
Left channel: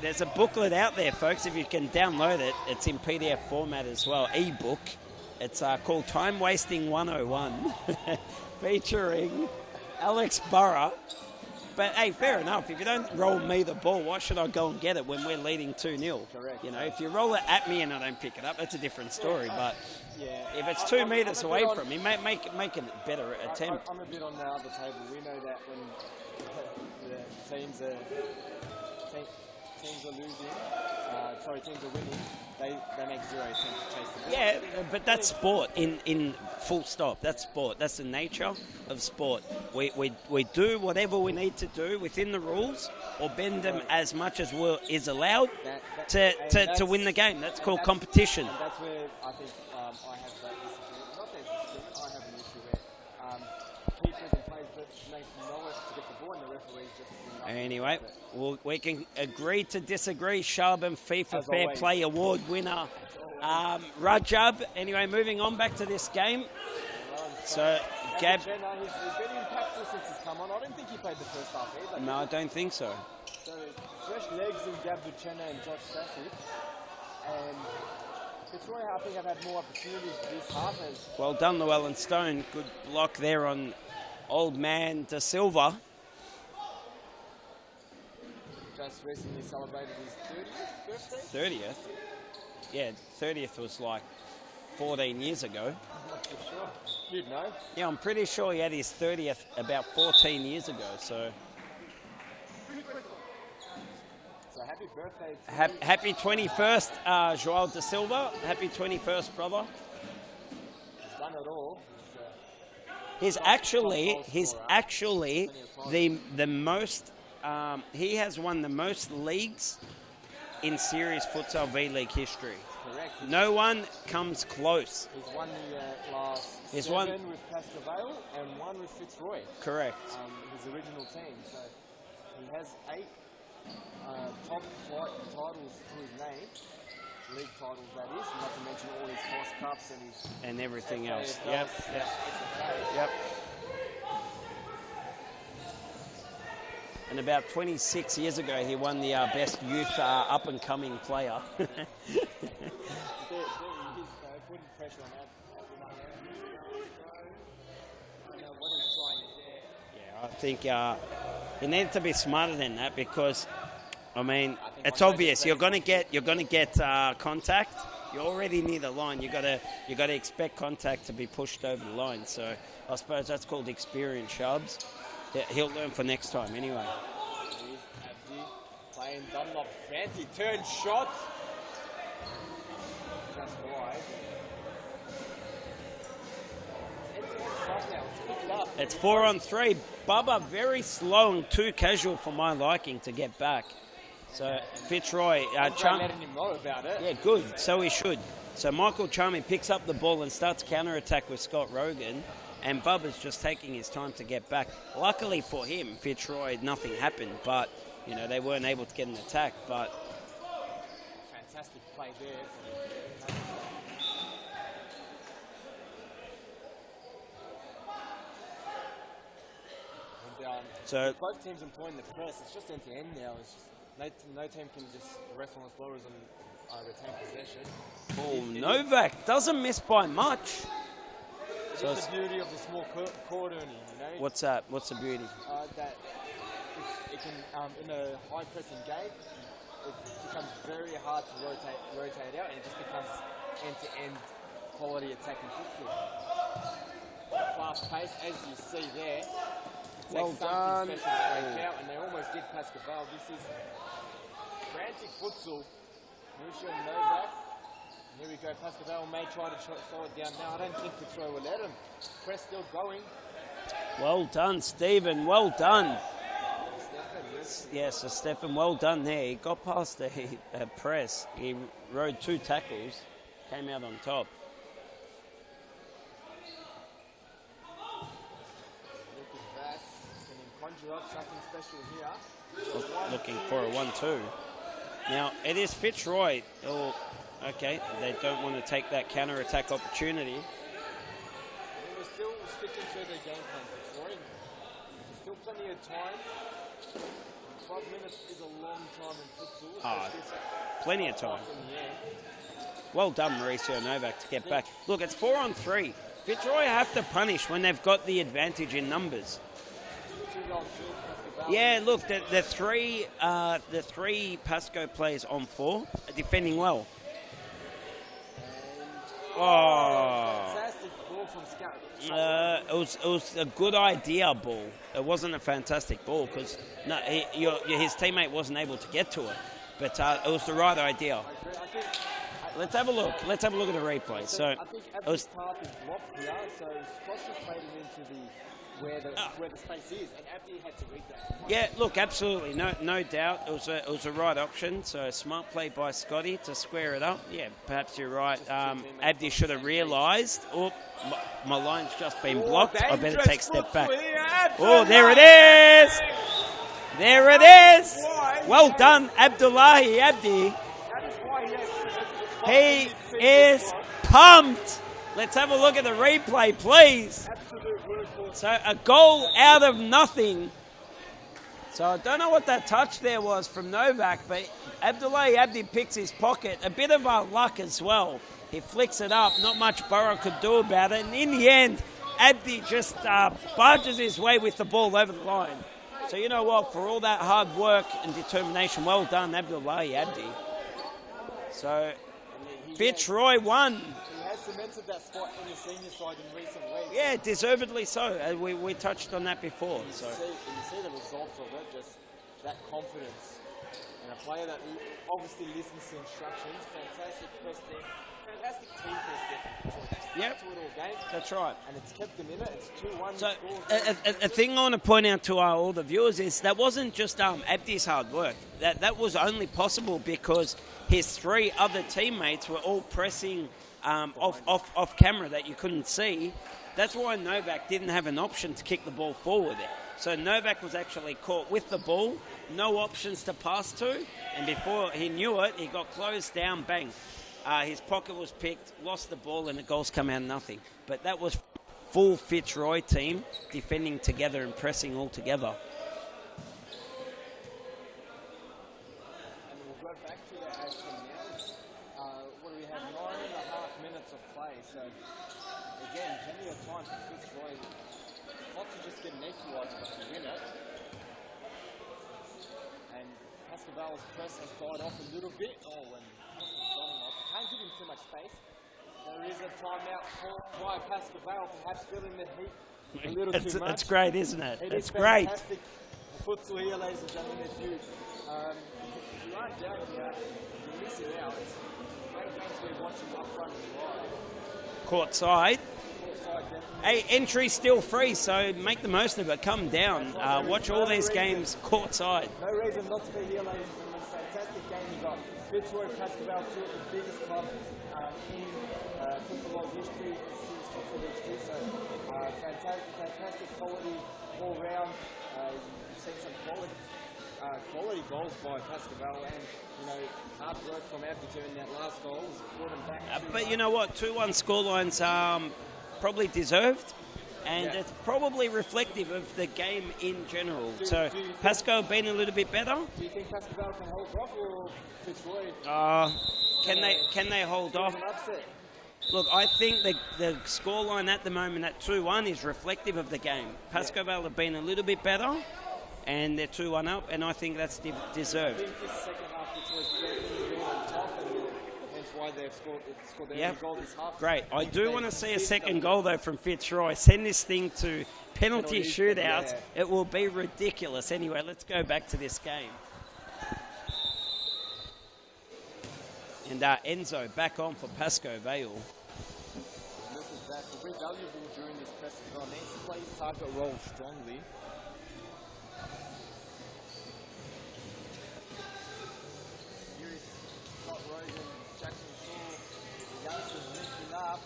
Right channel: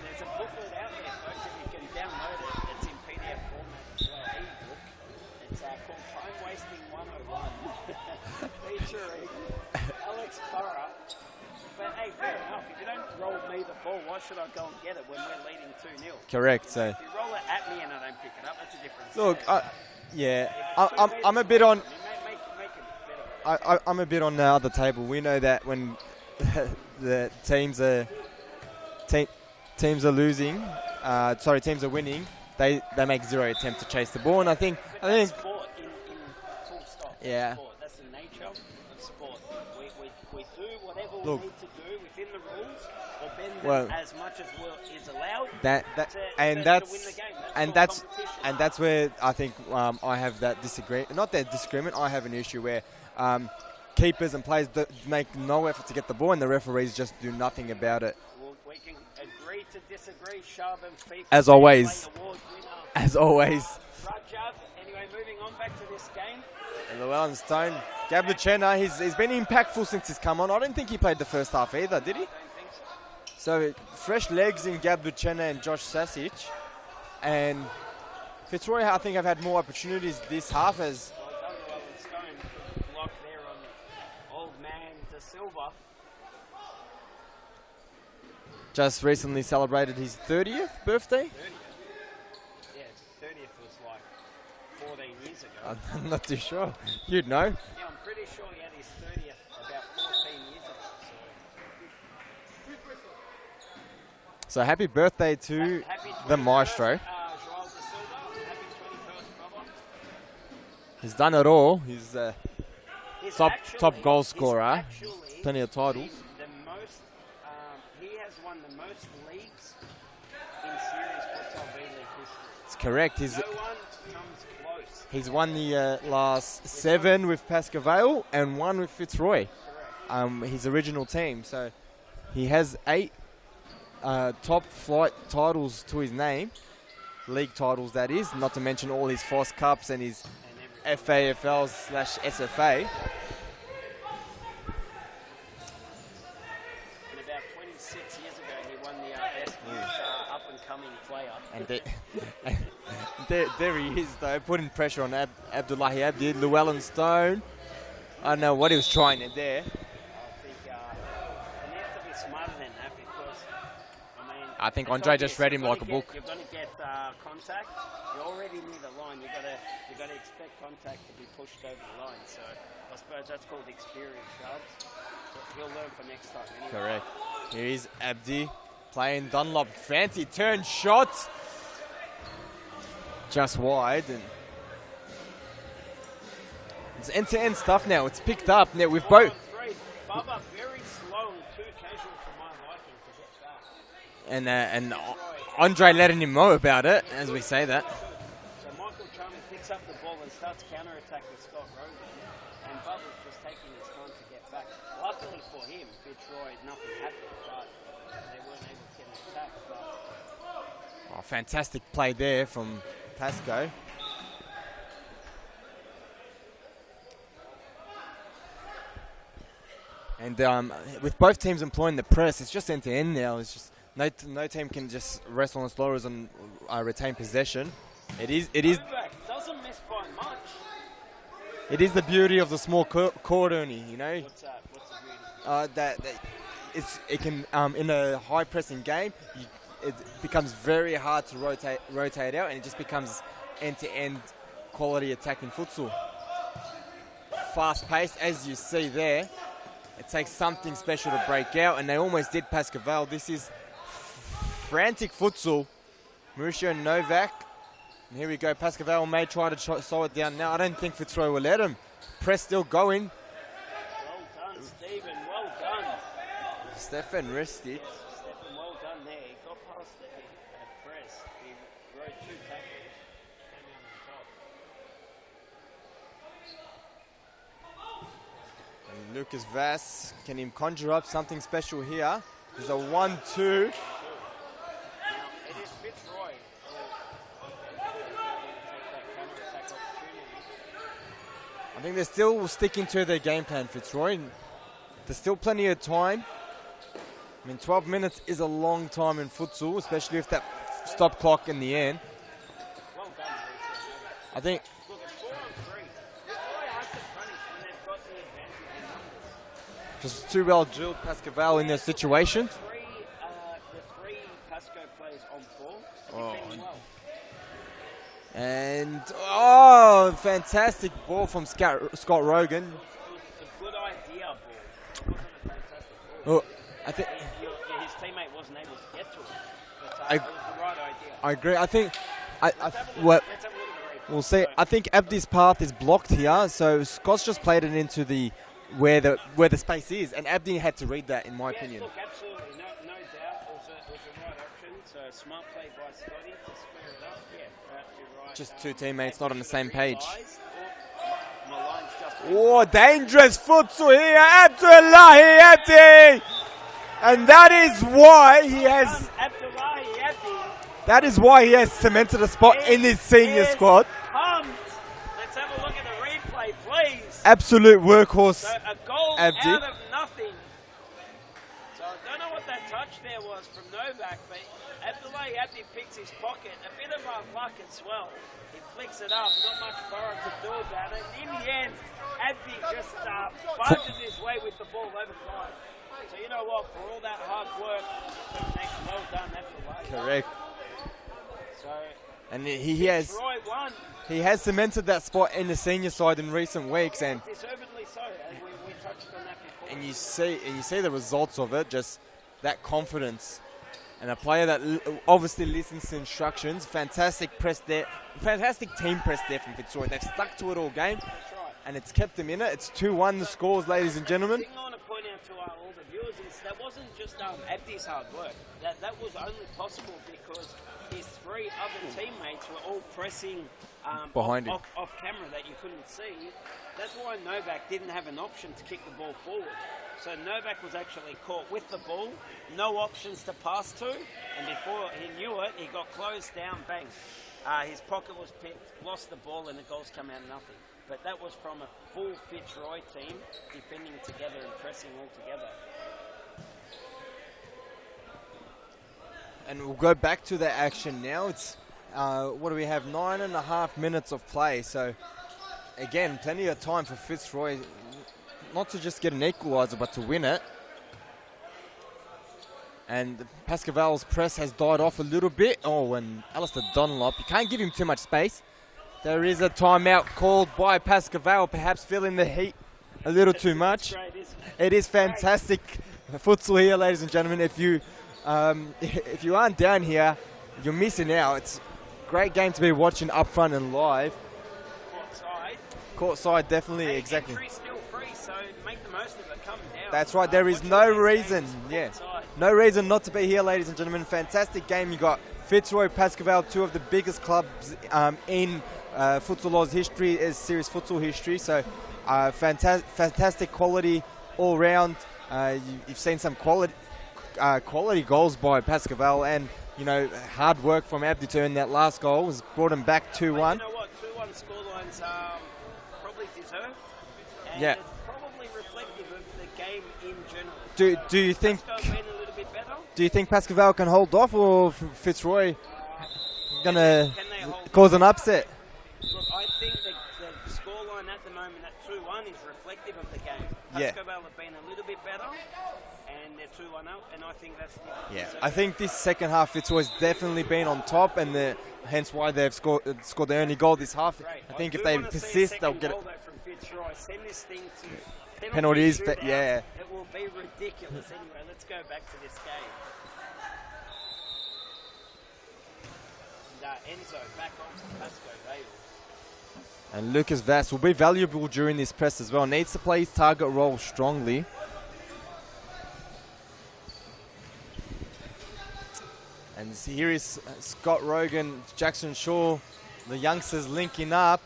There's a booklet out there, folks. If you can download it, it's in PDF format as well, e-book. It's called Time Wasting 101, featuring Alex Burrow. But, hey, fair enough. If you don't roll me the ball, why should I go and get it when we're leading 2-0? Correct. You know, if you roll it at me and I don't pick it up, that's a different story. Look, but yeah, if it's 2 meters away from me, make it a better attempt. I'm a bit on the other table. We know that when the teams are losing, teams are winning, they make zero attempt to chase the ball. Yeah, and but that's sport in full stop. That's sport. That's the nature of sport. We do whatever we need to do within the rules, or bend them as much as is allowed to win the game. That's called competition. And that's where I think I have that disagreement. Not that disagreement. I have an issue where keepers and players make no effort to get the ball, and the referees just do nothing about it. Well, we can agree to disagree. Shab and FIFA as Fair always. Play Award winner. As always. Rajab. Anyway, moving on back to this game. Llewellyn Stone. Gabluchena, he's been impactful since he's come on. I don't think he played the first half either, did he? No, I don't think so. So, fresh legs in Gabluchena and Josh Sasic. And Fitzroy, I think, have had more opportunities this half. As well done, Llewellyn Stone. Good block there on old man De Silva. Just recently celebrated his 30th birthday. 30th? Yeah, 30th was like 14 years ago. I'm not too sure. You'd know. Yeah, I'm pretty sure he had his 30th about 14 years ago. So happy birthday to happy 21st, the maestro. João De Silva. Happy 21st, brother. He's done it all. He's top goal scorer. He's actually plenty of titles. The most. He has won the most leagues in Series Futsal V-League history. It's correct. No one comes close. He's won the last 7 with Pasca Vale and 1 with Fitzroy. Correct. His original team. So he has 8 top flight titles to his name. League titles, that is. Not to mention all his FOS Cups and his FAFLs / SFA. Yep. And about 26 years ago, he won the best youth up-and-coming player. There he is, though, putting pressure on Abdullahi Abdi. Llewellyn Stone. I don't know what he was trying there. I think he needed to be smarter than that, because, I mean, I think it's Andre obvious just you're going to get contact. You're already near the line. You got to expect contact to be pushed over the line. So I suppose that's called experience, Shubs. He'll learn for next time anyway. Correct. Here is Abdi playing Dunlop. Fancy turn shot. Just wide. It's end-to-end stuff now. It's picked up. It's 4-on-3. Bubba very slow and too casual for my liking to get back. And Fitzroy. Andre letting him know about it, yeah, as good. we say so that. So he should. So Michael Charming picks up the ball and starts counter-attack with Scott Rogan. And Bubba's just taking his time to get back. Luckily for him, Fitzroy, nothing happened. But, they weren't able to get an attack. But fantastic play there from Pasco. And with both teams employing the press, it's just end-to-end now. It's just no team can just rest on its laurels and retain possession. Novak doesn't miss by much. It is the beauty of the small court, Ernie, you know. What's that? What's the beauty? That it can in a high pressing game, it becomes very hard to rotate out, and it just becomes end-to-end quality attacking futsal. Fast paced, as you see there. It takes something special to break out, and they almost did Pascal. This is frantic futsal. Mauricio Novak. And here we go. Pascal may try to slow it down now. I don't think Fitzroy will let him. Press still going. Well done, Stephen. Well done. Stefan Risty. Yes, so Stefan, well done there. He got past the press. He rode 2 tackles, came out on top. And Lucas Vass, can he conjure up something special here? There's a 1-2. 1-2. Now, it is Fitzroy. Oh, okay, they don't want to take that counter-attack opportunity. I think they're still sticking to their game plan, Fitzroy. There's still plenty of time. I mean, 12 minutes is a long time in futsal, especially if that stop clock in the end. Well done, Mauricio Novak, to get back. Look, it's 4-on-3. Fitzroy have to punish when they've got the advantage in numbers. Just too well drilled Pascal in this situation. The three Pasco players on 4 are defending well. And fantastic ball from Scott Rogan. It was a good idea ball. It wasn't a fantastic ball. His teammate wasn't able to get to it, but it was the right idea. I agree. I think. Let's have a look. Let's have a look at the replay. We'll see. I think Abdi's path is blocked here, so Scott's just played it into the where the space is, and Abdi had to read that in my opinion. Yeah, look, absolutely, no doubt. It was a right option. So smart play by Scotty to square it up. Yeah, perhaps you're right. Just 2 teammates Abdi not on should the have same realised. Oh, my line's just been blocked. Dangerous futsal here, Abdullahi. And that is why well done, Abdullahi Abdi. That is why he has cemented a spot in his senior squad. Pumped. Let's have a look at the replay, please. Absolute workhorse. So a goal out of nothing. So I don't know what that touch there was from Novak, but Abdullahi Abdi picks his pocket. A bit of luck as well. He flicks it up. Not much Burrow could do about it. And in the end, Abdi just barges his way with the ball over the line. So you know what? For all that hard work and determination, well done, Abdullahi Abdi. So... And Fitzroy won. He has cemented that spot in the senior side in recent weeks. Yeah, deservedly so. We touched on that before. And you see the results of it, just that confidence. And a player that obviously listens to instructions. Fantastic press there. Fantastic team press there from Fitzroy. They've stuck to it all game. That's right. And it's kept them in it. It's 2-1 the scores, ladies and gentlemen. The thing I want to point out to all the viewers is that wasn't just Abdi's hard work. That was only possible because his 3 other teammates were all pressing off camera that you couldn't see. That's why Novak didn't have an option to kick the ball forward. So Novak was actually caught with the ball, no options to pass to, and before he knew it, he got closed down, bang. His pocket was picked, lost the ball, and the goals come out nothing. But that was from a full Fitzroy team defending together and pressing all together. And we'll go back to the action now. It's, what do we have, 9.5 minutes of play. So, again, plenty of time for Fitzroy not to just get an equaliser, but to win it. And Pascal's press has died off a little bit. Oh, and Alistair Dunlop, you can't give him too much space. There is a timeout called by Pascal, perhaps feeling the heat a little too much. It's great, isn't it? It is fantastic futsal here, ladies and gentlemen. If you aren't down here, you're missing out. It's a great game to be watching up front and live. Courtside, definitely. Hey, entry's still free, so make the most of it. Come down. That's right. There is no reason. Courtside. No reason not to be here, ladies and gentlemen. Fantastic game. You got Fitzroy, Pascal, 2 of the biggest clubs in Futsal Oz history, is serious futsal history. So fantastic quality all round. You've seen some quality goals by Pascal, and hard work from Abdi to earn that last goal has brought him back 2-1. But you know what? 2-1 scorelines probably deserved, and it's probably reflective of the game in general. Do you think Pascal been a little bit better? Do you think Pascal can hold off, or Fitzroy can they hold cause on? an upset? Look, I think the scoreline at the moment at 2-1 is reflective of the game. Pascoe Vale have been a little bit better, and they're 2-1 up, and I think that's deserved. I think this second half, Fitzroy's definitely been on top, and hence why they've scored their only goal this half. Great. I think do if they want to see a persist, second they'll goal, though, from Fitzroy. Send this thing to penalty shootouts. It will be ridiculous. Anyway, let's go back to this game. And Enzo back on for Pascoe Vale. And Lucas Vass will be valuable during this press as well. Needs to play his target role strongly. And here is Scott Rogan, Jackson Shaw, the youngsters linking up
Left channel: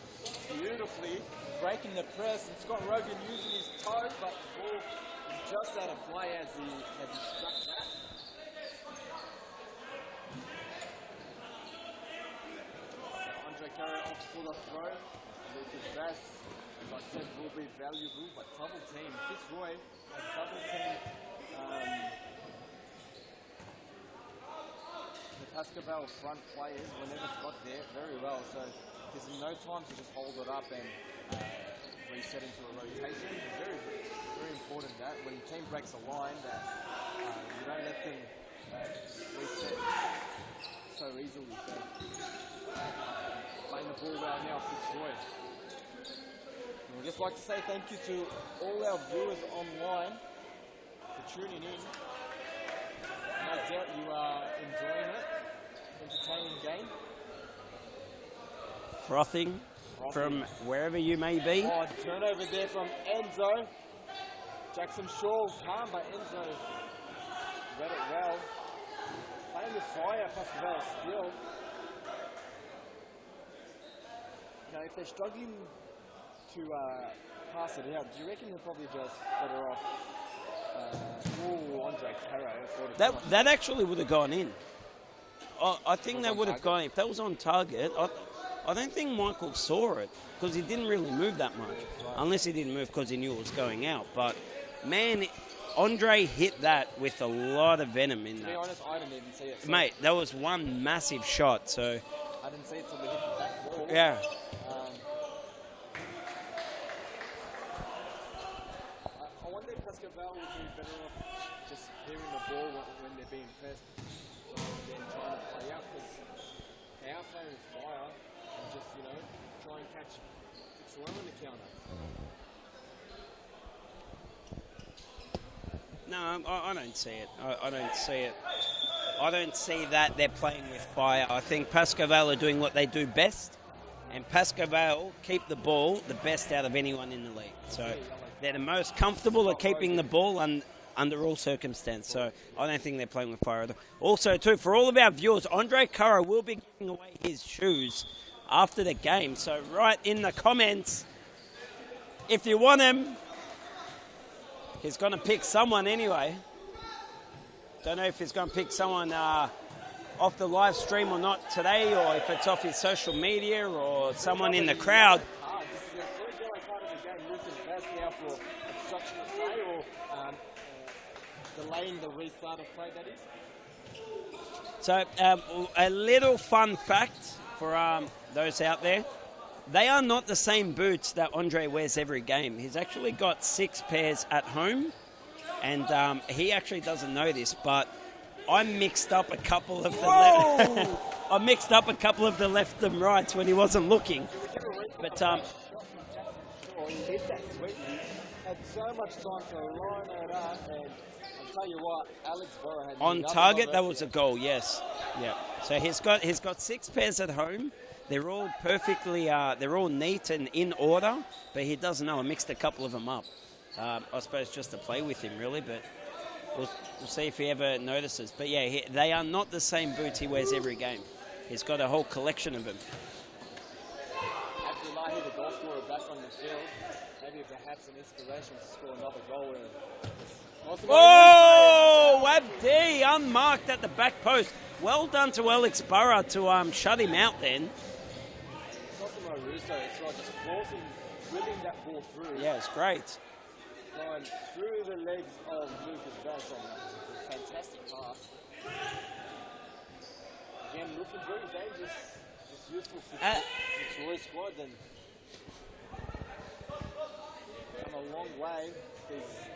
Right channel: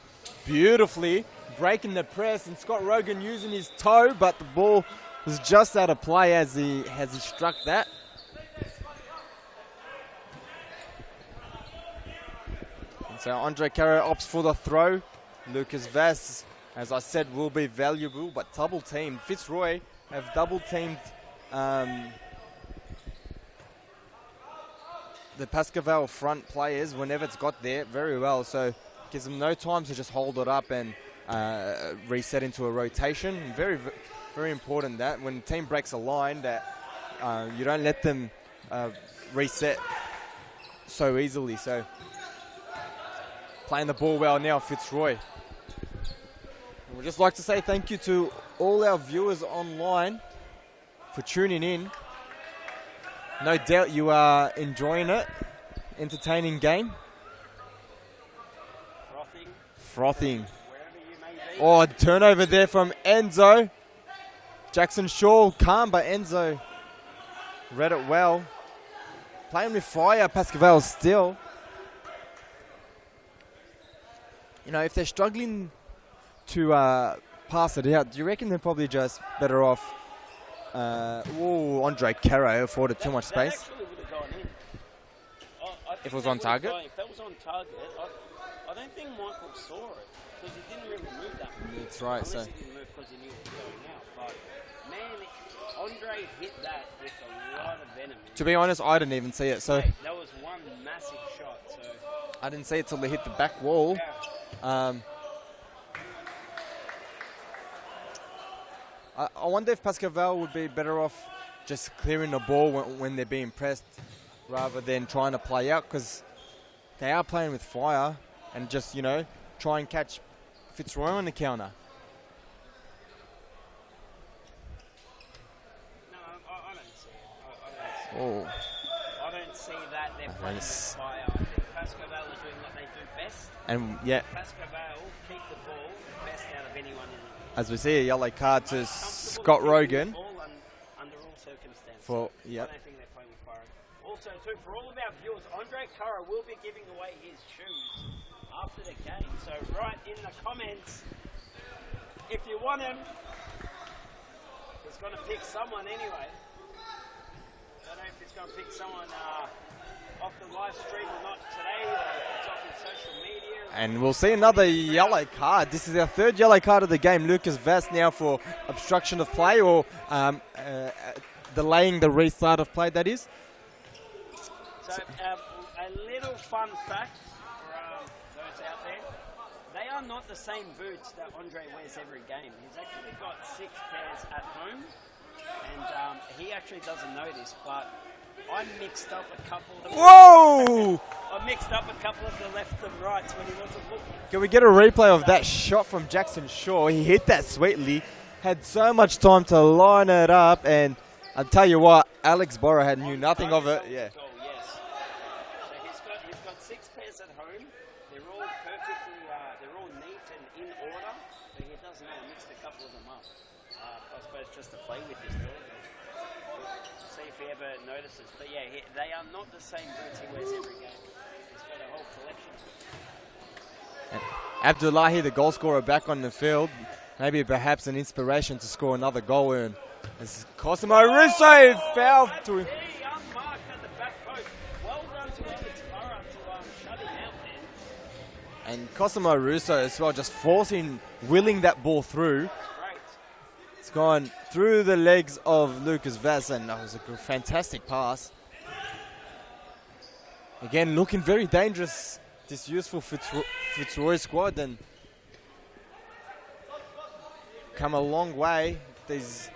beautifully, breaking the press, and Scott Rogan using his toe, but the ball was just out of play as he struck that. And so Andre Caro opts for the throw. Lucas Vass, as I said, will be valuable, but double teamed. Fitzroy have double teamed the Pascoe Vale front players whenever it's got there very well, so gives them no time to just hold it up and reset into a rotation. Very, very important that when the team breaks a line that you don't let them reset so easily. So playing the ball well now, Fitzroy. We'd just like to say thank you to all our viewers online for tuning in. No doubt you are enjoying it. Entertaining game. Frothing. Frothing. From wherever you may be. Oh, turnover there from Enzo. Jackson Shaw, calm, but Enzo read it well. Playing with fire, Pascoe Vale still. You know, if they're struggling to pass it out, do you reckon they're probably just better off? Andre Caro afforded too much space. That actually would have gone in. I think that would have gone. If that was on target, I don't think Michael saw it because he didn't really move that much. That's right. Unless he didn't move because he knew it was going out. But man, Andre hit that with a lot of venom in it. To be honest, I didn't even see it. So mate, that was one massive shot. So I didn't see it till they hit the back wall. Yeah. I wonder if Pascoe Vale would be better off just clearing the ball when they're being pressed rather than trying to play out, because they are playing with fire and just, you know, try and catch Fitzroy on the counter. No, I don't see it. I don't see it. I don't see that they're playing with fire. I think Pascoe Vale are doing what they do best. And yeah, Pascoe Vale keep the ball the best out of anyone in the league. As we see a yellow card to most comfortable Scott at keeping Rogan. the ball under all circumstances. Well, so I don't think they're playing with fire. Also, too, for all of our viewers, Andre Caro will be giving away his shoes after the game. So write in the comments if you want him. He's going to pick someone anyway. Don't know if he's going to pick someone off the live stream or not today, or if it's off his social media. And we'll see another yellow card. This is our third yellow card of the game. Lucas Vass now for obstruction of play, or delaying the restart of play, that is. So a little fun fact for those out there. They are not the same boots that Andre wears every game. He's actually got 6 pairs at home. And he actually doesn't know this, but I mixed up a couple of. Whoa! I mixed up a couple of the left and rights when he wasn't looking. Can we get a replay of that shot from Jackson Shaw? He hit that sweetly, had so much time to line it up, and I'll tell you what, Alex Borrow had on nothing target, of it. That was a goal, yes. Yeah. So he's got 6 pairs at home. They're all perfectly, they're all neat and in order, but he doesn't know. I mixed a couple of them up. I suppose just to play with him, really, but we'll see if he ever notices. But yeah, they are not the same boots he wears every game. He's got a whole collection of them. Abdullahi, the goal scorer, back on the field. Maybe perhaps an inspiration to score another goal. And this is Cosimo Russo. Abdi unmarked at the back post. Well done to Alex Burrow to shut him out then. And Cosimo Russo as well, just willing that ball through. Yeah, it's great. It's gone through the legs of Lucas Vass, and that was a fantastic pass. Again, looking very dangerous this useful Fitzroy squad and come a long way. These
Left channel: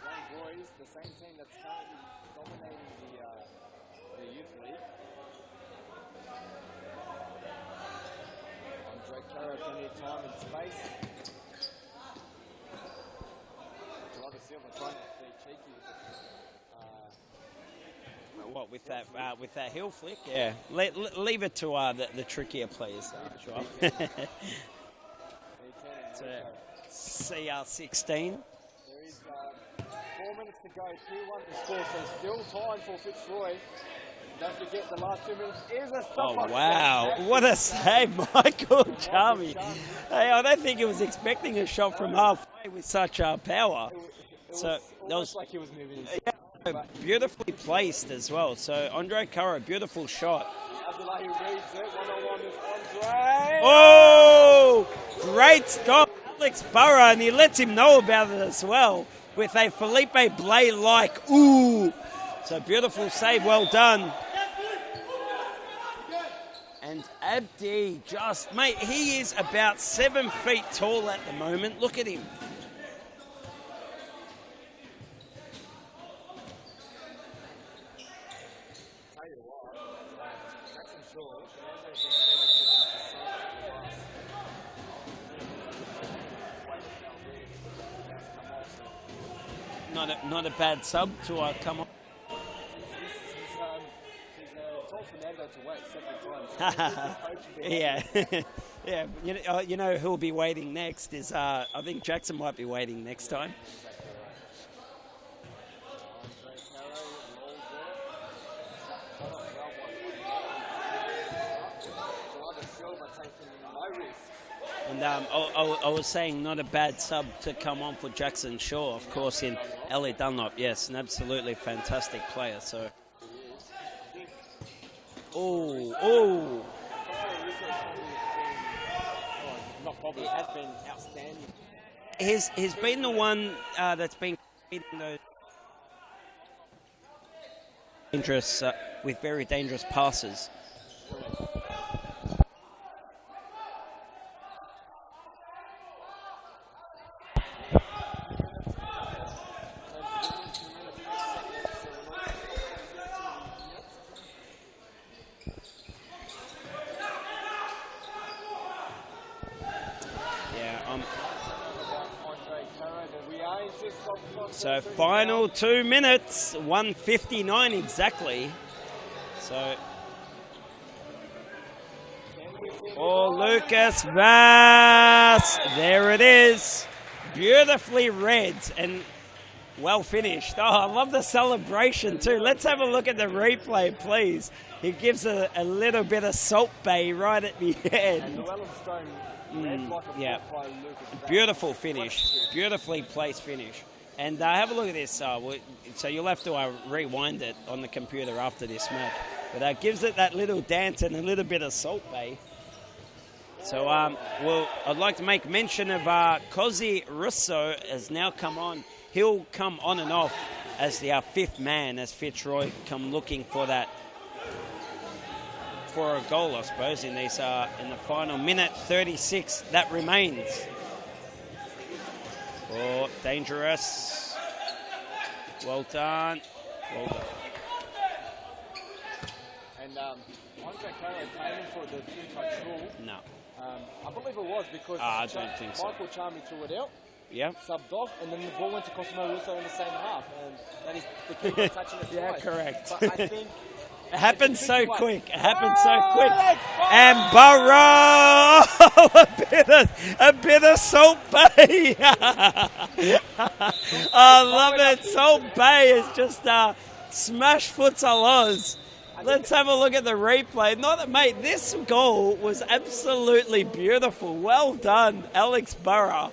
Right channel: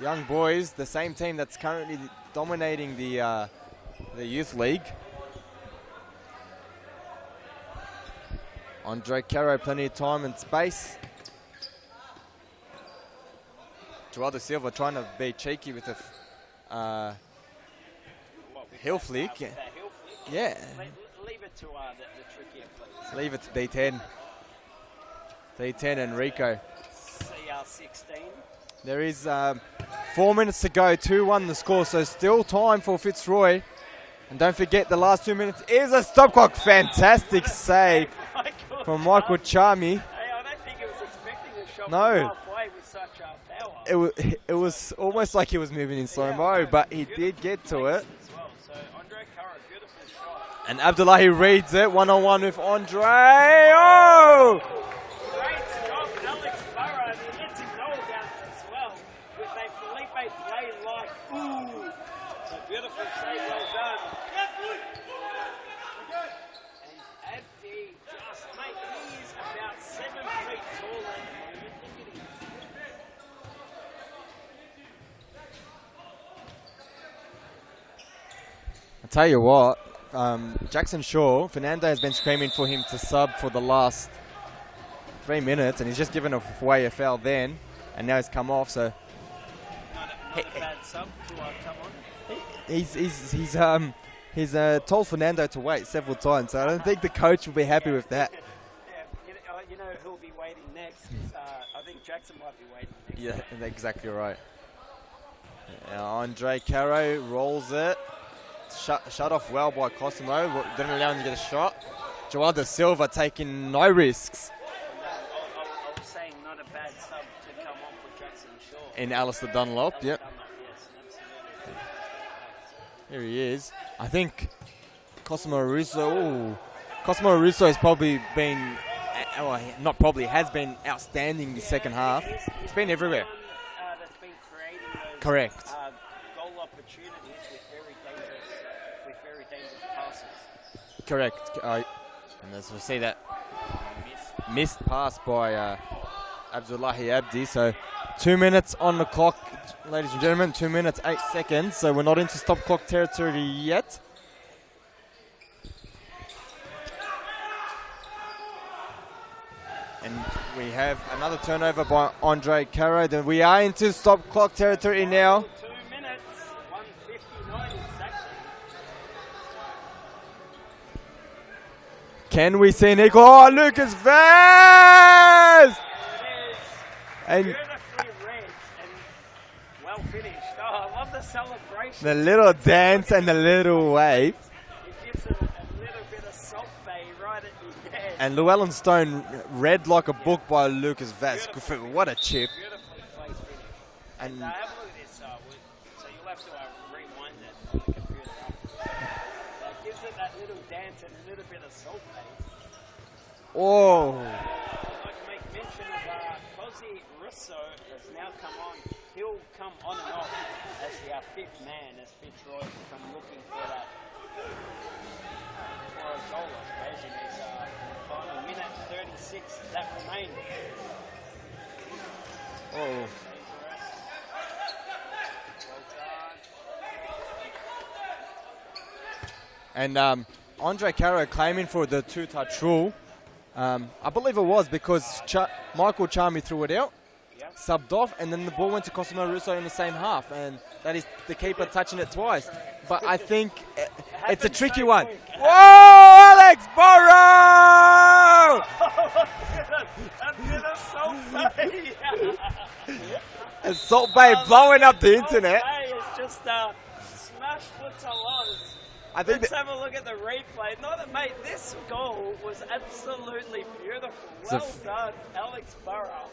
young boys, the same team that's currently dominating the youth league. Andre Caro, plenty of time and space. Joao da Silva trying to be cheeky with a heel flick. With that heel flick? Yeah. Leave it to the trickier players. Leave it to D10. D10 and Rico. CR16. There is 4 minutes to go, 2-1 the score, so still time for Fitzroy. And don't forget the last 2 minutes is a stop clock. Wow. Fantastic What a save from Michael Charmy. Hey, I don't think he was expecting a shot No. from halfway with such power. It was almost like he was moving in slow-mo, but he did get to it. Beautifully as well. So Andre Caro, beautiful shot. And Abdullahi reads it, one-on-one with Andre. Oh! Great stop, Alex Burrow, and he lets him know about it as well with a Felipe Blay-like ooh. So beautiful save, well done. And Abdi just, mate, he is about 7 feet tall at the moment. Look at him. I'll tell you what, Jackson Shaw, Fernando has been screaming for him to sub for the last 3 minutes, and he's just given away a foul then, and now he's come off, so... Not a bad sub to come on. He's told Fernando to wait several times, so I don't think the coach will be happy with that. Yeah, you know who'll be waiting next is, I think Jackson might be waiting next time. Exactly right. Andre Caro rolls it. Shut off well by Cosimo, didn't allow him to get a shot. Joao da Silva taking no risks. And I was saying not a bad sub to come on for Jackson Shaw. In Alistair Dunlop. Elliot Dunlop, yes, an absolutely fantastic player. So here he is. I think Cosimo Russo. Cosimo Russo has probably been, not probably, has been outstanding the second half. He's been everywhere. The one that's been creating those correct goal opportunities with very dangerous passes. Correct. And as we see that missed pass by Abdullahi Abdi. So 2 minutes on the clock, ladies and gentlemen. 2 minutes, 8 seconds. So we're not into stop clock territory yet. And we have another turnover by Andre Caro. Then we are into stop clock territory so now. Final 2 minutes, 1:59 exactly. So. Can we see Nico? Oh, Lucas Vaz! There it is. And beautifully read and well finished. Oh, I love the celebration. The little dance and the little wave. Please. He gives a little bit of Salt Bay right at the end. And Llewellyn Stone read like a book by Lucas Vaz. Beautiful finish. What a chip. Beautifully placed finish. And have a look at this. So you'll have to rewind it on the computer after this match. But that gives it that little dance and a little bit of Salt Bay. Oh. So, I'd like to make mention of Cosi Russo has now come on. He'll come on and off as the fifth man as Fitzroy come looking for a goal, I suppose, in the final minute 36 that remains. Oh, dangerous. Well done. And Andre Caro claiming for the two-touch rule. No. I believe it was because Michael Charmy threw it out, subbed off, and then the ball went to Cosimo Russo in the same half. And that is the keeper touching it twice. Correct. But I think it's a tricky one. Quick. It Alex Burrow! And a bit of Salt Bay. The Salt Bay blowing up the Salt internet. Bay is just smash Futsal Oz. Let's have a look at the replay. Mate, this goal was absolutely beautiful. Well done, Alex Burrow.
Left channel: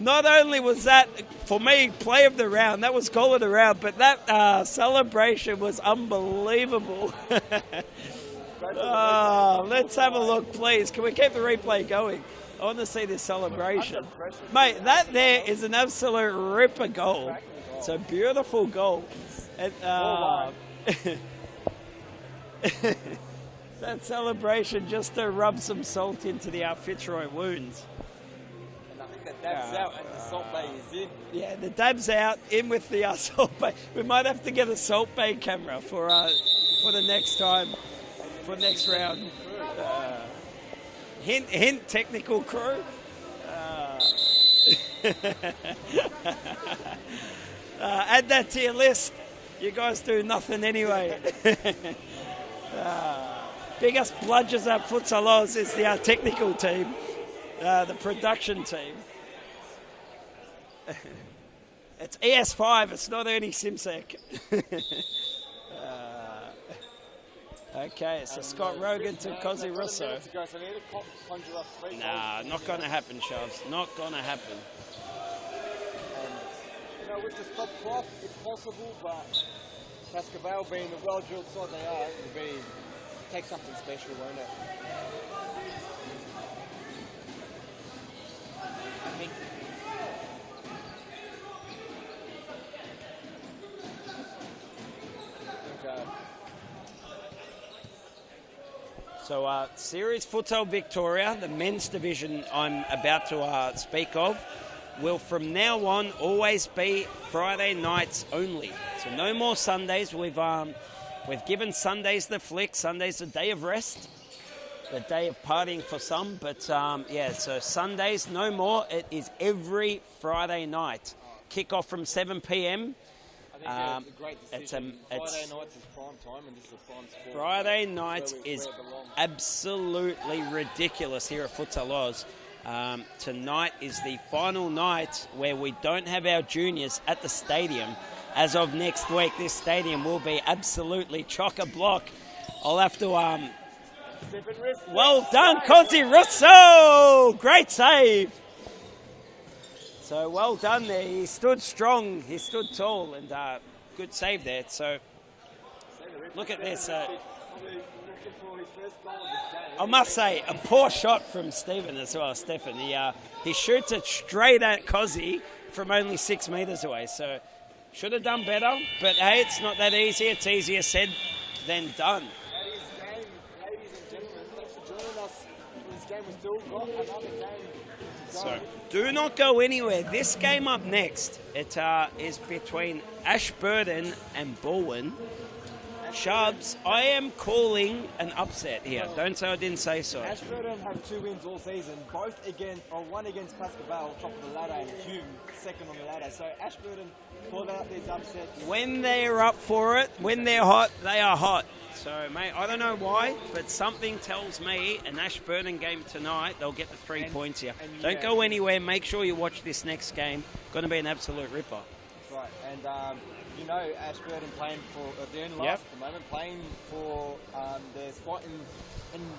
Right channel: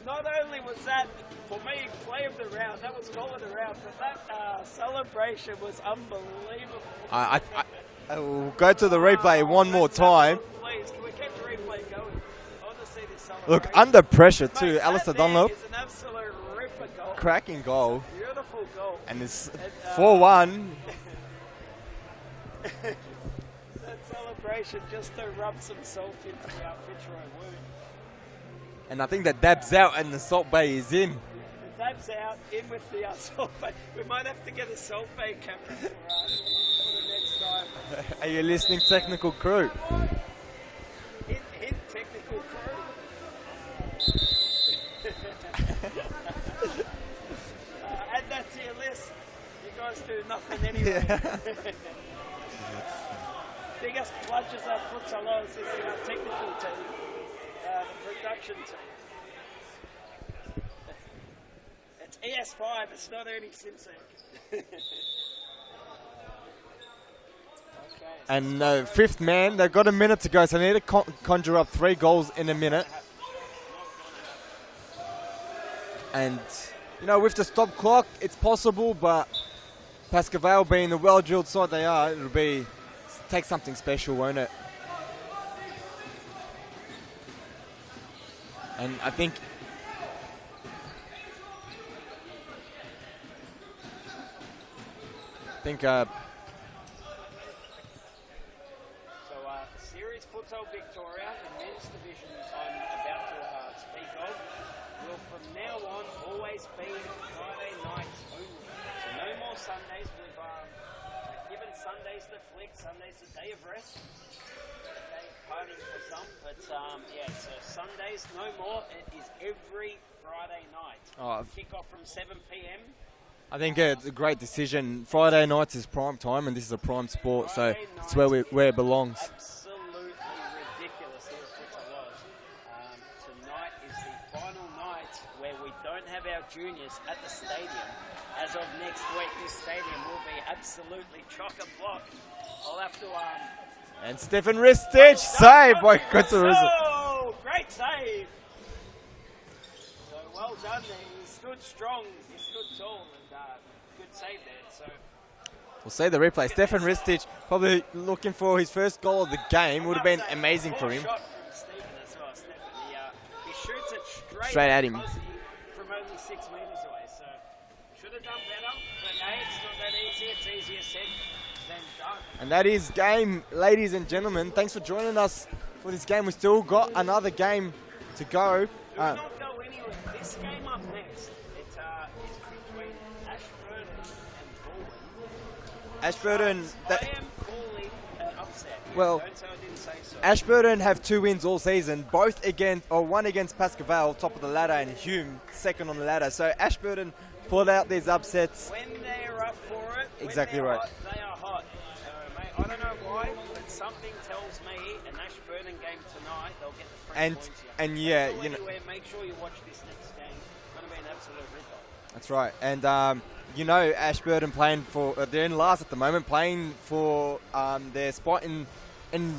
Not only was that, for me, play of the round, that was goal of the round, but that celebration was unbelievable. I will go to the replay one more time. Have a look, please. Can we keep the replay going? I want to see this celebration. Look, under pressure too, Mate, Alistair that there Dunlop. is an absolute ripper goal. Cracking goal. It's a beautiful goal. And it's 4-1. that celebration just to rub some salt into the Fitzroy wounds. And I think that dab's out and the Salt Bay is in. Yeah, the dab's out, in with the Salt Bay. We might have to get a Salt Bay camera for the next time. Are you listening, technical crew? Hint, technical crew. Add that to your list. You guys do nothing anyway. Biggest bludgers at Futsal Oz is the technical team, the production team. It's ES5, it's not Ernie Simsek. Okay, so and fifth man, they've got a minute to go, so they need to conjure up 3 goals in a minute. Not going to happen, Charles. Not going to happen. And, you know, with the stop clock, it's possible, but Pascoe being the well-drilled side they are, it'll take something special, won't it? And I think So, Series Futsal Victoria, the men's division I'm about to speak of, will from now on always be Friday nights only. So no more Sundays. We've given Sundays the flick. Sunday's a day of rest, a day of partying for some. But yeah, so Sundays no more. It is every Friday night. Kick off from 7 p.m. I think it's a great decision. Friday nights is prime time, and this is a prime sport, Friday so it's where it belongs. Absolutely ridiculous here at Futsal Oz. Tonight is the final night where we don't have our juniors at the stadium. As of next week, this stadium will be absolutely chock-a-block. I'll have to... and Stefan Ristich, well done, save! Russo! Great save! So well done there. He stood strong, he stood tall, and good save there. So we'll see the replay. Stefan Ristich probably looking for his first goal of the game. I Would have must been say, amazing a poor for him. shot from Stephen as well. Stefan, he shoots it straight at him. Cozzy from only 6 metres away. So should have done better, but hey, it's not that easy. It's easier said than done. And that is game, ladies and gentlemen. Thanks for joining us for this game. We still got another game to go. So do not go anywhere. This game up next, it is between Ashburton and Bulwen. Ashburton, I am calling an upset here. Well, don't say I didn't say so. Ashburton have 2 wins all season, one against Pascoe, top of the ladder, and Hume, second on the ladder. So Ashburton pulled out these upsets. When they're up for it, when they're hot, they are hot. So, mate, I don't know why, but something tells me an Ashburton game tonight, they'll get the 3 points here. And don't go anywhere. Make sure you watch this next game. Going to be an absolute ripper. That's right. And, you know, Ashburton playing for, they're in last at the moment, playing for their spot in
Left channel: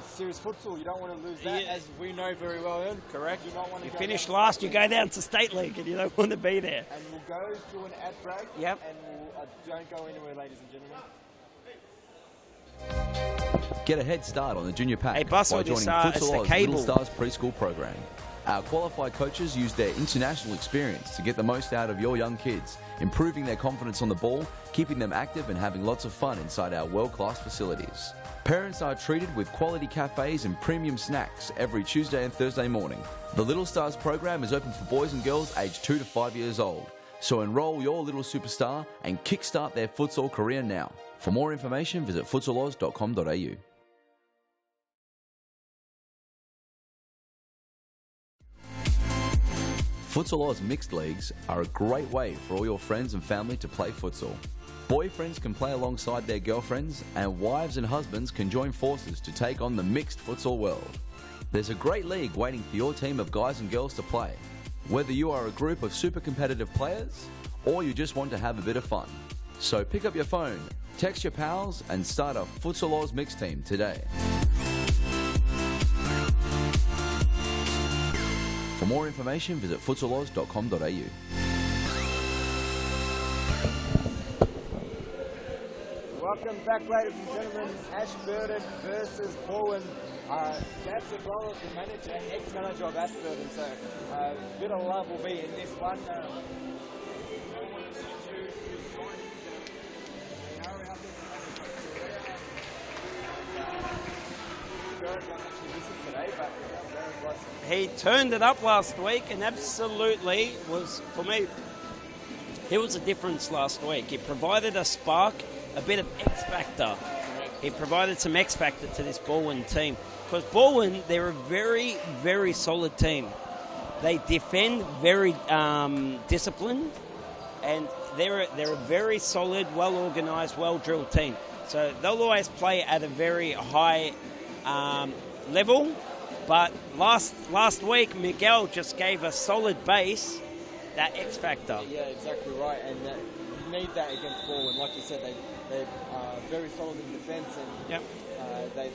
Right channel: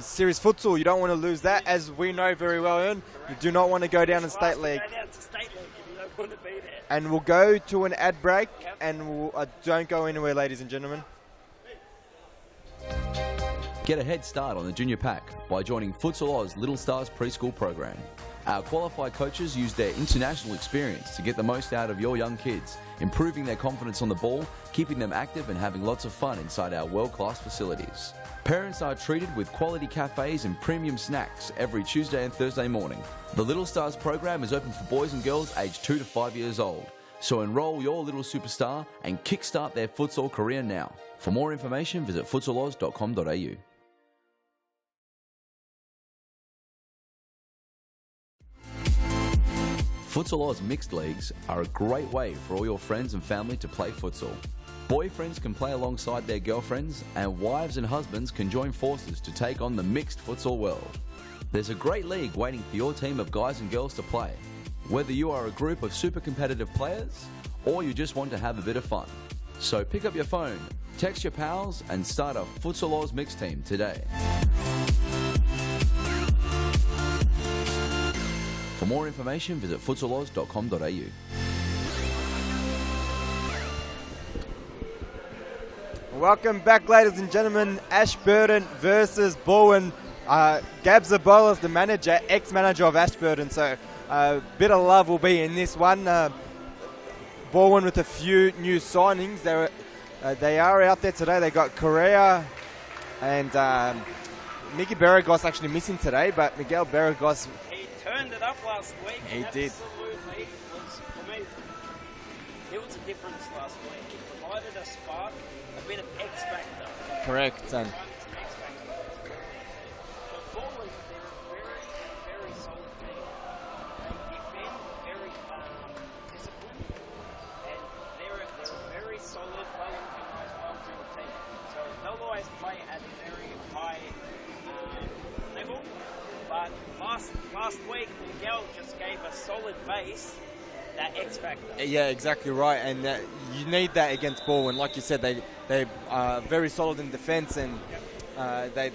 series futsal. You don't want to lose that, as we know very well, Ern. Correct. You do not want to go down to state league. You go down to state league and you don't want to be there. And we'll go to an ad break, Yep. and we'll, don't go anywhere, ladies and gentlemen. Get a head start on the junior pack by joining Futsal Oz Little Stars preschool program. Our qualified coaches use their international experience to get the most out of your young kids, improving their confidence on the ball, keeping them active and having lots of fun inside our world-class facilities. Parents are treated with quality cafes and premium snacks every Tuesday and Thursday morning. The Little Stars program is open for boys and girls aged 2 to 5 years old. So enroll your little superstar and kickstart their futsal career now. For more information, visit futsaloz.com.au. Futsal Oz mixed leagues are a great way for all your friends and family to play futsal. Boyfriends can play alongside their girlfriends, and wives and husbands can join forces to take on the mixed futsal world. There's a great league waiting for your team of guys and girls to play. Whether you are a group of super competitive players, or you just want to have a bit of fun. So pick up your phone, text your pals, and start a Futsal Oz mixed team today. For more information, visit futsaloz.com.au. Welcome back, ladies and gentlemen. Ashburton versus Bulwen. Gab Zabola, the manager, ex-manager of Ashburton, so a bit of love will be in this one. Bulwen with a few new signings. They are out there today. They got Korea and Mickey Barragos actually missing today, but Miguel Barragos, He turned it up last week and He did. absolutely was, for me, he was a difference last week. He provided a spark, a bit of X factor. correct. He provided some X factor to this Baldwin team. Because Baldwin, they're a very, very solid team. They defend very disciplined, and they're a very solid, well-organised, well-drilled team. So they'll always play at a very high level. But last week, Miguel just gave a solid base, that X factor. Yeah, exactly right. And you need that against Baldwin. Like you said, they are very solid in defence, and Yep.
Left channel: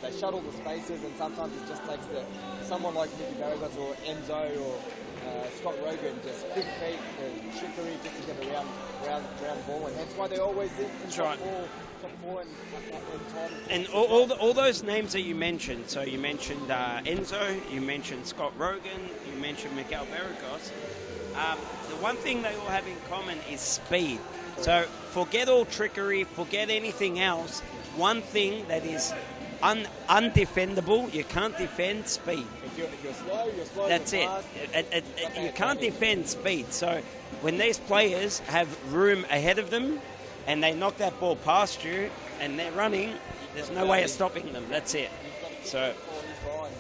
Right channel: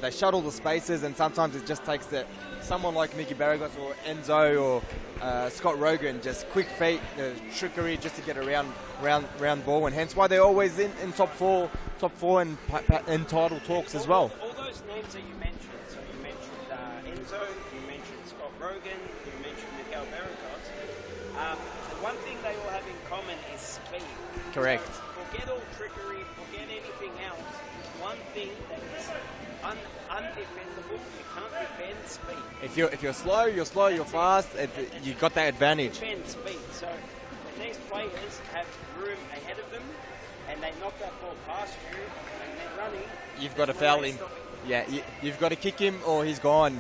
they shuttle the spaces, and sometimes it just takes someone like Mickey Barragos or Enzo or Scott Rogan, just quick feet, trickery just to get around Baldwin. Hence why they're always in top right. top four and title And talks as well. all those names that you mentioned, so you mentioned Enzo, you mentioned Scott Rogan, you mentioned Miguel Barragos. The one thing they all have in common is speed. Correct. So forget all trickery, forget anything else. One thing that is undefendable, you can't defend speed. If you're slow, you're That's you're fast. You've got that you advantage. can't defend speed. So when these players have room ahead of them and they knock that ball past you and they're running, You've got there's to no foul way him. of stopping them. Yeah, That's it. You've got to kick So- him or he's gone.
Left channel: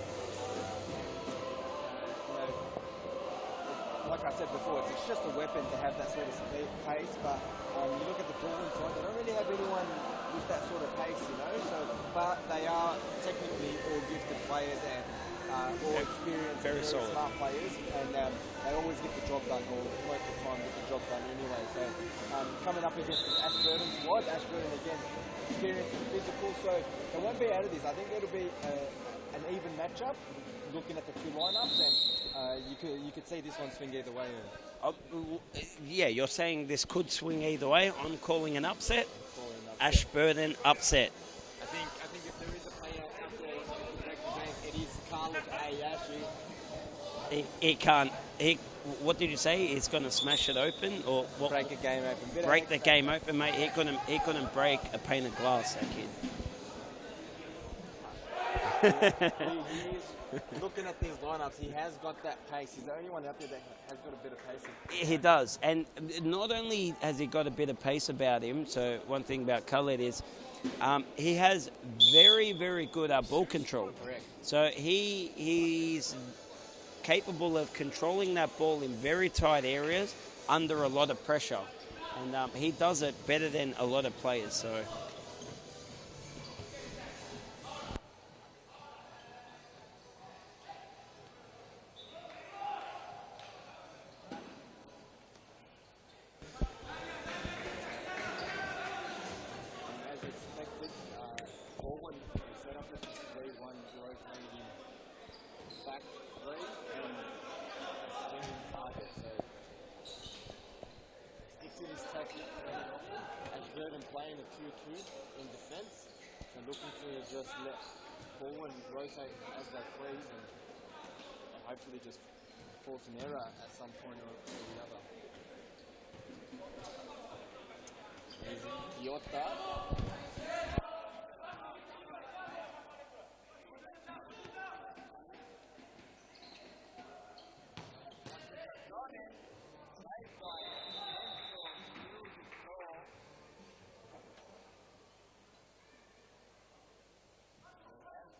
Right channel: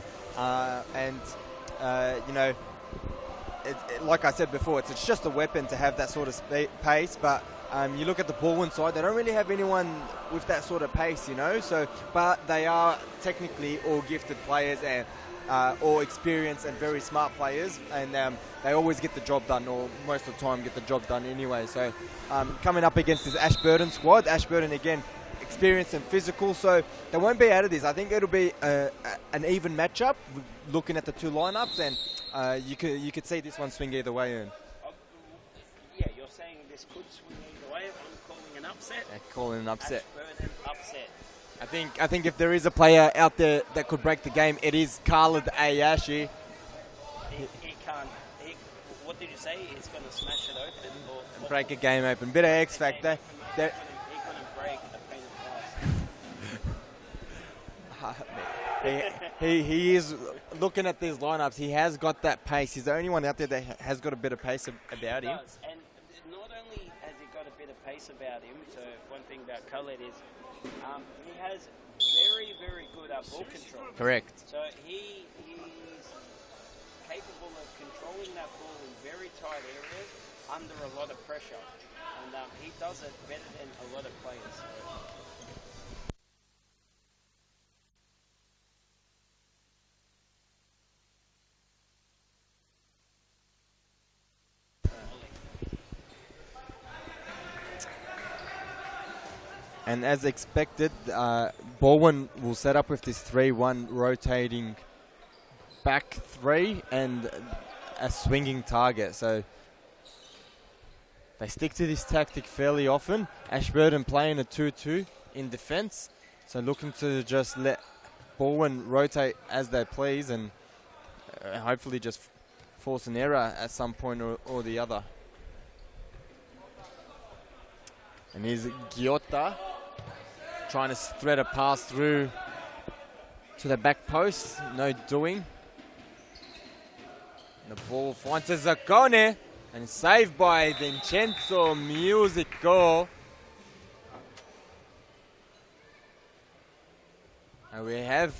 Like I said before, it's just a weapon to have that sort of pace. But you look at the Baldwin side; they don't really have anyone with that sort of pace, So, but they are technically all gifted players and all experienced and very smart players, and they always get the job done, or most of the time get the job done anyway. So, coming up against this Ashburton squad, Ashburton again, experienced and physical, so they won't be out of this. I think it'll be an even matchup, looking at the two lineups, and you could see this one swing either way. Yeah, you're saying this could swing either way. I'm calling an upset. Calling an upset. Ashburton upset. I think if there is a player out there that could break the game, it is Khalid Ayashi. He can't. What did you say? He's going to smash it open, or what? Break a game open. Bit of Break X the factor. game open, mate. He couldn't break a pane of glass. He is looking at these lineups. He has got that pace. He's the only one out there that has got a bit of pace about He him. does, and not only has he got a bit of pace about him. So one thing about Khaled is he has very, very good ball control. Correct. So he's capable of controlling that ball in very tight areas under a lot of pressure, and he does it better than a lot of players. So. And as expected, Baldwin will set up with this 3-1 rotating back three and a swinging target. So they stick to this tactic fairly often. Ashburton playing a 2-2 in defence. So looking to just let Baldwin rotate as they please and hopefully just force an error at some point or the other. And here's Giotta trying to thread a pass through to the back post. No doing. The ball finds Zaccone and saved by Vincenzo Musico. And we have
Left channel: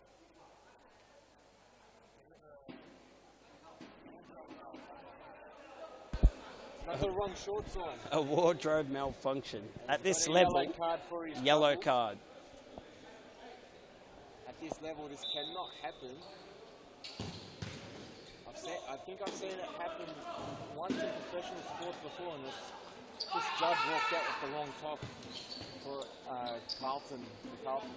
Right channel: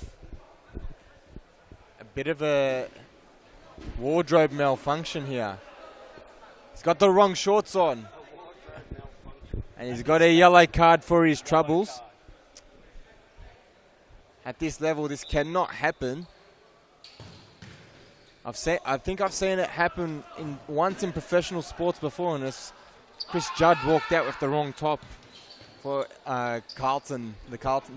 a bit of a wardrobe malfunction here. He's got the wrong shorts on. A wardrobe malfunction. And he's At got this a yellow level, card for his yellow troubles. card. At this level, this cannot happen. I think I've seen it happen once in professional sports before, and it's Chris Judd walked out with the wrong top for Carlton,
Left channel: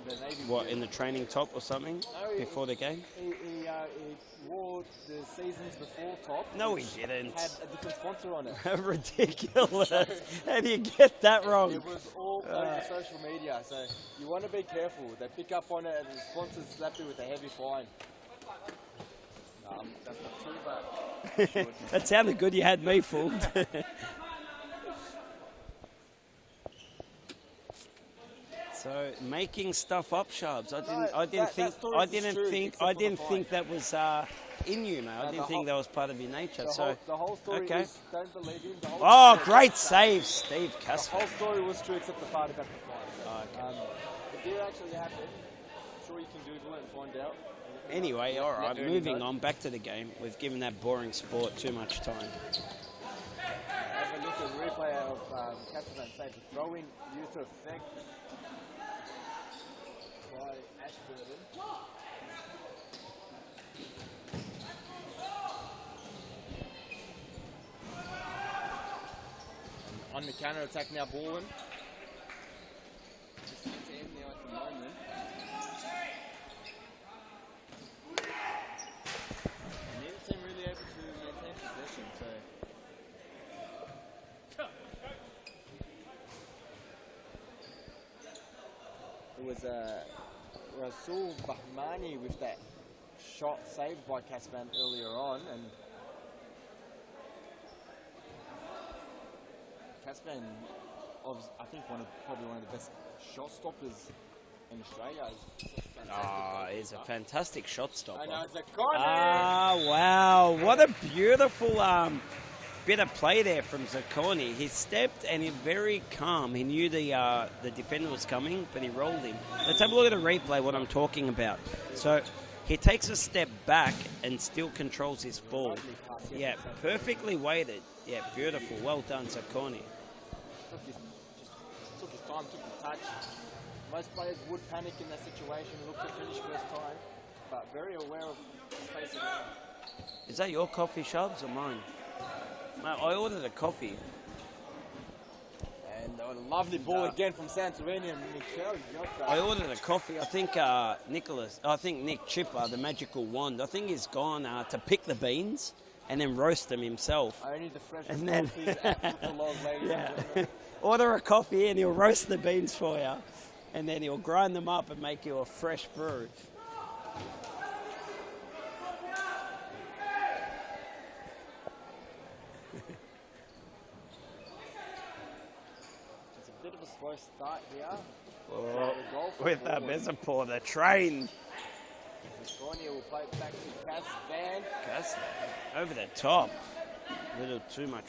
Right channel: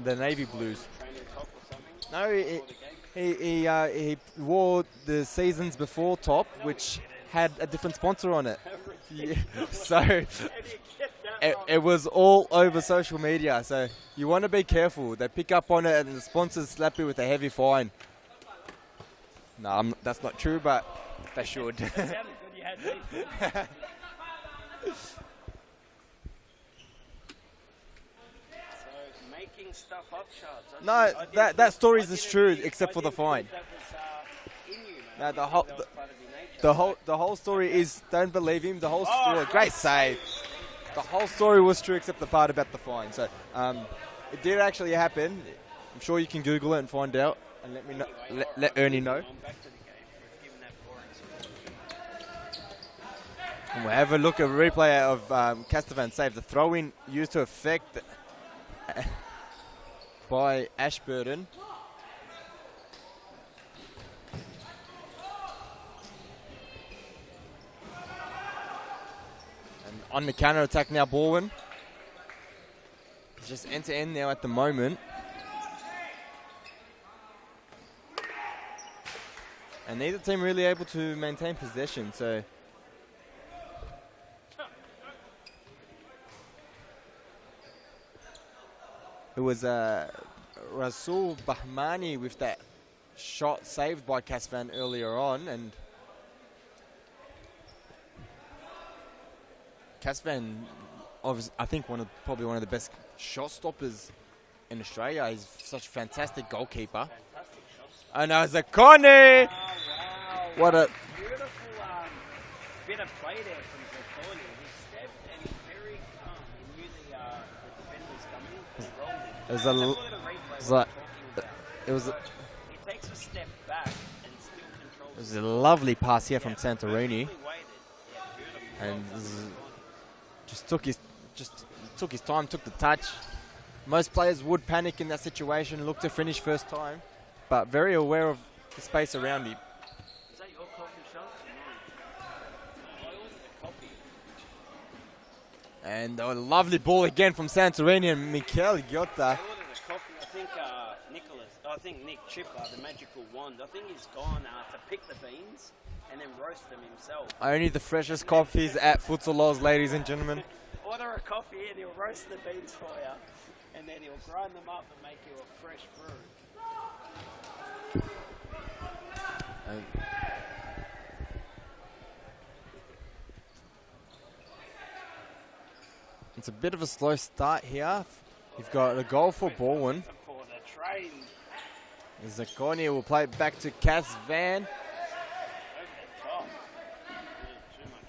the Navy What, Blues. in the training top or something? No, before the game? He wore the seasons before top, No, which he didn't. had a different sponsor on it. Ridiculous. So- How do you get that wrong? It was all over social media, so you want to be careful. They pick up on it, and the sponsors slap you with a heavy fine. No, that's not true, but they should. That sounded good. You had me fooled. So So making stuff up, Sharps. That story is true, except for the fine. I didn't think that was in you, mate. I didn't think that was part of your nature. The whole story is don't believe him. The whole great save, Steve Casper. The whole story was true, except the part about the fine. So it did actually happen. I'm sure you can Google it and find out. And anyway, all right. Moving on back to the game. We've given that boring sport too much time. And we'll have a look at a replay of Castavan save. The throw-in used to affect by Ashburton. And on the counter-attack now, Baldwin. Just end-to-end now at the moment. And neither team really able to maintain possession, so... It was Rasul Bahmani with that shot saved by Casvan earlier on, and Casvan, I think probably one of the best shot stoppers in Australia. He's such a fantastic goalkeeper. He's a fantastic shot stopper. And Zacconi! Wow. What a beautiful bit of play there from Zacconi. He stepped and he's very calm. He knew the defender was coming, but he rolled him. Let's have a look at a replay what I'm talking about. So he takes a step back and still controls his ball. A lovely pass here from Santorini. Perfectly weighted. Yeah, beautiful. Well done, Zacconi. Just took his time, took the touch. Most players would panic in that situation, look to finish first time, but very aware of the space around him. Is that your coffee, Shubs, or mine? I ordered a coffee. And a lovely ball again from Santorini and Mikel Giotta. I ordered a coffee. I think Nick Chipper, the magical wand, I think he's gone to pick the beans and then roast them himself. Only the freshest coffees at Futsal Oz, ladies and gentlemen. Order a coffee and he'll roast the beans for you. And then he'll grind them up and make you a fresh brew. It's a bit of a slow start here. We've got a goal for Baldwin. The train. Zacconi will play it back to Casvan. Over the top. A little too much.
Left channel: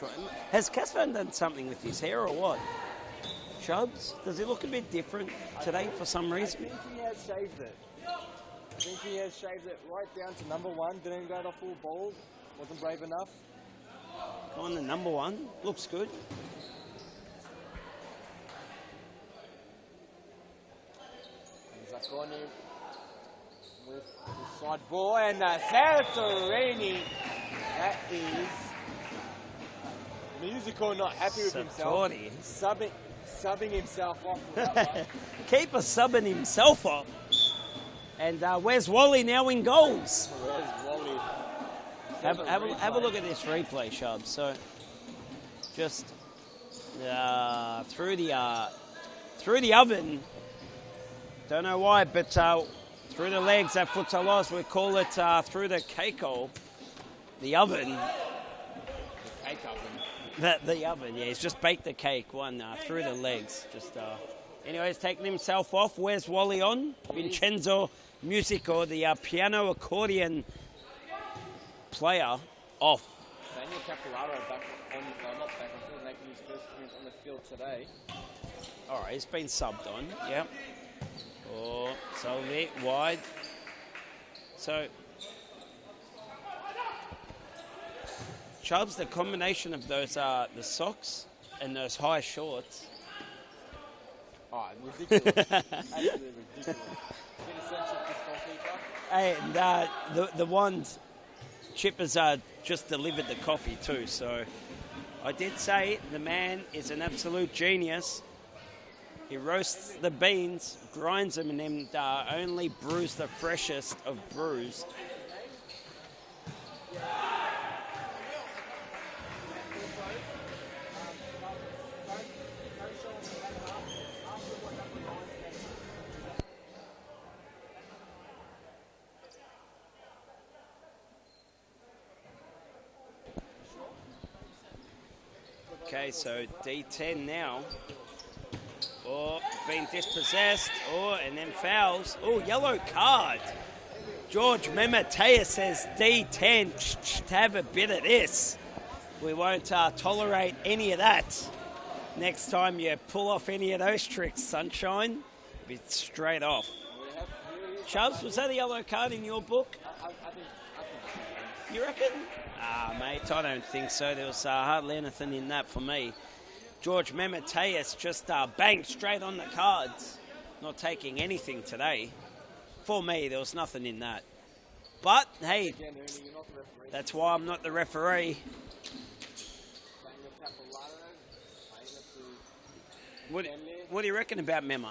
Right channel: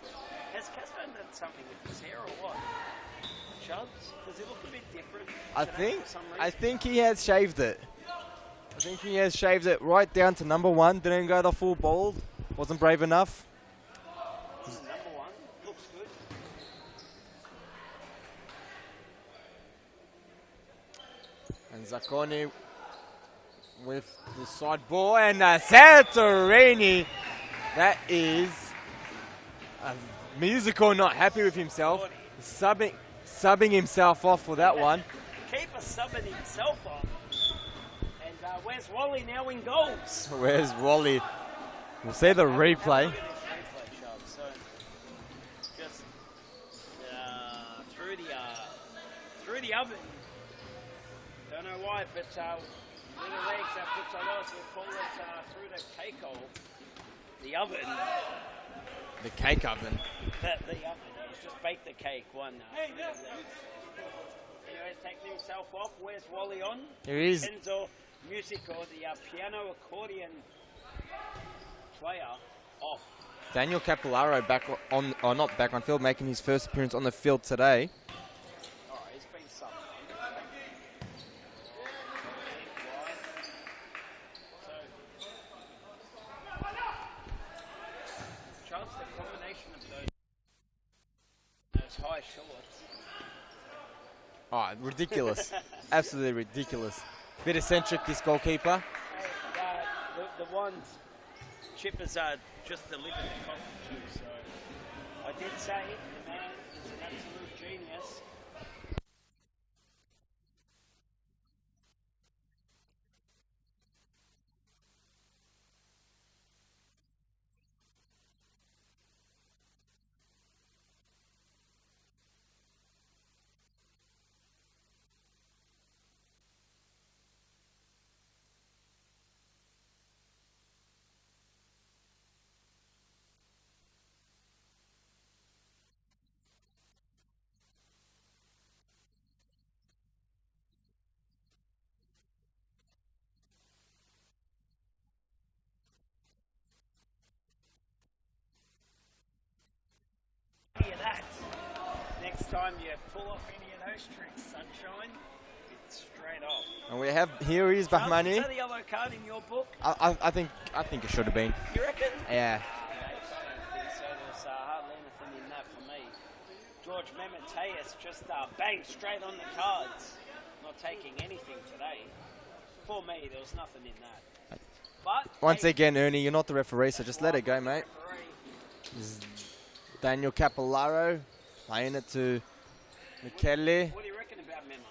Has Casvan done something with his hair or what? Chubbs? Does he look a bit different today for some reason? I think he has shaved it. Right down to number one. Didn't go the full bald. Wasn't brave enough. On the number one. Looks good. And Zacconi with the side ball. And Santorini. That is Musical not happy with himself. Subbing himself off for that one. Keeper subbing himself off. And where's Wally now in goals? Where's Wally? We'll see the replay. Have a look at this replay, Shub. So, just through the oven. Don't know why, but through the legs at Futsal Oz, we call it through the cake hole. The oven. The cake oven. The oven, yeah. He's just baked the cake through the legs. Anyways, taking himself off. Where's Wally on? Vincenzo Musico, the piano accordion player, off. Daniel Capillaro not back on field, making his first appearance on the field today. All right, he's been subbed on. Yep. Oh, so it wide. So. Chubbs, the combination of those the socks and those high shorts. Oh, ridiculous. Absolutely ridiculous. Bit eccentric, this goalkeeper. And the ones, Chippers just delivered the coffee too. So I did say the man is an absolute genius. He roasts the beans, grinds them, and then only brews the freshest of brews. Okay, so D10 now. Oh, being dispossessed. Oh, and then fouls. Oh, yellow card. George Memetea says D10, have a bit of this. We won't tolerate any of that. Next time you pull off any of those tricks, sunshine, be straight off. And we have, here is Charles, Bahmani. was that a yellow card in your book? I think it should have been. You reckon? Yeah. Mate, I don't think so. There was hardly anything in that for me. George Memeteus just banged straight on the cards. Not taking anything today. For me, there was nothing in that. But Once again, Ernie, you're not the referee, so just let it go, I'm not mate. the referee. Daniel Capillaro playing it to Kelly. What do you reckon about Mema?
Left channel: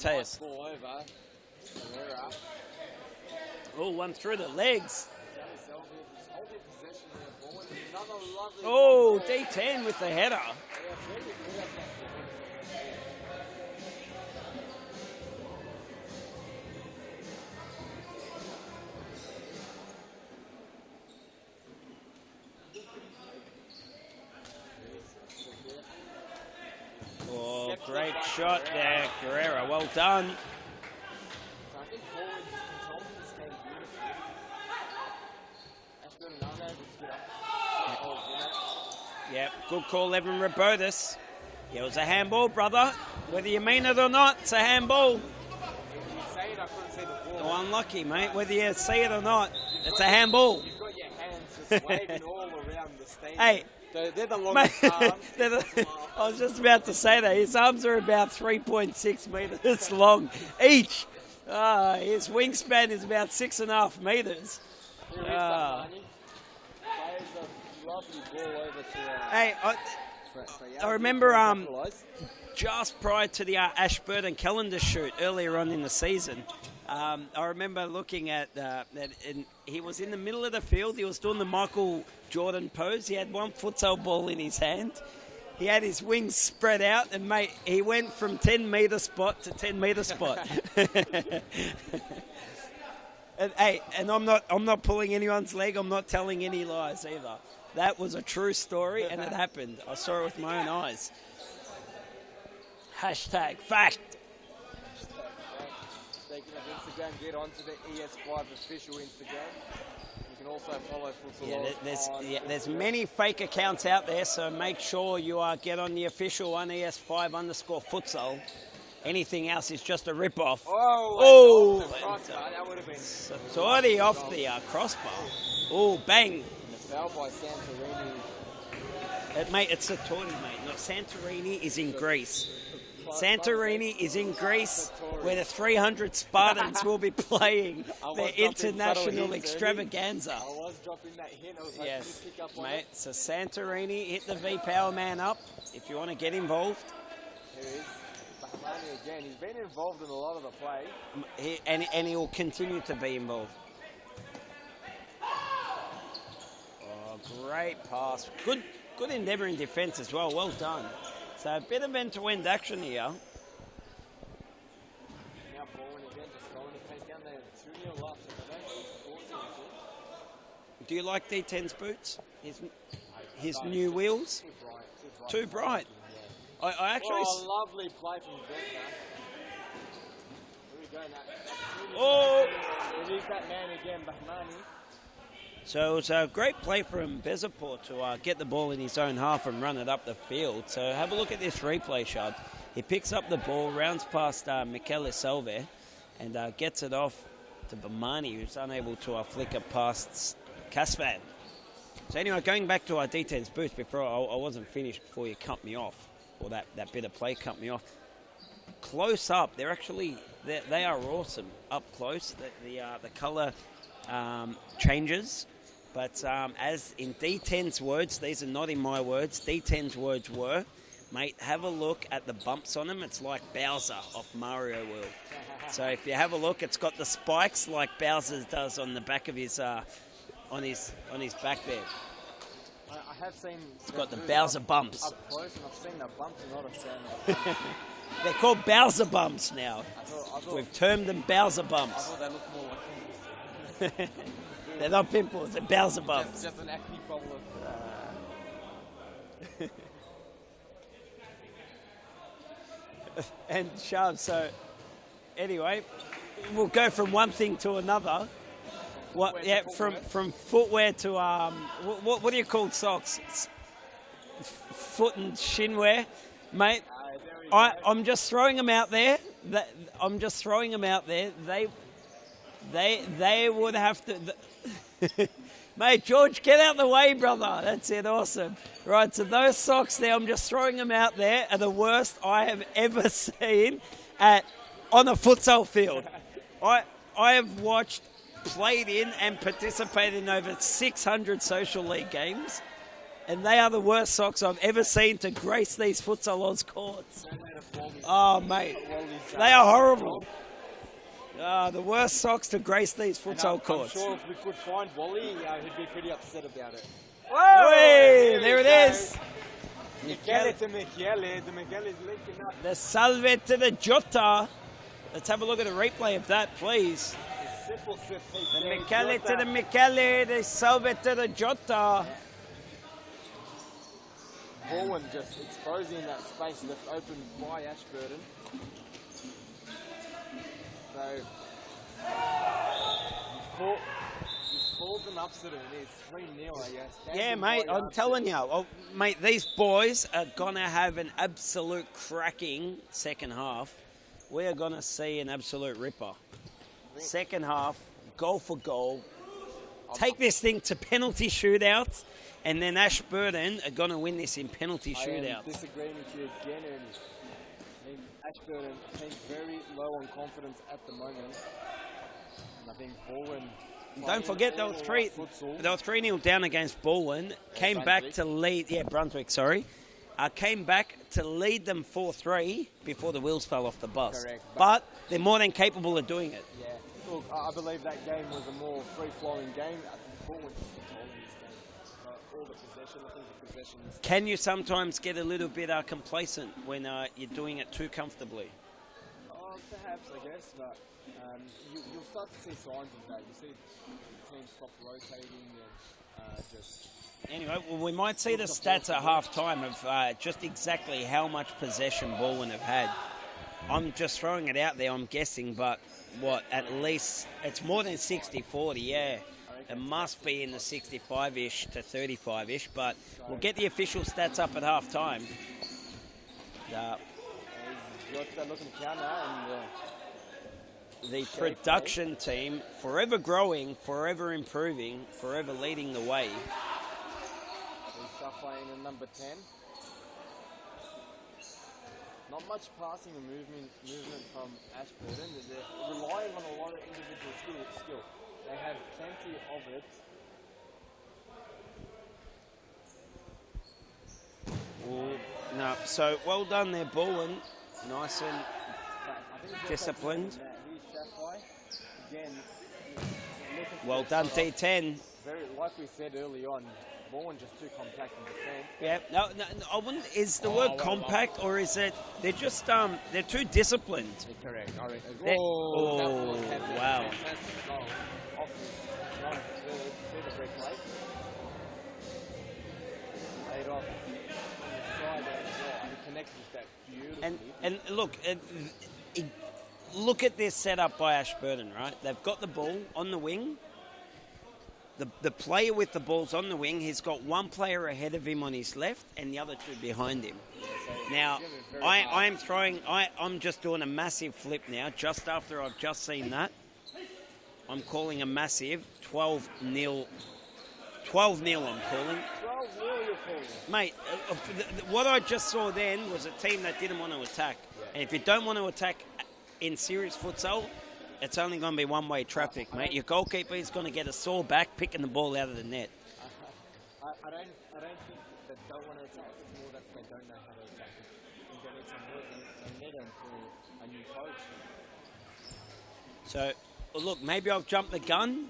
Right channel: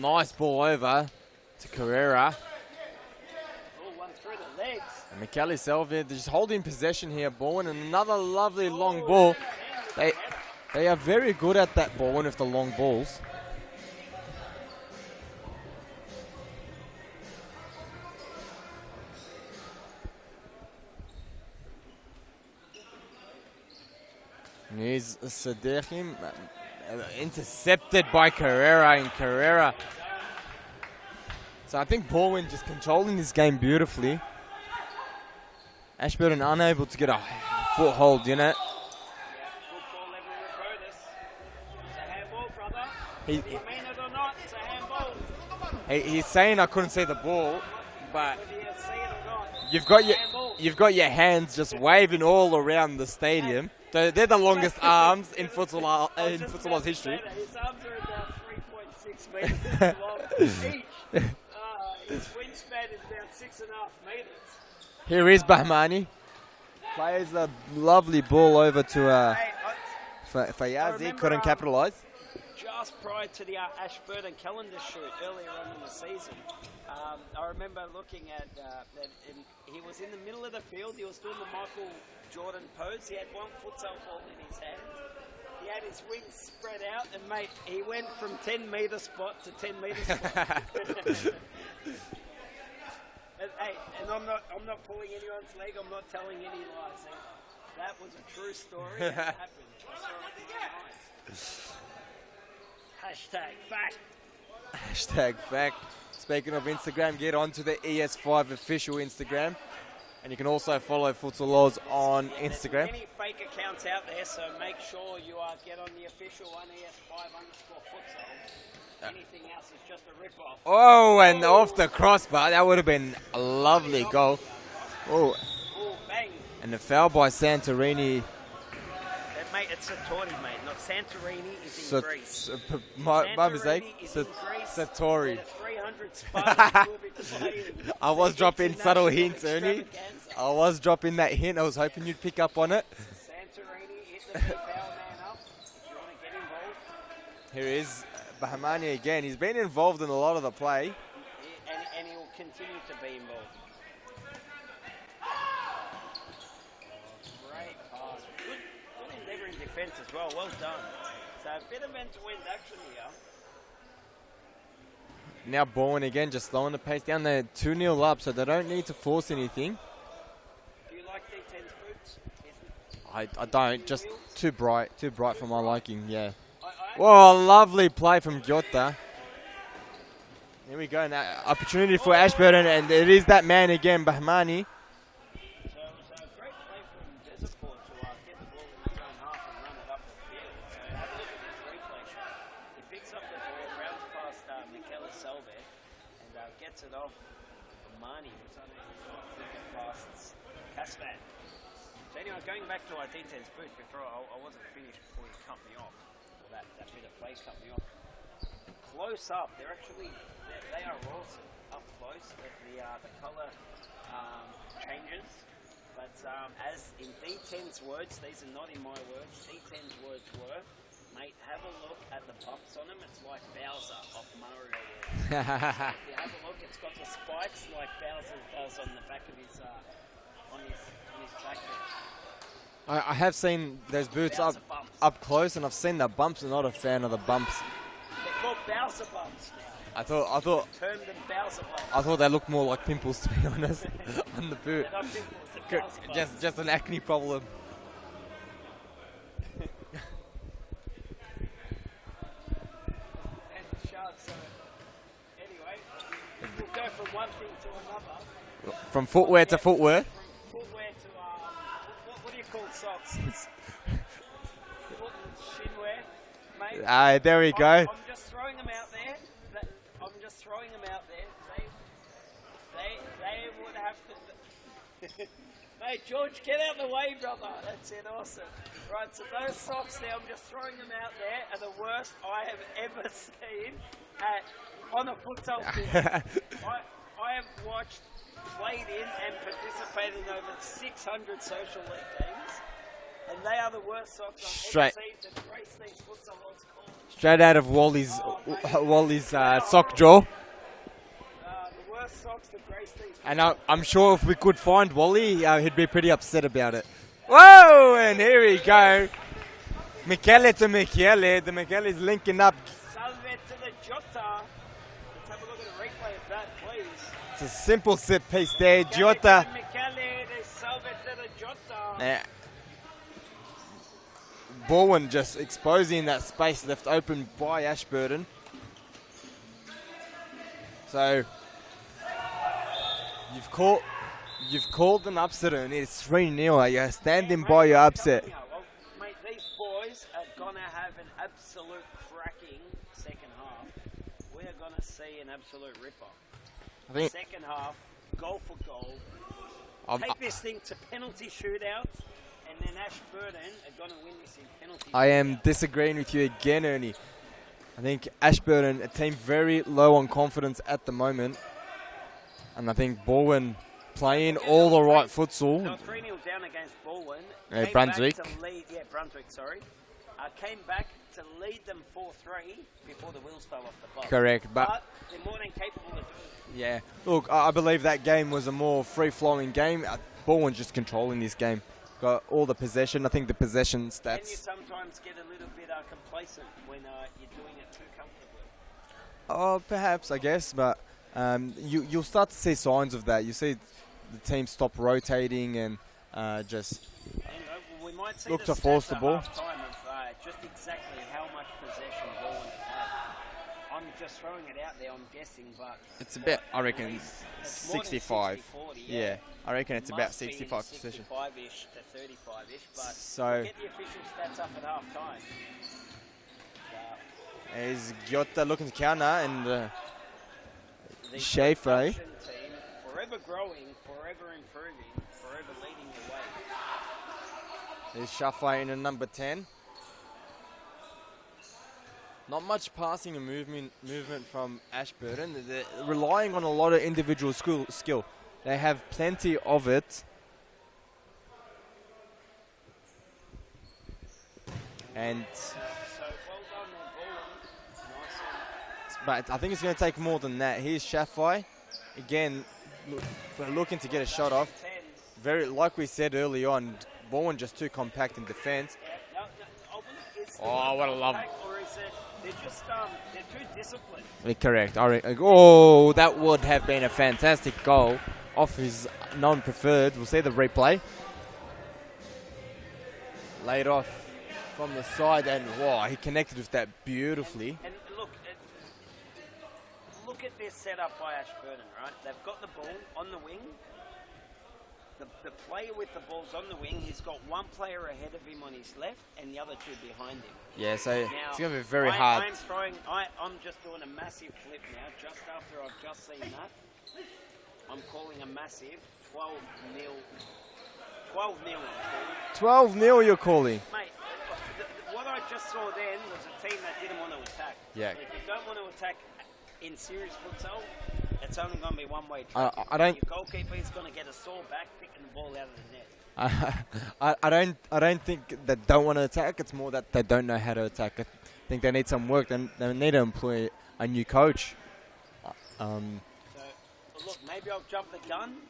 Nice ball over to Carrera. Oh, one through the legs. McKelly Selva just holding possession here, ball and another lovely long ball. D10 with the header. They are very good at that ball and with the long balls. Here's Sadechim. Intercepted by Carrera and Carrera. Well done. So I think Baldwin just controlling this game beautifully. Ashburton unable to get a foothold in it. Yeah, good call, Evan Robotis. It was a handball, brother. Whether you mean it or not, it's a handball. He's saying I couldn't see the ball. Unlucky, mate. Whether you see it or not, It's a handball. You've got your hands just waving all around the stadium. They're the longest arms in futsal. I was just about to say that. His arms are about 3.6 metres long each. His wingspan is about 6.5 metres. Here is Bahmani. Plays a lovely ball over to Fayazi. I remember couldn't capitalise. Just prior to the Ashburton calendar shoot earlier on in the season, I remember looking at that, and he was in the middle of the field. He was doing the Michael Jordan pose. He had one futsal ball in his hand. He had his wings spread out, and mate, he went from 10-metre spot to 10-metre spot. And I'm not pulling anyone's leg. I'm not telling any lies either. That was a true story, and it happened. I saw it with my own eyes. Hashtag fact. Hashtag fact. Speaking of Instagram, get onto the ES5 official Instagram. And you can also follow Futsal Oz on Instagram. There's many fake accounts out there, so make sure you get on the official one, ES5_futsal. Anything else is just a rip-off. Oh, and off the crossbar. That would have been a lovely off goal. The crossbar. Oh, bang. And the foul by Santorini. Mate, it's Satori, mate. No, Santorini is in Greece. Santorini is in Greece, where the 300 Spartans will be playing. I was dropping subtle hints, extravaganza. I was dropping that hint. I was hoping you'd pick up on it. So Santorini, hit the V-Power man up if you want to get involved. Here is Bahmani again. He's been involved in a lot of the play. And he will continue to be involved. Oh, great pass. Good endeavour in defence as well. Well done. So a bit of end-to-end action here. Now Bowen again, just slowing the pace down. They're 2-0 up, so they don't need to force anything. Do you like D10's boots? I don't. New just wheels? too bright for my liking. Yeah. Well, lovely play from Giotta. Here we go. Now opportunity for Ashburton, and it is that man again, Bahmani. So it was a great play from Bezaport to get the ball in his own half and run it up the field. So have a look at this replay shot. He picks up the ball, rounds past Michele Selve, and gets it off to Bahmani, who's unable to flick it past Kasvan. So anyway, going back to our D10's booth before I wasn't finished before you cut me off, or that bit of play cut me off. Close up, they are awesome up close. The colour changes. But as in D10's words, these are not in my words, D10's words were, mate, have a look at the bumps on them. It's like Bowser off Mario World. So if you have a look, it's got the spikes like Bowser does on the back of his, on his back there. I have seen those boots up close, and I've seen the bumps. I'm not a fan of the bumps. They're called Bowser bumps now. I thought we've termed them Bowser bumps. I thought they looked more like pimples, to be honest, on the boot. They're not pimples, they're Bowser bumps. Just an acne problem. and shove. So anyway, we'll go from one thing to another. From footwear to footwear. From footwear to what do you call socks? It's foot and shin wear, mate. There we go. I'm just throwing them out there. I'm just throwing them out there. They would have to. Mate, George, get out the way, brother. That's it. Awesome. Right, so those socks there, I'm just throwing them out there, are the worst I have ever seen on a futsal field. I have watched, played in and participated in over 600 social league games, and they are the worst socks I've ever seen to grace these Futsal Oz courts. Straight out of Wally's, sock drawer. The worst socks to grace these futsal And courts. I'm sure if we could find Wally, he'd be pretty upset about it. Whoa! Hey, and here there we it go. is. Michele to Michele. The Michele's linking up. The salve to the Jota. Let's have a look at the replay of that, please. It's a simple set piece there. Michele Jota. to the Michele, the salve to the Jota. Yeah. Bowen just exposing that space left open by Ashburton. So you've called an upset and it's 3-0. You're standing by your upset. Telling you, mate, these boys are going to have an absolute cracking second half. We are going to see an absolute ripper. Second half, goal for goal. Take this thing to penalty shootouts, and then Ashburton are going to win this in penalty shootouts. I am disagreeing with you again, Ernie. I think Ashburton, a team very low on confidence at the moment. And I think Bowen playing all the right futsal. They were 3-0 down against Bowen. Came Brunswick. back to lead. Yeah, Brunswick, sorry. Came back to lead them 4-3 before the wheels fell off the bus. Correct. But they're more than capable of doing it. Yeah. Look, I believe that game was a more free-flowing game. Bowen just controlling this game. Got all the possession. I think the possession stats. Can you sometimes get a little bit complacent when you're doing it too comfortably? Oh, perhaps, I guess. But you'll start to see signs of that. You see the team stop rotating and just... Anyway, well, we might see the stats at half-time of just exactly how much possession Bowen have had. I'm just throwing it out there, I'm guessing, but it's at least it's more than 60-40, yeah. I reckon it's about 65. It must be in the 65-ish to 35-ish, but so we'll get the official stats up at half-time. Is Giotta looking to counter and... the production team, forever growing, forever improving, forever leading the way. There's Shafai in a number 10. Not much passing and movement from Ashburton. They're relying on a lot of individual skill. They have plenty of it. So well done there, Bowen. Nice and... But I think it's going to take more than that. Here's Shafai. Again, looking to get a shot off. T10. Very, like we said early on, Bowen just too compact in defence. Yeah, no, I wouldn't. Is the word compact, or is it they're just they're too disciplined? Correct. Oh, that would have been a fantastic goal off his non-preferred. We'll see the replay. Laid off from the side, and wow, he connected with that beautifully. And look at this setup by Ashburton, right? They've got the ball on the wing. The player with the ball's on the wing, he's got one player ahead of him on his left and the other two behind him. Yeah, so now, it's going to be very hard. I'm just doing a massive flip now, just after I've just seen that. I'm calling a massive 12-0. 12-0 I'm calling. 12-0 you're calling? Mate, what I just saw then was a team that didn't want to attack. Yeah. And if you don't want to attack in serious futsal, it's only going to be one-way traffic. Your goalkeeper is going to get a sore back picking the ball out of the net. I don't think they don't want to attack. It's more that they don't know how to attack. I think they need some work. They need to employ a new coach. So, look, maybe I've jumped the gun.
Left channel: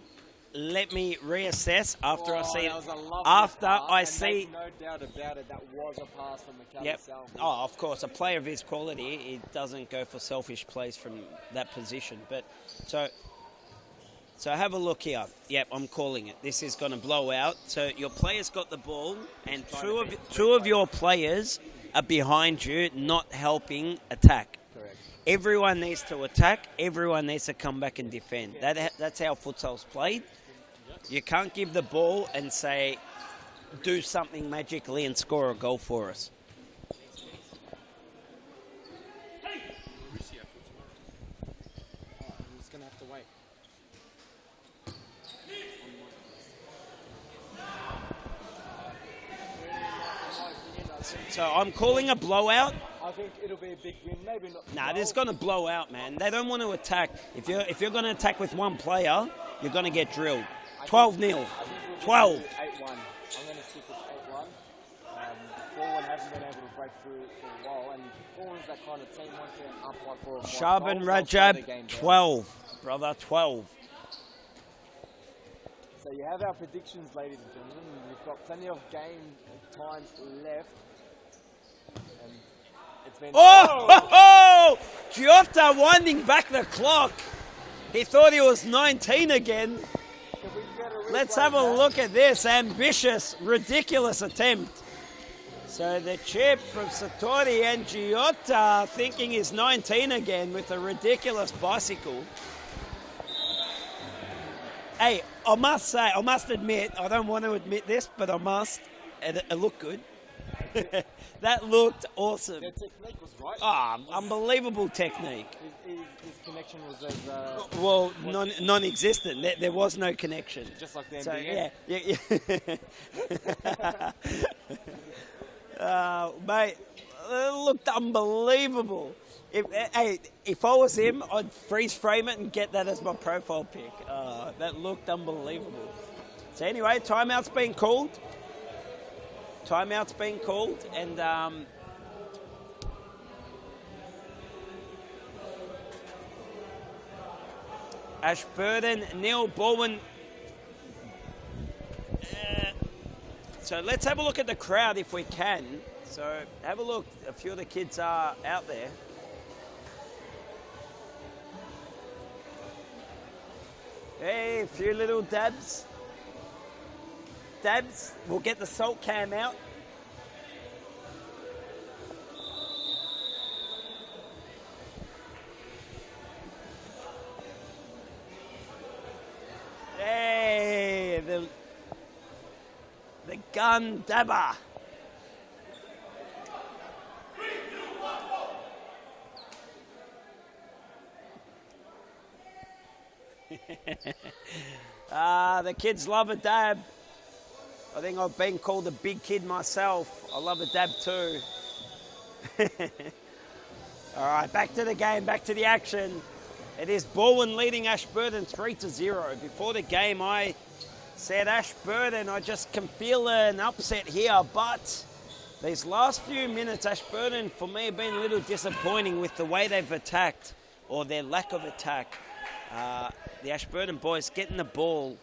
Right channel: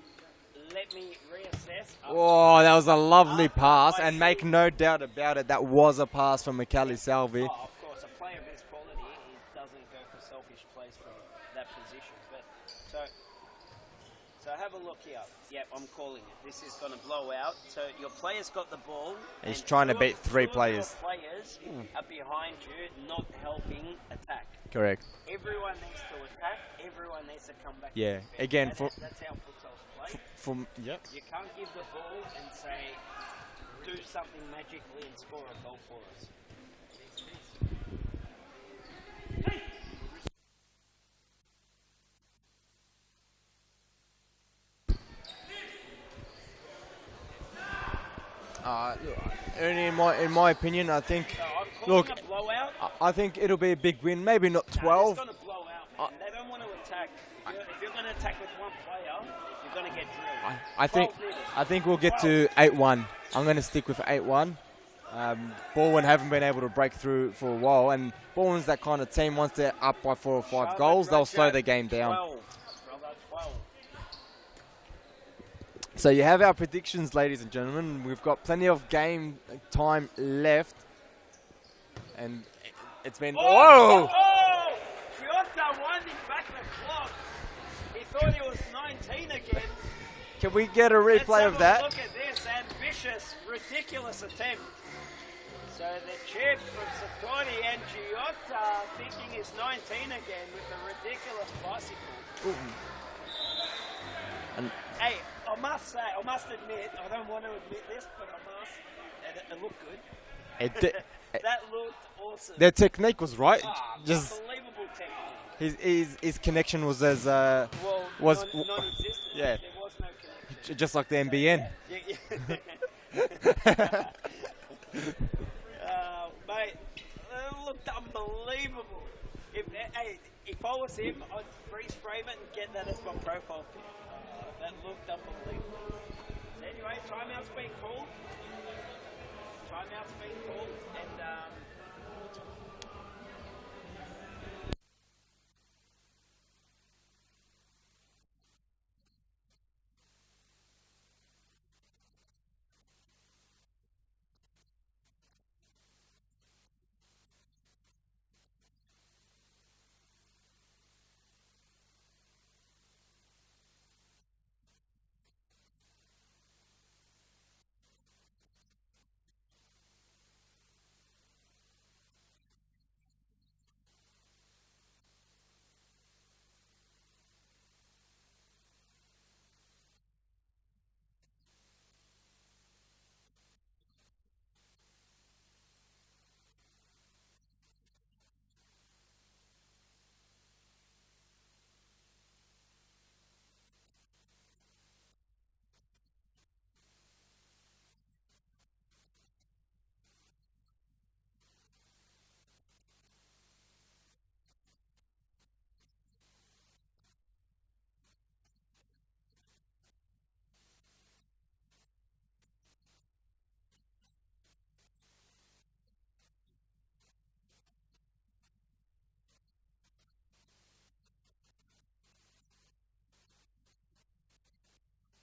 Let me reassess after that was a lovely pass, and make no doubt about it, that was a pass from Michele Salvi. Oh, of course, a player of his quality, he doesn't go for selfish plays from that position. But so So have a look here. Yep, I'm calling it. This is going to blow out. So your player's got the ball, He's and trying to beat three two of your players. players are behind you, not helping attack. Correct. Everyone needs to attack. Everyone needs to come back Yeah. and defend. Again, That's how futsal's played. Yep. You can't give the ball and say, do something magically and score a goal for us. Ernie, in my opinion, I think. So I'm calling a blowout. I think it'll be a big win. Maybe not 12. No, it's going to blow out, man. They don't want to attack. If you're going to attack with one player, you're going to get drilled. 12-0. I think we'll get 12. to 8-1. I'm going to stick with 8-1. Baldwin haven't been able to break through for a while, and Baldwin's that kind of team. Once they're up by 4 or 5 Shaban goals, they'll slow Rajab, the game down. 12, brother, 12. So you have our predictions, ladies and gentlemen. We've got plenty of game time left, and it's been. Oh! Giota winding back the clock. He thought he was 19 again. Can we get a replay Let's have of that? a look at this ambitious, ridiculous attempt. So the chip from Satori and Giota thinking he's 19 again with a ridiculous bicycle. Hey, I must admit, I don't want to admit this, but I must. It looked good. That looked awesome. Their technique was right. Unbelievable technique. His connection was as non-existent. Yeah. There was no connection. Just like the So, NBN. Yeah. Mate, it looked unbelievable. If I was him, I'd freeze frame it and get that as my profile pic. That looked unbelievable. So anyway, timeout's been called. And Ashburton, Neil Baldwin. So let's have a look at the crowd if we can. So have a look. A few of the kids are out there. Hey, a few little dabs. We'll get the salt cam out. Hey, the gun dabber. The kids love a dab. I think I've been called a big kid myself. I love a dab too. All right, back to the game, back to the action. It is Baldwin leading Ashburton 3-0. Before the game, I said Ashburton, I just can feel an upset here, but these last few minutes, Ashburton, for me, have been a little disappointing with the way they've attacked, or their lack of attack. The Ashburton boys getting the ball,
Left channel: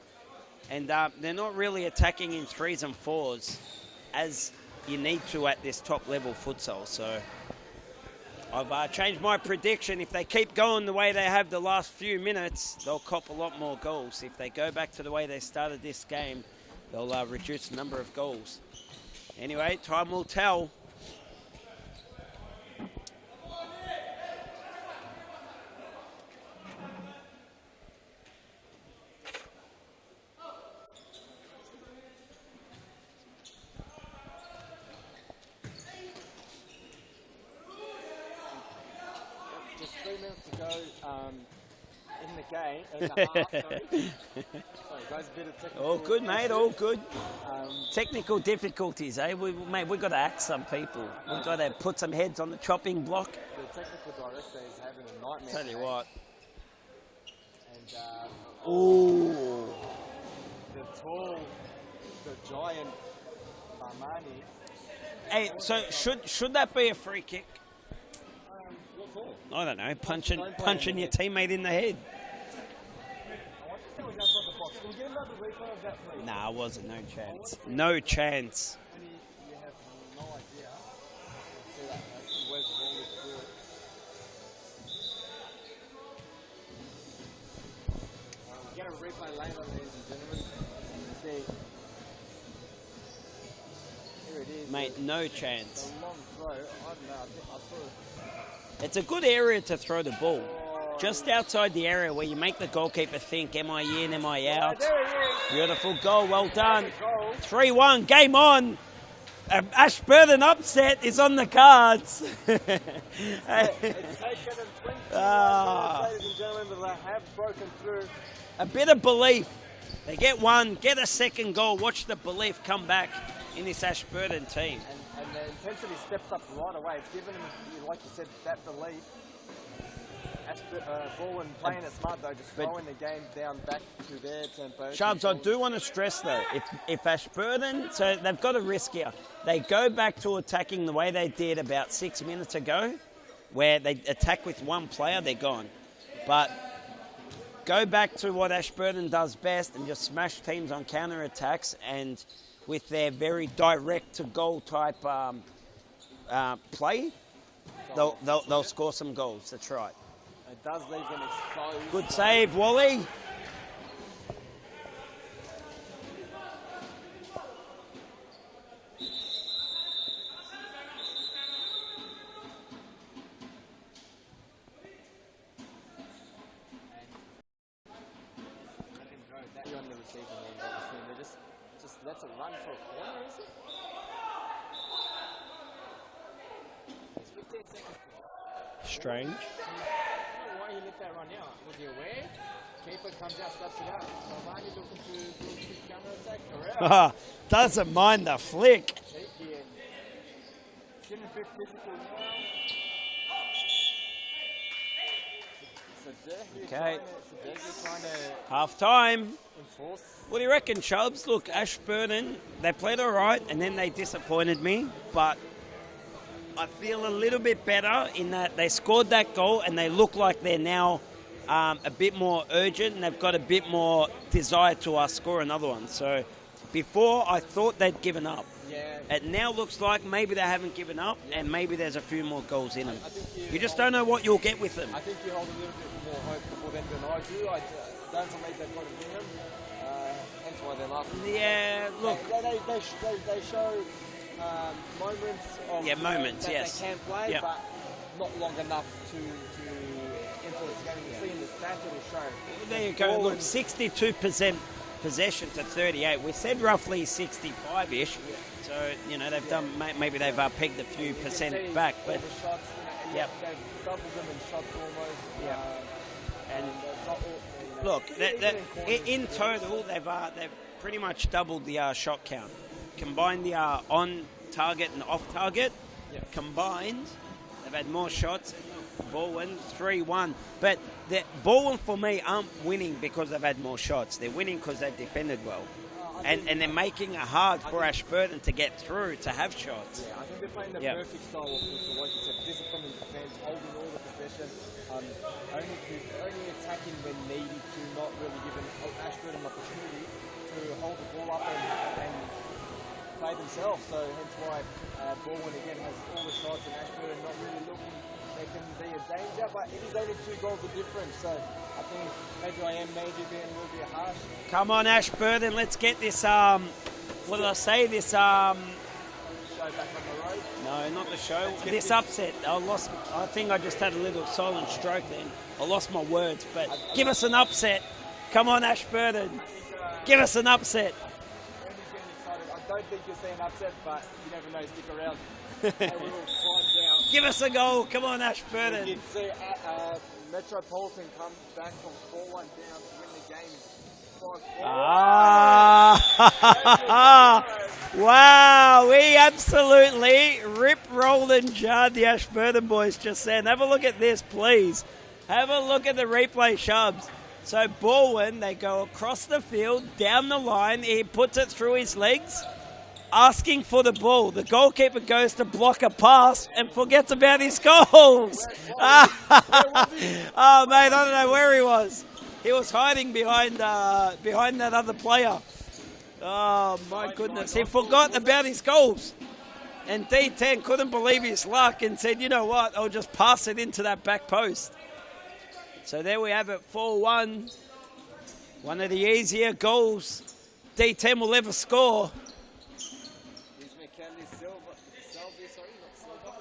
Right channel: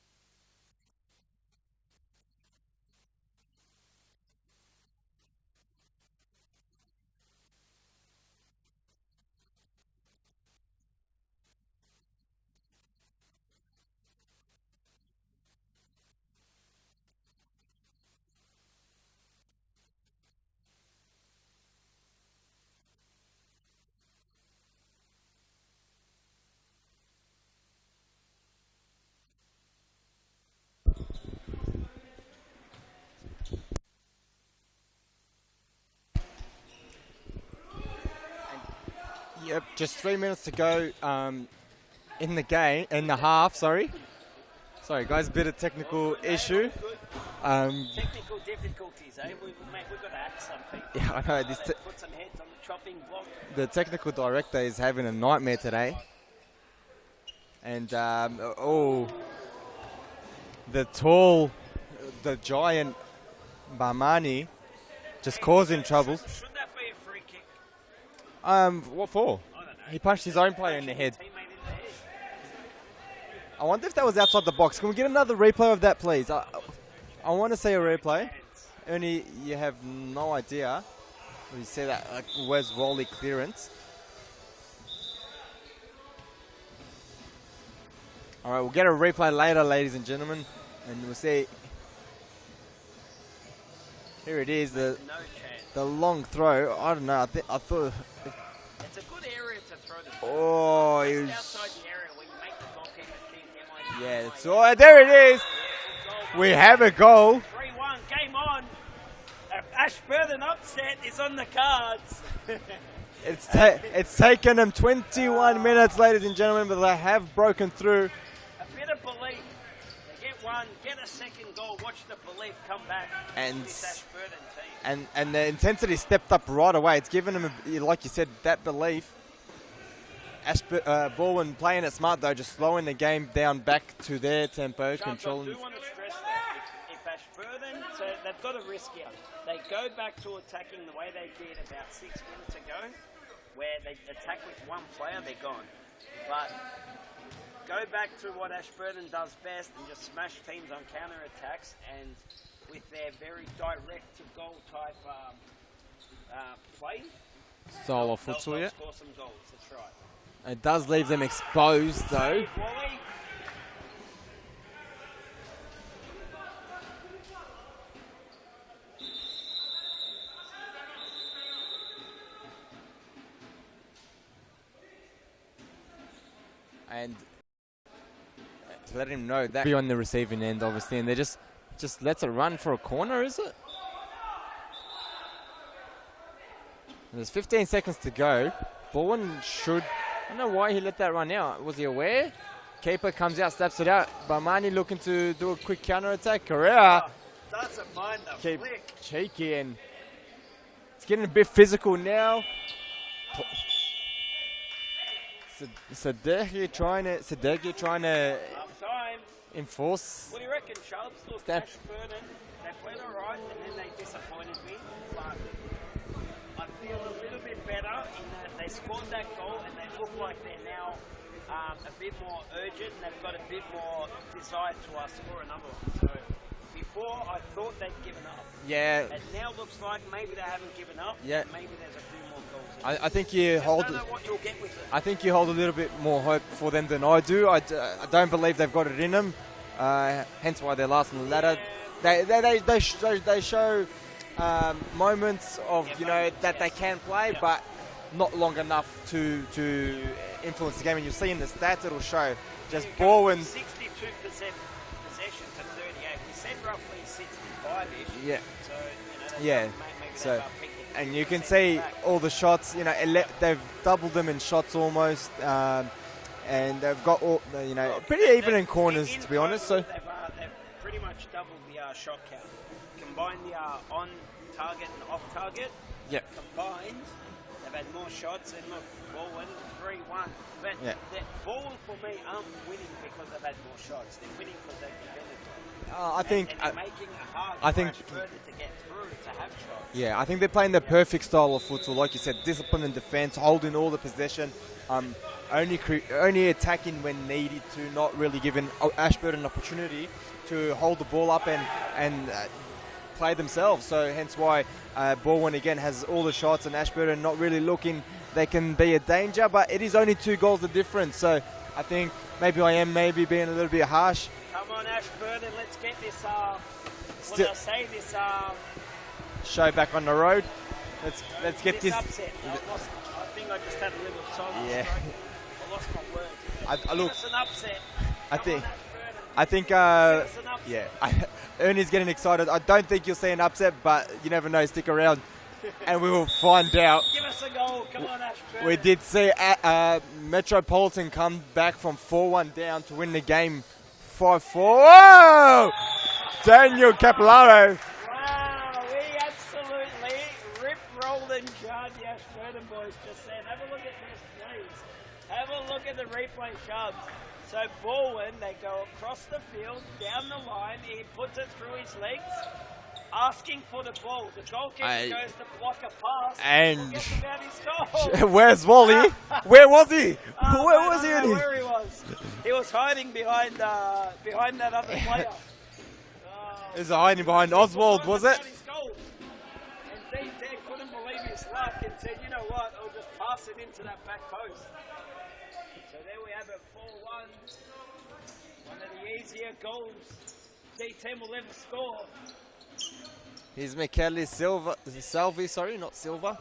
and they're not really attacking in 3s and 4s as you need to at this top level futsal. So I've changed my prediction. If they keep going the way they have the last few minutes, they'll cop a lot more goals. If they go back to the way they started this game, they'll reduce the number of goals. Anyway, time will tell. Yep, just 3 minutes to go in the game, in the half, sorry. Sorry, guys, bit of technical All good, issue. mate, all good. Technical difficulties, eh? We've got to act some people. Yeah, I know, We've got to put some heads on the chopping block. The technical director is having a nightmare today. Right. And, the giant Barmani just causing trouble. Should that be a free kick? What for? I don't know. He punched his own player in punching the your head. teammate in the head. I wonder if that was outside the box. Can we get another replay of that, please? No, it wasn't. No chance. I want to see a no replay. chance. Ernie, you have no idea. You see that? Where's Rolly clearance? All right, we'll get a replay later, ladies and gentlemen, and we'll see. Here it is. Mate, no chance. The long throw. I don't know. I thought. It's a good area to throw the ball. Oh, just outside the area where you make the goalkeeper think, am I in, am I So, out? there it is. Beautiful goal. Well We done. have a goal. 3-1, game on. Ashburton upset is on the cards. It's taken them 21 minutes, ladies and gentlemen, but they have broken through. A bit of belief. They get one, get a second goal, watch the belief come back in this Ashburton team. And the intensity stepped up right away. It's given them, like you said, that belief. Baldwin playing it smart, though, just slowing the game down back to their tempo. Chubbs, I do want to stress, though, if Ashburton, so they've got a risk here. They go back to attacking the way they did about 6 minutes ago, where they attack with one player, they're gone. But go back to what Ashburton does best and just smash teams on counter-attacks, and with their very direct-to-goal type play, they'll score some goals. That's right. It does leave them exposed. Good though. save, Wally. And to let him know that be on the receiving end, obviously, and they just lets it run for a corner, is it? There's 15 seconds to go. Baldwin should. I don't know why he let that run out. Was he aware? Keeper comes out, slaps it out. Barmani looking to do a quick counter attack. Correa doesn't mind the flick. Cheeky, and it's getting a bit physical now. Sadeghi trying to half time enforce. What do you reckon, Chubbs? Look, Ashburton, they played all right, and then they disappointed me, but I feel a little bit better in that they scored that goal and they look like they're now a bit more urgent and they've got a bit more desire to score another one. So before I thought they'd given up. Yeah. It now looks like maybe they haven't given up and maybe there's a few more goals in it. I think you just don't know what you'll get with them. I think you hold a little bit more hope for them than I do. I don't believe they've got it in them. Hence why they're last on the ladder. They show moments of that they can play, but not long enough to influence the game. And you'll see in the stats it'll show. There you go. 62% possession to 38. We said roughly 65-ish. Yeah. So they've done, maybe they've pegged a few. And you can percent see back, all the shots. They've doubled them in shots almost. And they've got all pretty even in corners, to be honest. So they've pretty much doubled the shot count. Combined the on target and off target. Combined, they've had more shots. And look, Baldwin 3-1. But the Baldwin for me aren't winning because they've had more shots. They're winning because they've defended well. And they're making it hard for Ashburton to get through, to have shots. Yeah, I think they're playing the perfect style of futsal. Like you said, discipline and defense, holding all the possession. Only attacking when needed to, not really giving Ashburton an opportunity to hold the ball up and play themselves. So hence why Baldwin again has all the shots and Ashburton not really looking they can be a danger, but it is only 2 goals of difference. So I think maybe I am being a little bit harsh. Come on, Ashburton, let's get this this show back on the road. No, not the show. Let's get this upset. I think I just had a little silent stroke then. I lost my words, but give us an upset. Come on, Ashburton. I think... give us an upset. Ernie's getting excited. I don't think you'll see an upset, but you never know. Stick around and we will find out. Give us a goal. Come on, Ashburton. We did see Metropolitan come back from 4-1 down to win the game 5-4. Daniel Capillaro. Wow, we absolutely rip, roll and jarred the Ashburton boys just then. Have a look at this, please. Have a look at the replay, Shubs. So Baldwin, they go across the field, down the line. He puts it through his legs, asking for the ball. The goalkeeper goes to block a pass and forgets about his goal. Where's Wally? Where was he? I don't know where he was. He was hiding behind that other player. Oh, he's hiding behind Oswald. He forgot about his goals. And D10 couldn't believe his luck and said, you know what, I'll just pass it into that back post. So there we have it, 4-1. One of the easier goals D10 will ever score. Here's Michele Salvi, sorry, not Silva.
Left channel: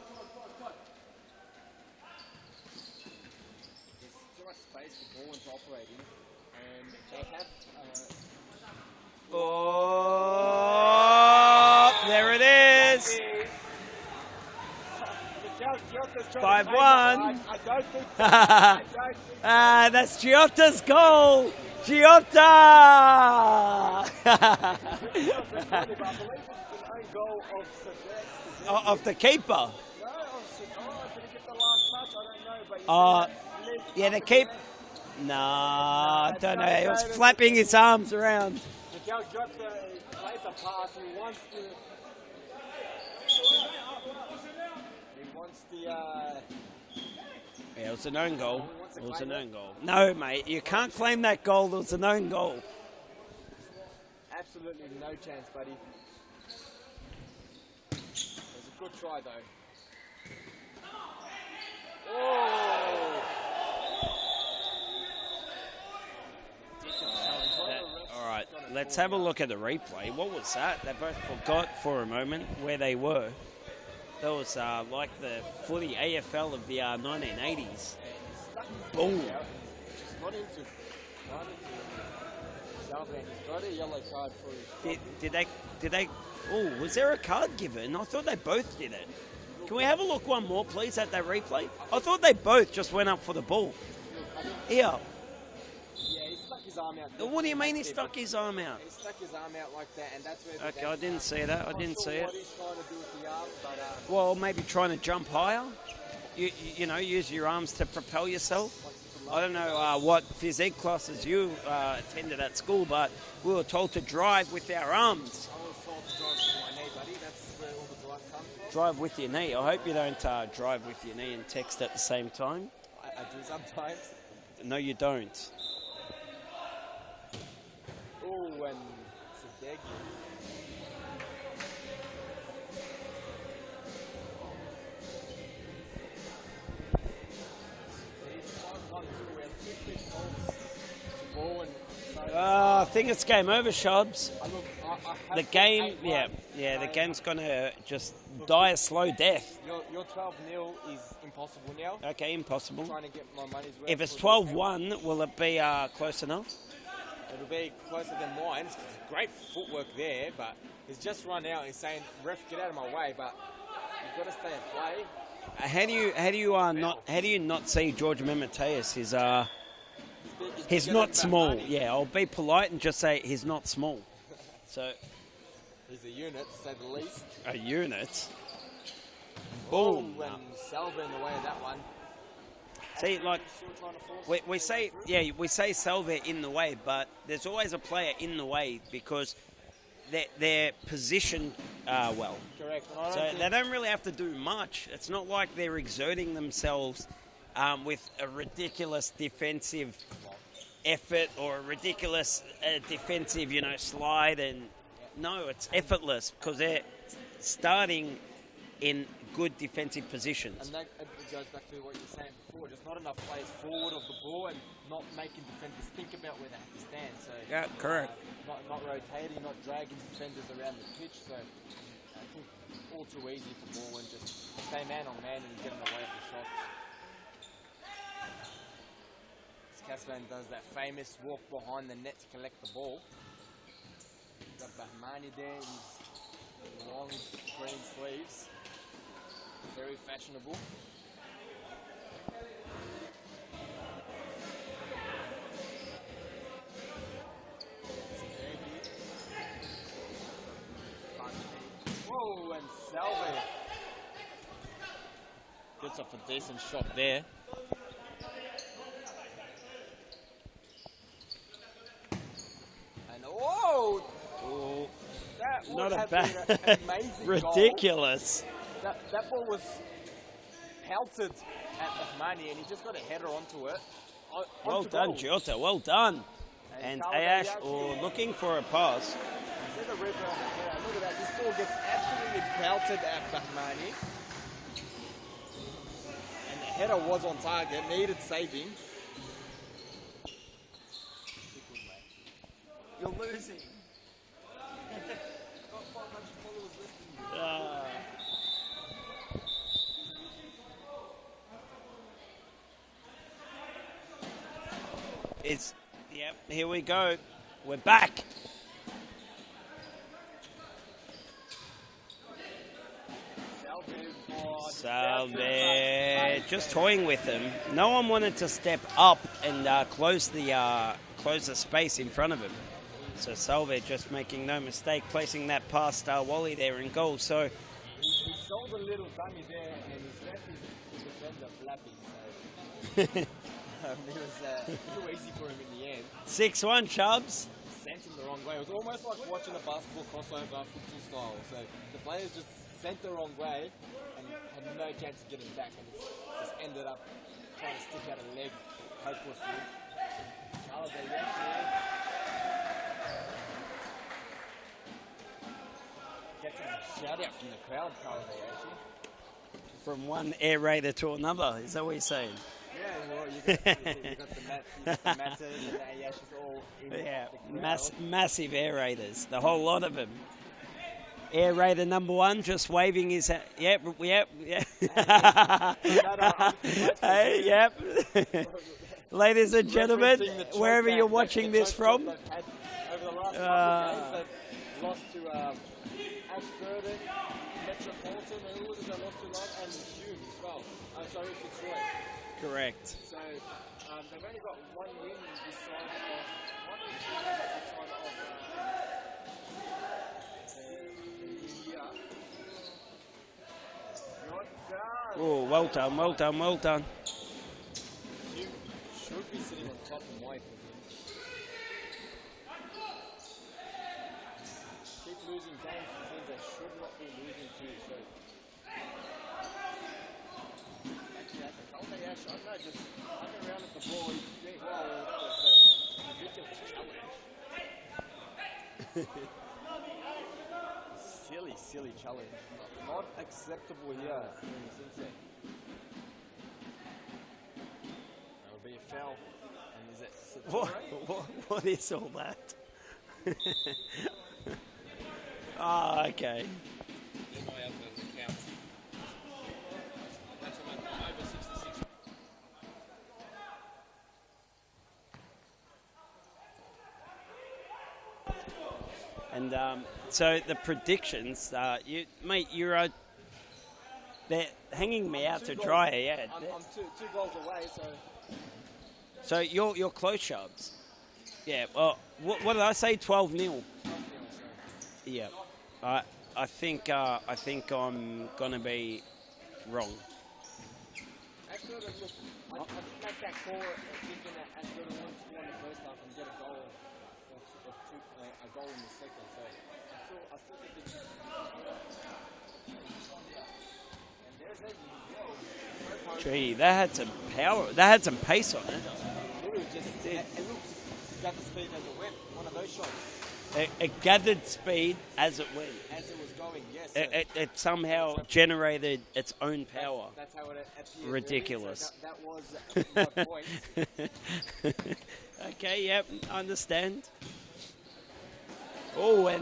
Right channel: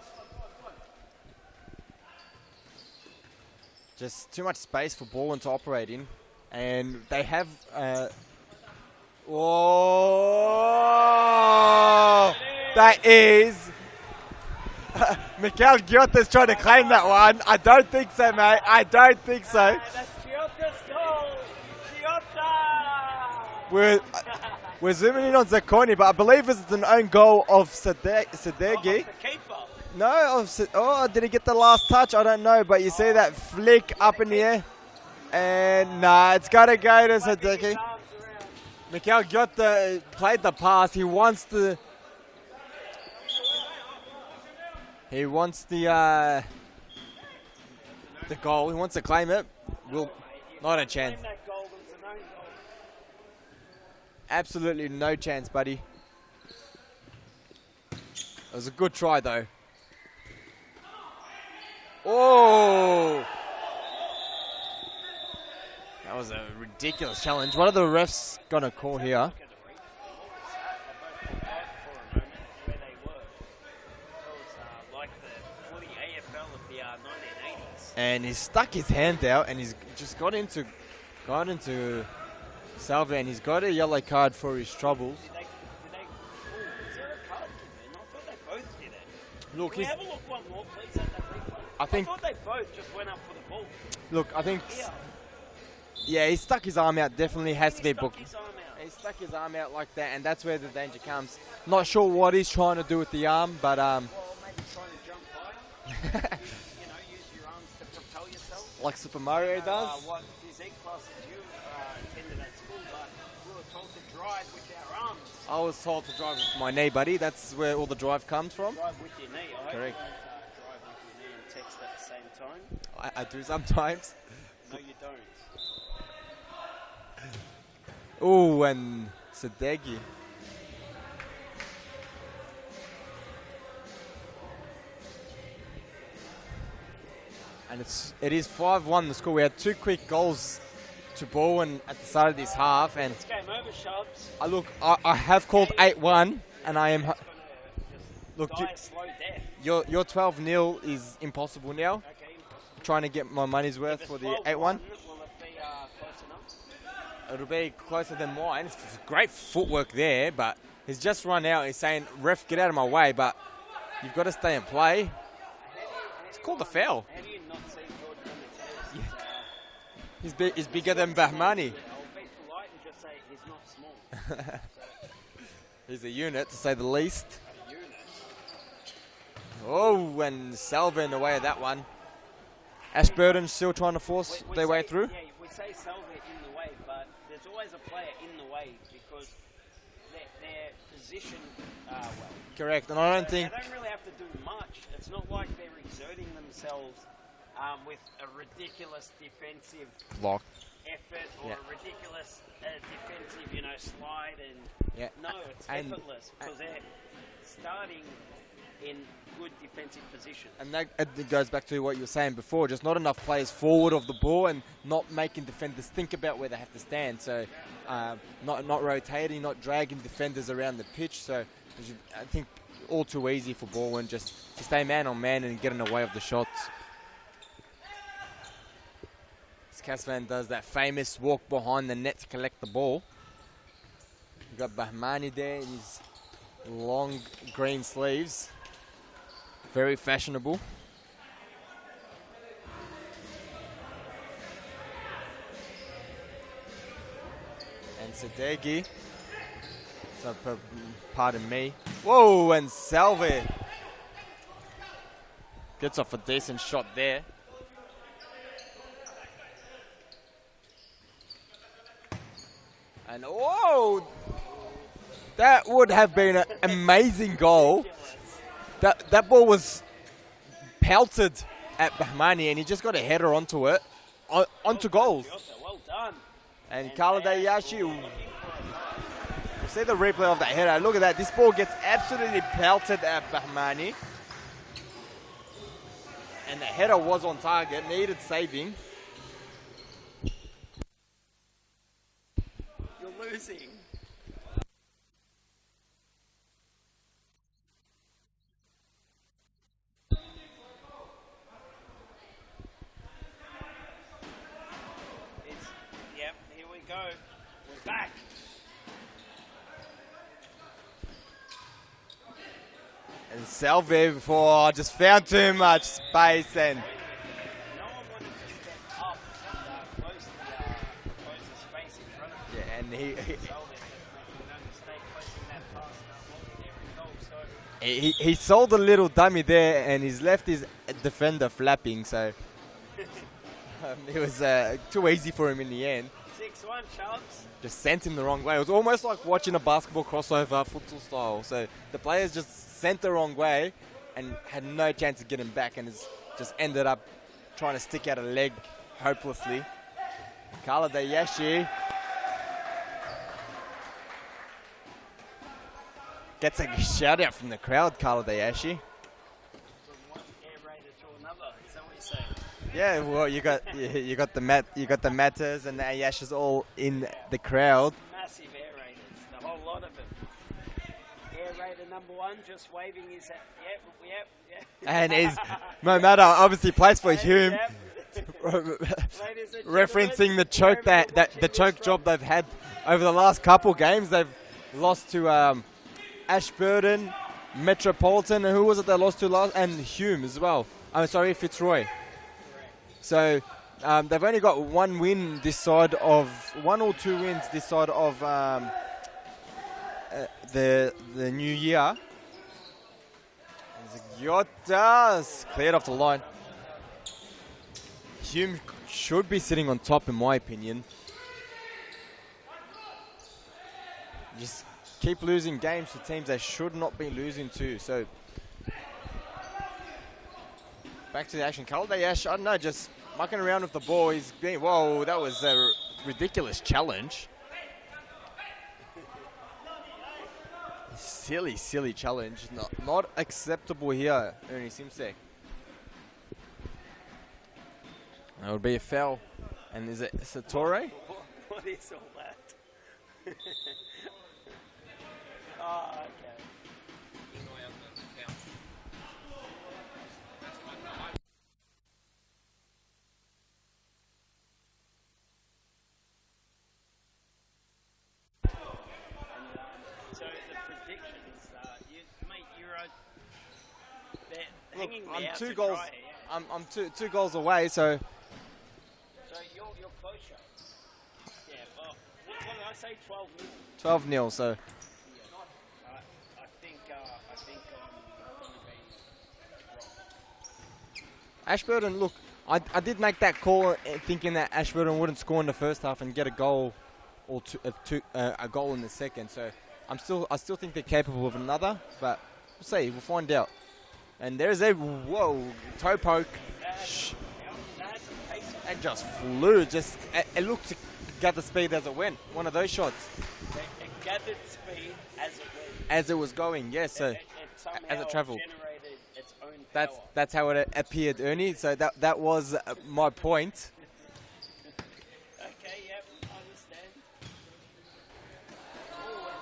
Just too much space for Baldwin to operate in. And they have... There it is. That is... Mikael Giotta's trying to claim that one. I don't think so, mate. I don't think so. That's Giotta's goal. Giotta! We're zooming in on Zacconi, but I believe it's an own goal of Sadeghi. Of the keeper. No, did he get the last touch? I don't know, but you see that flick up in the air. No, it's got to go to flapping Sadeghi. his arms around. Mikael Giotta played the pass. He wants the... He wants the Yeah, it was an own goal. He wants to claim it. No, mate, you can't claim that goal. It was an own goal. Absolutely no chance, buddy. It was a good try, though. Oh! That was a ridiculous challenge. What are the refs going to call here? Let's have a look at the replay. What was that? They both forgot for a moment where they were. That was like the footy AFL of the 1980s. And he stuck his hand out, and he's just got into Salve, and he's got a yellow card for his trouble. Did they? Oh, was there a card given? I thought they both did it. Look, Can we have a look one more, please, at that replay? I think- thought they both just went up for the ball. Look, I think... Yeah. Yeah, he stuck his arm out. What Definitely do you has mean to he be stuck booked. his arm out? He stuck his arm out like that, and that's where the Okay, danger I didn't comes. see that. I Not didn't sure see what it. he's trying to do with the arm, but Well, maybe trying to jump higher. you know, use your arms to propel yourself. like Super I Mario don't know does. what physique classes you attended at school, but we were told to drive with our arms. I was told to drive with my knee, buddy. That's where all the drive comes from. Drive with your knee. I hope you don't drive with your knee and text at the same time. I do sometimes. No, you don't. Ooh, and Sadeghi. And it is 5-1 the score. We had two quick goals to Bowen at the start of this half. I think it's game over, Shobs. Look, I have called 8-1, Yeah, and the I am. game's going to just Look, die a slow death. Your 12-0 is impossible now. Okay, impossible. Trying to get my money's worth. If it's for the 12-1, will it be close enough? It'll be closer than mine. It's great footwork there, but he's just run out. He's saying, "Ref, get out of my way!" But you've got to stay and play. How do you not see George Memeteus? He's He's bigger than not small. Bahmani. Yeah, I'll be polite and just say he's not small. So He's a unit, to say the least. a unit. Oh, and Salva in the way of that one. Ashburton's still trying to force their way through. Yeah, we say Salva in the way, but there's always a player in the way because they're positioned well. Correct, and I don't think they don't really have to do much. It's not like they're exerting themselves with a ridiculous defensive block. effort or a ridiculous defensive, slide. And no, it's effortless because they're starting in good defensive positions. And that it goes back to what you were saying before, just not enough players forward of the ball and not making defenders think about where they have to stand. So correct. Not rotating, not dragging defenders around the pitch. So I think all too easy for Baldwin, just stay man on man and get in the way of the shots. Casvan does that famous walk behind the net to collect the ball. You've got Bahmani there in his long green sleeves. Very fashionable. And Sadeghi. So, pardon me. Whoa, and Salve gets off a decent shot there. And whoa! That would have been an amazing goal. Ridiculous. That ball was pelted at Bahmani, and he just got a header onto it, onto goal. Jota, well done. And Kalade Yashi looking for a pass. See the replay of that header. Look at that. This ball gets absolutely pelted at Bahmani. And the header was on target, needed saving. losing. Yep, here we go. We're back. And Salve before just found too much space. Just toying with him. No one wanted to step up and close the space in front of him. Yeah, and so Salve just making no mistake, placing that past Wally there in goal. So he sold a little dummy there, and he's left his defender flapping. So it was too easy for him in the end. 6-1 Chubbs. Just sent him the wrong way. It was almost like watching a basketball crossover, futsal style. So the players just sent the wrong way and had no chance to get him back, and it's just ended up trying to stick out a leg hopelessly. Carla Dayashi gets a shout out from the crowd, Carla Dayashi. From one air raider to another, is that what you're saying? Yeah, well, you got the Matters and the Ayashas all in the crowd. Massive air raiders, the whole lot of them. Air raider number 1 just waving his hand. Yep. And he's, no matter, obviously plays for Hume. Yep. Ladies and gentlemen, referencing the choke job they've had over the last couple games. They've lost to Ashburton, Metropolitan, and who was it they lost to last? And Hume as well. I'm sorry, Fitzroy. Correct. So they've only got one or 2 wins this side of the new year. Yotta, Well done. Hume should be sitting on top, in my opinion. Just keep losing games to teams they should not be losing to. So back to the action. Kaldayash, I don't know, just mucking around with the ball. He's being, whoa, that was a ridiculous challenge. Silly challenge. Not acceptable here, Ernie Simsek. That would be a foul. And is it Satori? What is all that? Oh, okay. And so the predictions, they're hanging me out to dry. Yeah, I'm two goals away. So you're close, Sharps. Yeah. Well, what did I say? 12-0. 12-0. So yeah, I think I'm gonna be wrong. Ashburton, look, I did make that call thinking that Ashburton wouldn't score in the first half and get a goal or a goal in the second. So I still think they're capable of another, but we'll see. We'll find out. And there's a toe poke. Gee, that had some power. That had some pace on it. It just flew. It looked to get the speed as it went. One of those shots. It gathered speed as it went. As it was going, yes. So it somehow generated its own power. That's how it appeared, Ridiculous. Ernie. So that was my point. Okay, yep, understand. Oh, and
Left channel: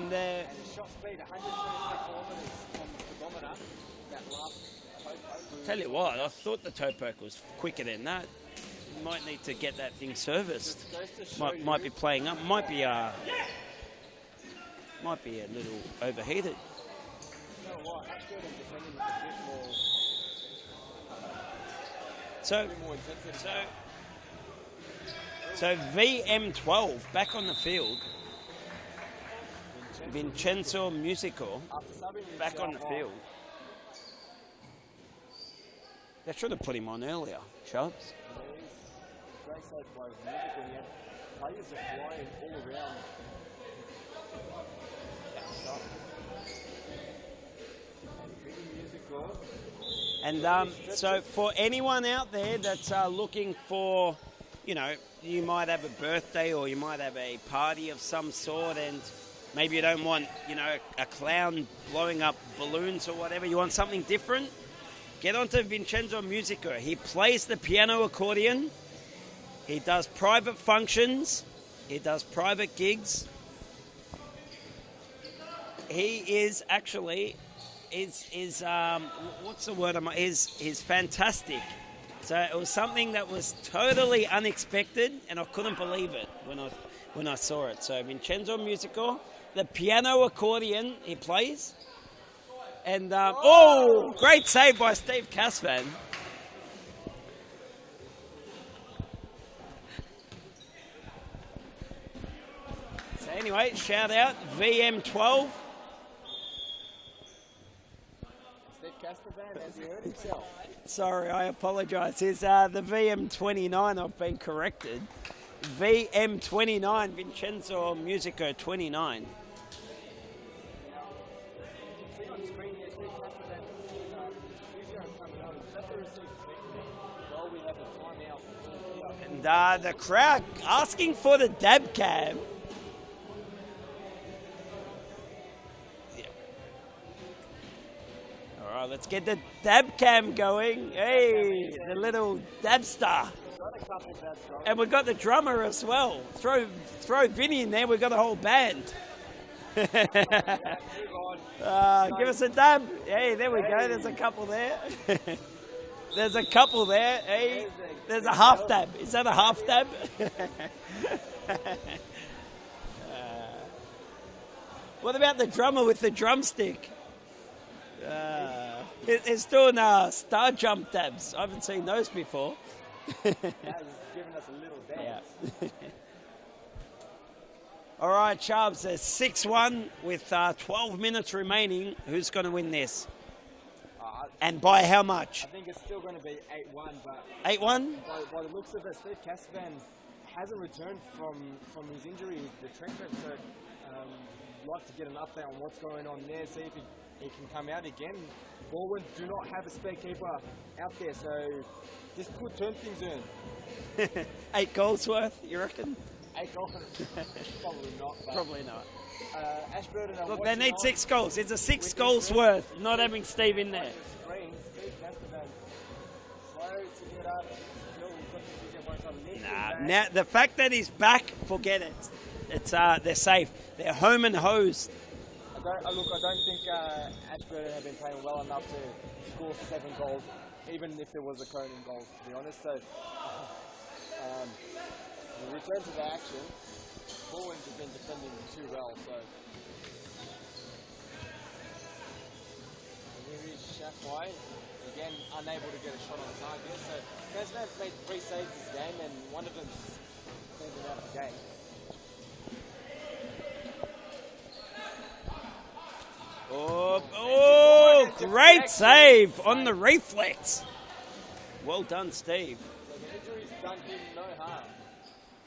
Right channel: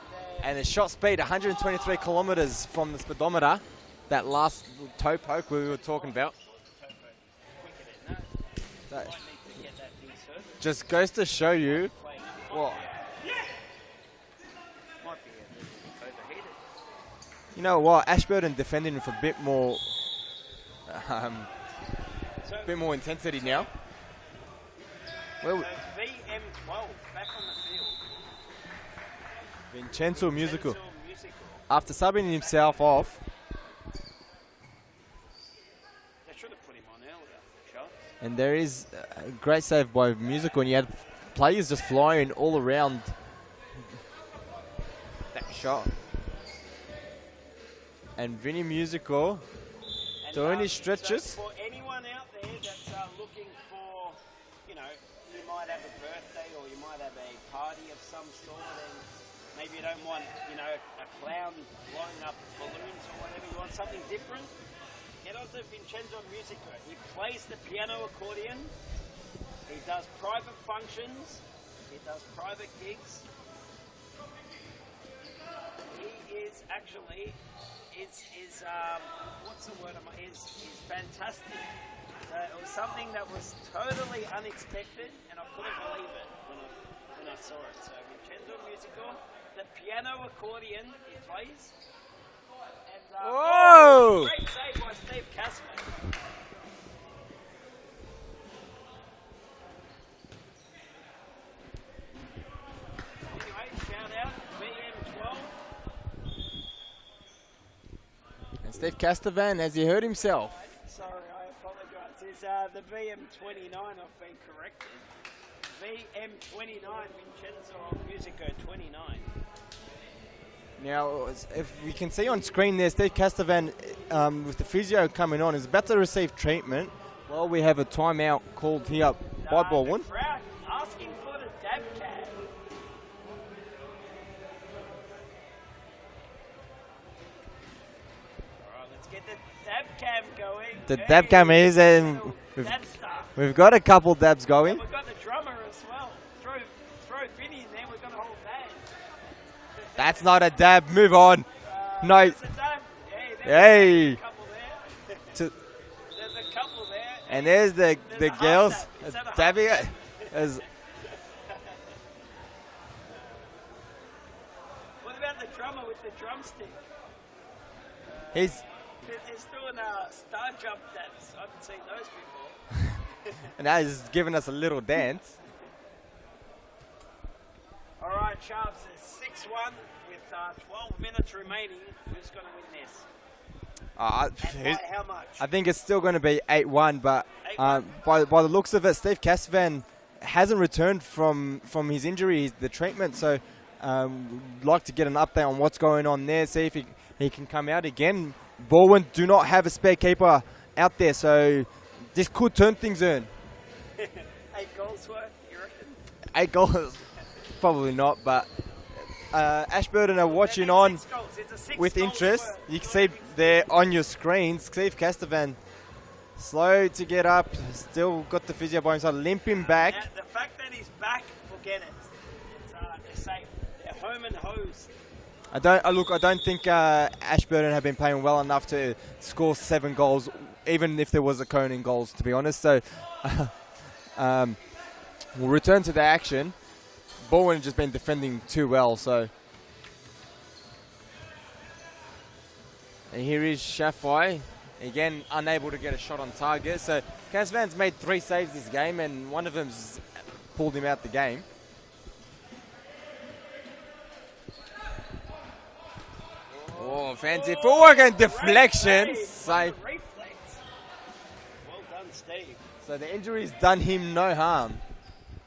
the shot speed, 123 kilometres from the speedometer. That last toe poke we were talking about. I thought the toe poke was quicker than that. You might need to get that thing serviced. Just goes to show you. Might be playing up. Might be a little overheated. You know what? Ashburton defending with a bit more, intensity now. So VM12 back on the field. Vincenzo Musico. After subbing himself off. They should have put him on earlier, Schultz. And there is a great save by Musical, and you had players just flying all around that shot. And Vinny Musical doing his stretches. So for anyone out there that's looking for, you might have a birthday or you might have a party of some sort, and maybe you don't want, a clown blowing up balloons or whatever. You want something different? Get onto Vincenzo Musico. He plays the piano accordion. He does private functions. He does private gigs. he is actually is what's the word? Is fantastic. So it was something that was totally unexpected, and I couldn't believe it when I saw it. So Vincenzo Musico, the piano accordion he plays, and great save by Steve Casvan. So anyway, shout out VM12. And Steve Castavan, has he hurt himself? Sorry, I apologise. It's the VM29. I've been corrected. VM29, Vincenzo Musico 29. Now, if we can see on screen there, Steve Castavan, with the physio coming on, is about to receive treatment. While we have a timeout called here by The Baldwin. crowd asking for the dab cam. All right, let's get the dab cam going. The dab cam is a little dab star. We've got a couple dabs going. And we've got the drummer as well. Throw Vinny in there, we've got a whole band. That's not a dab. Move on. No. There's a dab. Hey, there we go. There's a couple there. There's a couple there. And hey. there's There's the a half girls. dab. Is that a half dab? What about the drummer with the drumstick? He's doing star jump dabs. I haven't seen those before. Now he's giving us a little dance. All right, Chubbs, there's 6-1 with 12 minutes remaining. Who's going to win this? And by how much? I think it's still going to be 8-1, but 8-1? By the looks of it, Steve Castavan hasn't returned from his injury, the treatment, so we'd like to get an update on what's going on there, see if he can come out again. Baldwin do not have a spare keeper out there, so this could turn things in. 8 goals worth, you reckon? 8 goals? Probably not, but Probably not. Ashburton are watching they need on 6 goals. It's a 6 with goals interest. worth. You Not can having see Steve there in on your screen, Steve Castavan slow to get up, still got the physio by himself, limping back. Now, the fact that he's back, forget it. It's they're safe. They're home and hosed. I don't think Ashburton have been playing well enough to score 7 goals, even if there was a cone in goals, to be honest. So we'll return to the action. Baldwin has just been defending too well, so. And here is Shafai, again unable to get a shot on target. So Casvan's made 3 saves this game, and one of them's pulled him out the game. Fancy footwork and deflection. Great save on the reflex. Well done, Steve. So the injury's done him no harm.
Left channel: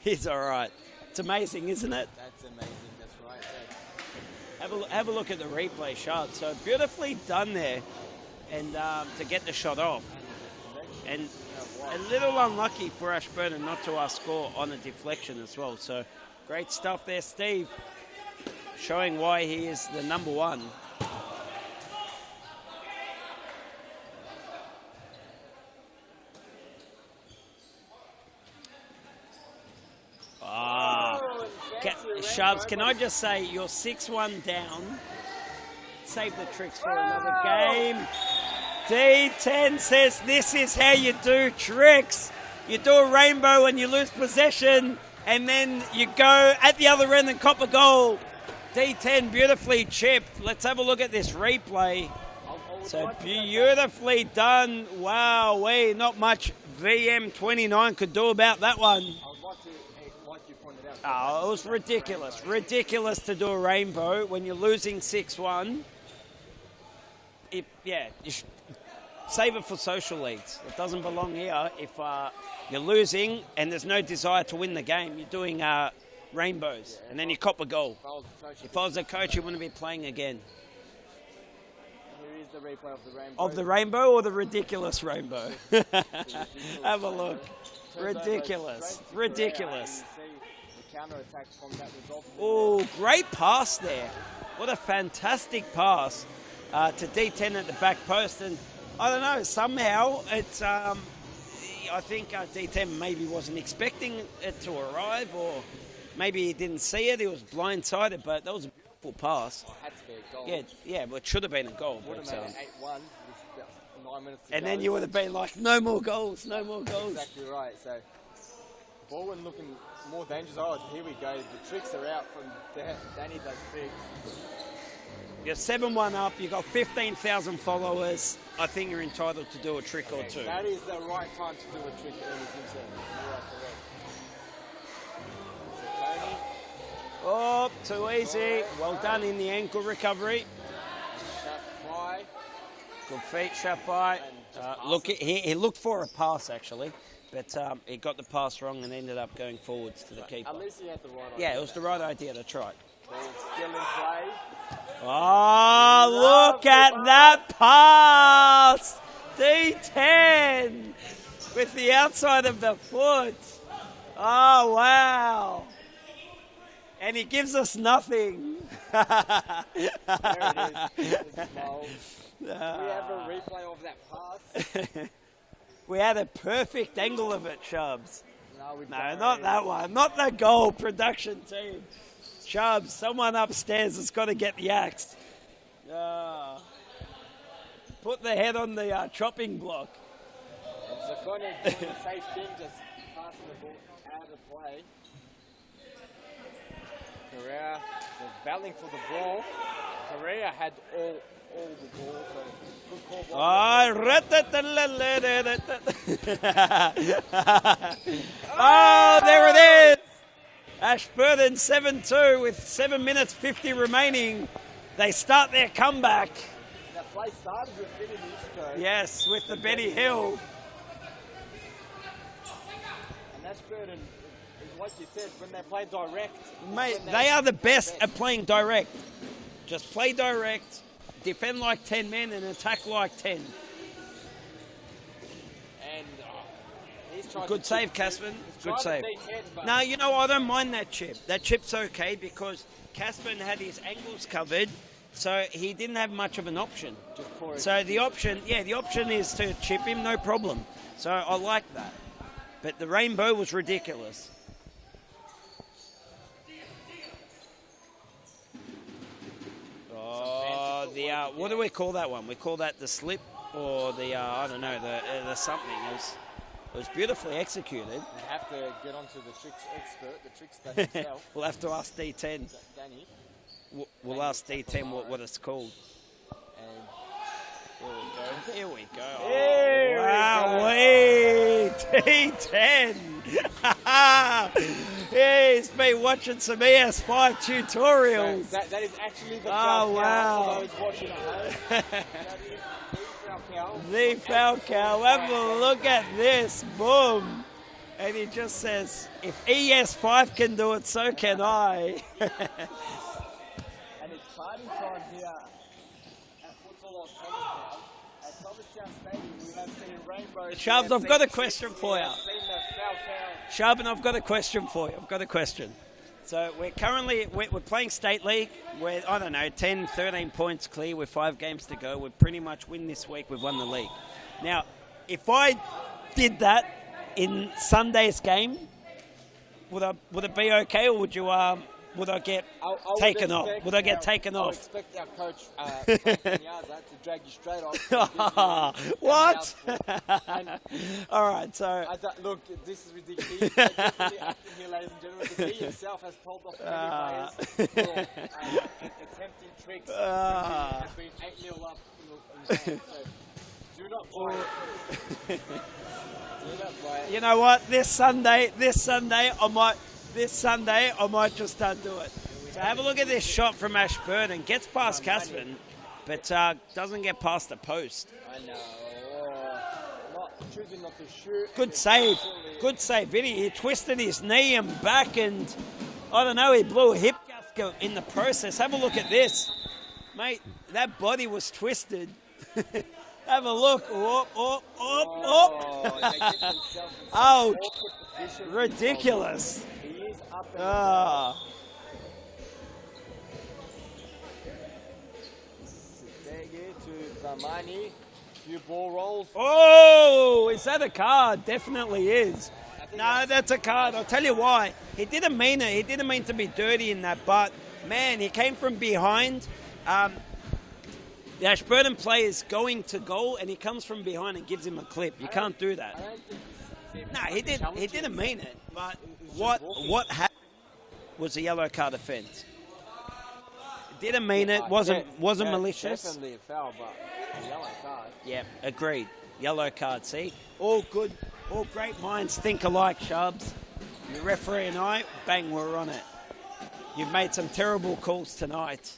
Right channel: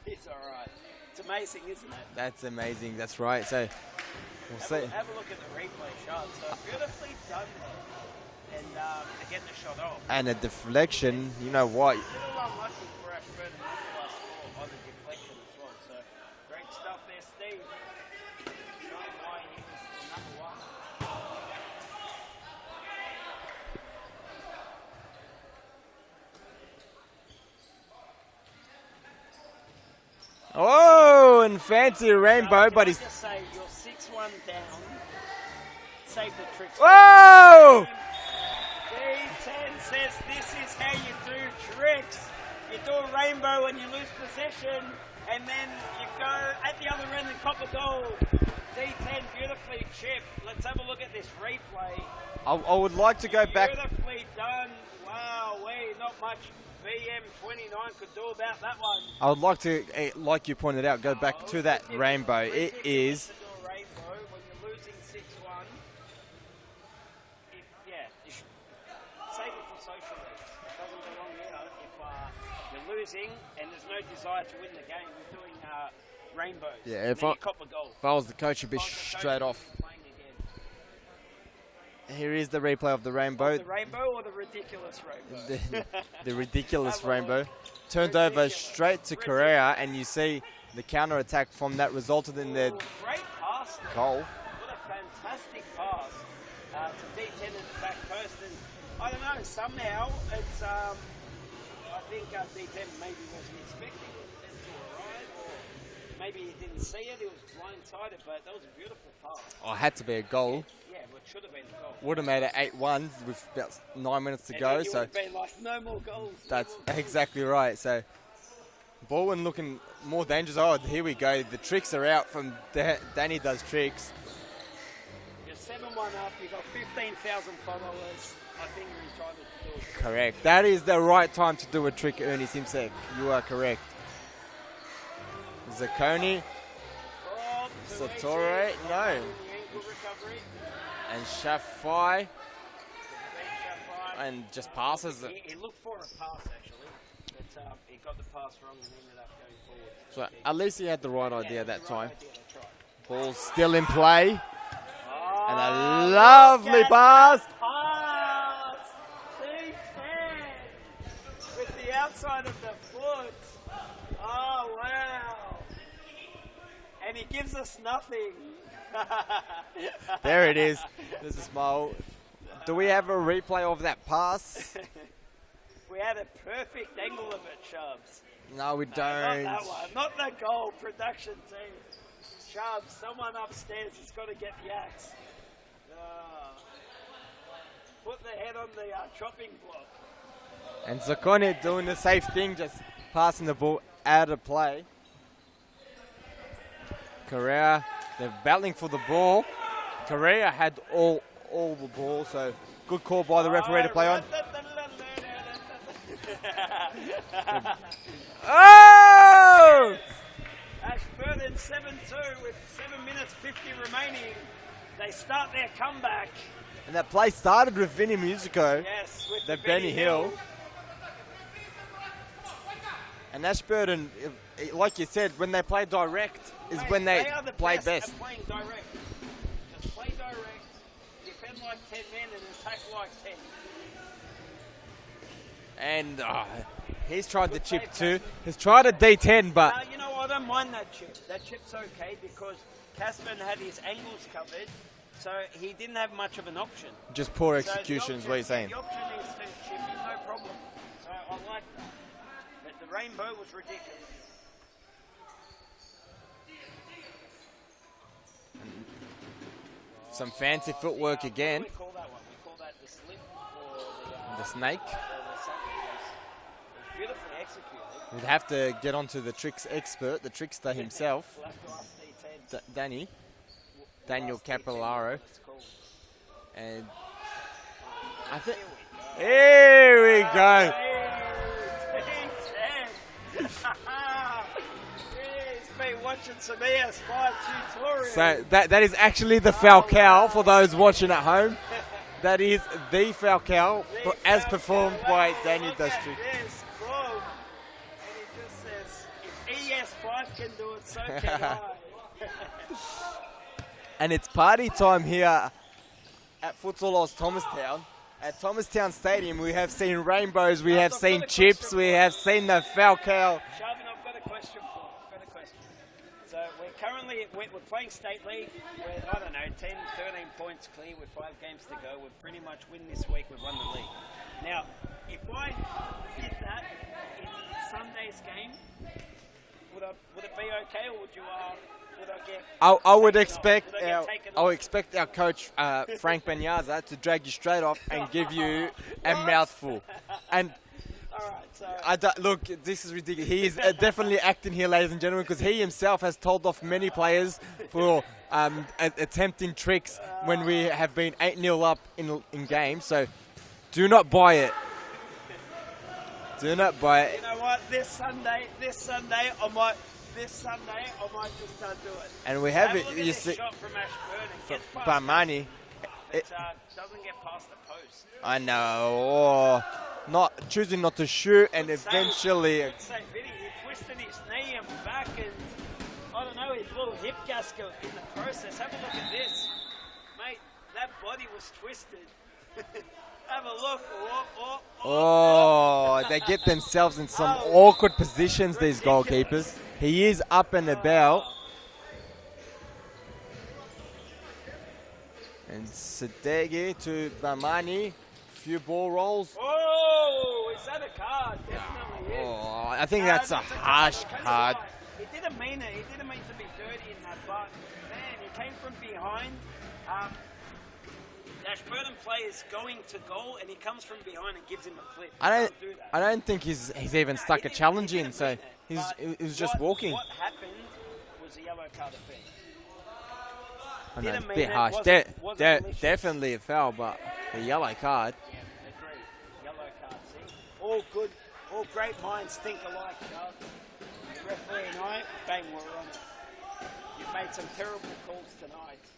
He's all right. It's amazing, isn't it? That's amazing. That's right. So have a look at the replay shot. So beautifully done there, and to get the shot off. And a deflection. And you know what? A little unlucky for Ashburton not to score on a deflection as well. So great stuff there, Steve. Showing why he is the number 1. Oh, and fancy rainbow. Sharks, But can I just say, you're 6-1 down. Save the tricks for Whoa! the game. D10 says this is how you do tricks. You do a rainbow and you lose possession, and then you go at the other end and cop a goal. D10 beautifully chipped. Let's have a look at this replay. I would like to go back. Beautifully done. Wow, not much VM29 could do about that one. I would like to, like you pointed out, go back to that rainbow. Ridiculous to do a rainbow when you're losing 6-1. You should save it for social leagues. It doesn't belong here. If you're losing and there's no desire to win the game, you're doing rainbows, and then you cop a goal. If I was the coach, you wouldn't be playing again. Here is the replay of the rainbow. Of the rainbow or the ridiculous rainbow? The ridiculous rainbow. Turned over straight to Correa, and you see the counter-attack from that resulted in the great pass there. Goal. What a fantastic pass to D10 at the back post. And I don't know, somehow it's, I think D10 maybe wasn't expecting it to arrive, or maybe he didn't see it. He was blindsided, but that was a beautiful pass. Oh, it had to be a goal. Yeah, well, it should have been a goal. Would have made it 8-1 with about 9 minutes to and go. And then you would have been like, no more goals, no that's more goals. Exactly right. So, Baldwin looking more dangerous. Oh, here we go. The tricks are out from Danny does tricks. You're 7-1 up. You've got 15,000 followers. I think you're entitled to do a trick Correct. or two. That is the right time to do a trick, Ernie Simpson. You are correct. Zacconi. Oh, too Satori, easy. Well done in the ankle recovery. And Shafai. Good feet, Shafai. And just passes. Look, he looked for a pass, actually. But he got the pass wrong and ended up going forwards to the keeper. At least he had the right idea. Yeah, it was the right time. idea. That's right. Ball's still in play. Oh, look lovely at pass. that pass! D10 with the outside of the foot. Oh, wow. And he gives us nothing. There it is. The smile. Do we have a replay of that pass? We had a perfect angle of it, Chubbs. No, we No, don't. not that one. Not the goal production team. Chubbs, someone upstairs has got to get the axe. Put the head on the chopping block. And Zacconi doing the safe thing, just passing the ball out of play. Correa, they're battling for the ball. Correa had all the ball, so good call by the referee to play on. Oh, there it is! Ashburton 7-2 with 7 minutes 50 remaining. They start their comeback. And that play started with Vinny Musico. Yes, with the Benny Benny Hill. And Ashburton, like you said, when they play direct, is Mate, when they are the play best at playing direct. Just play direct, defend like 10 men and attack like 10. And he's tried Good the chip save, too. Caspen. He's tried Good a save. D10, but No, you know, I don't mind that chip. That chip's okay because Caspen had his angles covered, so he didn't have much of an option. just poor So execution. the is what option, he's yeah, saying. the option is to chip him, no problem. So I like that. But the rainbow was ridiculous. Some fancy footwork What again. do we call that one? We call that the slip or the I don't know, snake? the something. It was beautifully executed. We'd have to get onto the tricks expert, the trickster himself, We'll have to ask D10. Danny. We'll Daniel ask D10 Capillaro. what it's called. And Here we go. here we go. D10. Yeah, he's been watching some ES5 tutorials. So that is actually the Oh, Falcao wow. for those watching at home. That is the Falcao as performed by Have a Danny look Dusty. at this. Boom. And he just says, if ES5 can do it, so can I. And it's party time here at Futsal Oz Thomastown. At Thomastown Stadium, we have seen rainbows, we Shabs, have I've seen got a chips, question we for have you. seen the Falcao. Sharpen, I've got a question for you. I've got a question. So we're playing State League. We're, 10, 13 points clear with 5 games to go. We've pretty much win this week. We've won the league. Now, if I did that in Sunday's game, would it be okay, or would you would I get I would taken off? expect Would I get taken I would off? expect our coach Frank Penyaza to drag you straight off and give you a What? mouthful. And All right, so look, this is ridiculous. He is definitely acting here, ladies and gentlemen, because he himself has told off many players for attempting tricks when we have been 8-0 up in games. So do not buy it. Do not buy it. you know what? This Sunday, I might just do it. And we So have have it. a look at you this see- shot from Ashburton. Gets past Barmani. Caspen, but doesn't get past the post. I know. Not choosing not to shoot, and Good save. eventually. Good save, Vinny. He twisted his knee and back, and I don't know, he blew a hip gasket in the process. Have a look at this. Mate, that body was twisted. Have a look. Oh, they get themselves in some Ouch. awkward positions, these Ridiculous. goalkeepers. He is up and about. And Sadegi to Bamani. Few ball rolls. Oh, is that a card? Definitely is. Oh, I think No, that's a card. harsh I'll tell you card. why. He didn't mean it. He didn't mean to be dirty in that, but, man, he came from behind. The Ashburton player is going to goal, and he comes from behind and gives him a clip. You can't do that. I don't think he's even stuck a challenge in. So he was just walking. What happened was a yellow card offence. I know, Didn't it's a mean bit it. harsh. Wasn't malicious. Definitely a foul, but a yellow card. Yeah, agreed. Yellow card, see? All good, all great minds think alike, Shubs. The referee and I, bang, we're on it. You've made some terrible calls tonight.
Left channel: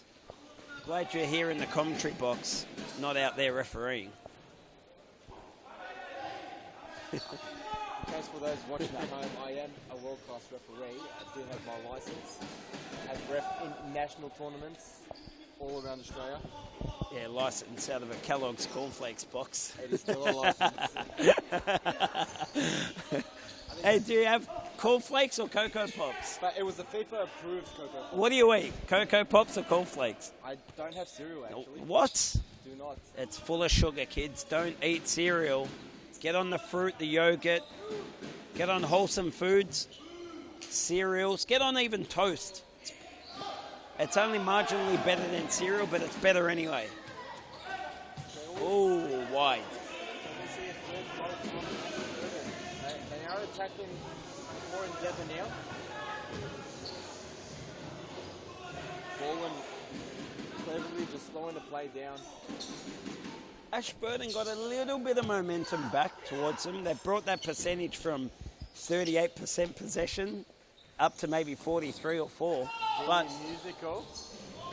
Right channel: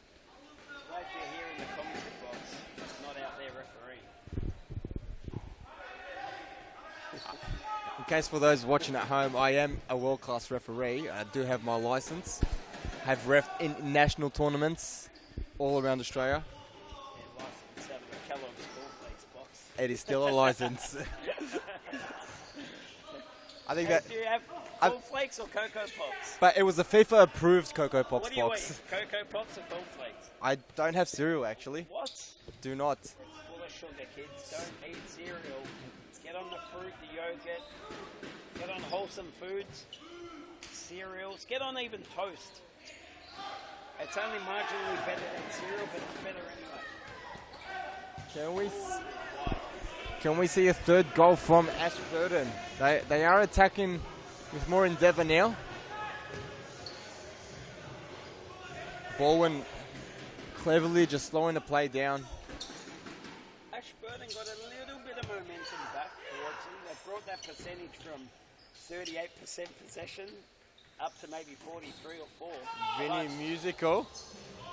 Glad you're here in the commentary box, not out there refereeing. In case for those watching at home, I am a world-class referee. I do have my license. Have ref in national tournaments all around Australia. Yeah, license out of a Kellogg's Cornflakes box. It is still a license. I think Hey, do you have cornflakes or Cocoa Pops? but it was a FIFA-approved Cocoa Pops. What do you box. eat? Cocoa Pops or cornflakes? I don't have cereal, actually. What? Do not. It's full of sugar, kids. Don't eat cereal. Get on the fruit, the yogurt. Get on wholesome foods, cereals. Get on even toast. It's only marginally better than cereal, but it's better anyway. Oh, wide. Can we see a third goal from Ashburton? They are attacking with more endeavour now. Baldwin cleverly just slowing the play down. Ashburton got a little bit of momentum back towards them. They brought that percentage from 38% possession up to maybe 43 or 4. Vinny Musical.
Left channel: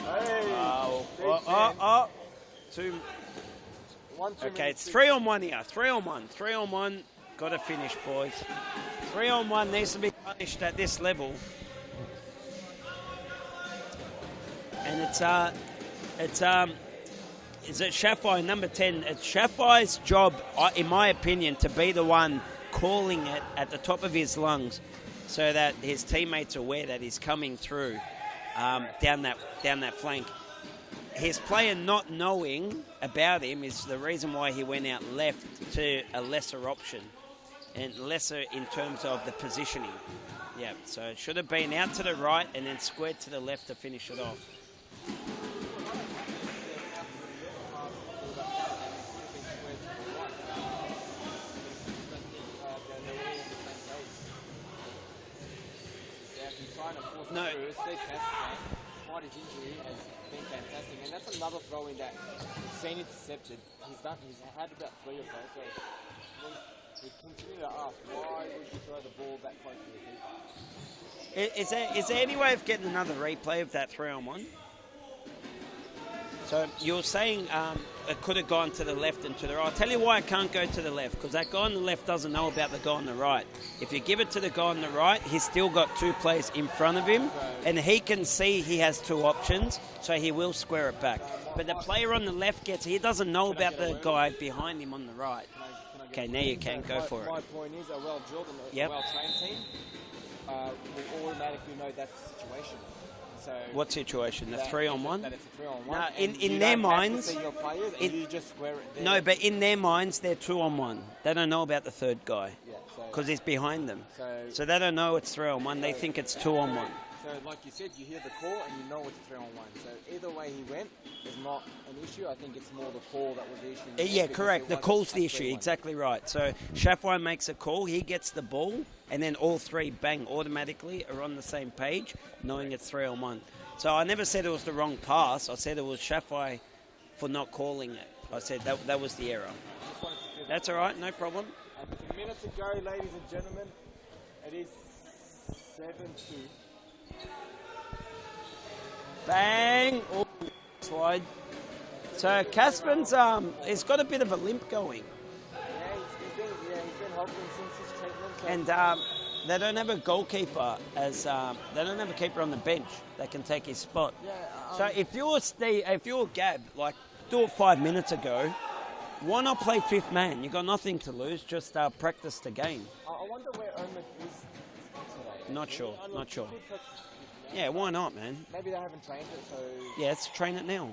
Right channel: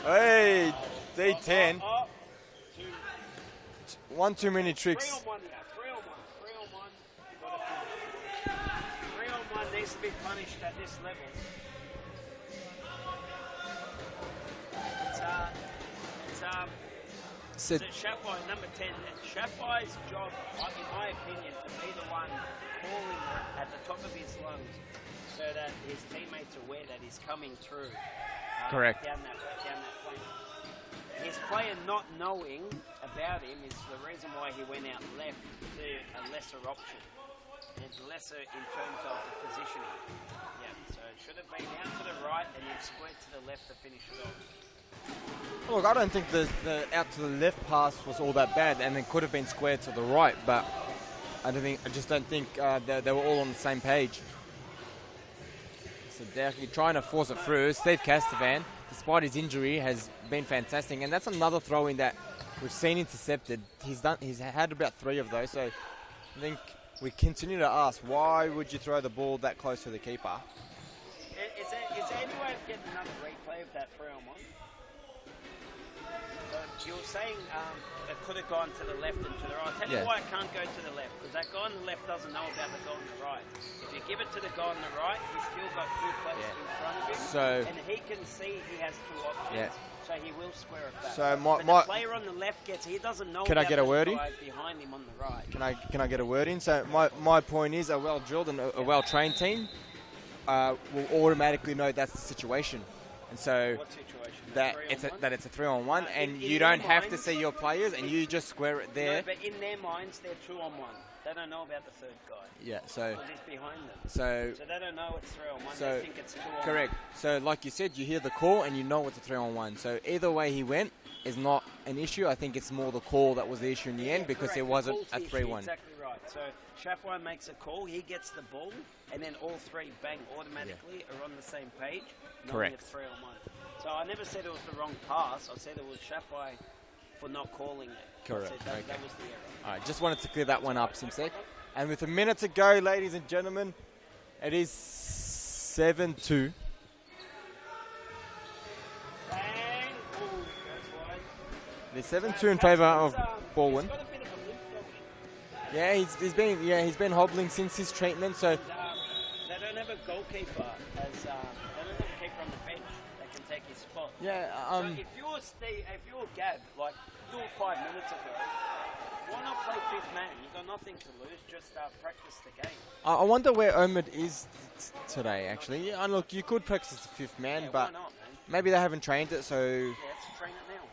Hey, D10. One too many tricks. 3 on 1 here. 3 on 1. 3 on 1. Got to finish, boys. 3 on 1 needs to be punished at this level. And is it Shaffai, number 10? It's Shaffai's job, in my opinion, to be the one calling it at the top of his lungs so that his teammates are aware that he's coming through down that flank. His player not knowing about him is the reason why he went out left to a lesser option and lesser in terms of the positioning. Yeah, so it should have been out to the right and then squared to the left to finish it off. Look, I don't think the out to the left pass was all that bad, and it could have been squared to the right, but I just don't think they were all on the same page. So definitely trying to force it through. Steve Castavan, despite his injury, has been fantastic, and that's another throw-in that we've seen intercepted. He's had about 3 of those, so I think we continue to ask, why would you throw the ball that close to the keeper? Is there any way of getting another replay of that 3 on 1? So you're saying it could have gone to the left and to the right. I'll tell you why it can't go to the left, because that guy on the left doesn't know about the guy on the right. If you give it to the guy on the right, he's still got 2 players in front of him, and he can see he has 2 options, so he will square it back. So but the player on the left he doesn't know about the guy behind him on the right. Can I get a word in? So my point is, a well-drilled and a well-trained team will automatically know that's the situation. And so what situation? The 3 on 1? That it's a 3 on 1, in you their don't minds, have to see your players, and you just square it there. No, but in their minds, they're 2 on 1. They don't know about the third guy. Yeah, so because he's behind them. So they don't know it's 3 on 1. They think it's 2 on 1. Correct. So like you said, you hear the call and you know it's a 3 on 1. So either way he went is not an issue. I think it's more the call that was the issue in the end. Yeah, correct. The call's the issue. Exactly right. So Shaffai makes a call. He gets the ball, and then all 3 bang automatically are on the same page, knowing it's 3 on 1. So I never said it was the wrong pass. I said it was Shaffai for not calling it. Correct. I said that was the error. All right, just wanted to clear that one up. That's all right, no problem. And with a minute to go, ladies and gentlemen, it is 7-2. Bang! Oh, slide. It's 7-2 in favour of Baldwin. He's got a bit of a limp going. Yeah, he's been hobbling since his treatment. So and they don't have a goalkeeper they don't have a keeper on the bench that can take his spot. Yeah. So if you're Gab, like do it 5 minutes ago, why not play 5th man? You got nothing to lose. Just practice the game. I wonder where Omid is today. Actually, not sure. Yeah, look, you could practice the 5th man. Yeah, why not, man? Maybe they haven't trained it, so yeah, let's train it now.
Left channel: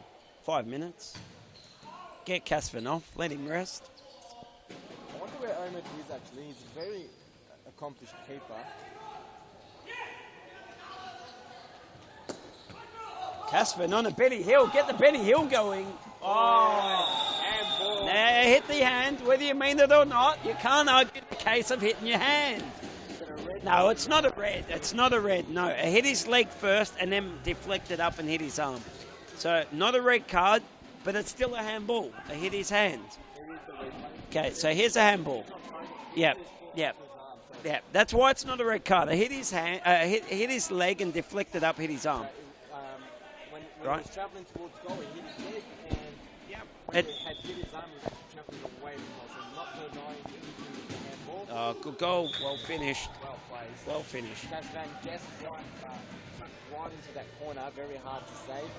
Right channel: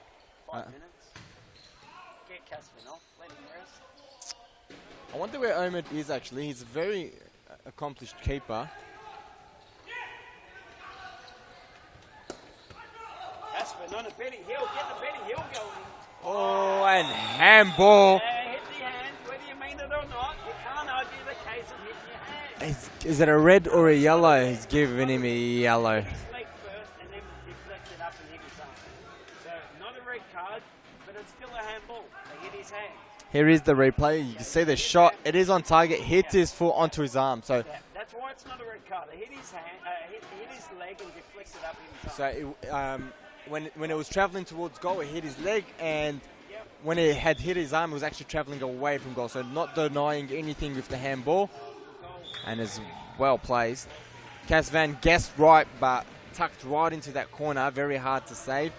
5 minutes. Get Casvan off. Let him rest. I wonder where Omid is actually. He's a very accomplished keeper. Casvin on a Benny Hill. Get the Benny Hill going. Oh, and handball. Yeah, hit the hand, whether you mean it or not. You can't argue the case of hitting your hand. Is it a red or a it's not yellow? a red. He's It's giving not a him red. a No, yellow. hit his leg first and then deflected up and hit his arm. So not a red card, but it's still a handball. It hit his hand. Here is the replay. You Okay, see so the here's shot. handball. It is on target. Hits Yep. his foot Yep. onto his arm. So, Yeah, that's why it's not a red card. It hit his hand, hit his leg and deflected up, hit his arm. when it was traveling towards goal, it hit his leg, and Yep. when it had hit his arm, it was actually traveling away from goal. So not denying anything with the handball. Good goal. Well and it's finished. well placed. Well finished. Cas Van guessed right, but tucked right into that corner. Very hard to save.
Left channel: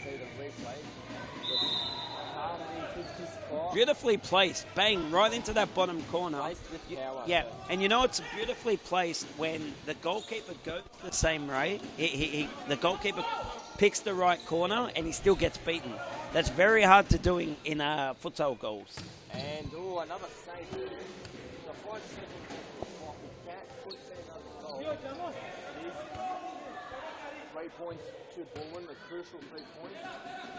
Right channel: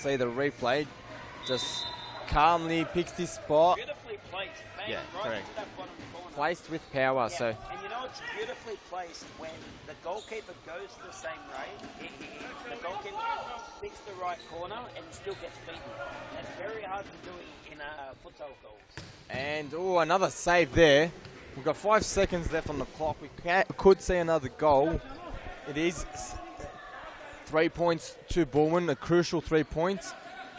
See the replay. Just calmly picks his spot. Beautifully placed. Bang, right into that bottom corner. Placed with power. Yeah, So and you know it's beautifully placed when the goalkeeper goes the same way. The goalkeeper picks the right corner and he still gets beaten. That's very hard to do in futsal goals. And another save there. We've got 5 seconds left on the clock. We could see another goal. It is 3 points to Baldwin, a crucial 3 points.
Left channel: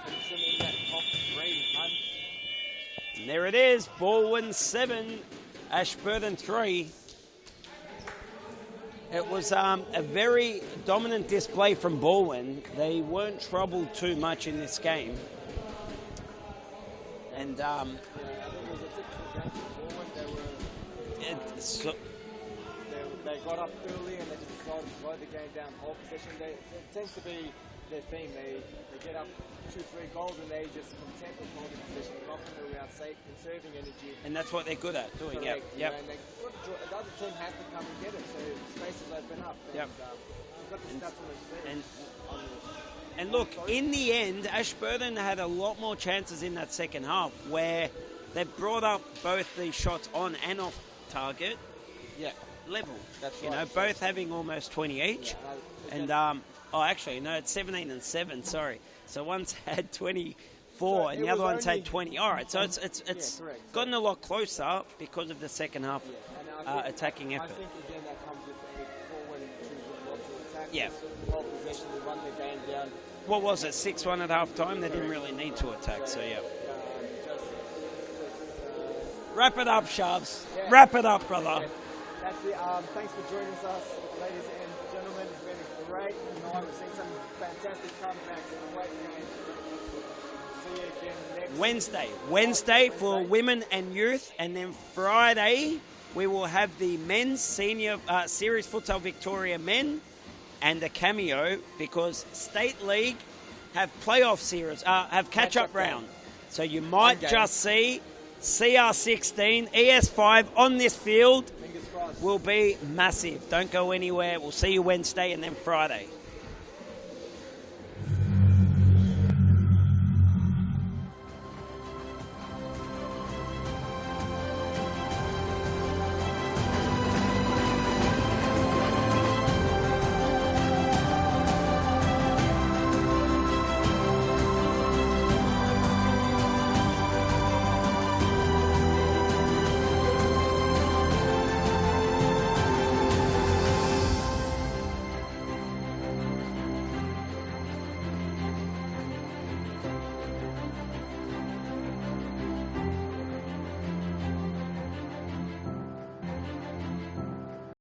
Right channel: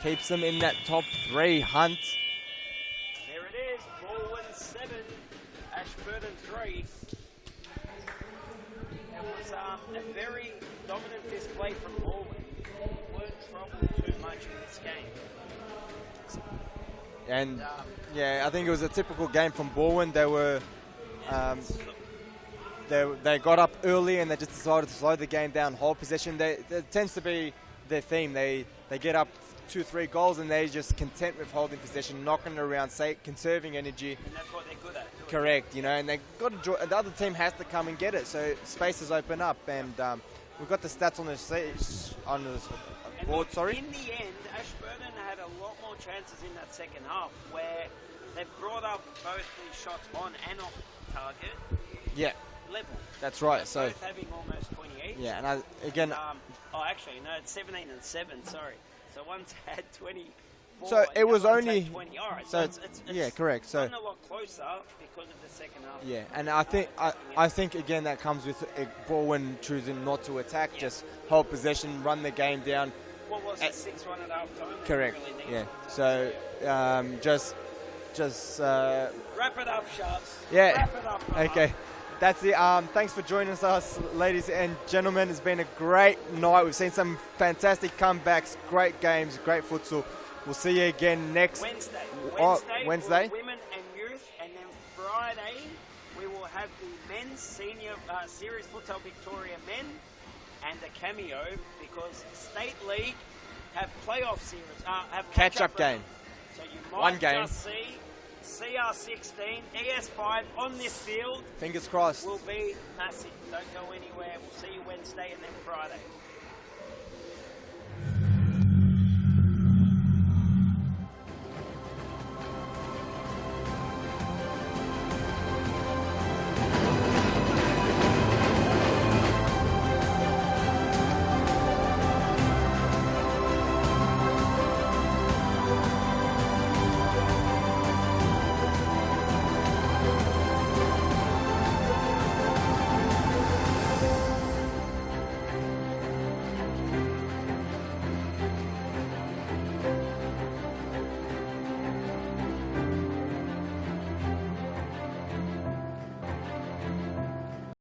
Keeps them in that top 3 hunt. And there it is, Baldwin 7, Ashburton 3. It was a very dominant display from Baldwin. They weren't troubled too much in this game. And yeah, I think it was a typical game from Baldwin. They were they got up early and they just decided to slow the game down, hold possession. That tends to be their theme. They get up 2-3 goals and they're just content with holding possession, knocking it around, conserving energy. And that's what they're good at. Doing. Correct, you Yep. know, and they got to the other team has to come and get it, so spaces open up. And we've got the stats on the And board, look, in the end, Ashburton had a lot more chances in that second half where they brought up both the shots on and off target. Yeah, level. that's You right. know, So- both having almost 20 each. Yeah, and again, actually, no, it's 17 and 7. Sorry. So one's had 24, So and it the was other one's only- had 20. All right, so it's yeah, correct. So gotten a lot closer because of the second half. yeah, and I think attacking I effort. think again that comes with Baldwin choosing not to attack, Yeah. just hold possession, run the game down. What was it, 6-1 at half time? They Correct. didn't really need Yeah. to attack. So, So, yeah. just Wrap it up, Sharps. Yeah. Wrap it up, brother. okay. That's it. Thanks for joining us, ladies and gentlemen. It's been a great night. We've seen some fantastic comebacks, great games, great futsal. We'll see you again next Wednesday Wednesday? for women and youth, and then Friday we will have the men's senior series futsal Victoria men and a cameo because State League have playoff series, have catch-up Catch-up game. round. So you might game. just see CR16 ES5 on this field Fingers crossed. will be massive. Don't go anywhere. We'll see you Wednesday and then Friday.